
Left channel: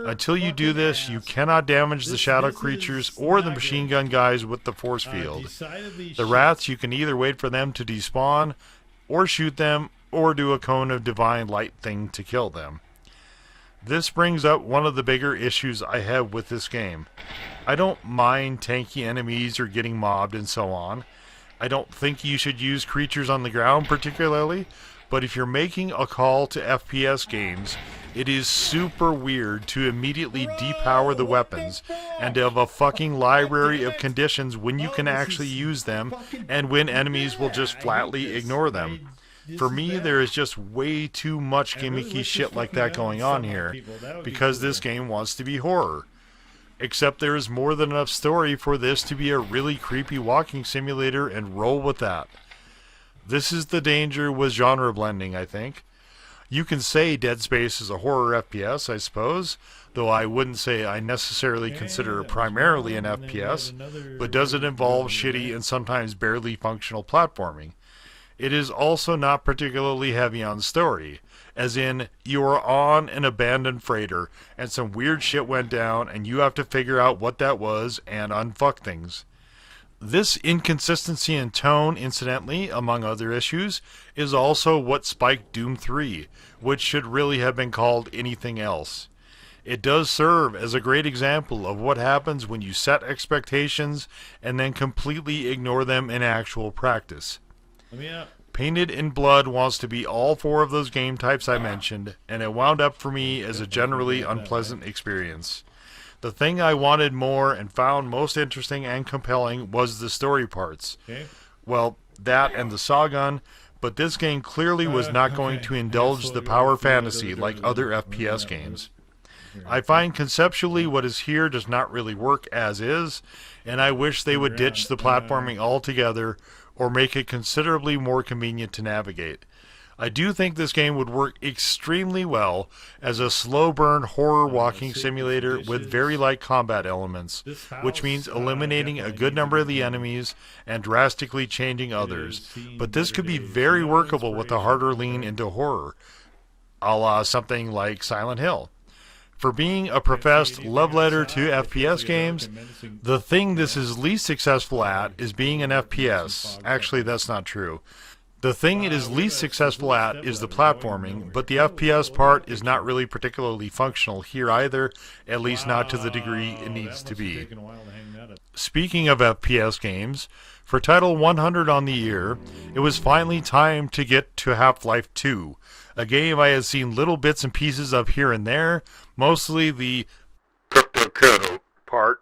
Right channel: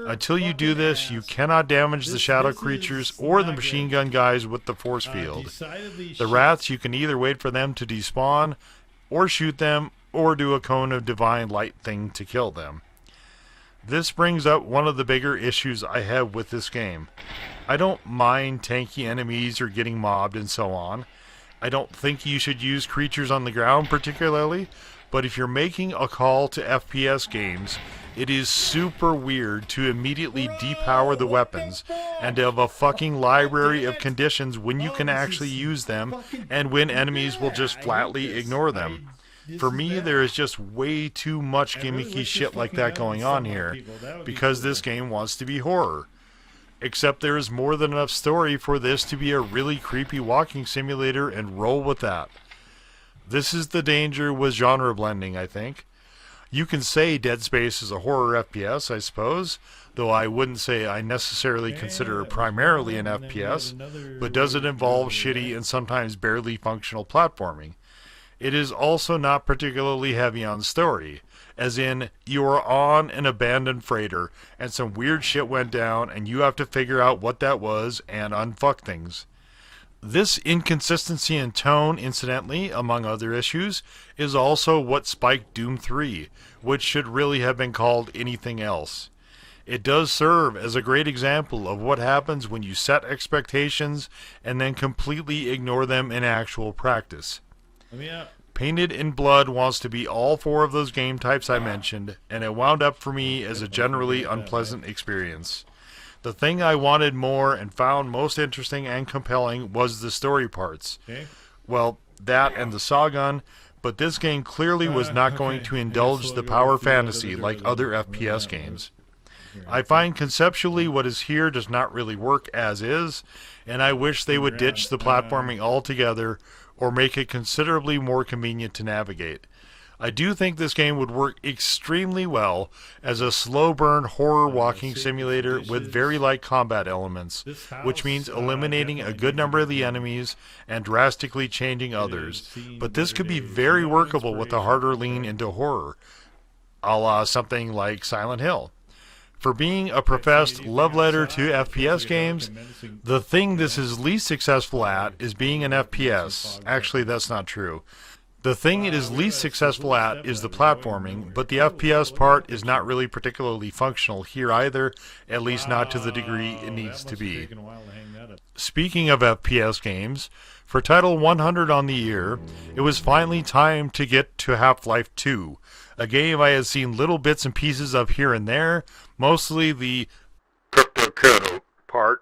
Until you do this, you cannot damage the shadow creatures or the machine gun guys with the force field. The rats, you can either wait for them to despawn or shoot them, or do a cone of divine light thing to kill them. This brings up one of the bigger issues I have with this game. I don't mind tanky enemies or getting mobbed and so on. I don't think you should use creatures on the ground particularly, but if you're making a call to FPS games, it is super weird to immediately depower the weapons and have a fucking library of conditions when you can actually use them and when enemies will just flatly ignore them. For me, there is just way too much gimmicky shit like that going on here, because this game wants to be horror. Except there is more than enough story for this to be a really creepy walking simulator, and roll with that. This is the danger with genre blending, I think. You can say Dead Space is a horror FPS, I suppose, though I wouldn't say I necessarily consider it primarily an FPS, but does it involve shitty and sometimes barely functional platforming? It is also not particularly heavy on story, as in, you are on an abandoned freighter, and some weird shit went down, and you have to figure out what that was, and unfuck things. This inconsistency in tone, incidentally, among other issues, is also what spiked Doom 3, which should really have been called anything else. It does serve as a great example of what happens when you set expectations and then completely ignore them in actual practice. Painted in Blood wants to be all 4 of those game types I mentioned, and it wound up for me as a generally unpleasant experience. The thing I wanted more and found most interesting and compelling was the story parts. Well, that and the Sawgun, but this game clearly was not going to indulge the power fantasy like other FPS games. I find conceptually what is here does not really work as is, and I wish they would ditch the platforming altogether or make it considerably more convenient to navigate. I do think this game would work extremely well as a slow burn horror walking simulator with very light combat elements, which means eliminating a good number of the enemies and drastically changing others. But this could be very workable with a harder lean into horror, a la something like Silent Hill. For being a professed love letter to FPS games, the thing this is least successful at is being an FPS. Actually, that's not true. The thing it is least successful at is the platforming, but the FPS part is not really particularly functional here either, at least not to the degree it needs to be. Speaking of FPS games, for Title 100 on the year, it was finally time to get to Half-Life 2, a game I had seen little bits and pieces of here and there, mostly the part,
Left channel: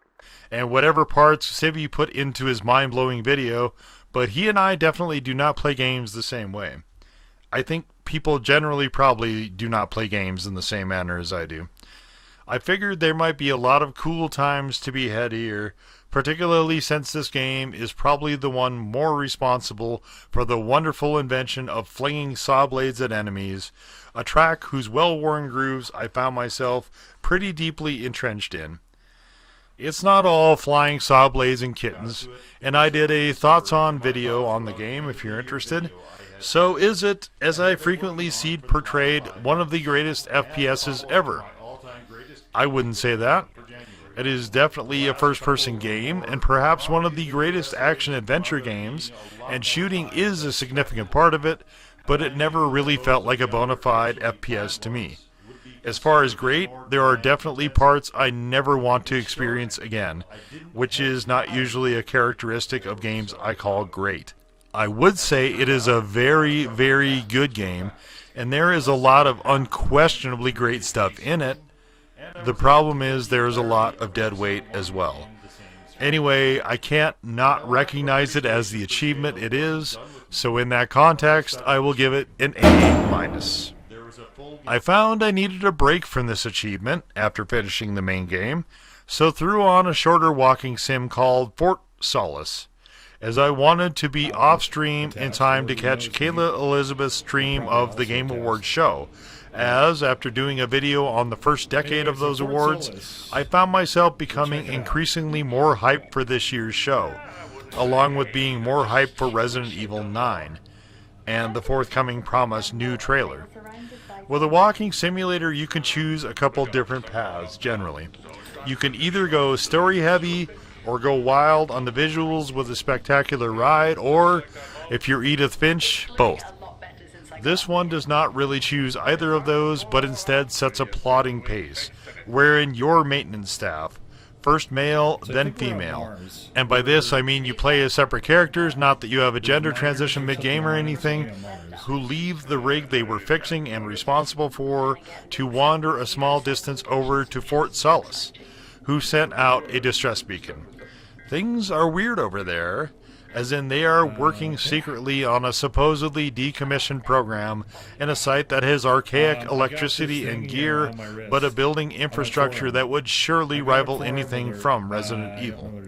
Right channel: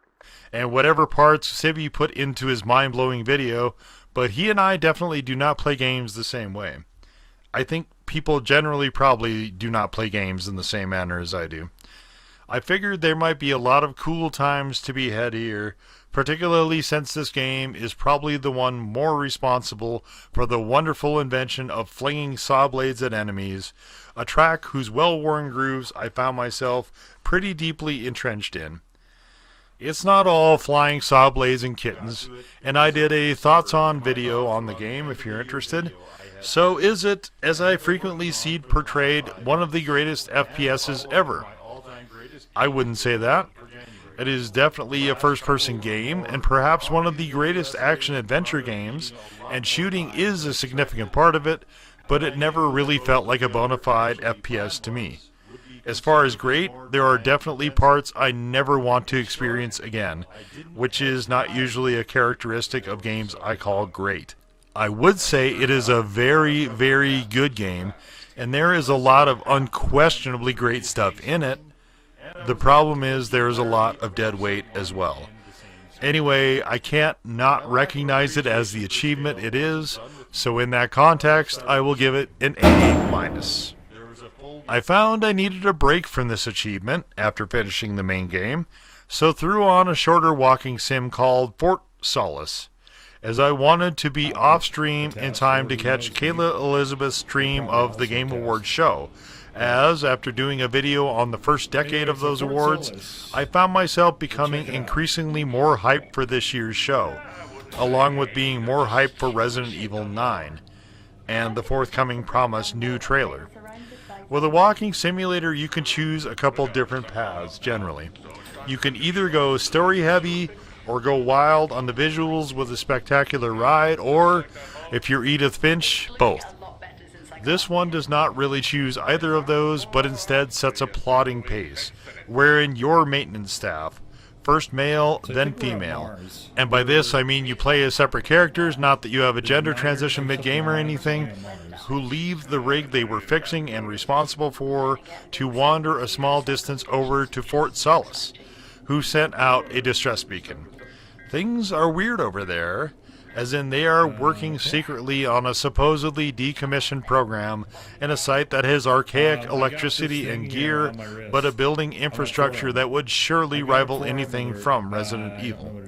and whatever parts Sibby put into his mind-blowing video, but he and I definitely do not play games the same way. I think people generally probably do not play games in the same manner as I do. I figured there might be a lot of cool times to be had here, particularly since this game is probably the one more responsible for the wonderful invention of flinging saw blades at enemies, a track whose well-worn grooves I found myself pretty deeply entrenched in. It's not all flying saw blades and kittens, and I did a thoughts-on video on the game if you're interested. So is it, as I frequently see portrayed, one of the greatest FPSs ever? I wouldn't say that. It is definitely a first-person game, and perhaps one of the greatest action-adventure games, and shooting is a significant part of it, but it never really felt like a bona fide FPS to me. As far as great, there are definitely parts I never want to experience again, which is not usually a characteristic of games I call great. I would say it is a very, very good game, and there is a lot of unquestionably great stuff in it. The problem is there is a lot of dead weight as well. Anyway, I can't not recognize it as the achievement it is, so in that context, I will give it an A-. I found I needed a break from this achievement after finishing the main game, so threw on a shorter walking sim called Fort Solace, as I wanted to be off-stream in time to catch Kayla Elizabeth's stream of the Game Awards show, as, after doing a video on the first decade of those awards, I found myself becoming increasingly more hyped for this year's show, along with being more hyped for Resident Evil 9, and the forthcoming promised new trailer. With a walking simulator, you can choose a couple different paths, generally. You can either go story-heavy, or go wild on the visuals with a spectacular ride, or, if you're Edith Finch, both. This one does not really choose either of those, but instead sets a plodding pace, wherein your maintenance staff, first male, then female, and by this I mean you play as separate characters, not that you have a gender transition mid-game or anything, who leave the rig they were fixing and responsible for to wander a small distance over to Fort Solace, who sent out a distress beacon. Things are weird over there, as in they are working secretly on a supposedly decommissioned program in a site that has archaic electricity and gear, but a building infrastructure that would surely rival anything from Resident Evil.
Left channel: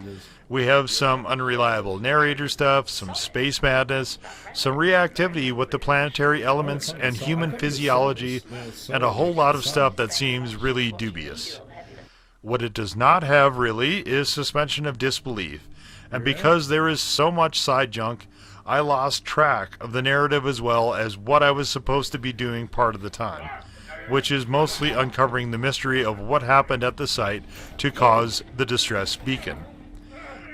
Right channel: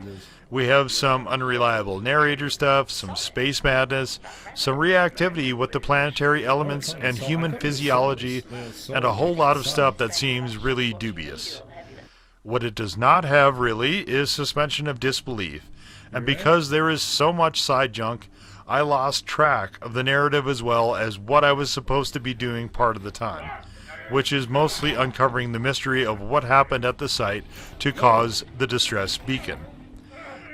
We have some unreliable narrator stuff, some space madness, some reactivity with the planetary elements and human physiology, and a whole lot of stuff that seems really dubious. What it does not have, really, is suspension of disbelief. And because there is so much side junk, I lost track of the narrative as well as what I was supposed to be doing part of the time, which is mostly uncovering the mystery of what happened at the site to cause the distress beacon.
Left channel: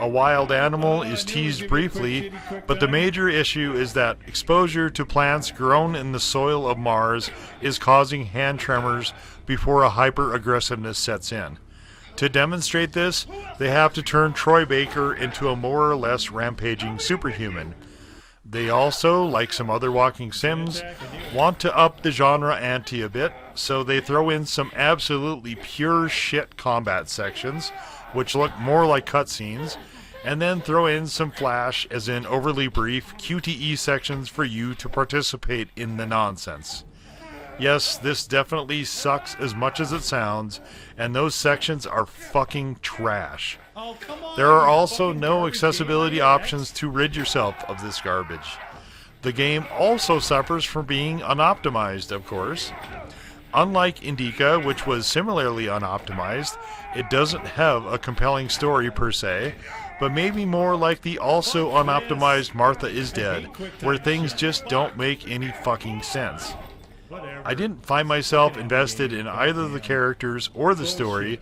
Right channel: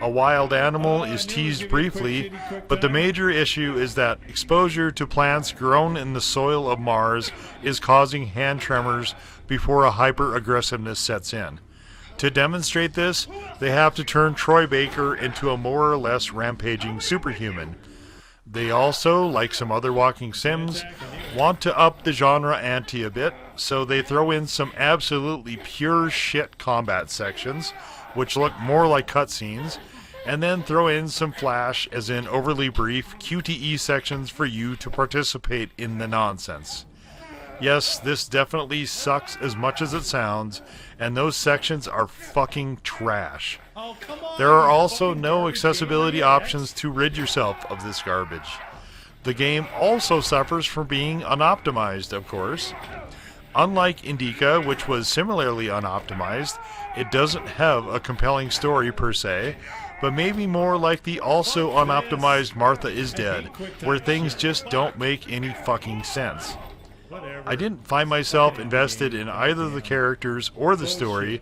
A wild animal is teased briefly, but the major issue is that exposure to plants grown in the soil of Mars is causing hand tremors before a hyper-aggressiveness sets in. To demonstrate this, they have to turn Troy Baker into a more or less rampaging superhuman. They also, like some other walking sims, want to up the genre ante a bit, so they throw in some absolutely pure shit combat sections, which look more like cutscenes, and then throw in some flash, as in overly brief, QTE sections for you to participate in the nonsense. Yes, this definitely sucks as much as it sounds, and those sections are fucking trash. Oh, come on, There are you also fucking no garbage accessibility maniacs. options to rid yourself of this garbage. The game also suffers from being unoptimized, of course. Unlike Indika, which was similarly unoptimized, it doesn't have a compelling story per se, but maybe more like the also unoptimized Martha is Dead, where things just don't make any fucking sense. Whatever. I didn't find myself invested in either the characters or the story,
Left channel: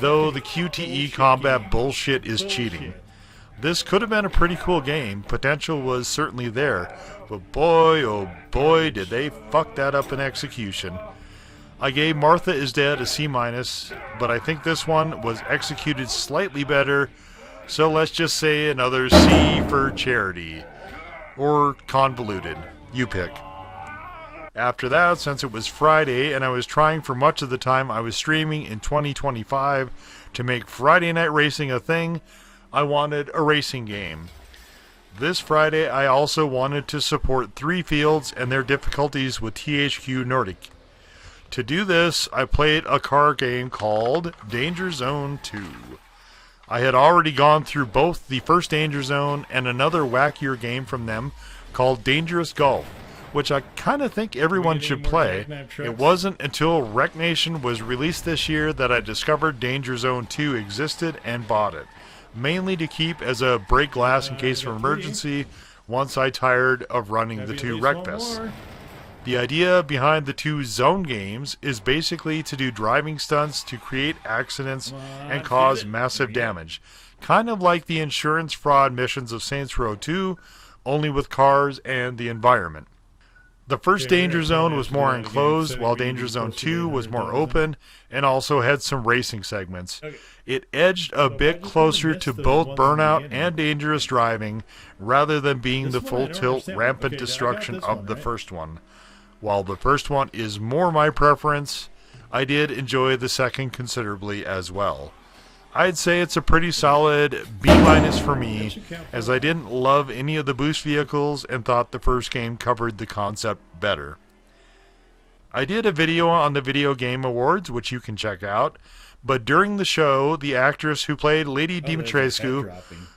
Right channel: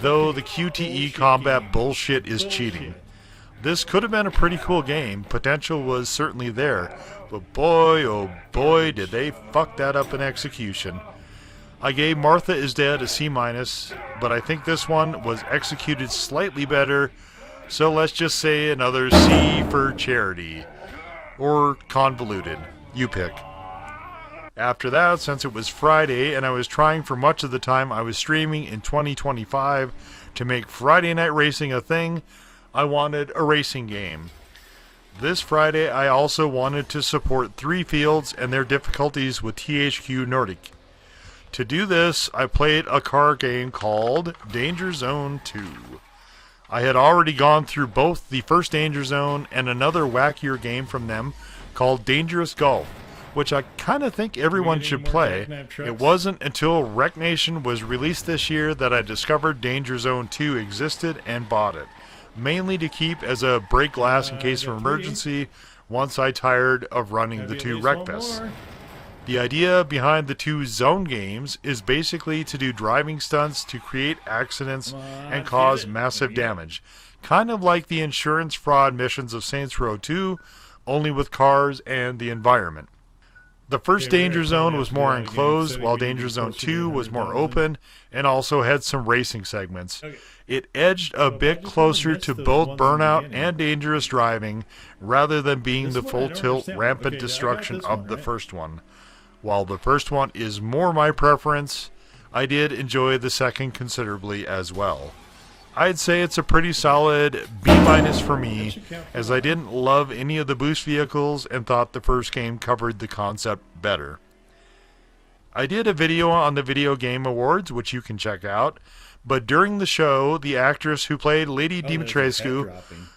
though the QTE combat bullshit is cheating. This could have been a pretty cool game, potential was certainly there, but boy oh boy did they fuck that up in execution. I gave Martha is Dead a C-, but I think this one was executed slightly better, so let's just say another C for charity. Or convoluted. You pick. After that, since it was Friday and I was trying for much of the time I was streaming in 2025 to make Friday night racing a thing, I wanted a racing game. This Friday I also wanted to support 3 fields and their difficulties with THQ Nordic. To do this, I played a car game called Danger Zone 2. I had already gone through both the first Danger Zone and another wackier game from them called Dangerous Golf, which I kind of think everyone should play. It wasn't until Wreck Nation was released this year that I discovered Danger Zone 2 existed and bought it, mainly to keep as a break glass in case of emergency once I tired of running the 2 Wreckfests. The idea behind the 2 zone games is basically to do driving stunts to create accidents and cause massive damage, kind of like the insurance fraud missions of Saints Row 2, only with cars and the environment. The first Danger Zone was more enclosed, while Danger Zone 2 was more open and also had some racing segments. It edged a bit closer to both Burnout and Dangerous Driving, rather than being the full tilt rampant destruction of the first one. While the first one is more my preference, I did enjoy the second considerably as well. I'd say it's a pretty solid B- for me, as I didn't love any of the boost vehicles and thought the first game covered the concept better. I did a video on the Video Game Awards, which you can check out, but during the show, the actress who played Lady Dimitrescu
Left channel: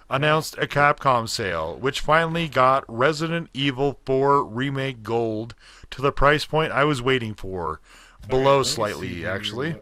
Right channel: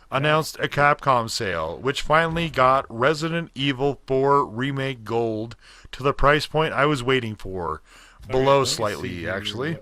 announced a Capcom sale, which finally got Resident Evil 4 Remake Gold to the price point I was waiting for. Below slightly, actually.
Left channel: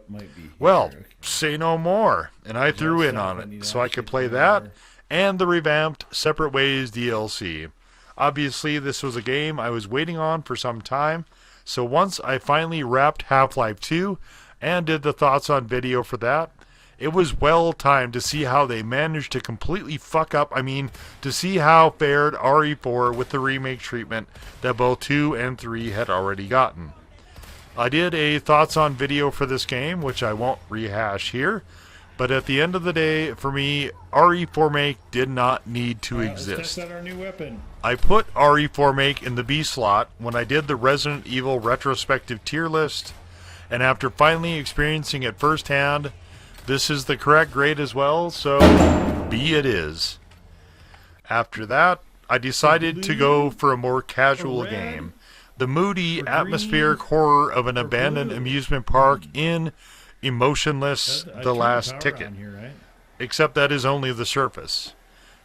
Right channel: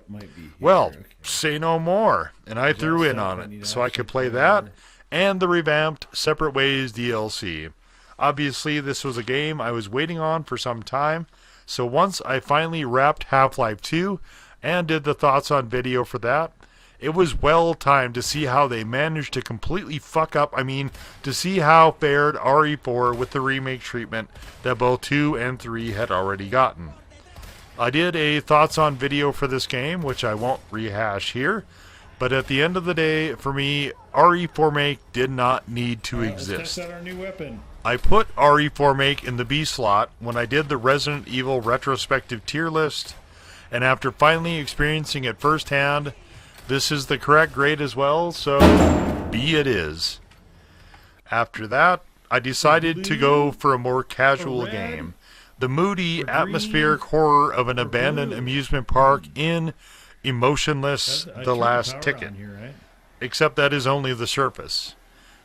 Well, say no more. And I threw in on it, so I could play that and the revamped Separate Ways DLC. Obviously, this was a game I was waiting on for some time, so once I finally wrapped Half-Life 2 and did the thoughts on video for that, it was well timed to see how they managed to completely fuck up, to see how fared RE4 with the remake treatment that both 2 and 3 had already gotten. I did a thoughts on video for this game, which I won't rehash here, but at the end of the day, for me, RE4 Make did not need to exist. Let's test out our new weapon. I put RE4 Make in the B slot when I did the Resident Evil retrospective tier list, and after finally experiencing it firsthand, this is the correct grade as well, so B it is. After that, I decided to go for a more casual game. The moody, atmospheric horror of an abandoned amusement park in Emotionless, The Last Ticket. Except that is only the surface.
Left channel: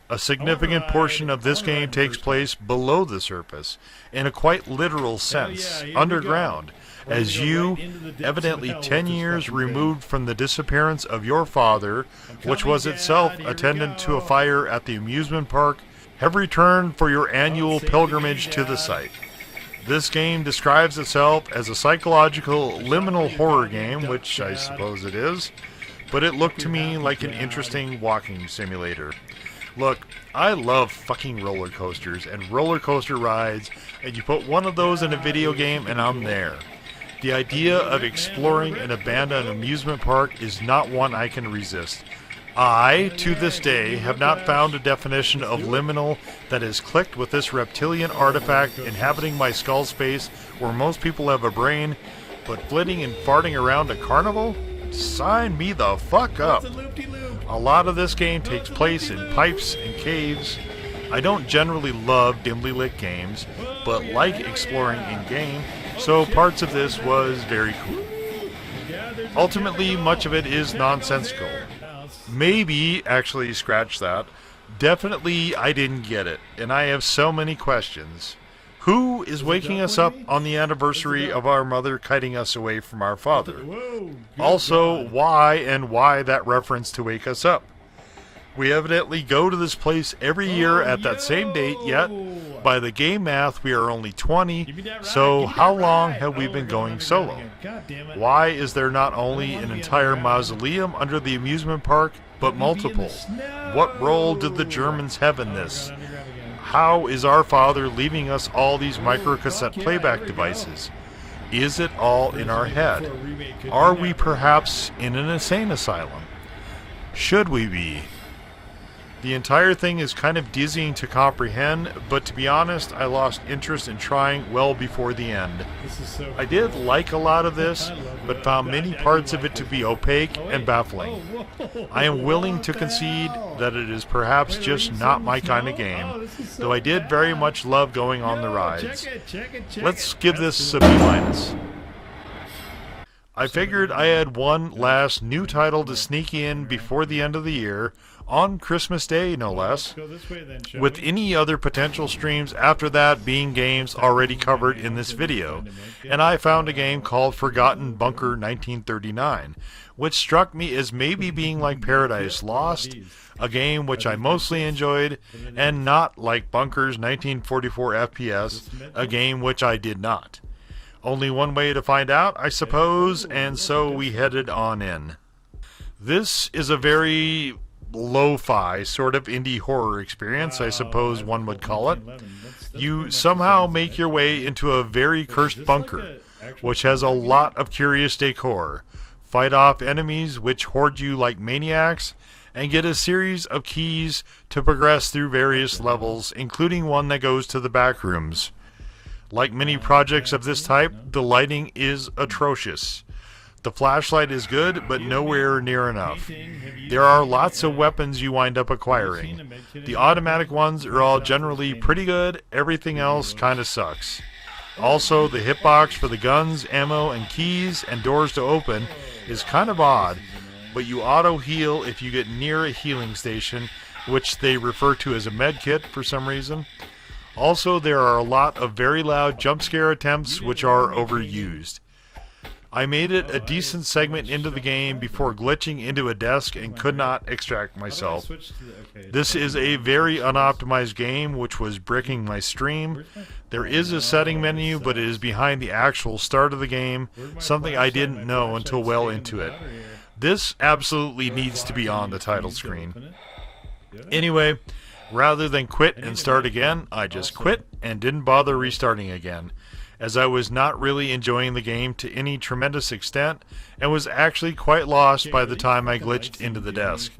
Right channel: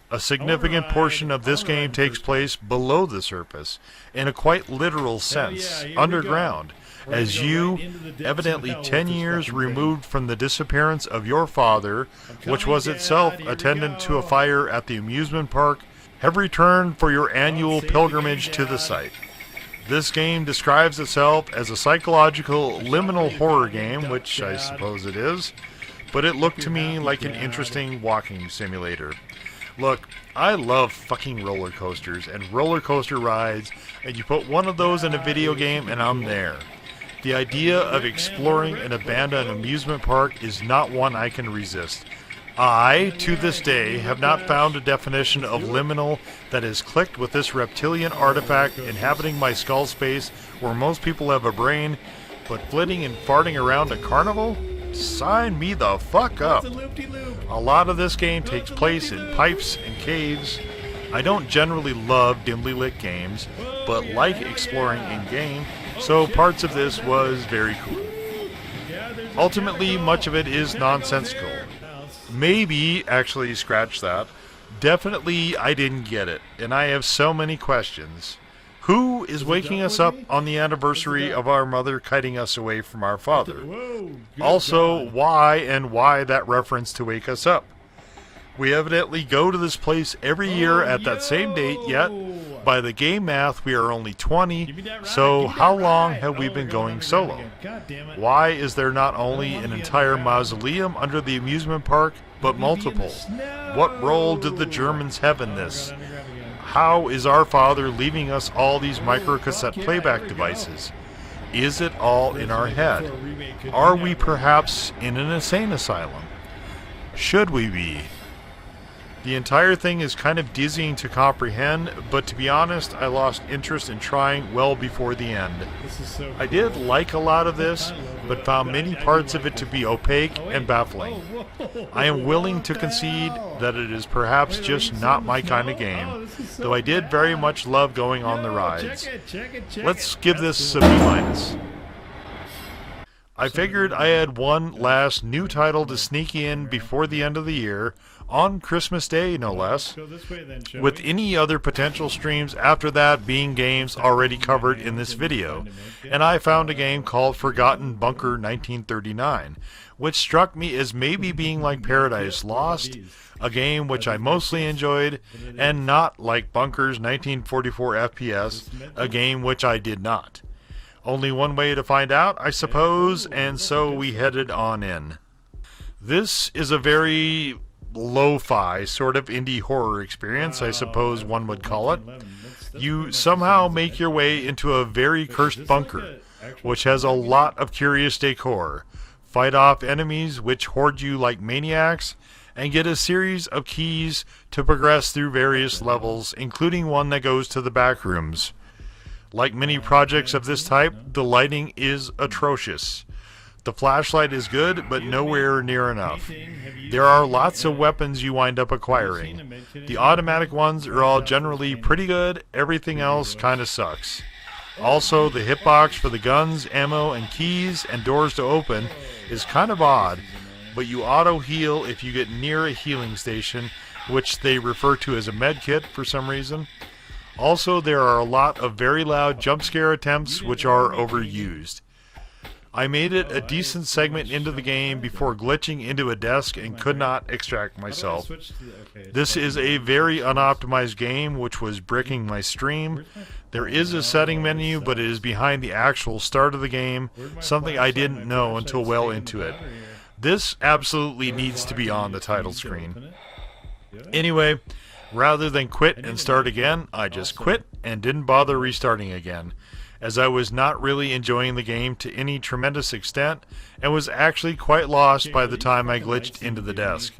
A significant portion of this game takes place below the surface, in a quite literal sense, underground, as you, evidently 10 years removed from the disappearance of your father, which was itself attendant to a fire at the amusement park, have returned for your annual pilgrimage to the site. This game describes itself as a psychological liminal horror game, which I suppose it is, but it looked to me like an interesting walking simulator. Look, I love fucking roller coasters and roller coaster rides, and you put one of those in a video game and I'm there. The idea of exploring an abandoned amusement park is not one I can resist. I, to this day, have not found a definition of liminal that is clicked with this reptilian artifact inhabiting my skull space where most people have a brain, but flitting and farting around a carnival? Sign me the fuck up. A lot of this game takes place in pipes and caves. I don't generally love dimly lit games, but like exploring in-game, so parts of this was very cool. Ultimately, much of it is nonsensical. Maybe, actually, scratch that. Definitely, I didn't get it, and I have so many questions. Who is waking us up on the anniversary of our mother kiting us away from our father? Also, why that reference to wake us up? We evidently go to this place every year at that same date, yet by the game math we are only 20, so how long have we been going solo? Why is there not only an entire mausoleum under the amusement park, but multiple? What role did the Germans have in this? How is our father leaving us all these microcassette playback devices? Is it all in our head? Are we perhaps in an insane asylum? Should we be? The entire thing is kind of dizzying to comprehend, but to be honest, I lost interest in trying well before the end. I did like a lot of this, but found many parts of it to be opaque and baffling. I am willing to concede that it is perhaps just not my kind of game, though I did very much love going on the rides. Let's give this a B-. I figured I had one last new title to sneak in before the end of the year, on Christmas Day, no less, with any other potential streams after that being games already covered in this video. And I found a game called Forgotten Bunker 1939, which struck me as maybe being like Paradise Lost, a game which I mostly enjoyed, and not like Bunker's 1944 FPS, a game which I did not. Only one way to find out, I suppose, and so we headed on in. This is a very lo-fi sort of indie horror experience, I suppose one would call it. You somehow make your way into a very cursed bunker, which has a lot of curious decor, fight off enemies which hoard you like maniacs, and get a series of keys to progress through various levels, including one that goes to the back rooms. Like many projects of this type, the lighting is atrocious. The flashlight is good, but nowhere near enough. There are lots of weapons you wind up acquiring. The automatic ones are all generally pretty good, everything else kinda sucks. Also, the hitbox for the guns, ammo, and keys, and doors to open is kind of odd, but you auto-heal if you get near a healing station, which they refer to as a medkit for some reason. Also, there are a lot of very loud jump scare attempts which are overused. I made it a decent segment into the game before glitching into a desk and could not extract myself. This is a very unoptimized game which was bricking my stream. There is a setting menu, but it is behind the actual start of the game, something I didn't know until well into it. This absolutely needs to be on the title screen. Anyway, rather than quit and start again, I just quit and didn't bother restarting again, as I was not really enjoying the game to any tremendous extent and was actually quite lost by the time I glitched into the desk.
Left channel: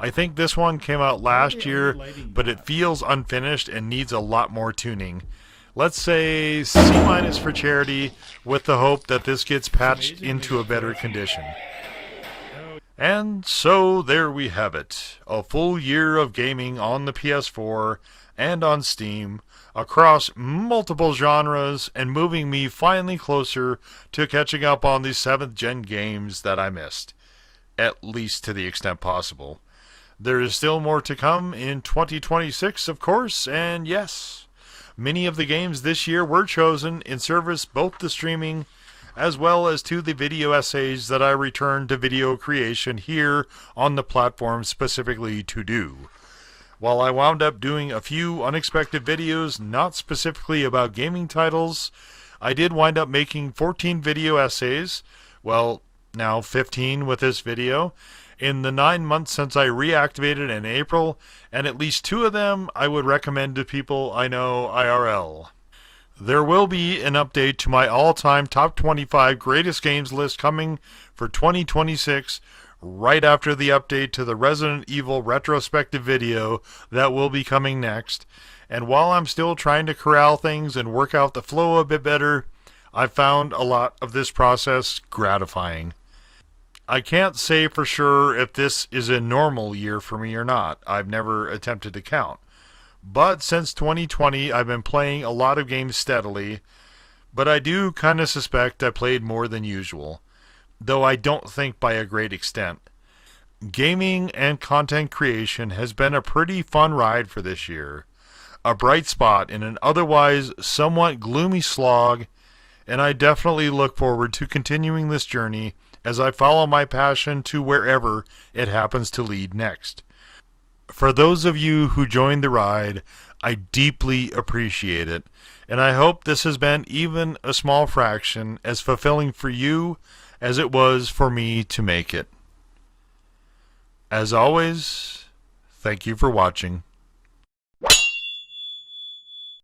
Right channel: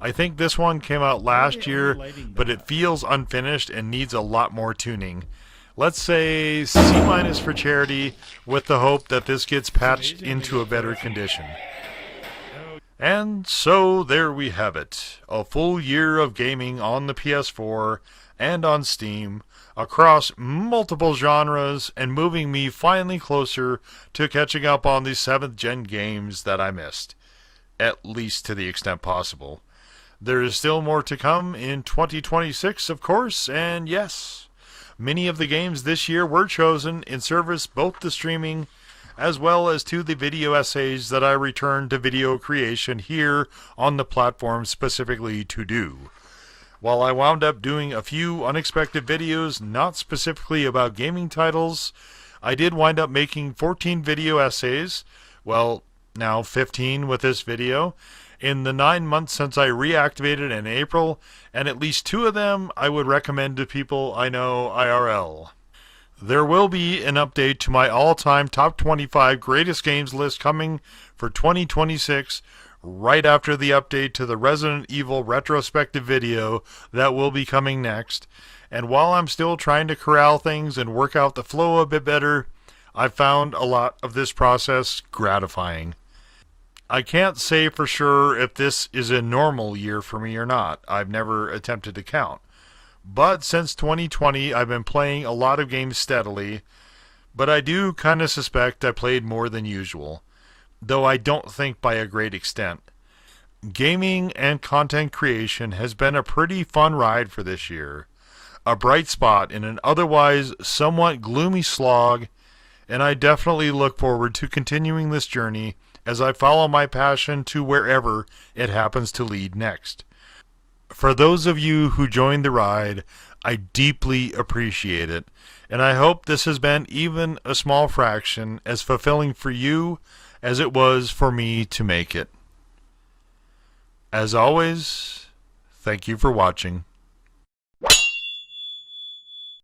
I think this one came out last year, but it feels unfinished and needs a lot more tuning. Let's say C- for charity, with the hope that this gets patched into a better condition. And so there we have it, a full year of gaming on the PS4 and on Steam, across multiple genres, and moving me finally closer to catching up on the 7th gen games that I missed, at least to the extent possible. There is still more to come in 2026, of course, and yes, many of the games this year were chosen in service both to streaming as well as to the video essays that I returned to video creation here on the platform specifically to do. While I wound up doing a few unexpected videos not specifically about gaming titles, I did wind up making 14 video essays, well, now 15 with this video, in the 9 months since I reactivated in April, and at least 2 of them I would recommend to people I know IRL. There will be an update to my all-time top 25 greatest games list coming for 2026 right after the update to the Resident Evil retrospective video that will be coming next. And while I'm still trying to corral things and work out the flow a bit better, I found a lot of this process gratifying. I can't say for sure if this is a normal year for me or not. I've never attempted to count. But since 2020, I've been playing a lot of games steadily, but I do kind of suspect I played more than usual, though I don't think by a great extent. Gaming and content creation has been a pretty fun ride for this year, a bright spot in an otherwise somewhat gloomy slog, and I definitely look forward to continuing this journey as I follow my passion to wherever it happens to lead next. For those of you who joined the ride, I deeply appreciate it, and I hope this has been even a small fraction as fulfilling for you as it was for me to make it. As always, thank you for watching.